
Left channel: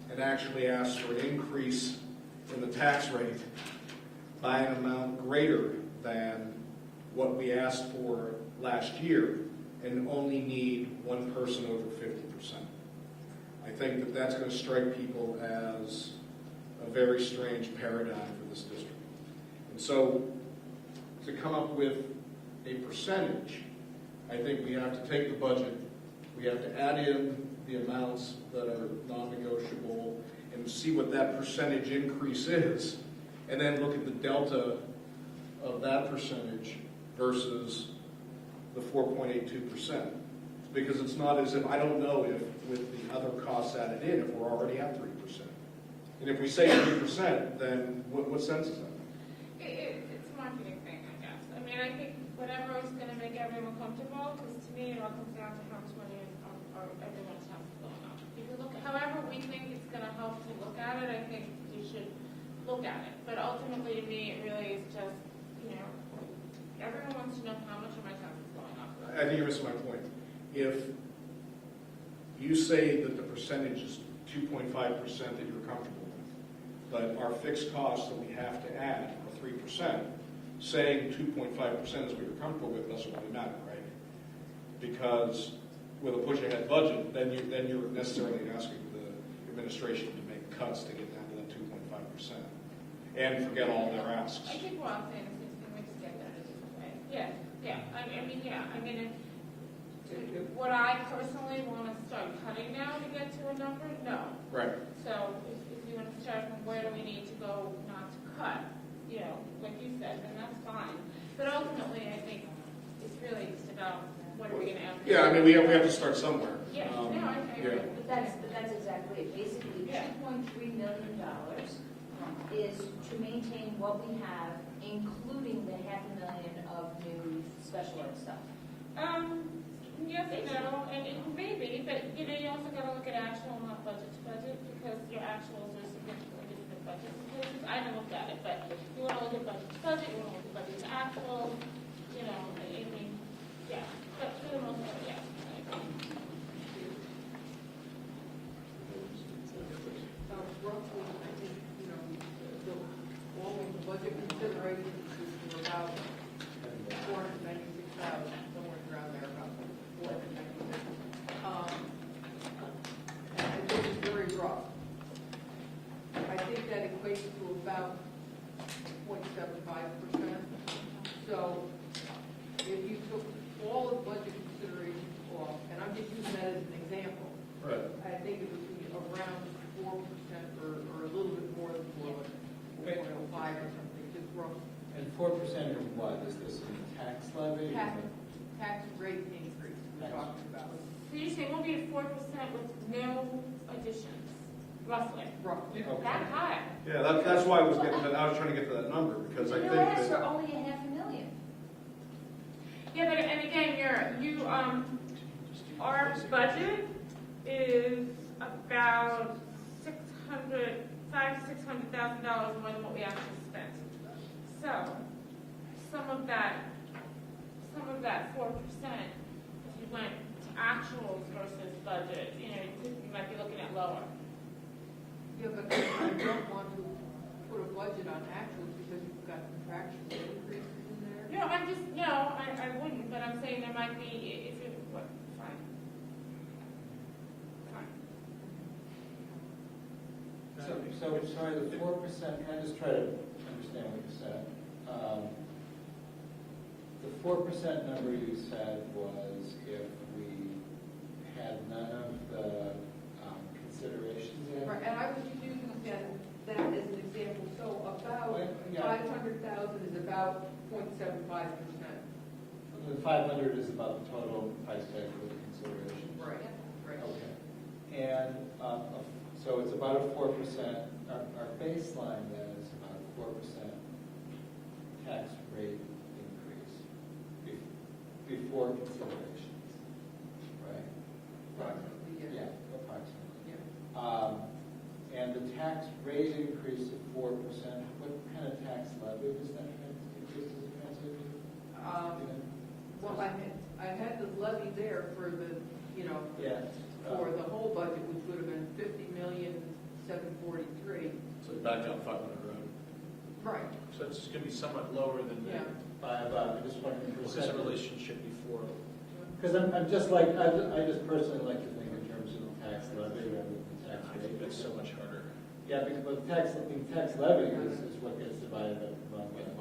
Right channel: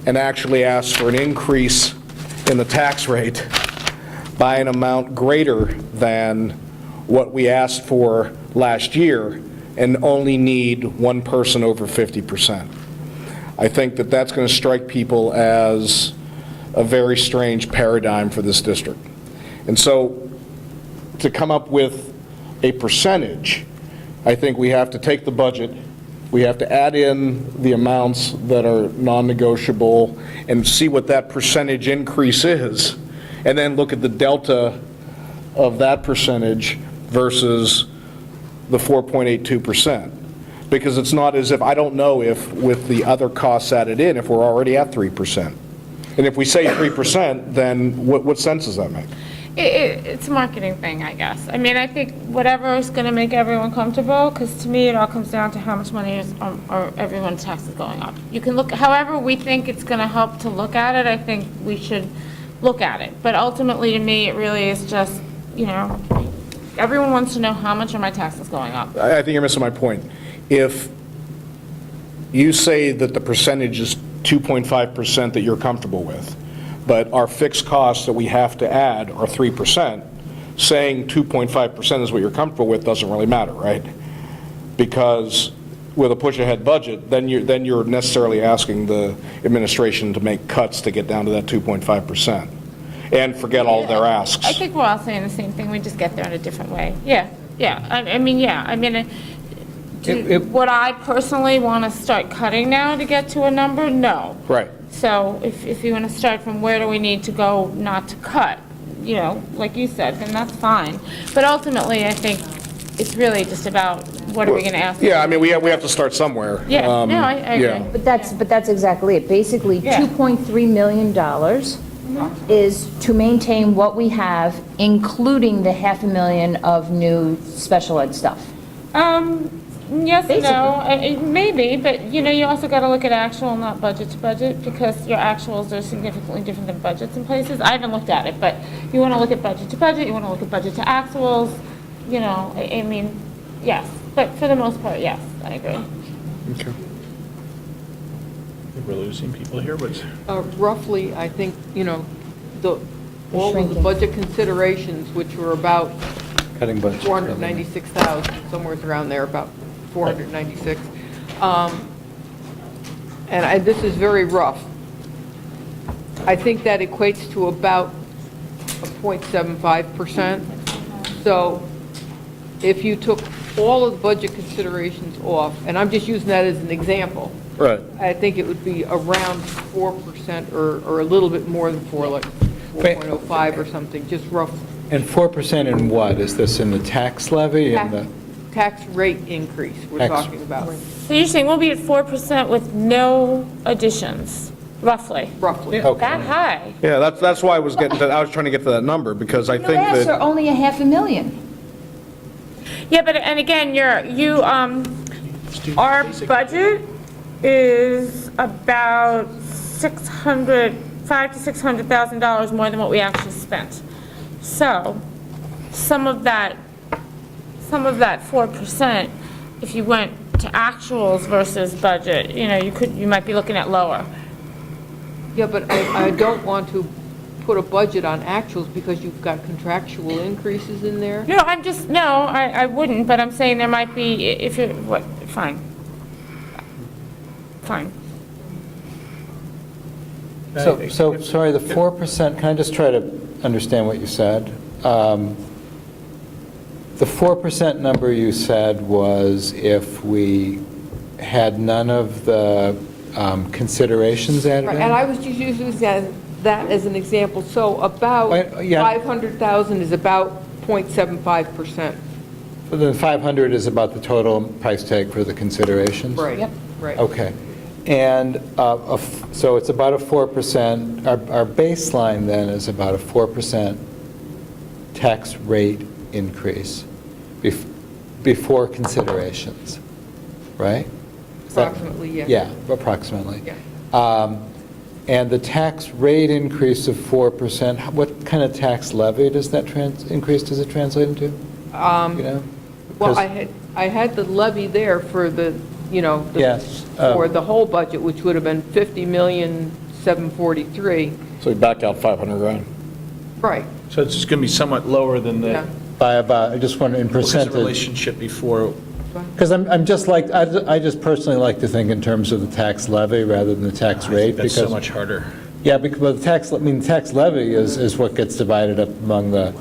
and actually ask for an increase in the tax rate by an amount greater than what we asked for last year, and only need one person over 50%. I think that that's going to strike people as a very strange paradigm for this district. And so to come up with a percentage, I think we have to take the budget, we have to add in the amounts that are non-negotiable and see what that percentage increase is, and then look at the delta of that percentage versus the 4.82%. Because it's not as if, I don't know if with the other costs added in, if we're already at 3%. And if we say 3%, then what sense does that make? It's a marketing thing, I guess. I mean, I think whatever is going to make everyone comfortable, because to me, it all comes down to how much money is, or everyone's taxes going up. You can look, however we think it's going to help to look at it, I think we should look at it. But ultimately, to me, it really is just, everyone wants to know how much are my taxes going up. I think you're missing my point. If you say that the percentage is 2.5% that you're comfortable with, but our fixed costs that we have to add are 3%, saying 2.5% is what you're comfortable with doesn't really matter, right? Because with a push-ahead budget, then you're necessarily asking the administration to make cuts to get down to that 2.5%, and forget all their asks. I think we're all saying the same thing, we just get there in a different way. Yeah, yeah, I mean, yeah, I mean, would I personally want to start cutting now to get to a number? No. Right. So if you want to start from where do we need to go not to cut, you know, like you said, then that's fine. But ultimately, I think it's really just about what are we going to ask? Yeah, I mean, we have to start somewhere. Yeah, no, I agree. yeah. But that's exactly it. Basically, Yeah. $2.3 million is to maintain what we have, including the $500,000 of new special ed stuff. Yes and no, maybe, but you know, you also got to look at actual, not budget to budget, because your actuals are significantly different than budgets in places. I haven't looked at it, but you want to look at budget to budget, you want to look at budget to actuals, you know, I mean, yes, but for the most part, yes, I agree. Okay. We're losing people here, but Roughly, I think, you know, all of the shrinking. budget considerations, which were about Cutting budget. 496,000, somewhere around there, about 496. And this is very rough. I think that equates to about a 0.75%. So if you took all of the budget considerations off, and I'm just using that as an example, Right. I think it would be around 4% or a little bit more than 4, like 4.05 or something, just rough. And 4% in what? Is this in the tax levy and the? Tax rate increase we're Tax- talking about, So you're saying we'll be at 4% with no additions, roughly? roughly. That high? Yeah, that's why I was trying to get to that number, because I think Last that. are only $500,000. Yeah, but, and again, our budget is about $500,000 to $600,000 more than what we actually spent. So, some of that 4%, if you went to actuals versus budget, you know, you might be looking at lower. Yeah, but I don't want to put a budget on actuals because you've got contractual increases in there. No, I wouldn't, but I'm saying there might be, if you're, fine. Fine. So, sorry, the 4%, can I just try to understand what you said? The 4% number you said was if we had none of the considerations added Right, in? and I was just using that as an example. So about Yeah. 500,000 is about 0.75%. So then 500 is about the total price tag for the considerations? Right. Yep. Right. Okay. And so it's about a 4%, our baseline then is about a 4% tax rate increase before considerations, right? Is that- Approximately, yeah. Yeah, approximately. Yeah. And the tax rate increase of 4%, what kind of tax levy does that increase, does it translate into? You know? Well, Because- I had the levy there for the, you know, Yes. for the whole budget, which would have been 50,743,000. So we backed out 500,000. Right. so it's going to be somewhat lower than Yeah. By about, I just wonder in because the percentage. relationship before. Because I'm just like, I just personally like to think in terms of the tax levy rather than the tax I rate. think that's so because much harder. Yeah, because the tax levy is what gets divided up among the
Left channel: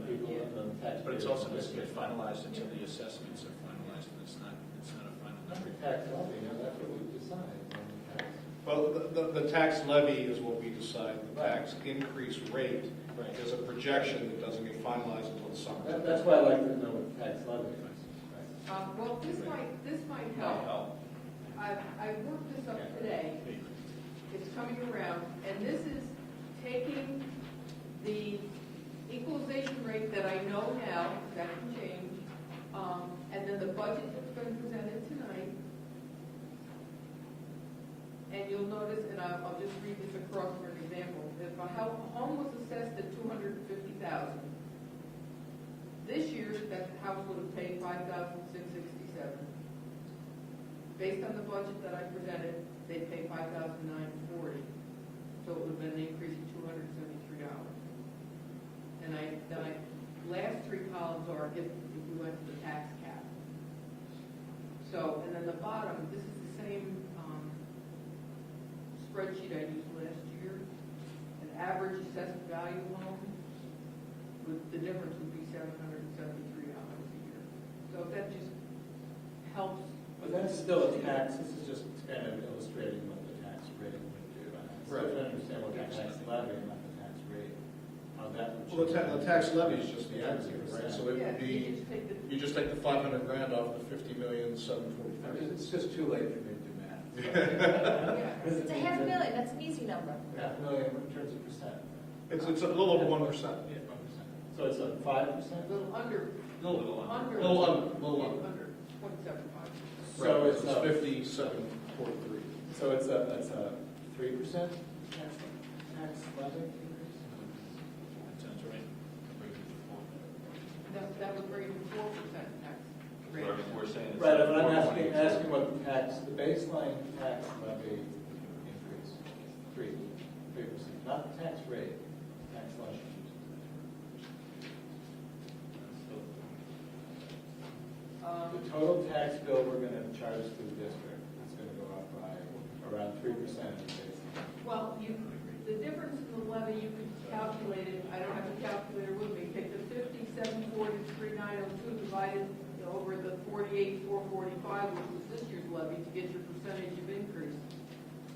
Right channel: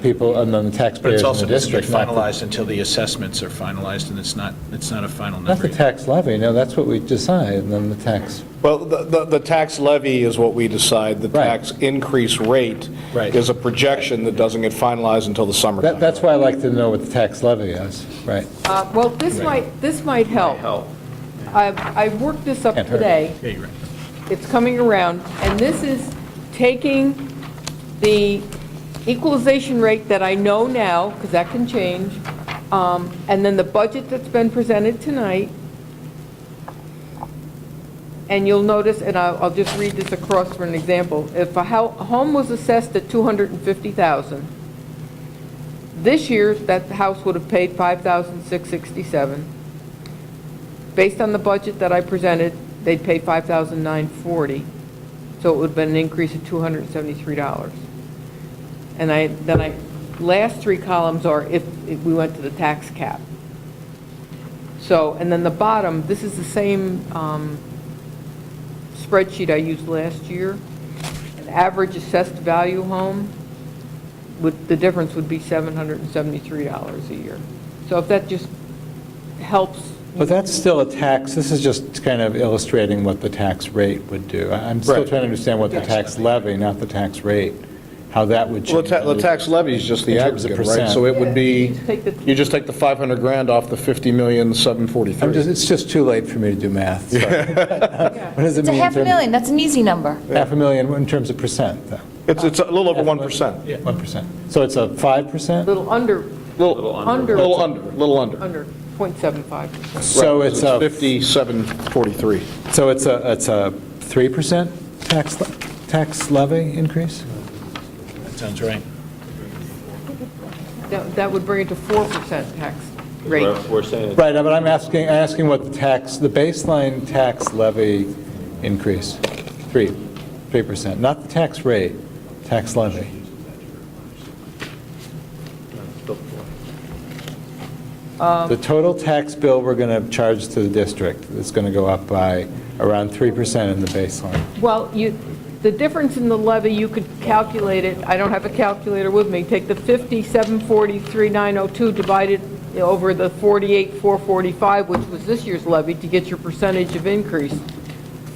people, among the But taxpayers it's in also the doesn't get district. finalized until the assessments are finalized, and it's not a final Not number. the tax levy, no, that's what we decide, and then the tax. Well, the tax levy is what we decide. The Right. tax increase rate Right. is a projection that doesn't get finalized until the summertime. That's why I like to know what the tax levy is, right? Well, this might help. I worked this up Can't hurt. today. Yeah, you're right. It's coming around, and this is taking the equalization rate that I know now, because that can change, and then the budget that's been presented tonight, and you'll notice, and I'll just read this across for an example. If a home was assessed at $250,000, this year, that house would have paid $5,667. Based on the budget that I presented, they'd pay $5,940, so it would have been an increase of $273. And last three columns are if we went to the tax cap. So, and then the bottom, this is the same spreadsheet I used last year. An average assessed value home, the difference would be $773 a year. So if that just helps. But that's still a tax, this is just kind of illustrating what the tax rate would do. I'm still Right. trying to understand what the tax levy, not the tax rate, how that would Well, change. the tax levy is just the In terms of aggregate, right? percent. So it would Yeah, be, you just take the- you just take the 500 grand off the 50,743. It's just too late for me to do math, sorry. What does it It's a mean? half a million, that's an easy number. Half a million in terms of percent, though? It's a little over 1%. 1%. So it's a 5%? Little under, Little under, Little under. under 0.75. So Right, it's a, 5743. so it's a 3% tax levy increase? That sounds right. That would bring it to 4% tax rate. We're saying it's Right, but I'm asking what the baseline tax levy increase, 3%, not the tax rate, tax levy. The total tax bill we're going to charge to the district is going to go up by around 3% in the baseline. Well, the difference in the levy, you could calculate it, I don't have a calculator with me, take the 5743,902, divide it over the 48,445, which was this year's levy, to get your percentage of increase.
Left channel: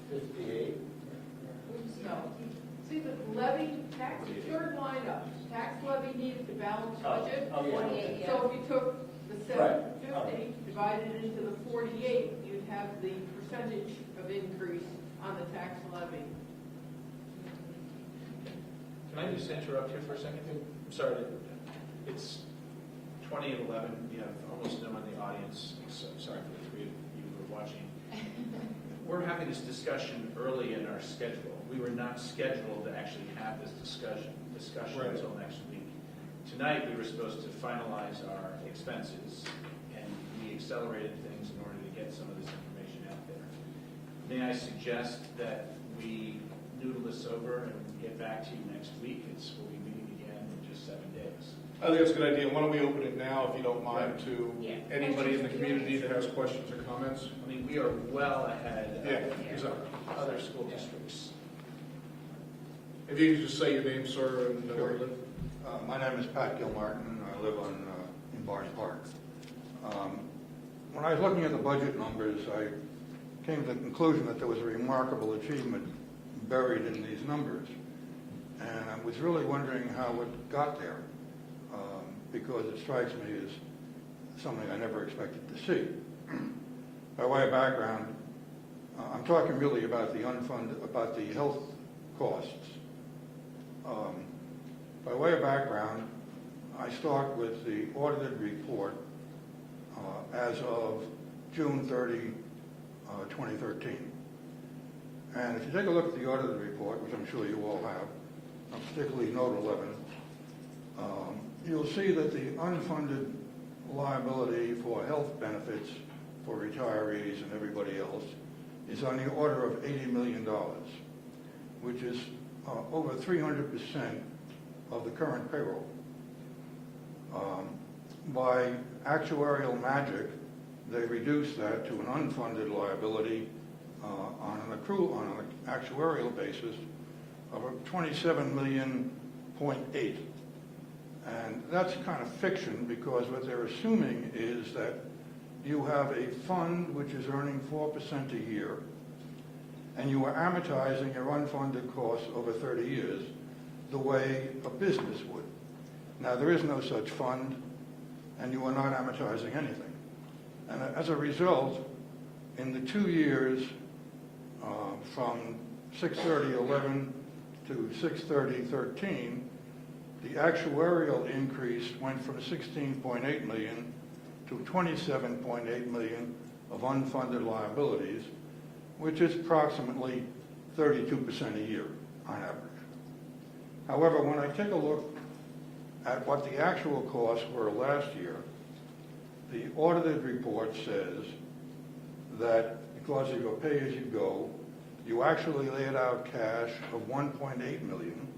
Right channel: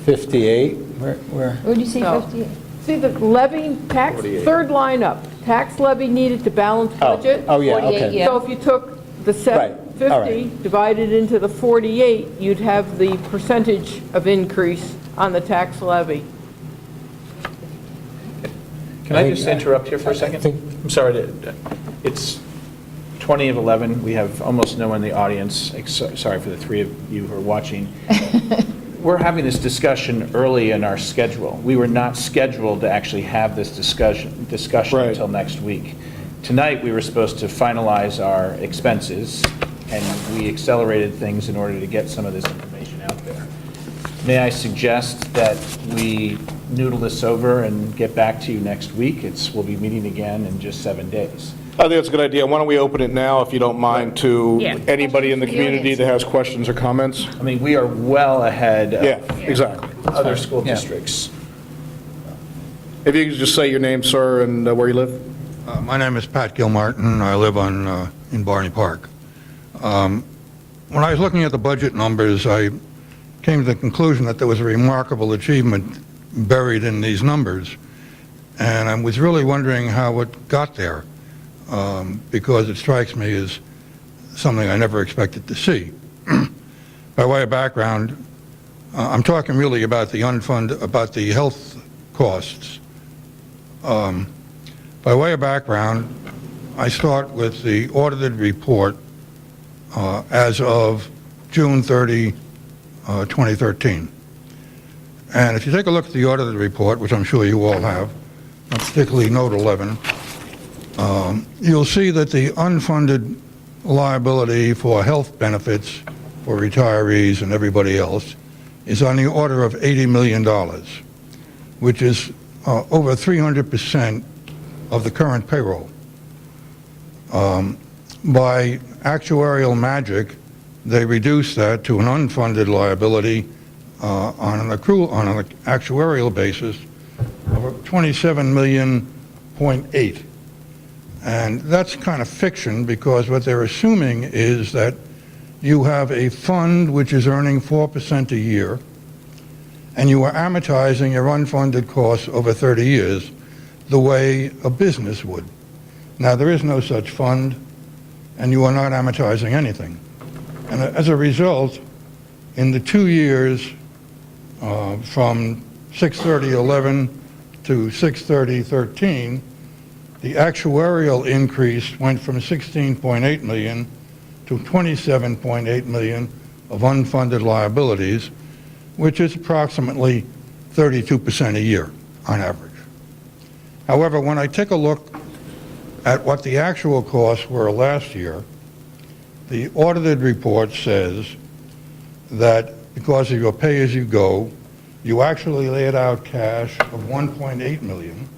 58, where? What would you say, No. 58? See the levy, tax, third line up, tax levy needed to balance budget. Oh, yeah, 48, okay. yeah. So if you took the Right, all 50, divided into the 48, you'd have the percentage of increase on the tax levy. Can I just interrupt here for a second? I'm sorry, it's 20 of 11, we have almost no one in the audience, sorry for the three of you who are watching. We're having this discussion early in our schedule. We were not scheduled to actually have this discussion Right. until next week. Tonight, we were supposed to finalize our expenses, and we accelerated things in order to get some of this information out there. May I suggest that we noodle this over and get back to you next week? We'll be meeting again in just 7 days. I think it's a good idea. Why don't we open it now, if you don't mind, to Yeah. anybody in the community that has questions or comments? I mean, we are well ahead Yeah, of exactly. other school Yeah. districts. If you could just say your name, sir, and where you live? My name is Pat Gilmartin. I live in Barney Park. When I was looking at the budget numbers, I came to the conclusion that there was a remarkable achievement buried in these numbers. And I was really wondering how it got there, because it strikes me as something I never expected to see. By way of background, I'm talking really about the about the health costs. By way of background, I start with the audited report as of June 30, 2013. And if you take a look at the audited report, which I'm sure you all have, particularly Note 11, you'll see that the unfunded liability for health benefits for retirees and everybody else is on the order of $80 million, which is over 300% of the current payroll. By actuarial magic, they reduced that to an unfunded liability on an actuarial basis of $27.8 million. And that's kind of fiction, because what they're assuming is that you have a fund which is earning 4% a year, and you are amortizing your unfunded costs over 30 years the way a business would. Now, there is no such fund, and you are not amortizing anything. And as a result, in the 2 years from 6/30/11 to 6/30/13, the actuarial increase went from 16.8 million to 27.8 million of unfunded liabilities, which is approximately 32% a year on average. However, when I take a look at what the actual costs were last year, the audited report says that because of your pay-as-you-go, you actually laid out cash of 1.8 million,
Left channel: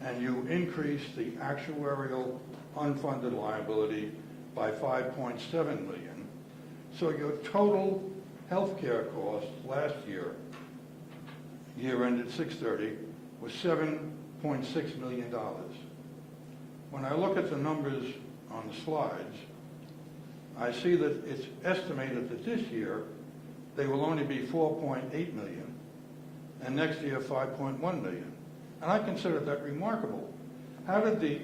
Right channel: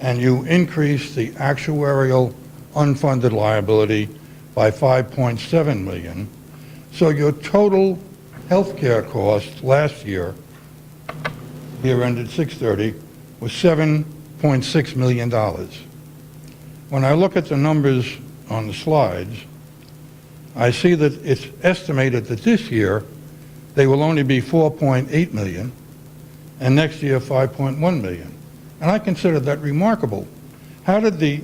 and you increased the actuarial unfunded liability by 5.7 million, So your total healthcare cost last year, year ended 6/30, was $7.6 million. When I look at the numbers on the slides, I see that it's estimated that this year they will only be 4.8 million, and next year 5.1 million. And I consider that remarkable. How did the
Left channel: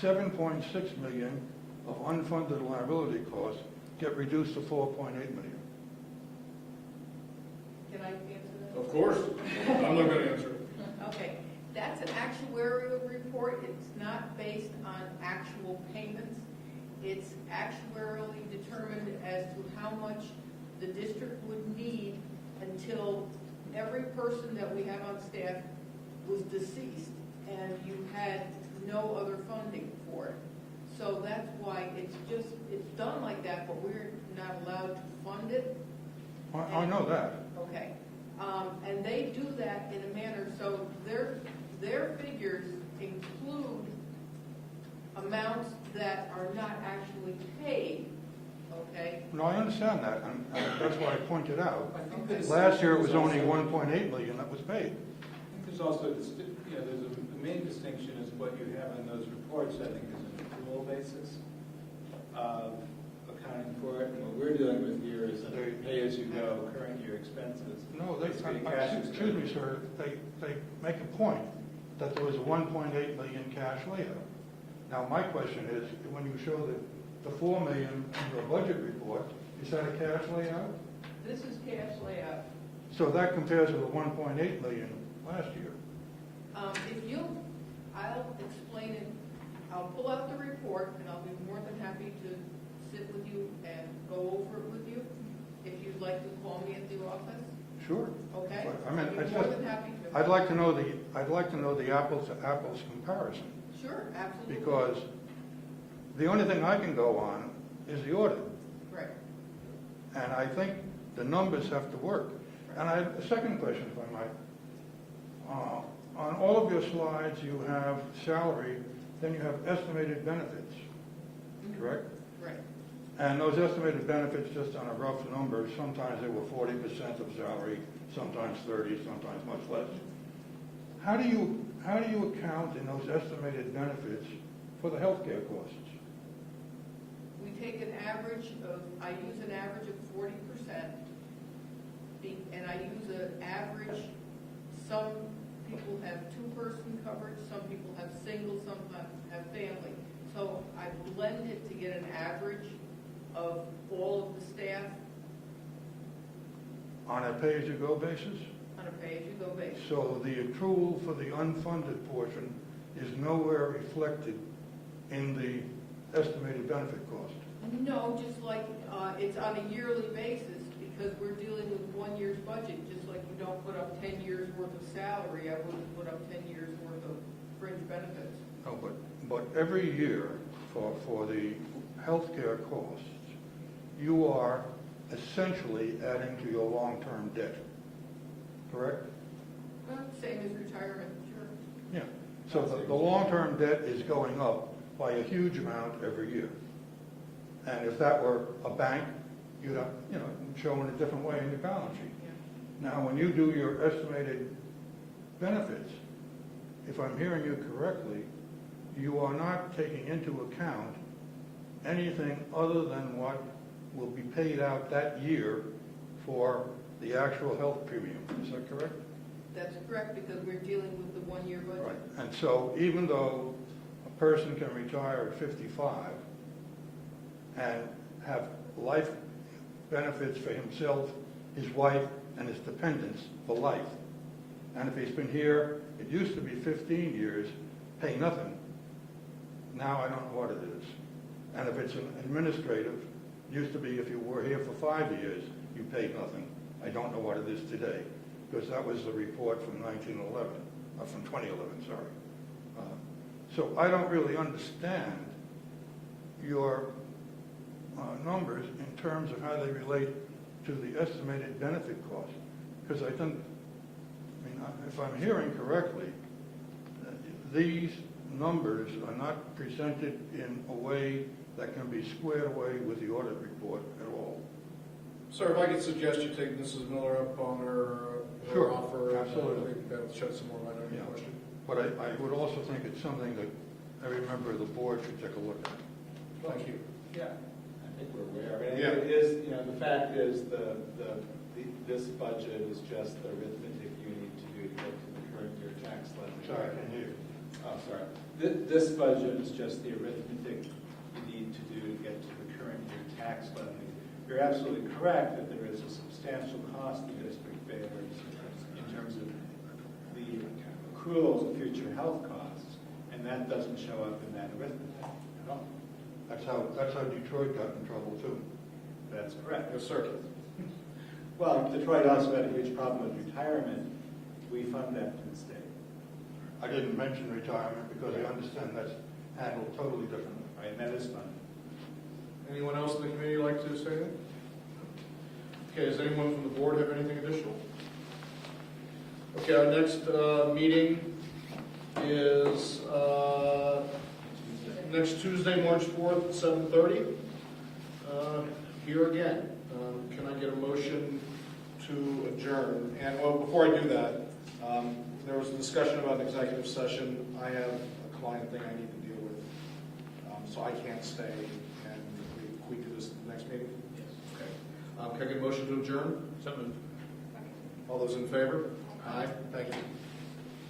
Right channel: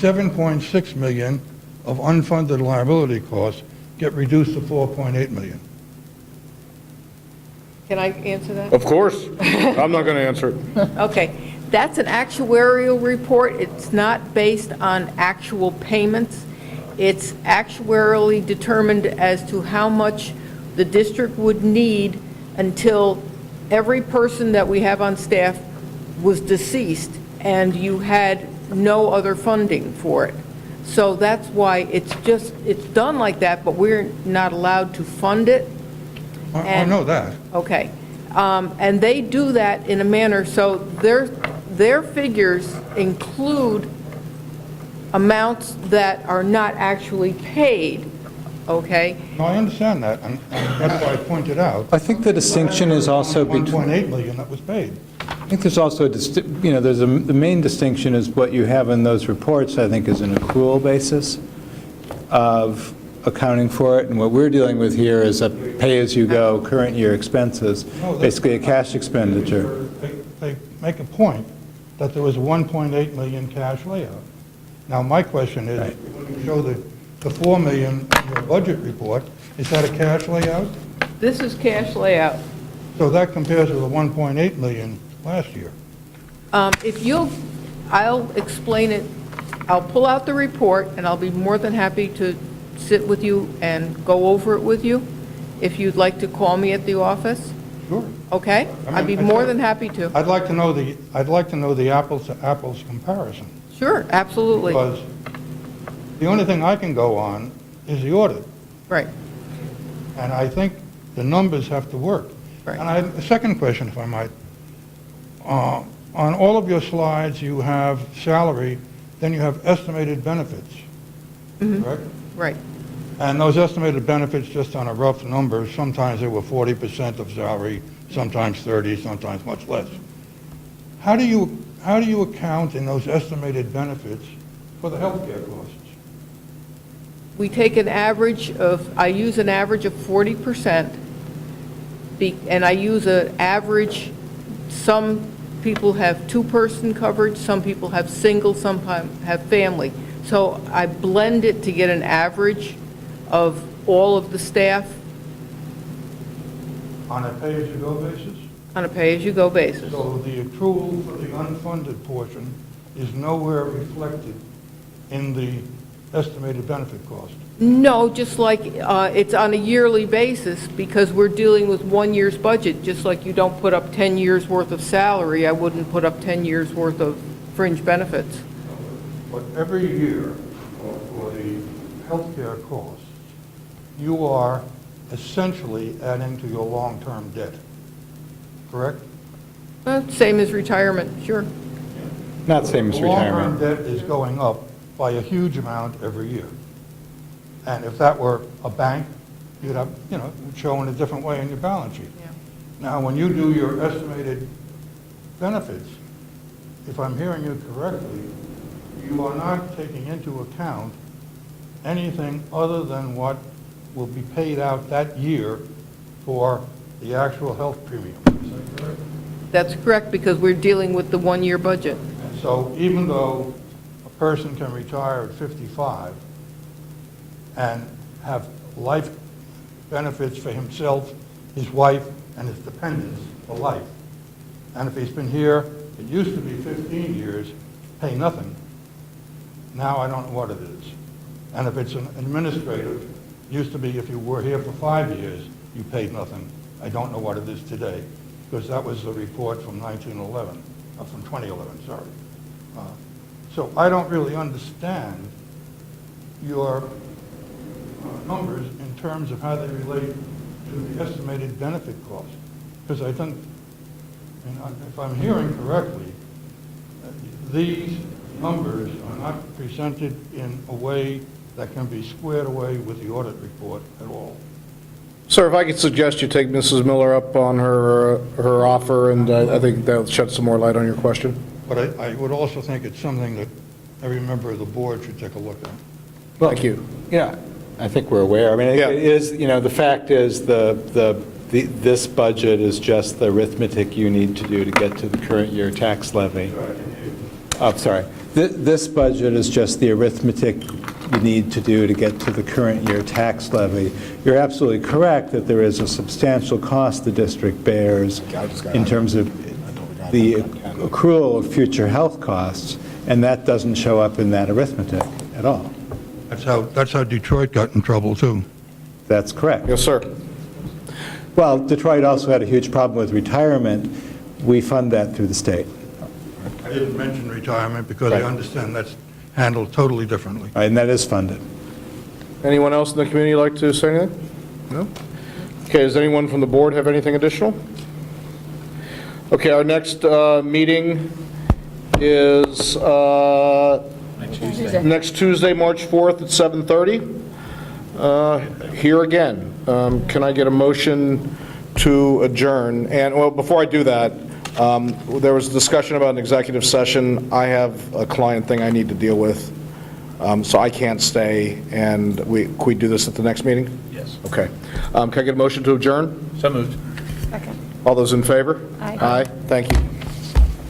7.6 million of unfunded liability costs get reduced to 4.8 million? Can I answer that? Of course. I'm not going to answer it. Okay, that's an actuarial report. It's not based on actual payments. It's actuarially determined as to how much the district would need until every person that we have on staff was deceased and you had no other funding for it. So that's why it's done like that, but we're not allowed to fund it. I know that. Okay. And they do that in a manner, so their figures include amounts that are not actually paid, okay? No, I understand that, and that's why I pointed out. I think the distinction is also between... 1.8 million that was paid. I think there's also, the main distinction is what you have in those reports, I think, is an accrual basis of accounting for it, and what we're dealing with here is a pay-as-you-go current year expenses, basically a cash expenditure. They make a point that there was 1.8 million cash layout. Now, my question is, when you show the 4 million in your budget report, is that a cash layout? This is cash layout. So that compares with the 1.8 million last year. I'll explain it. I'll pull out the report, and I'll be more than happy to sit with you and go over it with you, if you'd like to call me at the office. Sure. Okay? I'd be more than happy to. I'd like to know the apples to apples comparison. Sure, absolutely. Because the only thing I can go on is the audit. Right. And I think the numbers have to work. Right. And a second question, if I might. On all of your slides, you have salary, then you have estimated benefits, correct? Right. And those estimated benefits, just on a rough number, sometimes they were 40% of salary, sometimes 30, sometimes much less. How do you account in those estimated benefits for the healthcare costs? We take an average of, I use an average of 40%, and I use an average, some people have two-person coverage, some people have single, some have family. So I blend it to get an average of all of the staff. On a pay-as-you-go basis? On a pay-as-you-go basis. So the accrual for the unfunded portion is nowhere reflected in the estimated benefit cost? No, just like it's on a yearly basis, because we're dealing with 1 year's budget. Just like you don't put up 10 years' worth of salary, I wouldn't put up 10 years' worth of fringe benefits. But every year, for the healthcare costs, you are essentially adding to your long-term debt, correct? Same as retirement, sure. Not same as The long-term retirement. debt is going up by a huge amount every year. And if that were a bank, you'd have, it would show in a different way in your balance sheet. Now, when you do your estimated benefits, if I'm hearing you correctly, you are not taking into account anything other than what will be paid out that year for the actual health premium. Is that correct? That's correct, because we're dealing with the 1 year budget. And so even though a person can retire at 55 and have life benefits for himself, his wife, and his dependents for life, and if he's been here, it used to be 15 years, pay nothing. Now I don't know what it is. And if it's an administrative, it used to be if you were here for 5 years, you paid nothing. I don't know what it is today, because that was the report from 1911, from 2011, sorry. So I don't really understand your numbers in terms of how they relate to the estimated benefit cost. Because I think, if I'm hearing correctly, these numbers are not presented in a way that can be squared away with the audit report at all. Sir, if I could suggest you take Mrs. Miller up on her offer, and I think that'll shed some more light on your question. But I would also think it's something that every member of the board should take a look at. Thank you. Yeah, I think we're aware. I mean, Yeah. it is, the fact is, this budget is just the arithmetic you need to do to get to the current year tax levy. Oh, sorry. This budget is just the arithmetic you need to do to get to the current year tax levy. You're absolutely correct that there is a substantial cost the district bears in terms of the accrual of future health costs, and that doesn't show up in that arithmetic at all. That's how Detroit got in trouble, too. That's correct. Yes, sir. Well, Detroit also had a huge problem with retirement. We fund that through the state. I didn't mention retirement because I Right. understand that's handled totally differently. And that is funded. Anyone else in the community like to say anything? No? Okay, does anyone from the board have anything additional? Okay, our next meeting is next Tuesday, March 4th at 7:30. Here again. Can I get a motion to adjourn? And, well, before I do that, there was discussion about an executive session. I have a client thing I need to deal with, so I can't stay, and can we do this at the next meeting? Yes. Okay. Can I get a motion to adjourn? So moved. Second. All those in favor? Aye. Aye, thank you.